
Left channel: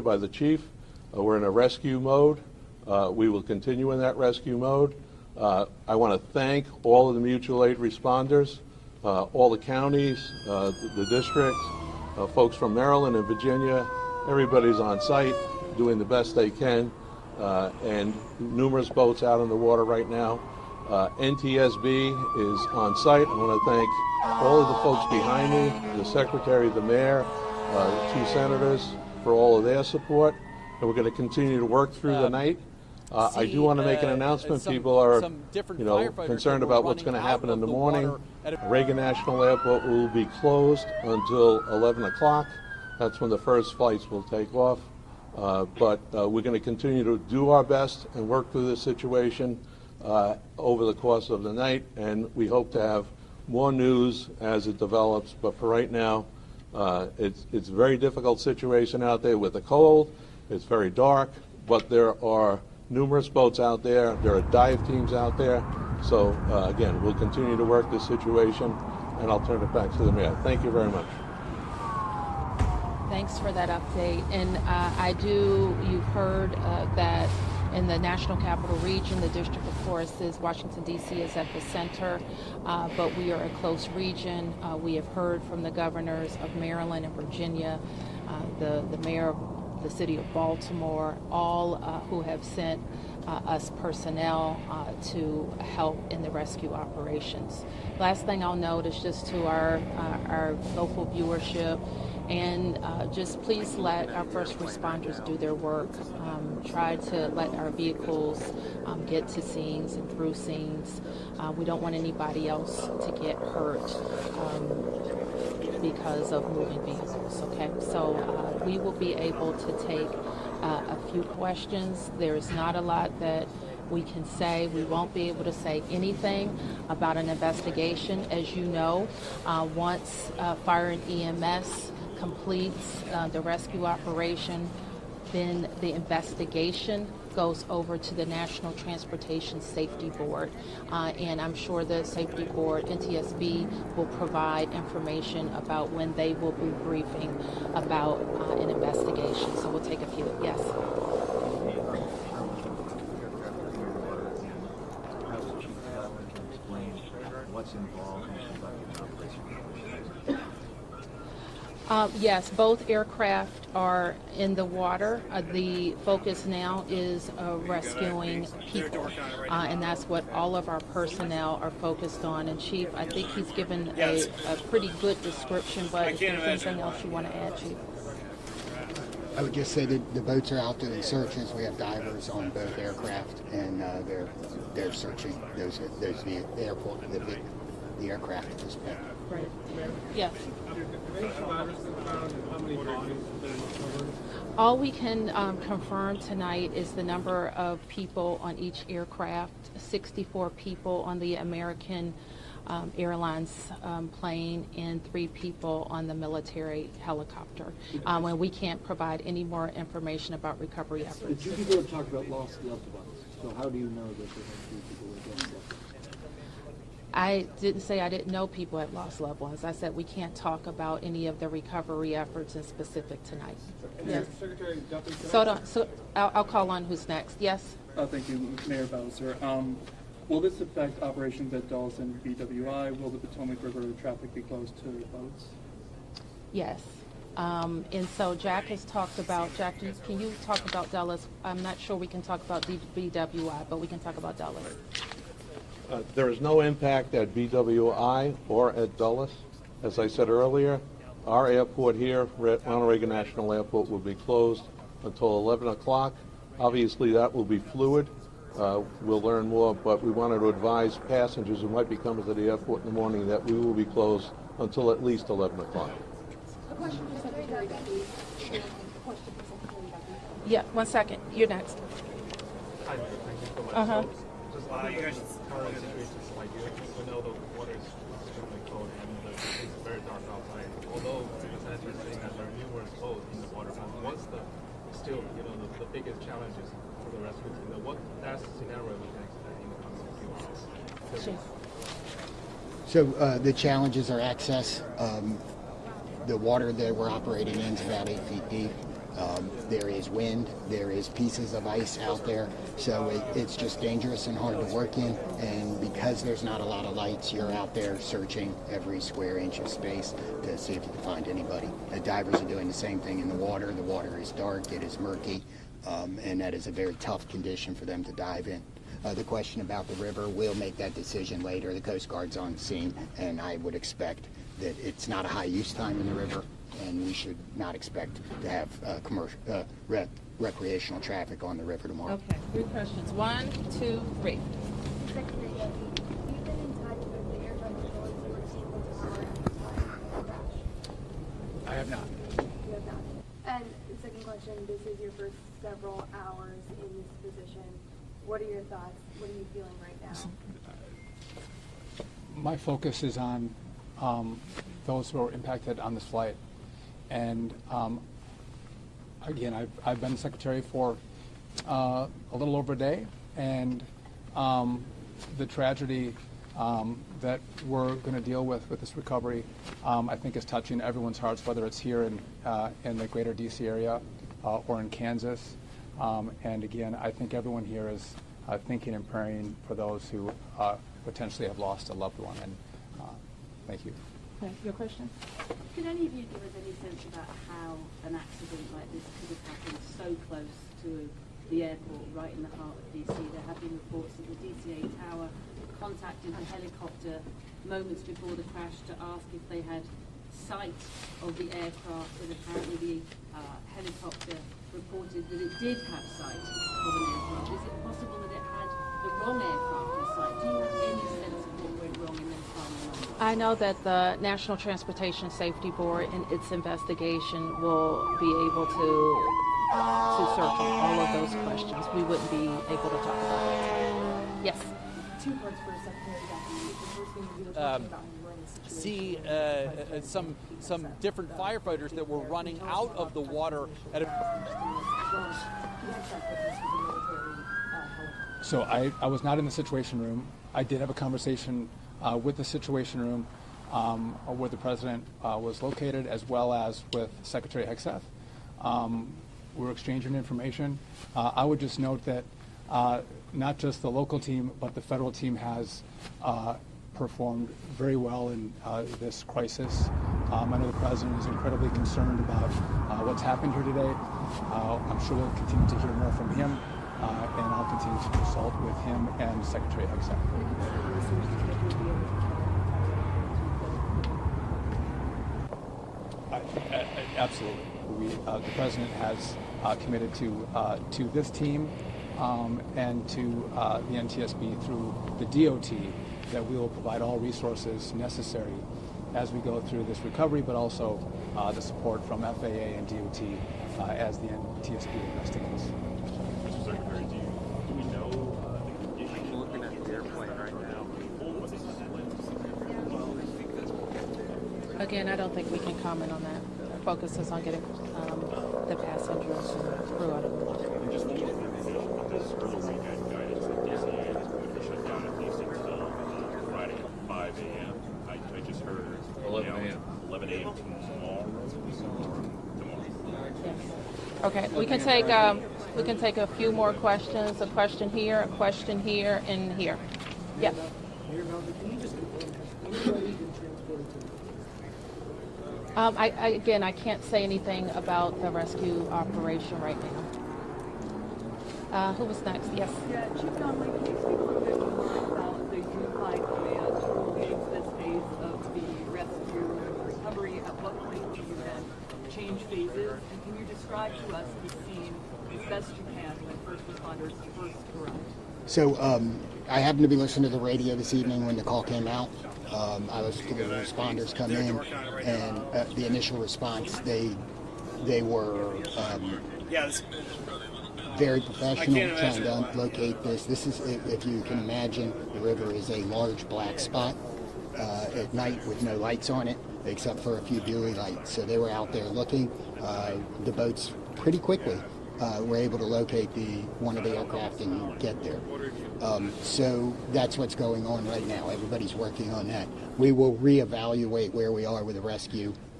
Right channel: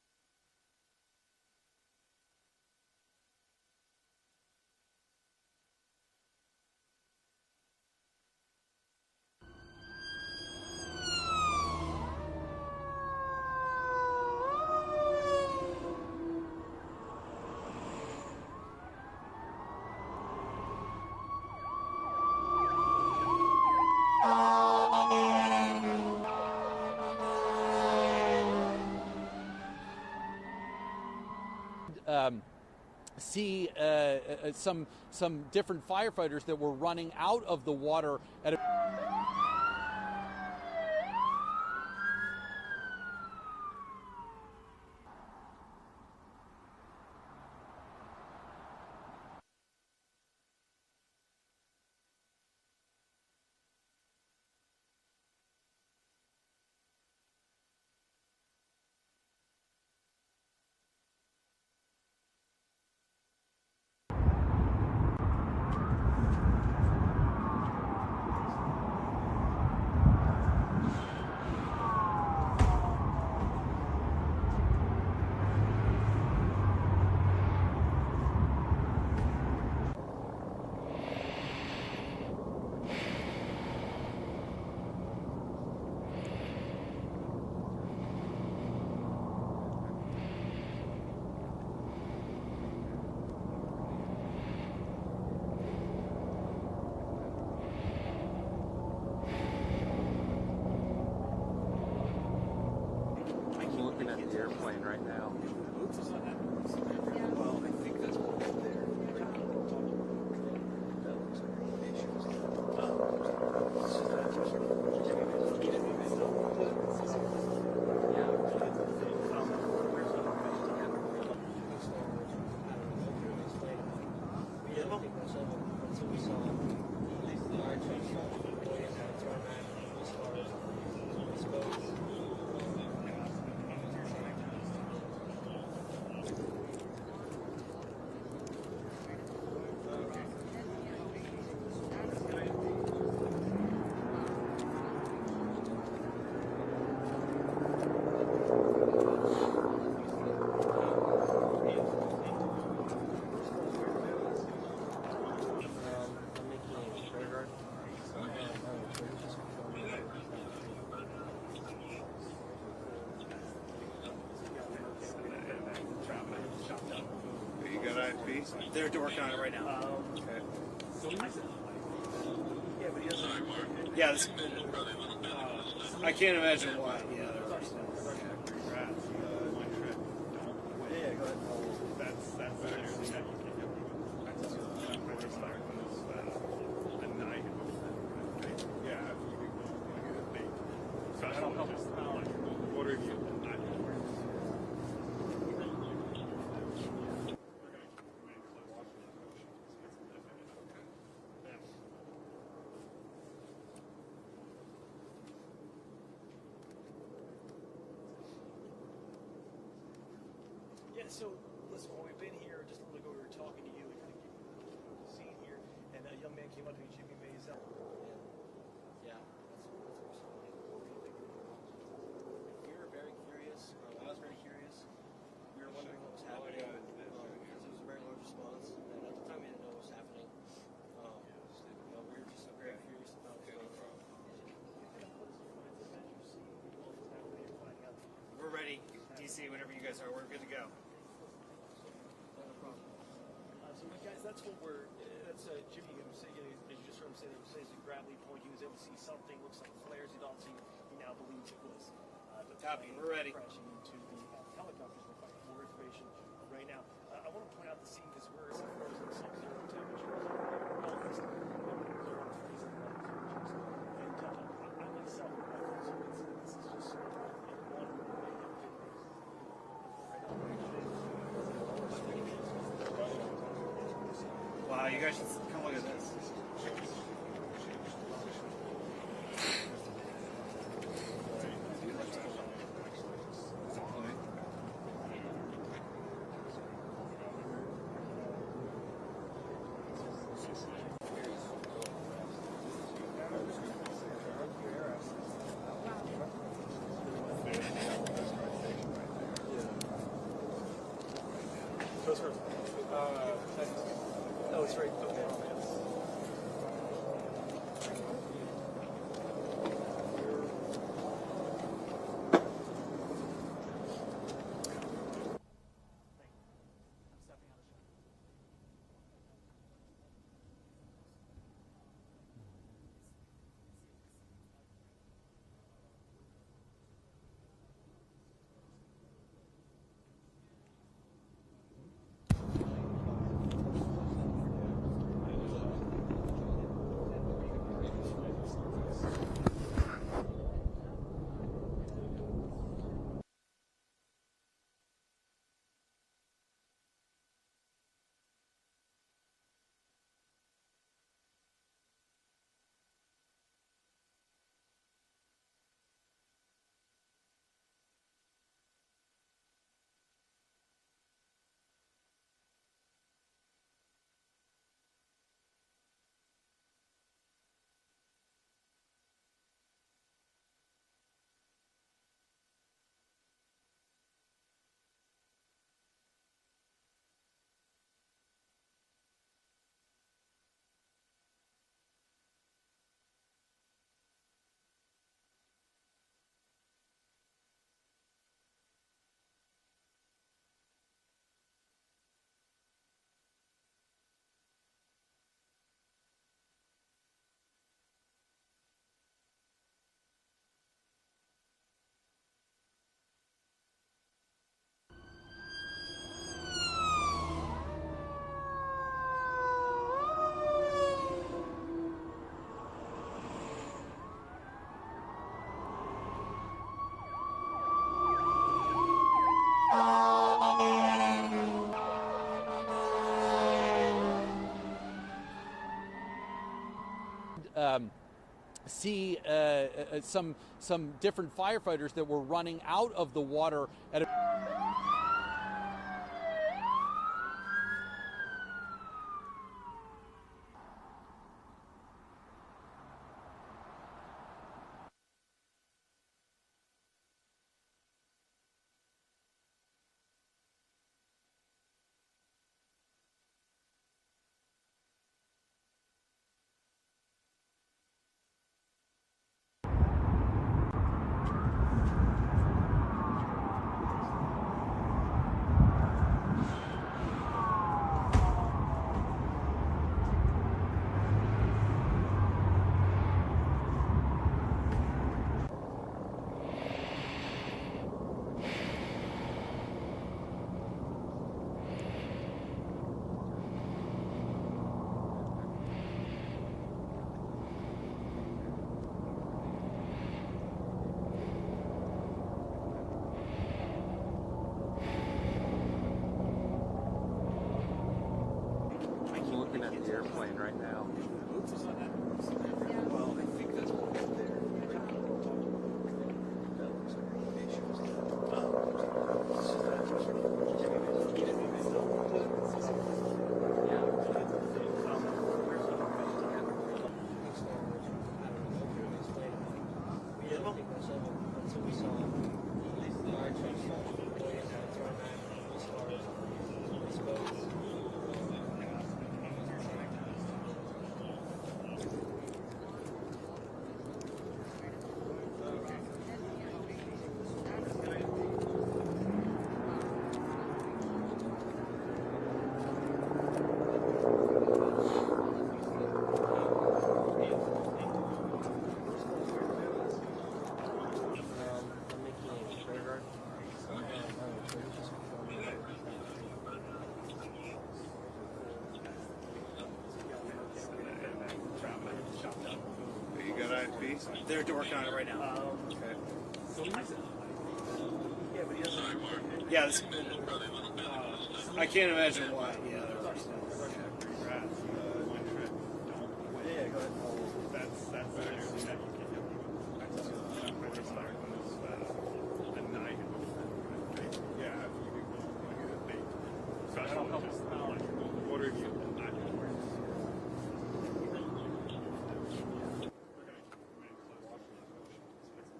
earlier by the chief, we're in a rescue mode. We will continue in that rescue mode. I want to thank all of the mutual aid responders, all the counties, the district, folks from Maryland and Virginia. Everybody's on site doing the best they can, and numerous boats out in the water right now. NTSB is on site. I want to thank all of the folks behind me, the secretary, the mayor, the two senators for all of their support. And we're going to continue to work through the night. I do want to make an announcement. People are concerned about what's going to happen in the morning. Reagan National Airport will be closed until 11 o'clock. That's when the first flights will take off. But we're going to continue to do our best and work through this situation over the course of the night, and we hope to have more news as it develops. But for right now, it's a very difficult situation out there with the cold. It's very dark, but there are numerous boats out there. There are dive teams out there. So again, we'll continue to work this situation, and I'll turn it back to the mayor. Thank you very much. Thanks for that update. And you've heard that in the National Capital Region, the District of Course is Washington, D.C. is at the center, but we are a close region. We have heard from the governors of Maryland and Virginia, the mayor of the city of Baltimore, all who have sent us personnel to help in the rescue operations. Last thing I'll note is just to our local viewership, and just please let our first responders do their work. Try to let our vehicles get to scenes and through scenes. We don't want anybody else to get hurt because of moving vehicles. Okay, so we will be able to take a few questions. There's not a lot that we can say. We won't be able to say anything about an investigation. As you know, once fire and EMS completes the rescue operation, then the investigation goes over to the National Transportation Safety Board. And I'm sure the Safety Board, NTSB, will provide information about when they will be briefing about an investigation. So we'll take a few. Yes. Yes, both aircraft are in the water. The focus now is rescuing people, and that's what all of our personnel are focused on. And Chief, I think he's given a pretty good description, but I can't imagine why. You want to add to. I would just say that the boats are out doing searches. We have divers on both aircraft, and they're searching the airport with the aircraft at this point. Yes. All we can confirm tonight is the number of people on each aircraft, 64 people on the American Airlines plane and 3 people on the military helicopter. And we can't provide any more information about recovery efforts. Did you begin to talk about lost loved ones? So how do you know that? I didn't say I didn't know people had lost loved ones. I said we can't talk about any of the recovery efforts in specific tonight. Yes. So I'll call on who's next. Yes. Thank you, Mayor Bowser. Will this affect operations at Dulles and BWI? Will the Potomac River traffic be closed to boats? Yes. And so Jack has talked about, Jack, can you talk about Dulles? I'm not sure we can talk about BWI, but we can talk about Dulles. There is no impact at BWI or at Dulles. As I said earlier, our airport here, Ronald Reagan National Airport, will be closed until 11 o'clock. Obviously, that will be fluid. We'll learn more, but we wanted to advise passengers who might be coming to the airport in the morning that we will be closed until at least 11 o'clock. Yeah, 1 second. You're next. Uh-huh. Wow, you guys should come look at this. So the challenges are access. The water that we're operating in is about 8 feet deep. There wind, there is pieces of ice out there, so it's just dangerous and hard to work in, and because there's not a lot of lights, you're out there searching every square inch of space to see if you can find anybody. The divers are doing the same thing in the water. The water is dark, it is murky, and that is a very tough condition for them to dive in. The question about the river, we'll make that decision later. The Coast Guard's on scene, and I would expect that it's not a high use time in the river, and we should not expect to have recreational traffic on the river tomorrow. Okay, good questions. 1, 2, 3. I have not. And the second question, this is your first several hours in this position. What are your thoughts? What are you feeling right now? My focus is on those who are impacted on this flight. And again, I've been secretary for a little over a day, and the tragedy that we're going to deal with this recovery, I think is touching everyone's hearts, whether it's here in the greater DC area or in Kansas. And again, I think everyone here is thinking and praying for those who potentially have lost a loved one. And thank you. Okay, your question? Can any of you give us any sense about how an accident like this could have happened so close to the airport, right in the heart of DC? There have been reports that the DCA tower contacted the helicopter moments before the crash to ask if they had sight of the aircraft, and apparently the helicopter reported that it did have sight of the aircraft. Is it possible that it had the wrong aircraft in sight? Do you have any sense of what went wrong in that time? I know that the National Transportation Safety Board in its investigation will be able to circle all of those questions. We wouldn't be able to talk about it. Yes. See some different firefighters that were running out of the water at So I was not in the Situation Room. I did have a conversation with the Situation Room where the president was located, as well as with Secretary Hegseth. We're exchanging information. I would just note that not just the local team, but the federal team has performed very well in this crisis. I know the president is incredibly concerned about what's happened here today. I'm sure we'll continue to hear more from him, and I'll continue to consult with him and Secretary Hegseth. Absolutely. The president has committed to this team and to the NTSB through the DOT that we will provide all resources necessary as we go through this recovery, but also the support from FAA and DOT as the NTSB investigates. I'm looking at the airplane right now. Again, I don't think we can comment on that. Focus is on getting the passengers through. Okay, we can take a few more questions. A question here, and here. Yes. Again, I can't say anything about the rescue operation right now. Who was next? Yes. So I happened to be listening to the radio this evening when the call came out. I was the responders come in, and the initial response, they were very professional trying to locate this. This is, if you can imagine, the river is a large black spot at night with no lights on it, except for a few buoy lights. So they were out there looking. The boats pretty quickly were able to locate one of the aircraft and get there. So that's what's going on right now. Everybody's working on that. We will reevaluate where we are with the rescue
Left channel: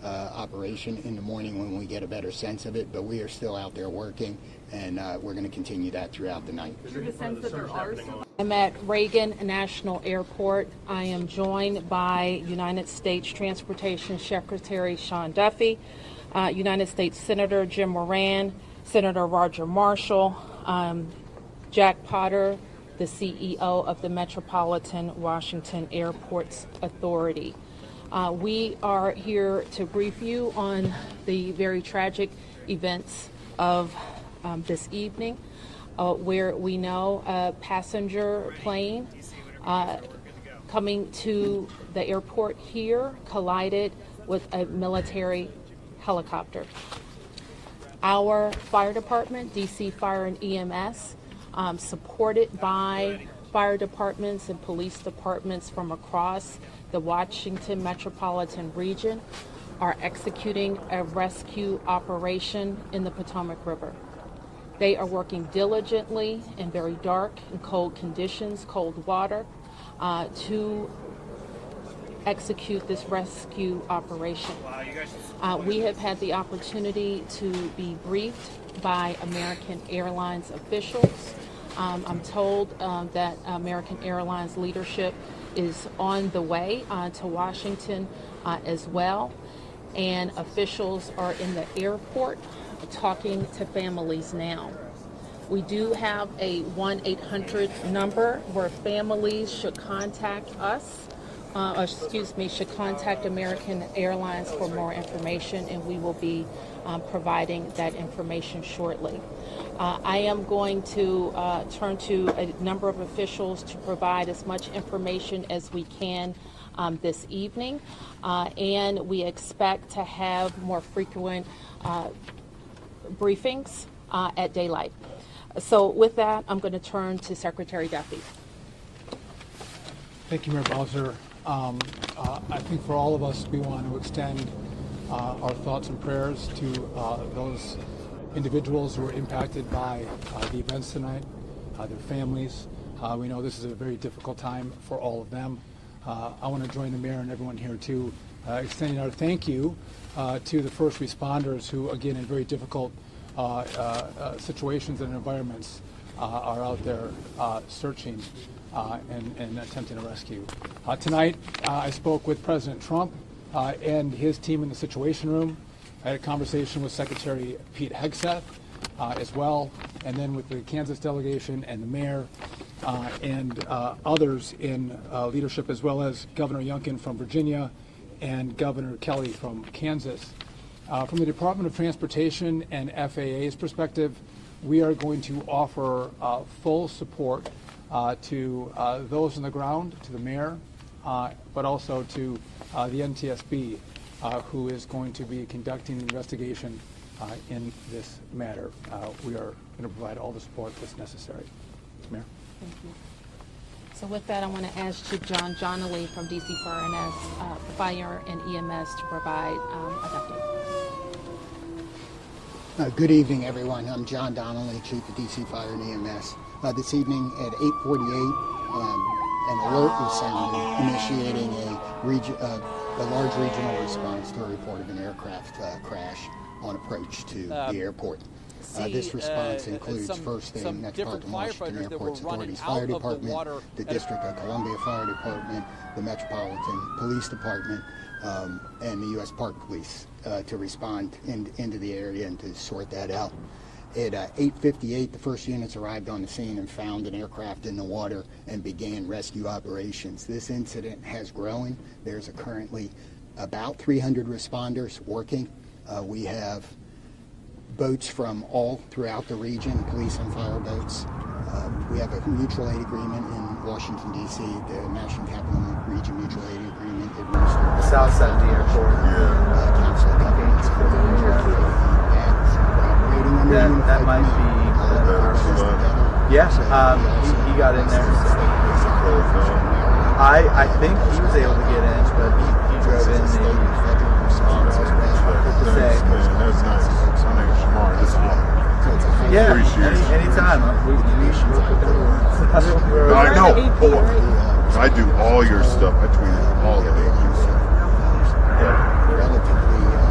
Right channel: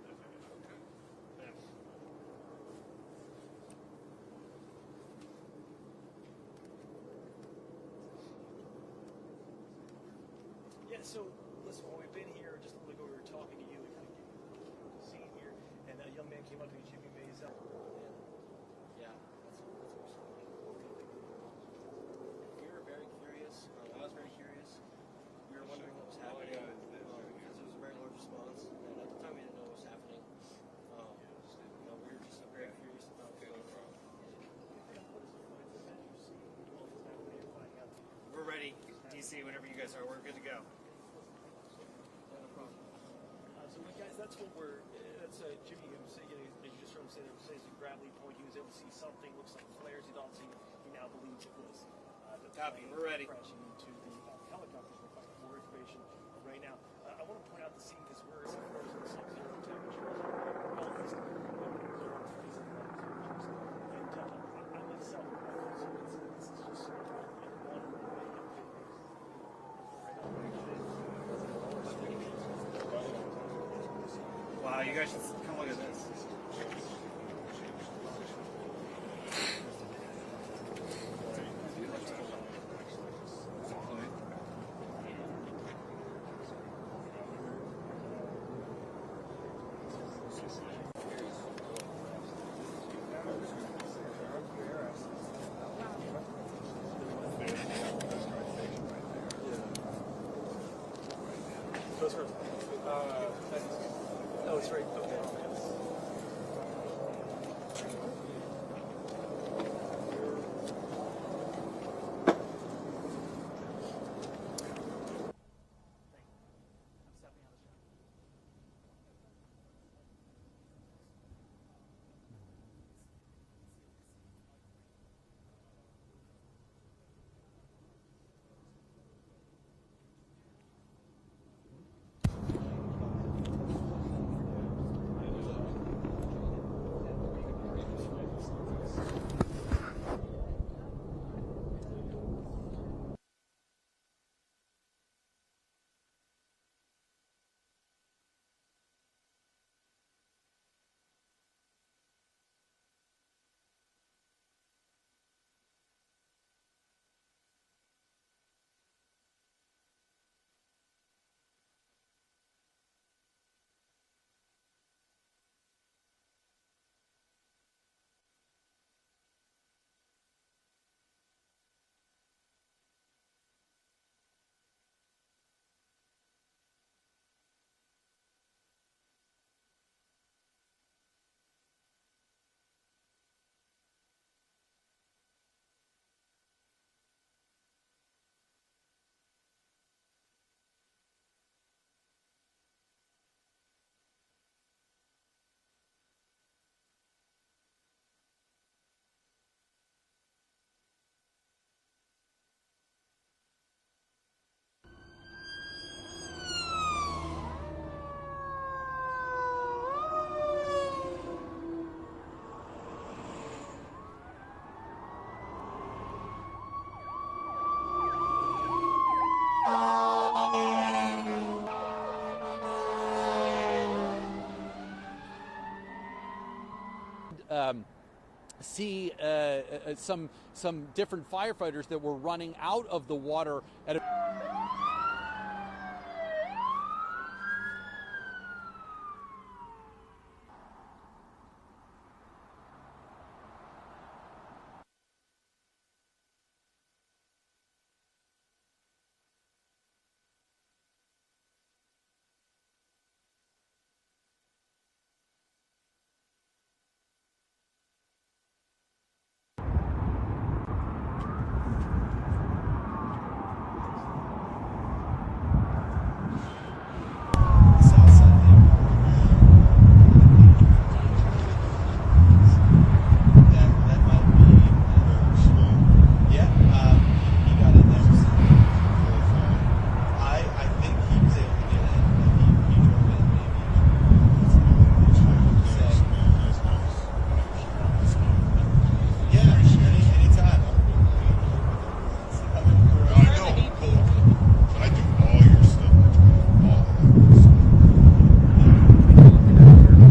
operation in the morning when we get a better sense of it, but we are still out there working, and we're going to continue that throughout the night. Do you have a sense that there are still... I'm at Reagan National Airport. I am joined by United States Transportation Secretary Sean Duffy, United States Senator Jim Moran, Senator Roger Marshall, Jack Potter, the CEO of the Metropolitan Washington Airports Authority. We are here to brief you on the very tragic events of this evening, where we know a passenger plane coming to the airport here collided with a military helicopter. Our fire department, DC Fire and EMS, supported by fire departments and police departments from across the Washington metropolitan region, are executing a rescue operation in the Potomac River. They are working diligently in very dark and cold conditions, cold water, to execute this rescue operation. We have had the opportunity to be briefed by American Airlines officials. I'm told that American Airlines leadership is on the way to Washington as well, and officials are in the airport talking to families now. We do have a 1-800 number where families should contact us, should contact American Airlines for more information, and we will be providing that information shortly. I am going to turn to a number of officials to provide as much information as we can this evening, and we expect to have more frequent briefings at daylight. So with that, I'm going to turn to Secretary Duffy. Thank you, Mayor Bowser. I think for all of us, we want to extend our thoughts and prayers to those individuals who were impacted by the events tonight, their families. We know this is a very difficult time for all of them. I want to join the mayor and everyone here too, extending our thank you to the first responders who, again, in very difficult situations and environments, are out there searching and attempting to rescue. Tonight, I spoke with President Trump and his team in the Situation Room. I had a conversation with Secretary Pete Hegseth as well, and then with the Kansas delegation and the mayor and others in leadership, as well as Governor Youngkin from Virginia and Governor Kelly from Kansas. From the Department of Transportation and FAA's perspective, we are going to offer full support to those on the ground, to the mayor, but also to the NTSB, who is going to be conducting the investigation in this matter. We are going to provide all the support that's necessary. Mayor. Thank you. So with that, I want to ask Chief John Donnelly from DC Fire and EMS to provide a update. Good evening, everyone. I'm John Donnelly, Chief of DC Fire and EMS. This evening at 8:48, an alert was initiating a large regional response to a report of an aircraft crash on approach to the airport. This response includes some different firefighters that were running out of the water. The District of Columbia Fire Department, the Metropolitan Police Department, and the U.S. Park Police to respond into the area and to sort that out. At 8:58, the first units arrived on the scene and found an aircraft in the water and began rescue operations. This incident has grown. There's currently about 300 responders working. We have boats from all throughout the region, police and fire boats. We have a mutual aid agreement in Washington, D.C., the National Capital Region Mutual Aid Agreement. The south side of the airport. That might be. Yes, he got in there. I think he was able to get in, but he drove in. That's nice. Yeah, anytime. I know. I do all your stuff. I tweet all the papers.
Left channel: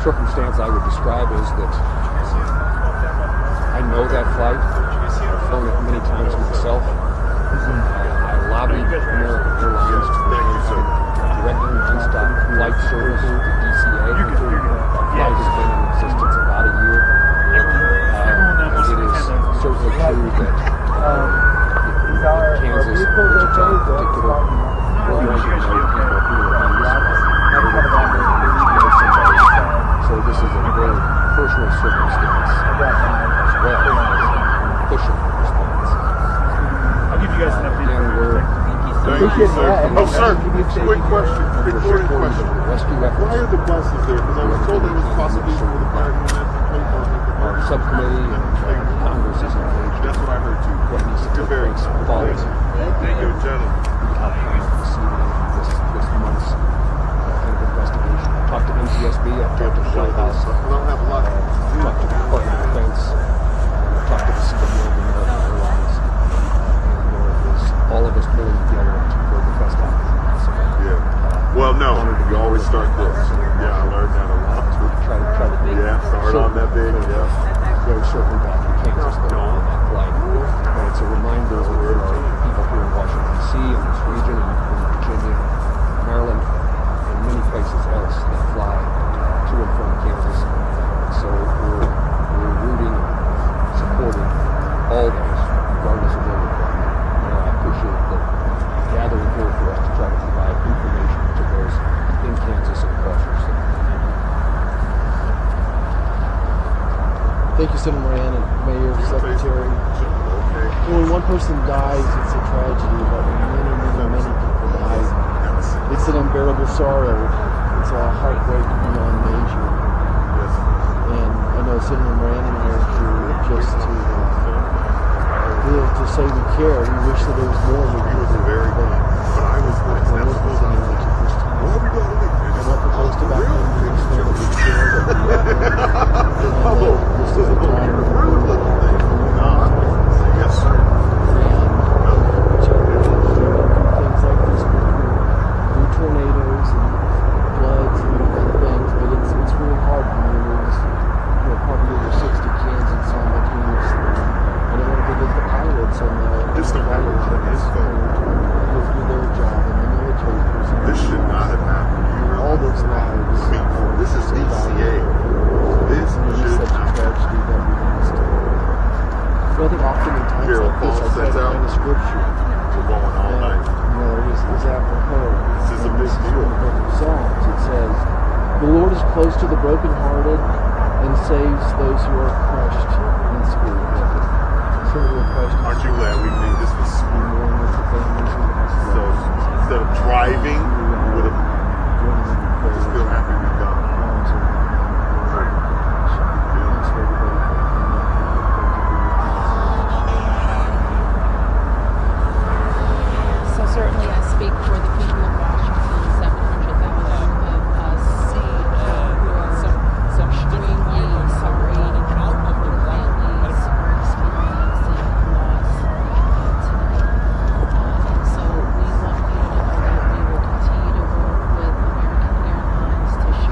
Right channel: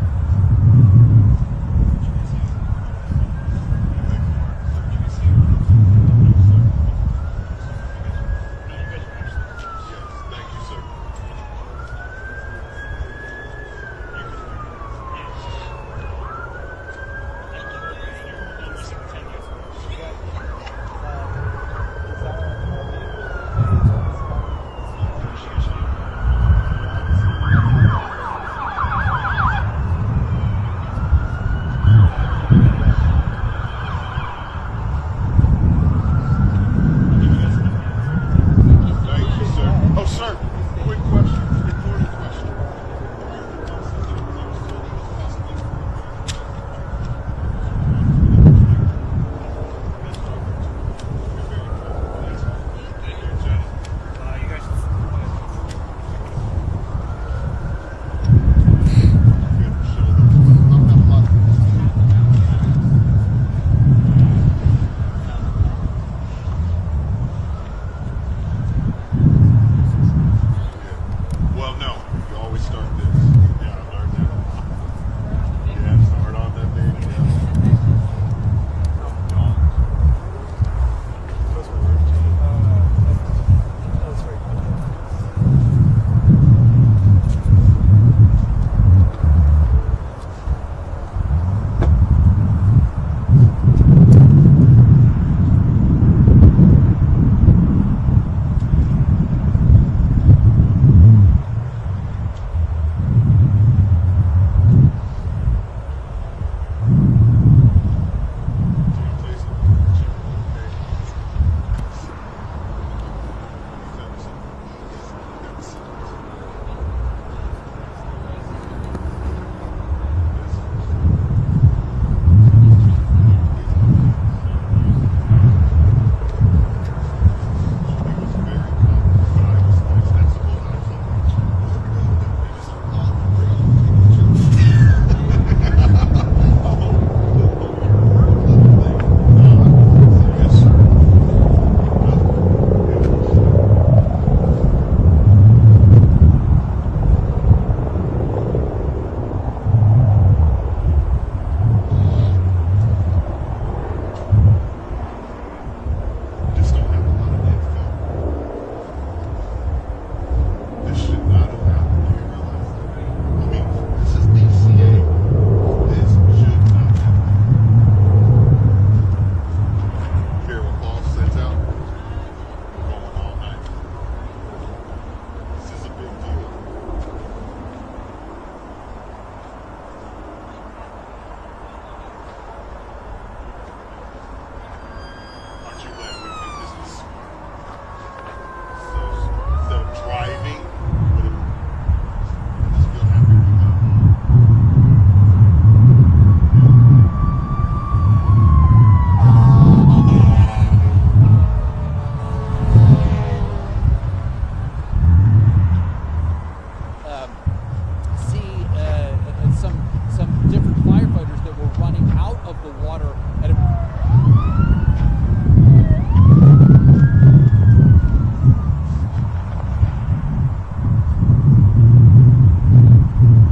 circumstance I would describe is that I know that flight. I've flown it many times myself. I lobbied American Airlines to directly nonstop flight service to DCA. The flight has been in existence about a year. It is certainly true that Kansas, in particular, so this is a very personal circumstance as well as pushing response. I'll give you guys an update. Thank you, sir. Oh, sir, quick question, recorded question. Why are the buses there? Because I was told it was possibly for the fire unit. Subcommittee Congress is engaged. That's what I heard too. You're very quality. Thank you, gentlemen. Talk to NTSB up there for Shell House. We don't have a lot. Talk to the Department of Defense. Talk to the State American Airlines. All of us pulling together to bring the best options. Yeah. Well, no, you always start this. Yeah, I learned that a lot. Try to do yeah, start on that big. Yeah. Go circle back to Kansas. Flight. And it's a reminder of here in Washington, D.C., and this region, and Virginia, Maryland, and many places else that fly to and from Kansas. So we're rooting, supporting all of us, regardless of what we do. I appreciate the gathering here for us to try to provide to those in Kansas and across our state. Thank you, Senator Moran and Mayor, Secretary. When one person dies, it's a tragedy, but many people die. It's an unbearable sorrow. It's a heartbreak beyond measure. And I know Senator Moran and Mayor just to live to say we care. We wish that there was more we could do. Very good. But I was like, that's what I'm doing. What are we going to do? Yes, sir. Tornadoes and floods and other things, but it's really hard for me. Park River 60 Kansas on the commute. And I want to give the pilots on the Just don't have a lot of info. their job and the military. This should not have happened. You realize all those lives. I mean, this is DCA. This should not have happened. Rather often in times Carol like Paul this, sets I out. find the scripture. We're going all night. Is apropos. This is a big deal. Psalms, it says, "The Lord is close to the brokenhearted and saves those who are crushed in spirit." Aren't you glad we made this this So instead of driving, we would have still happy we got So certainly I speak for the people of Washington, 700,000 of us. See some different firefighters that were running out of the water at a So we want you to know that we will continue to work with American Airlines to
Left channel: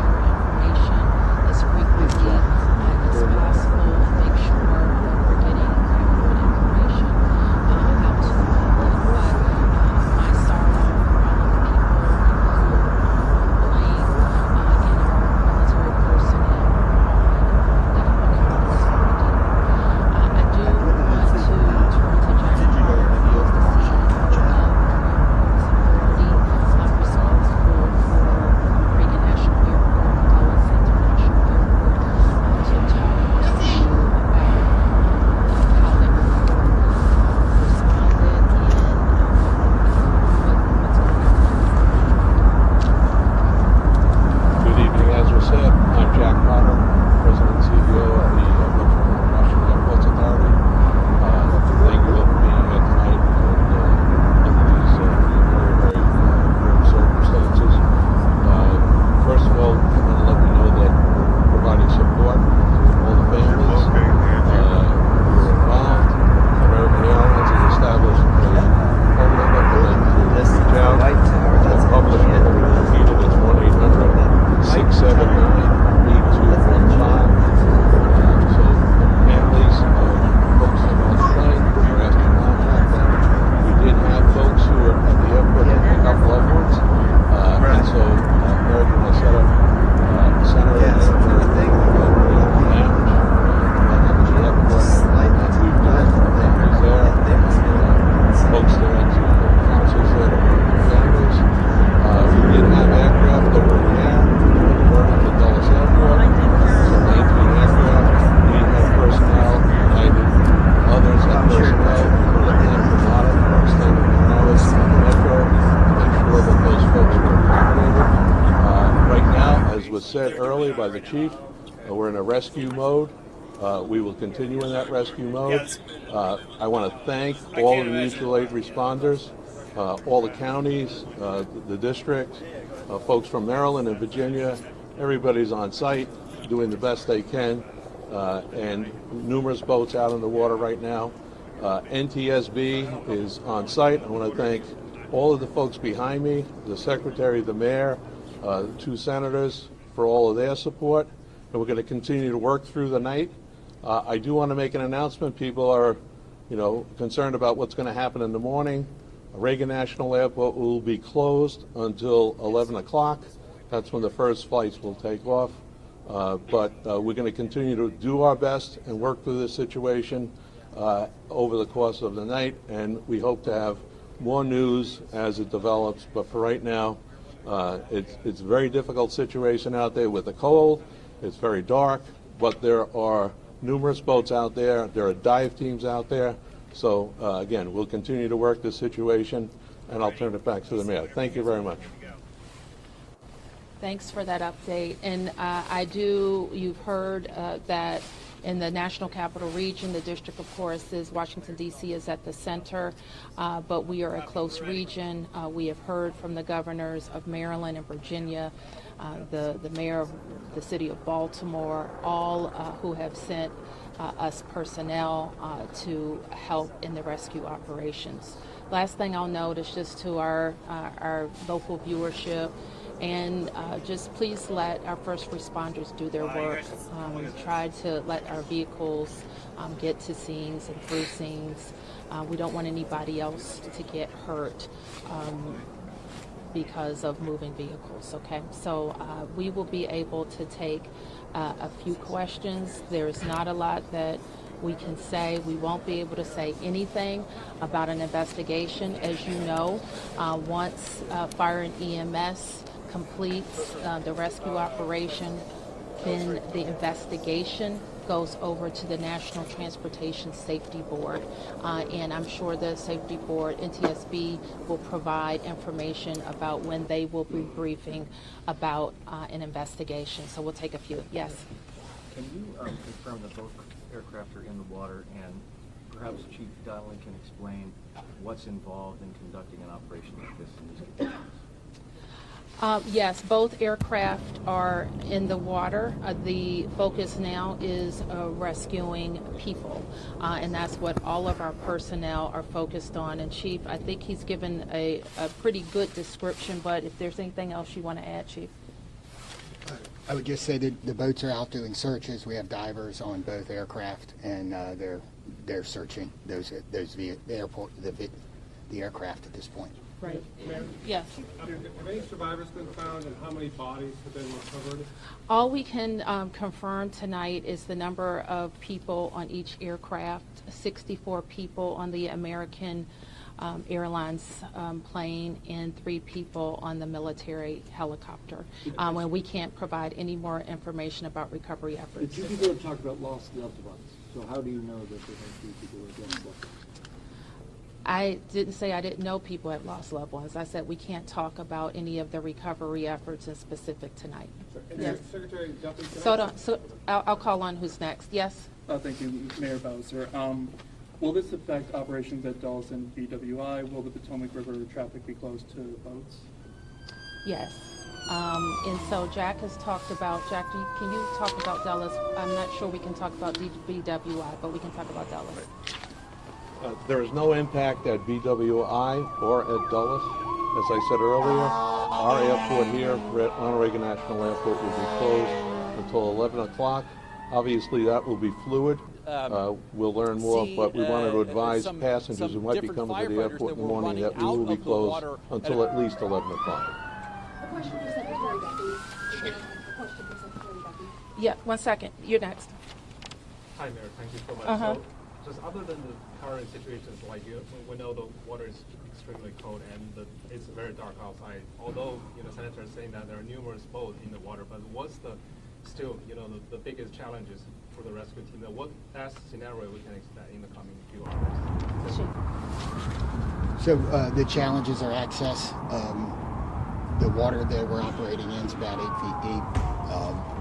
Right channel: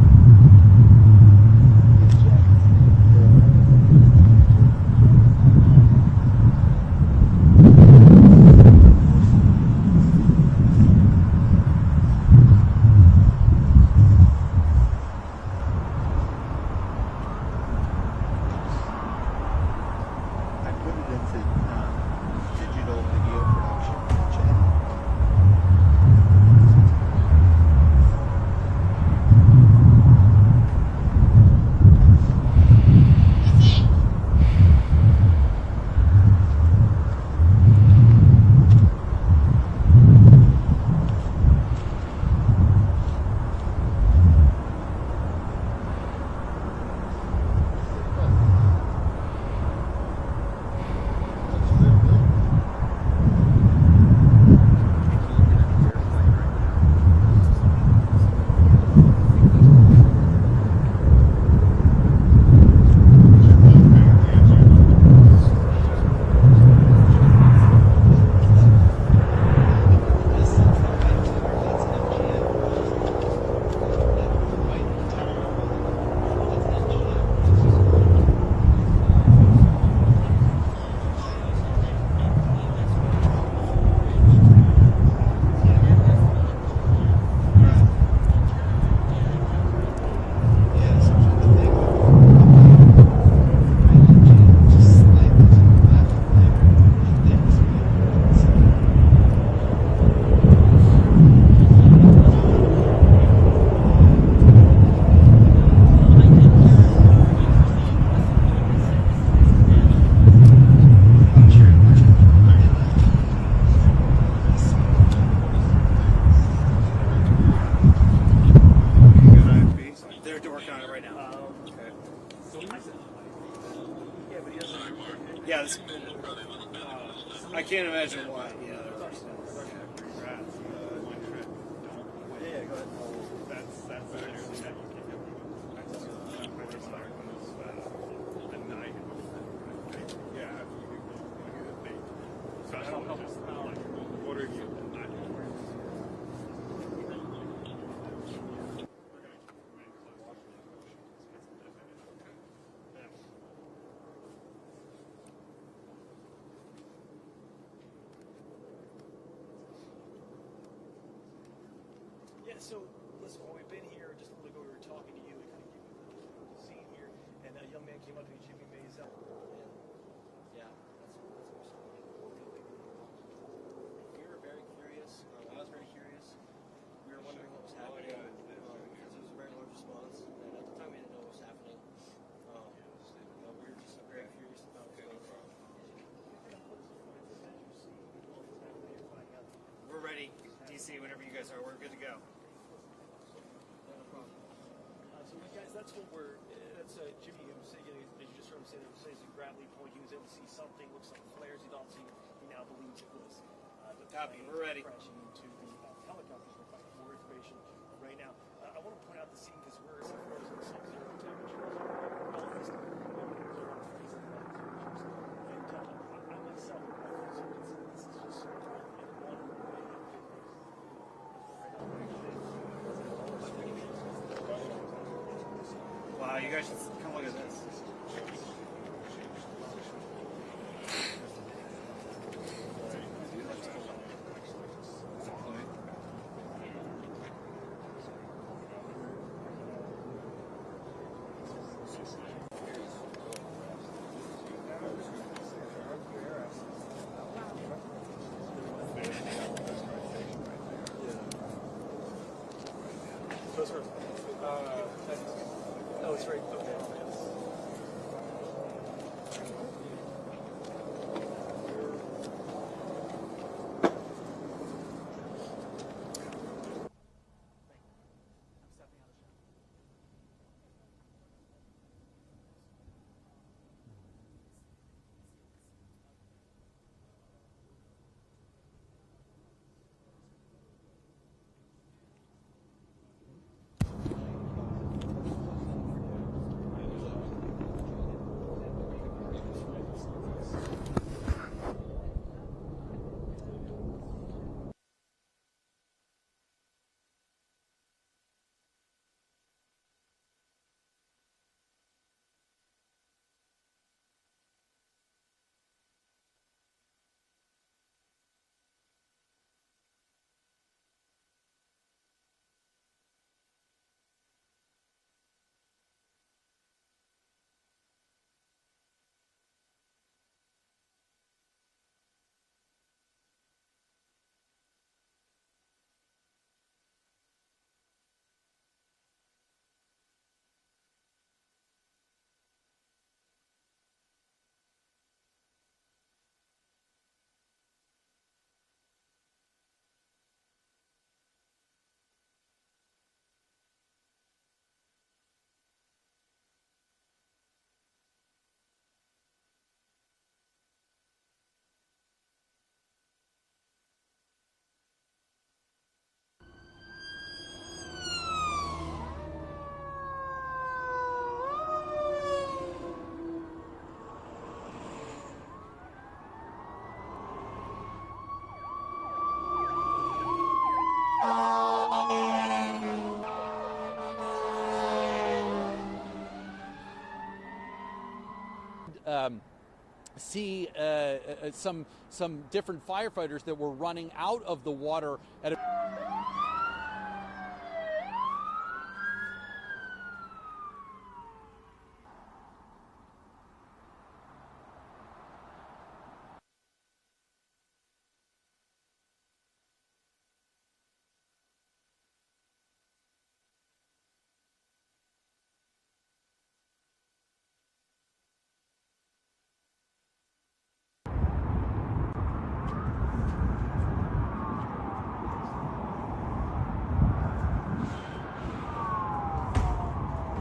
said earlier by the chief, we're in a rescue mode. We will continue in that rescue mode. I want to thank all the mutual aid responders, all the counties, the district, folks from Maryland and Virginia. Everybody's on site doing the best they can, and numerous boats out in the water right now. NTSB is on site. I want to thank all of the folks behind me, the secretary, the mayor, the 2 senators for all of their support. And we're going to continue to work through the night. I do want to make an announcement. People are, concerned about what's going to happen in the morning. Reagan National Airport will be closed until 11 o'clock. That's when the first flights will take off. But we're going to continue to do our best and work through this situation over the course of the night, and we hope to have more news as it develops. But for right now, it's a very difficult situation out there with the cold. It's very dark, but there are numerous boats out there. There are dive teams out there. So again, we'll continue to work this situation, and I'll turn it back to the mayor. Thank you very much. Thanks for that update. And you've heard that in the National Capital Region, the district, of course, is Washington, D.C. is at the center, but we are a close region. We have heard from the governors of Maryland and Virginia, the mayor of the city of Baltimore, all who have sent us personnel to help in the rescue operations. Last thing I'll note is just to our local viewership, and just please let our first responders do their work. We've tried to let our vehicles get to scenes and through scenes. We don't want anybody else to get hurt because of moving vehicles, okay? So we will be able to take a few questions. There's not a lot that we can say. We won't be able to say anything about an investigation. As you know, once fire and EMS completes the rescue operation, then the investigation goes over to the National Transportation Safety Board, and I'm sure the Safety Board, NTSB, will provide information about when they will be briefing about an investigation. So we'll take a few. Yes? Can you confirm that both aircraft are in the water, and perhaps Chief Donnelly can explain what's involved in conducting an operation like this in these conditions? Yes, both aircraft are in the water. The focus now is rescuing people, and that's what all of our personnel are focused on. And Chief, I think he's given a pretty good description, but if there's anything else you want to add, Chief? I would just say that the boats are out doing searches. We have divers on both aircraft, and they're searching the aircraft at this point. Right. Yes. Have any survivors been found, and how many bodies have been recovered? All we can confirm tonight is the number of people on each aircraft, 64 people on the American Airlines plane and 3 people on the military helicopter. And we can't provide any more information about recovery efforts. The 2 people have talked about lost loved ones. So how do you know that there are 3 people who have lost loved ones? I didn't say I didn't know people had lost loved ones. I said we can't talk about any of the recovery efforts in specific tonight. Yes. Secretary Duffy, So I'll call on who's next. Yes? Thank you, Mayor Bowser. Will this affect operations at Dulles and BWI? Will the Potomac River traffic be closed to boats? Yes. And so Jack has talked about, Jack, can you talk about Dulles? I'm not sure we can talk about BWI, but we can talk about Dulles. There is no impact at BWI or at Dulles. As I said earlier, our airport here at Reagan National Airport will be closed until 11 o'clock. Obviously, that will be fluid. We'll learn more, but we wanted to advise passengers who might be coming to the airport that in the were morning running that we out will be of the closed water until at least 11 o'clock. Yeah, 1 second. You're next. Hi, Mayor. Thank you so much. So, just other than the current situations, like we know the water is extremely cold and it's very dark outside. Although Senator is saying that there are numerous boats in the water, but what's the biggest challenges for the rescue team? What best scenario we can expect in the coming few hours? So the challenges are access. The water that we're operating in is about 8 feet deep.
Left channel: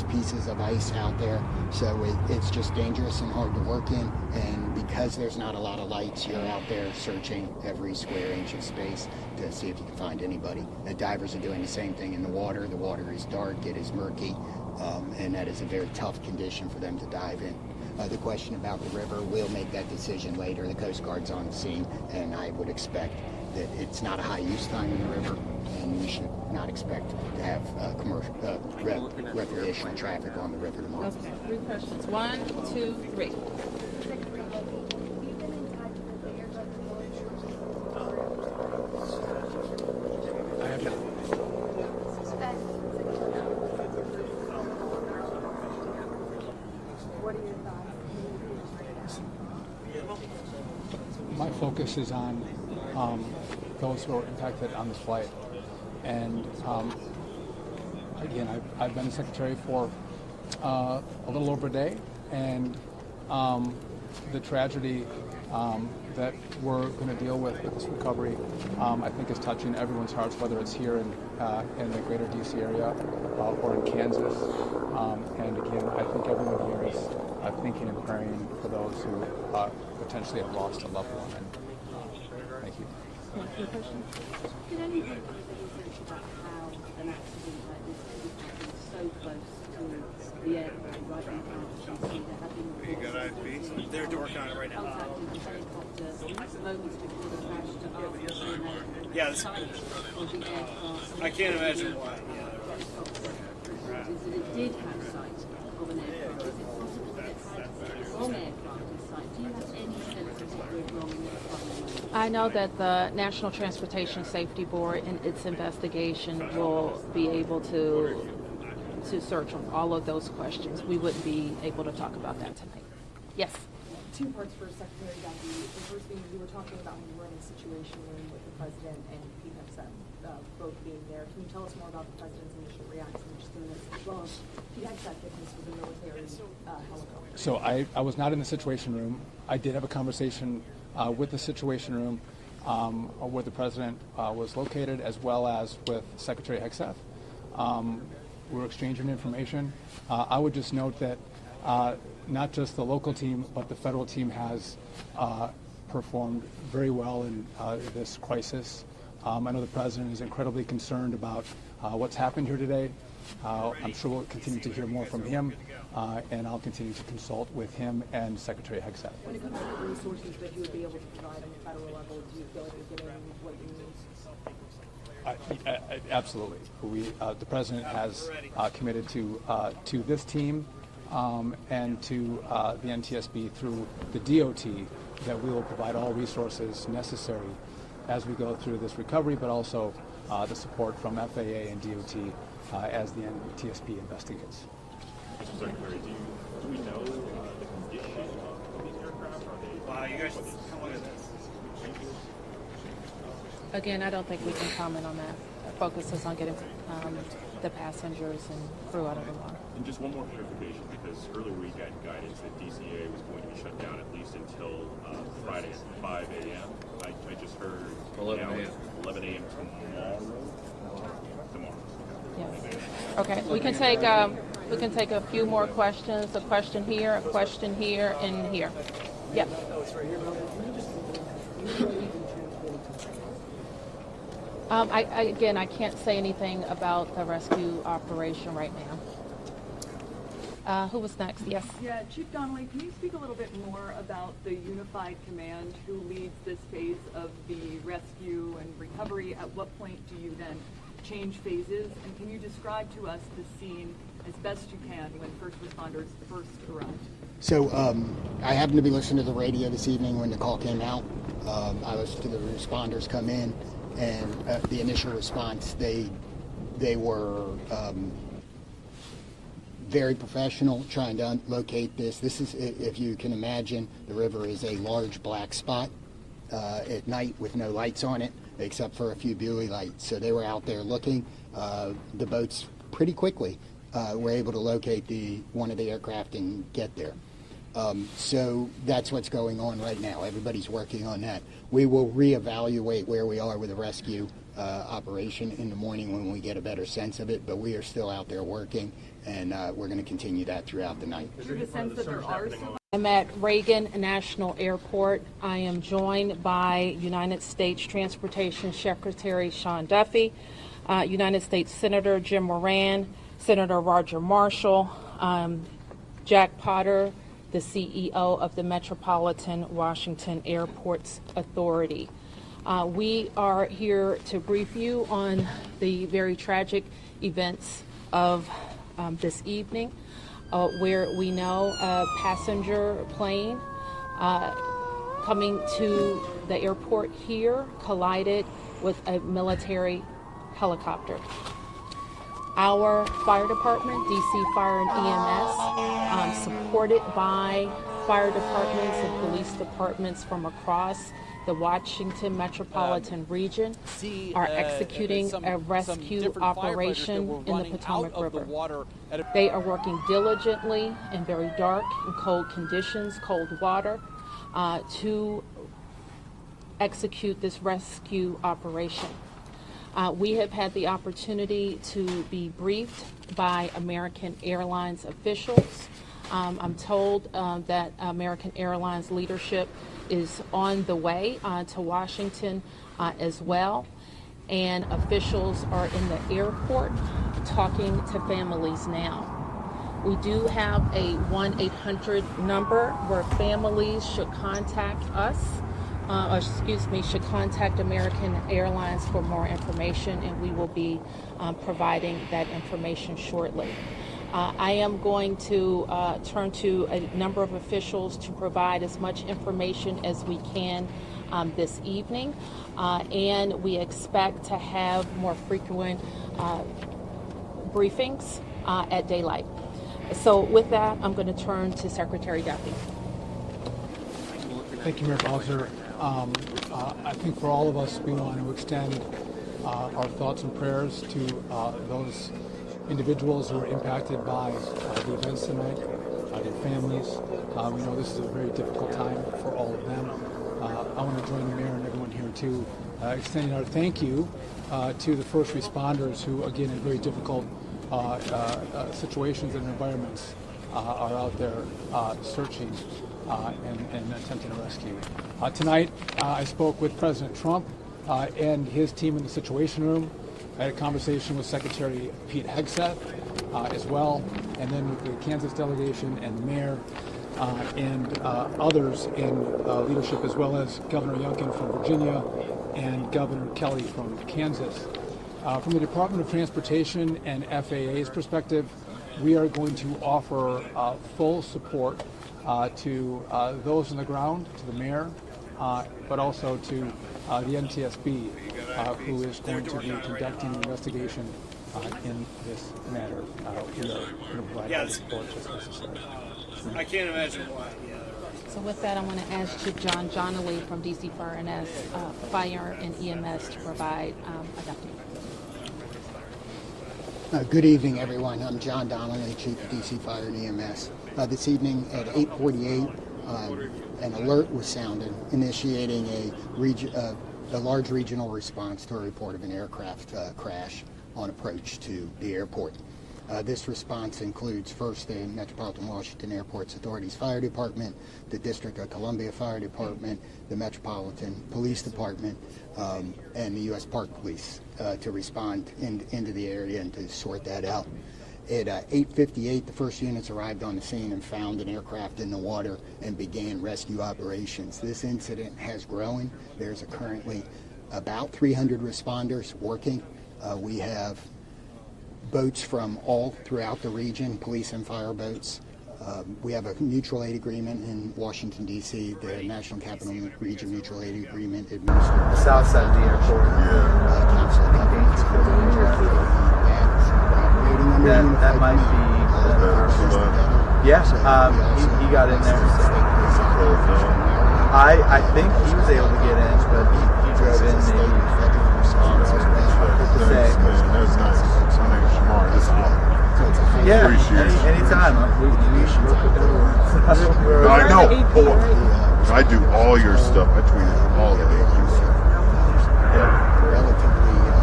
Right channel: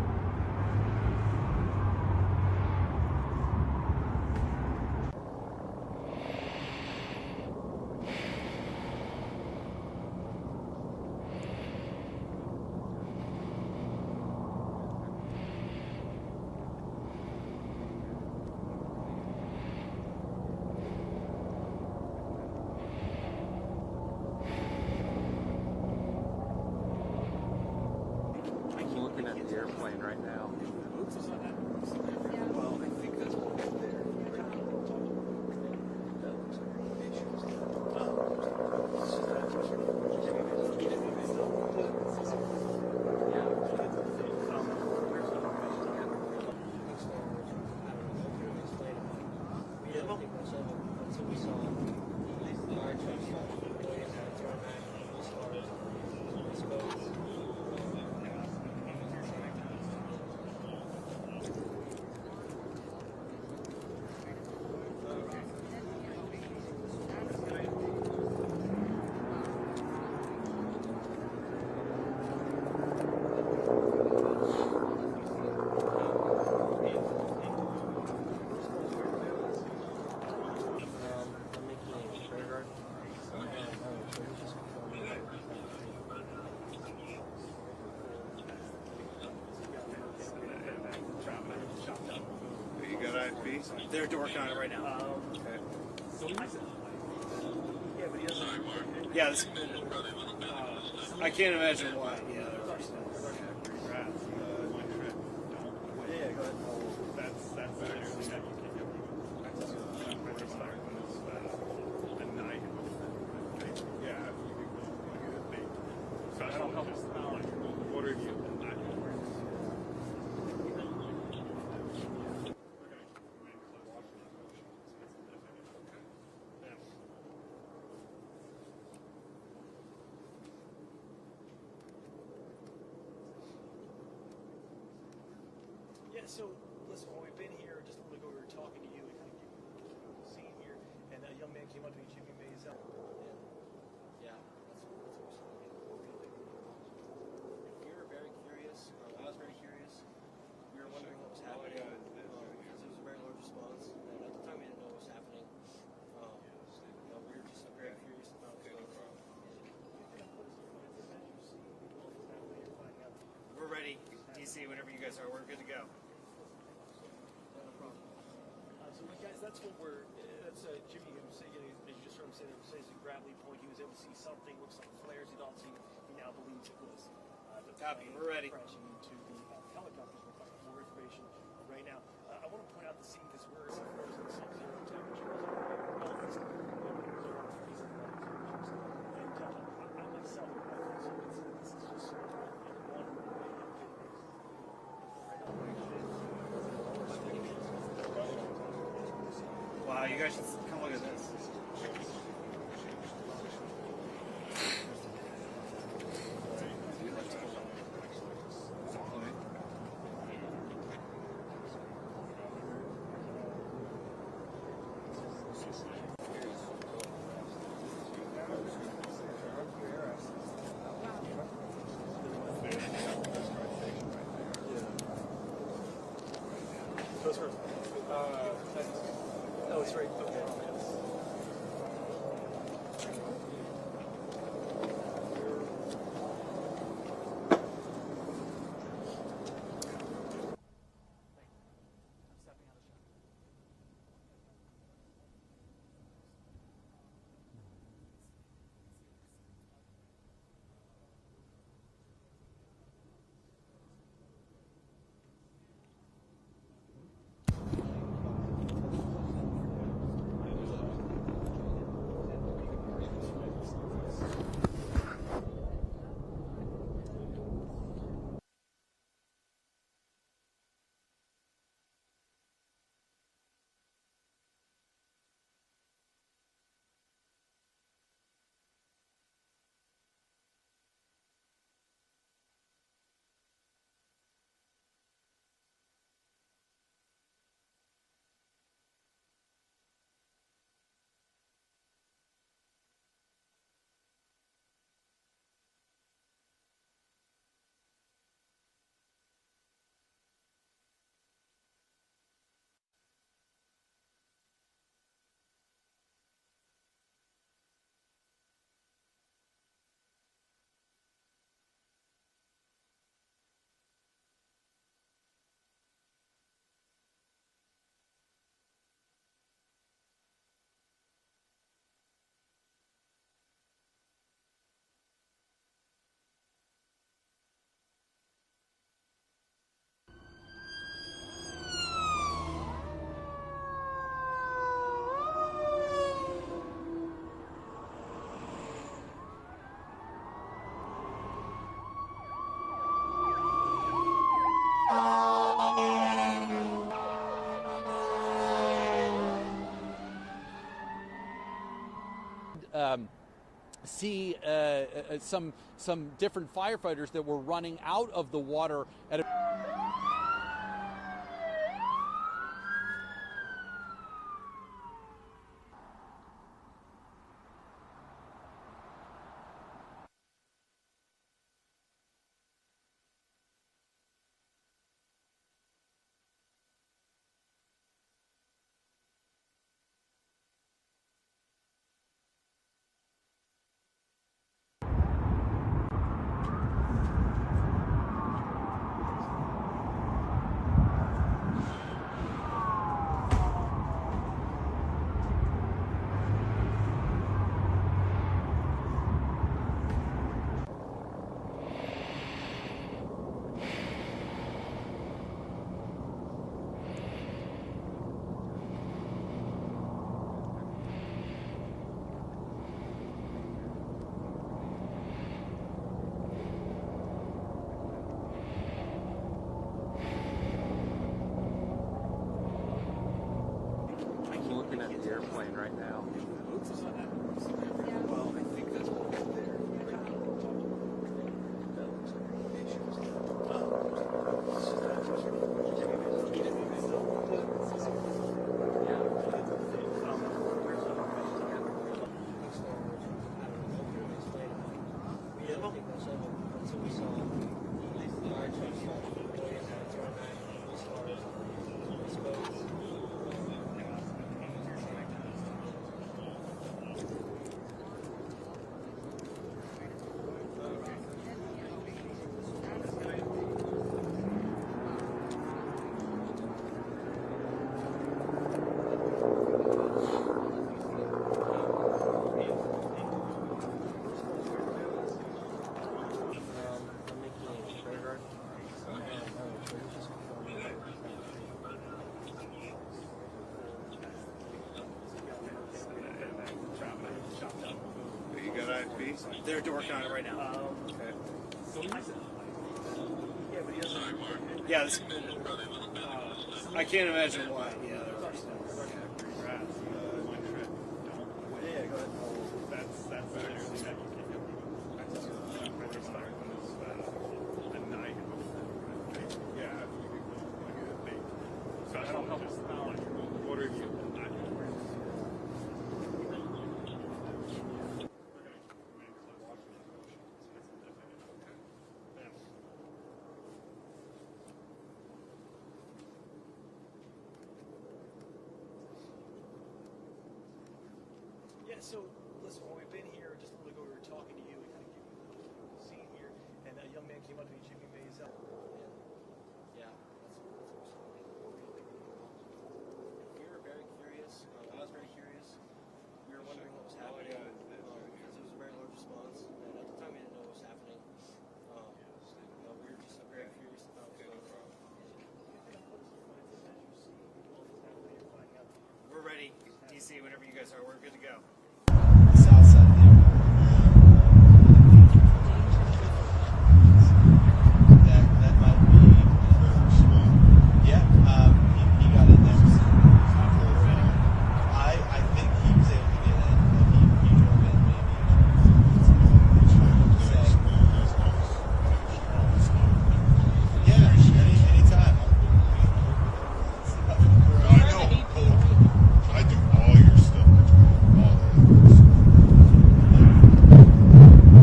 is pieces of ice out there, so it's just dangerous and hard to work in. And because there's not a lot of lights, you're out there searching every square inch of space to see if you can find anybody. The divers are doing the same thing in the water. The water is dark, it is murky, and that is a very tough condition for them to dive in. The question about the river, we'll make that decision later. The Coast Guard's on the scene, and I would expect that it's not a high use time in the river, and we should not expect to have commercial recreational traffic on the river. One, two, three. My focus is on those who are affected on this flight. And again, I've been a secretary for a little over a day, and the tragedy that we're going to deal with in this recovery, I think is touching everyone's hearts, whether it's here in the greater DC area or in Kansas. And again, I think everyone here is thinking and praying for those who potentially have lost a loved one. You got IFB? They're working on it right now. Yeah, this, I can't imagine why. Yeah, I know that the National Transportation Safety Board in its investigation will be able to search on all of those questions. We wouldn't be able to talk about that tonight. Yes? Two parts for Secretary Gowdy. The first thing, you were talking about when you were in a situation room with the president and PFSM both being there. Can you tell us more about the president's initial reaction to this, as well as PFSM fitness for the military? So I was not in the Situation Room. I did have a conversation with the Situation Room where the president was located, as well as with Secretary Hegseth. We're exchanging information. I would just note that not just the local team, but the federal team has performed very well in this crisis. I know the president is incredibly concerned about what's happened here today. I'm sure we'll continue to hear more from him, and I'll continue to consult with him and Secretary Hegseth. Absolutely. The president has committed to this team and to the NTSB through the DOT that we will provide all resources necessary as we go through this recovery, but also the support from FAA and DOT as the NTSB investigates. Wow, you guys should come look at this. Again, I don't think we can comment on that. The focus is on getting to the passengers and crew out of it. And just one more clarification, because earlier we had guidance that DCA was going to be shut down at least until Friday at 5 a.m. I just heard 11 a.m. Okay, we can take a few more questions. A question here, and here. Yeah. Oh, it's right here. I can't say anything about the rescue operation right now. Who was next? Yes. Yeah, Chief Donnelly, can you speak a little bit more about the unified command who leads this phase of the rescue and recovery? At what point do you then change phases? And can you describe to us the scene as best you can when first responders first arrived? So I happened to be listening to the radio this evening when the call came out. I listened to the responders come in, and the initial response, they were very professional trying to locate this. This is, if you can imagine, the river is a large black spot at night with no lights on it except for a few buoy lights. So they were out there looking. The boats pretty quickly were able to locate one of the aircraft and get there. So that's what's going on right now. Everybody's working on that. We will reevaluate where we are with the rescue operation in the morning when we get a better sense of it, but we are still out there working, and we're going to continue that throughout the night. Do you have a sense that there are some? I'm at Reagan National Airport. I am joined by United States Transportation Secretary Sean Duffy, United States Senator Jim Moran, Senator Roger Marshall, Jack Potter, the CEO of the Metropolitan Washington Airports Authority. We are here to brief you on the very tragic events of this evening, where we know a passenger plane coming to the airport here collided with a military helicopter. Our fire department, DC Fire and EMS, supported by fire departments and police departments from across the Washington metropolitan region, are executing a rescue operation that were running in the Potomac out of River. the water. They are working diligently in very dark and cold conditions, cold water, to execute this rescue operation. We have had the opportunity to be briefed by American Airlines officials. I'm told that American Airlines leadership is on the way to Washington as well, and officials are in the airport talking to families now. We do have a 1-800 number where families should contact us, should contact American Airlines for more information, and we will be providing that information shortly. I am going to turn to a number of officials to provide as much information as we can this evening, and we expect to have more frequent briefings at daylight. So with that, I'm going to turn to Secretary Duffy. Thank you, Mayor Bowser. I think for all of us, we want to extend our thoughts and prayers to those individuals who are impacted by the events tonight, their families. We know this is a very difficult time for all of them. I want to join the mayor and everyone here to extend our thank you to the first responders who, again, in very difficult situations and environments, are out there searching and attempting rescue. Tonight, I spoke with President Trump and his team in the Situation Room. I had a conversation with Secretary Pete Hegseth as well, and then the Kansas delegation and the mayor and others in leadership, as well as Governor Youngkin from Virginia and Governor Kelly from Kansas. From the Department of Transportation and FAA's perspective, we are going to offer full support to those on the ground, to the mayor, but also to the NTSB, who is going to be conducting an investigation in this matter. I can't imagine why. So with that, I'm going to ask John Donnelly from DC Fire and EMS to provide a document. Good evening, everyone. I'm John Donnelly, Chief of DC Fire and EMS. This evening at 8:48, an alert was sounded, initiating a large regional response to a report of an aircraft crash on approach to the airport. This response includes first the Metropolitan Washington Airports Authority's Fire Department, the District of Columbia Fire Department, the Metropolitan Police Department, and the U.S. Park Police to respond into the area and to sort that out. At 8:58, the first units arrived on the scene and found an aircraft in the water and began rescue operations. This incident has grown. There's currently about 300 responders working. We have boats from all throughout the region, police and fire boats. We have a mutual aid agreement in Washington, D.C., the National Capital Region Mutual Aid Agreement administered. South side of the airport. That might be. Yes, he got in there. I think he was able to get in, but he drove in maybe. That's nice. Somebody's smart. It's out. Yeah, anytime. I know. I do all your stuff. I tweet all the ages. Yeah.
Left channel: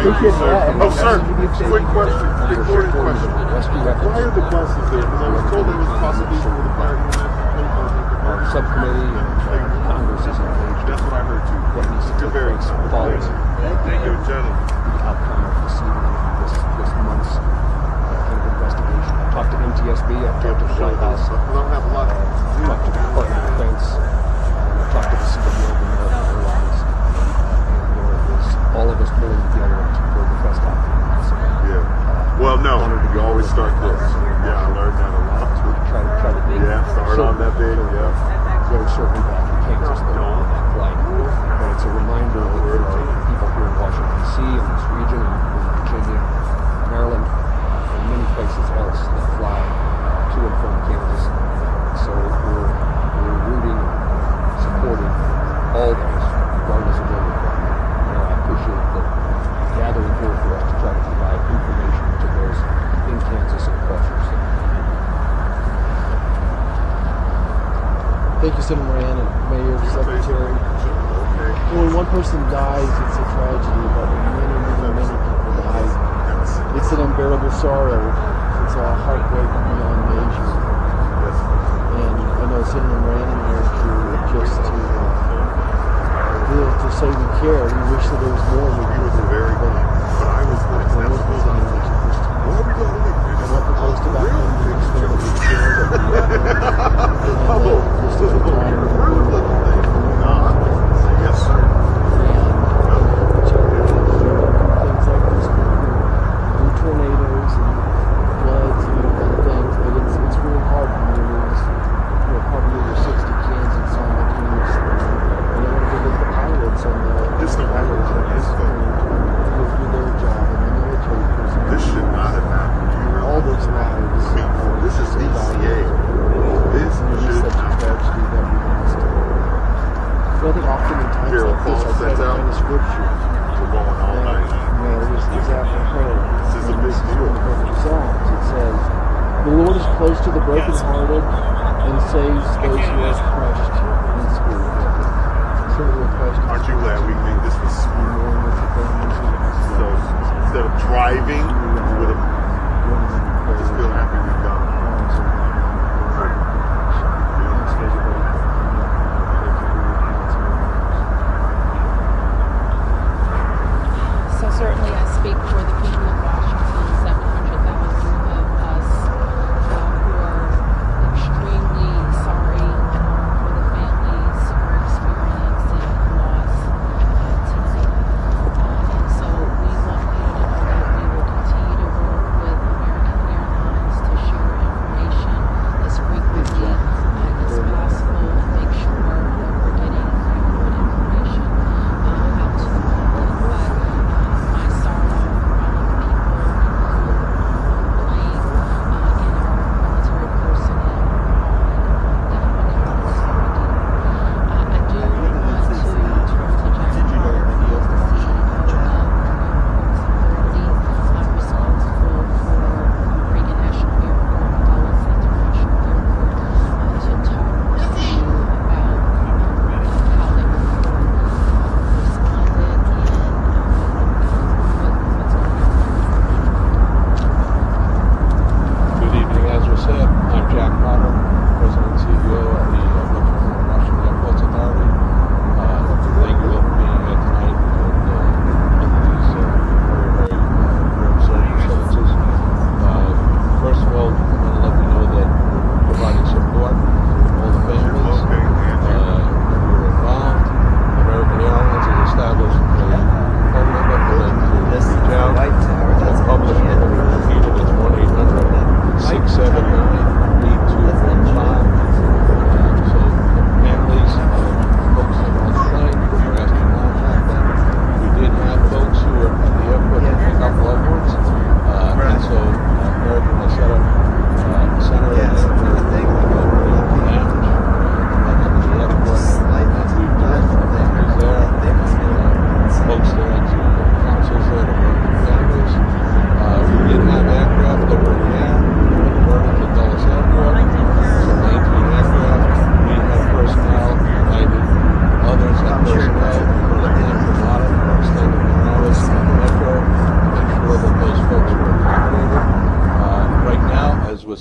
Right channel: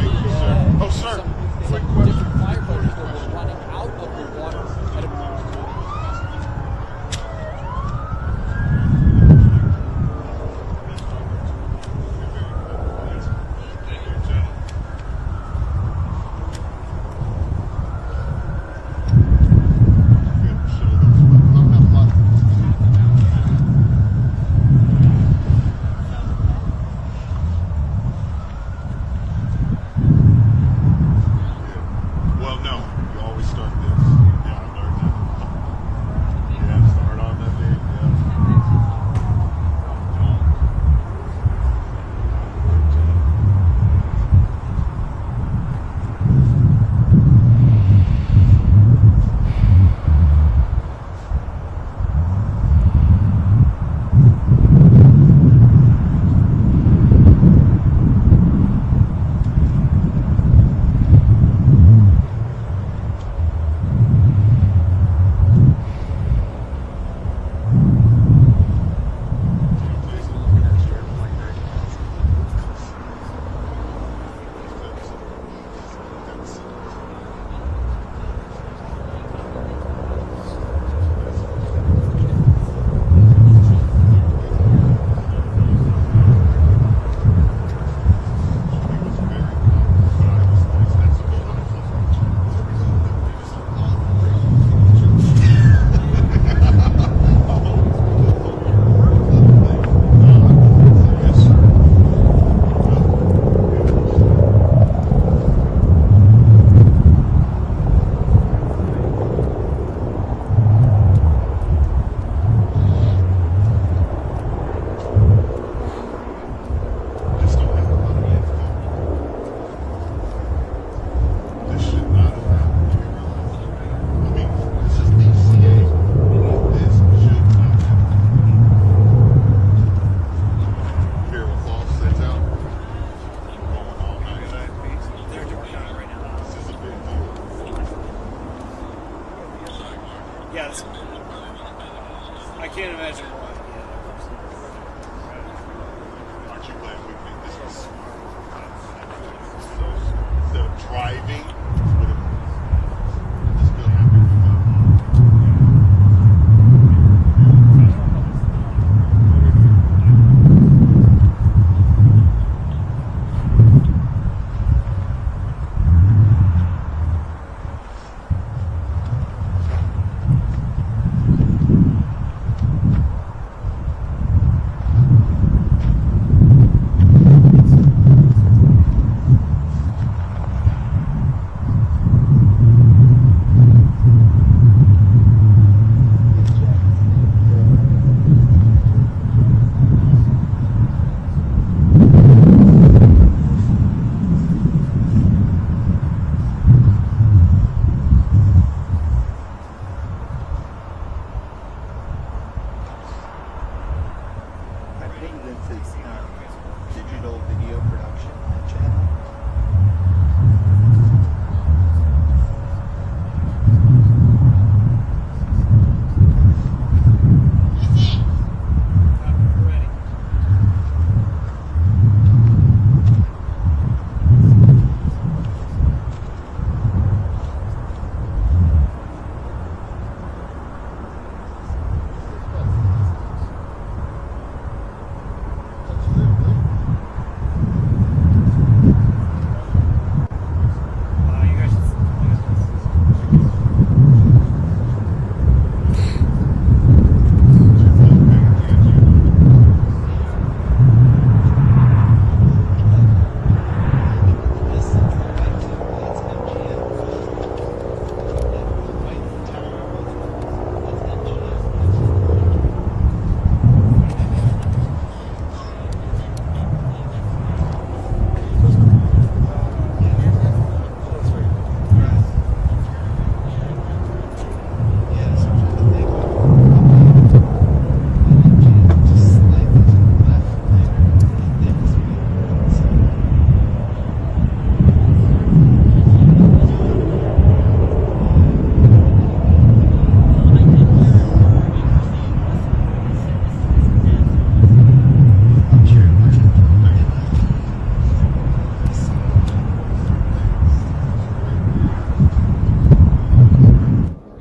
you, sir. Oh, sir, quick question, recorded question. Why are the buses there? Because I was told there was possibly some of the fire units. Subcommittee, Congress is engaged. That's what I heard too. You're very Follows Thank you, gentlemen. outcome of this month's investigation. Talked to NTSB after the shot house. Don't have a lot. Talked to Department of Defense. Talked to the Secretary of American Airlines. And all of us pulling together to go to press conference. Yeah. Well, no, you always start this. Yeah, I learned that a lot. Try to Yeah, start on that big. Yeah. very certainly that takes us the long flight. But it's a reminder for people here in Washington, D.C. and this region, Virginia, Maryland, and many places else that fly to and from campus. So we're rooting, supporting all those regardless of what they do. I appreciate the gathering here for us to try to provide information to those in Kansas and pressures. Thank you, Senator Moran and Mayor, Secretary. When one person dies, it's a tragedy, but many people die. It's an unbearable sorrow. It's a heartbreak on the nation. And I know Senator Moran here just to be able to say we care. We wish that there was more. He was a very good, but I was like, that's what goes on. What are we going to do? Yes, sir. Tornadoes, floods, things. It's really hard to realize what probably over 60 Kansas on the news. Pilots on the This don't happen a lot. This should not have happened. You realize? All those matters. I mean, this is DCA. This should not have happened. Well, I think oftentimes Carol Falls sets out. the scripture. We're going all night. Man, this is after prayer. This is a big deal. It says, the Lord is close to the brokenhearted and saves those who are crushed in spirit. Truly crushed. Aren't you glad we made this one? So instead of driving, we would have just feel happy we got it. So certainly I speak for the people of Washington, 700,000 of us who are extremely sorry for the families who are experiencing loss. And so we want you to know that we will continue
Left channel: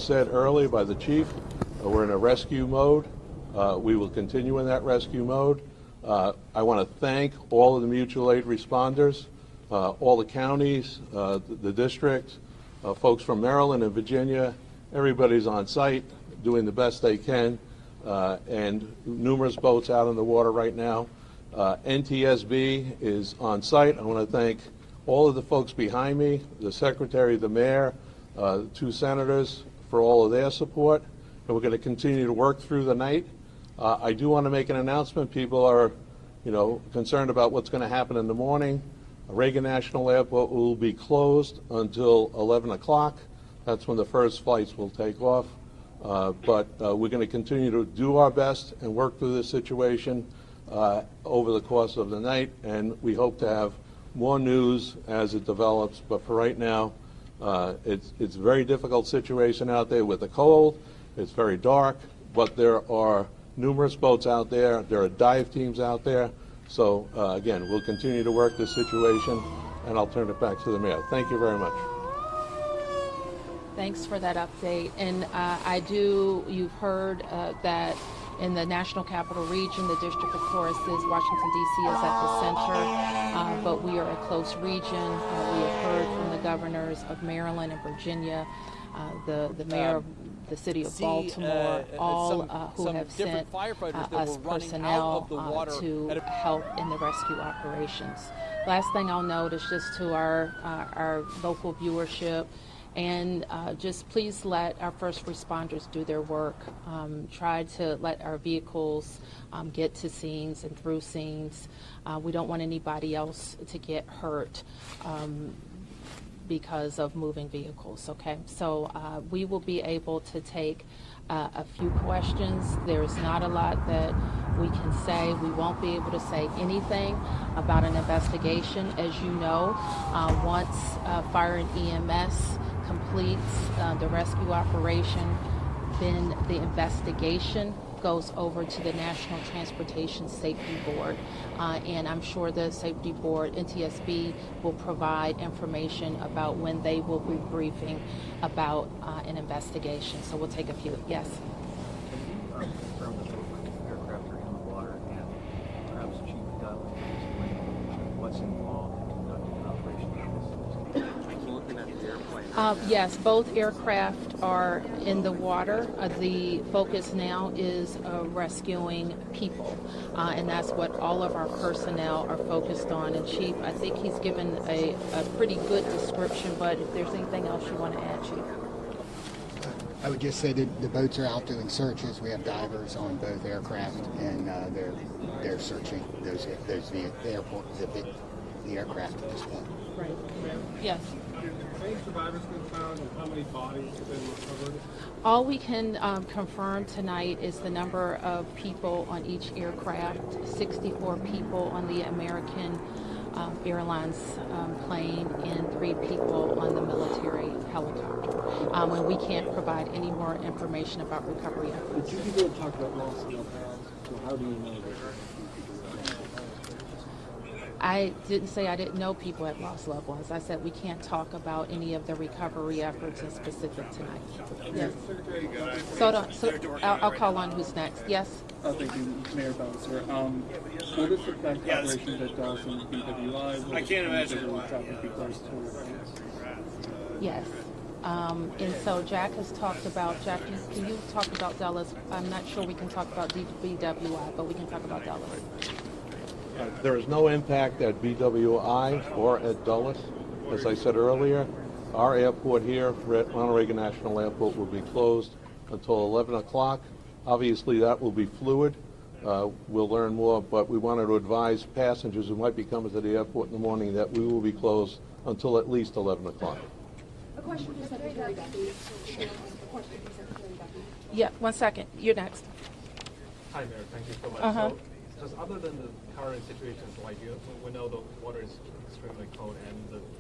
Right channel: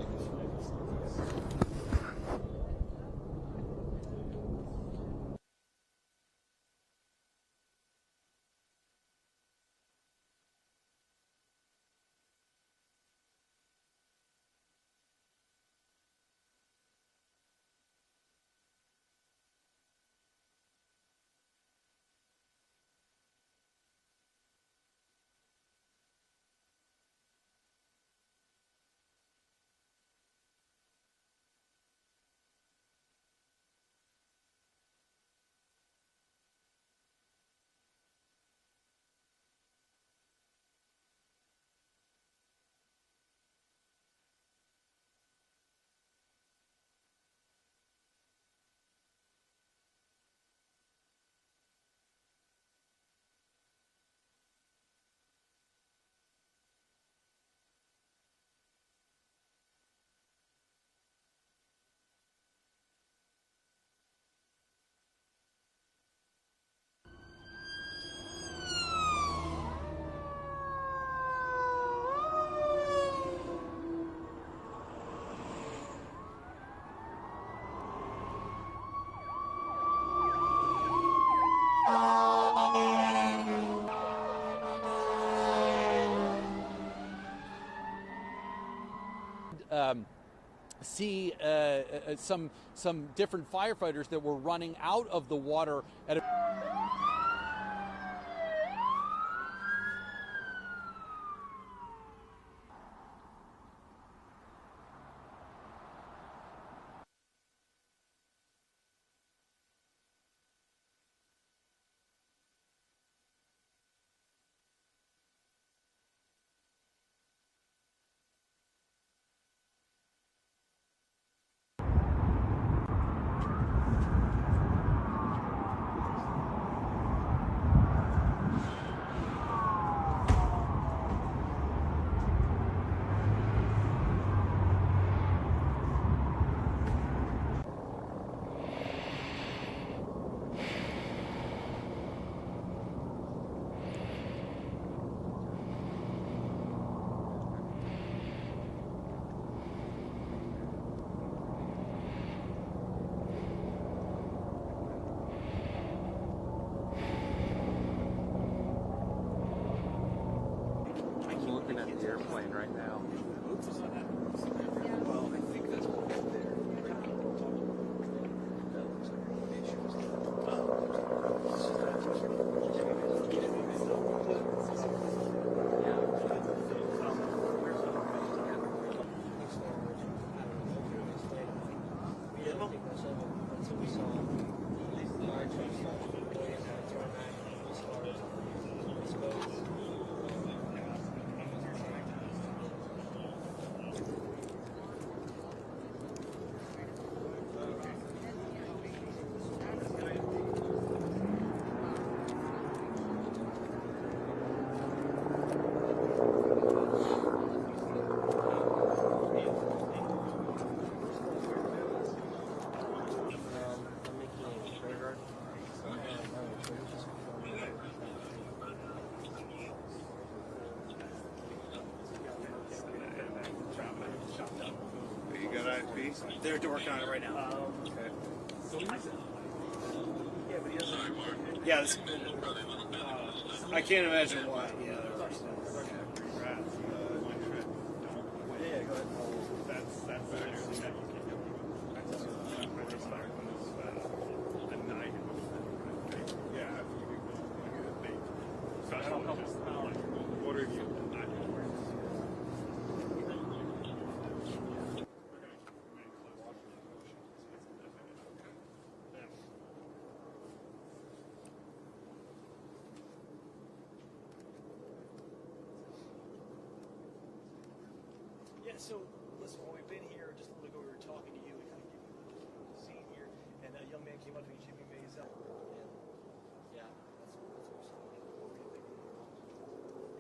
said earlier by the chief, we're in a rescue mode. We will continue in that rescue mode. I want to thank all of the mutual aid responders, all the counties, the district, folks from Maryland and Virginia. Everybody's on site doing the best they can, and numerous boats out in the water right now. NTSB is on site. I want to thank all of the folks behind me, the secretary, the mayor, 2 senators for all of their support, and we're going to continue to work through the night. I do want to make an announcement. People are, concerned about what's going to happen in the morning. Reagan National Airport will be closed until 11 o'clock. That's when the first flights will take off. But we're going to continue to do our best and work through this situation over the course of the night, and we hope to have more news as it develops. But for right now, it's a very difficult situation out there with the cold. It's very dark, but there are numerous boats out there. There are dive teams out there. So again, we'll continue to work this situation, and I'll turn it back to the mayor. Thank you very much. Thanks for that update. And you've heard that in the National Capital Region, the District of Course is Washington, D.C. is at the center, but we are a close region. We have heard from the governors of Maryland and Virginia, the mayor of the city of Baltimore, all some different firefighters that were running out of the water to help in the rescue operations. Last thing I'll note is just to our local viewership, and just please let our first responders do their work. Try to let our vehicles get to scenes and through scenes. We don't want anybody else to get hurt because of moving vehicles, okay? So we will be able to take a few questions. There's not a lot that we can say. We won't be able to say anything about an investigation. As you know, once fire and EMS completes the rescue operation, then the investigation goes over to the National Transportation Safety Board. And I'm sure the Safety Board, NTSB, will provide information about when they will be briefing about an investigation. So we'll take a few. Yes? Yes, both aircraft are in the water. The focus now is rescuing people, and that's what all of our personnel are focused on. And Chief, I think he's given a pretty good description, but if there's anything else you want to add, Chief. I would just say that the boats are out doing searches. We have divers on both aircraft, and they're searching the airport, the aircraft as well. Right. Yes. All we can confirm tonight is the number of people on each aircraft, 64 people on the American Airlines plane and 3 people on the military helicopter. And we can't provide any more information about recovery efforts. I didn't say I didn't know people had lost loved ones. I said we can't talk about any of the recovery efforts in specific tonight. Yes. So I'll call on who's next. Yes? Mayor Bowser. Yes. I can't imagine why. Yes. And so Jack has talked about, Jack, can you talk about Dulles? I'm not sure we can talk about BWI, but we can talk about Dulles. There is no impact at BWI or at Dulles. As I said earlier, our airport here at Ronald Reagan National Airport will be closed until 11 o'clock. Obviously, that will be fluid. We'll learn more, but we wanted to advise passengers who might be coming to the airport in the morning that we will be closed until at least 11 o'clock. A question for Secretary Duffy. Yeah, 1 second. You're next. Hi, Mayor. Thank you so much. So, just other than the current situations, like we know the water is extremely cold and the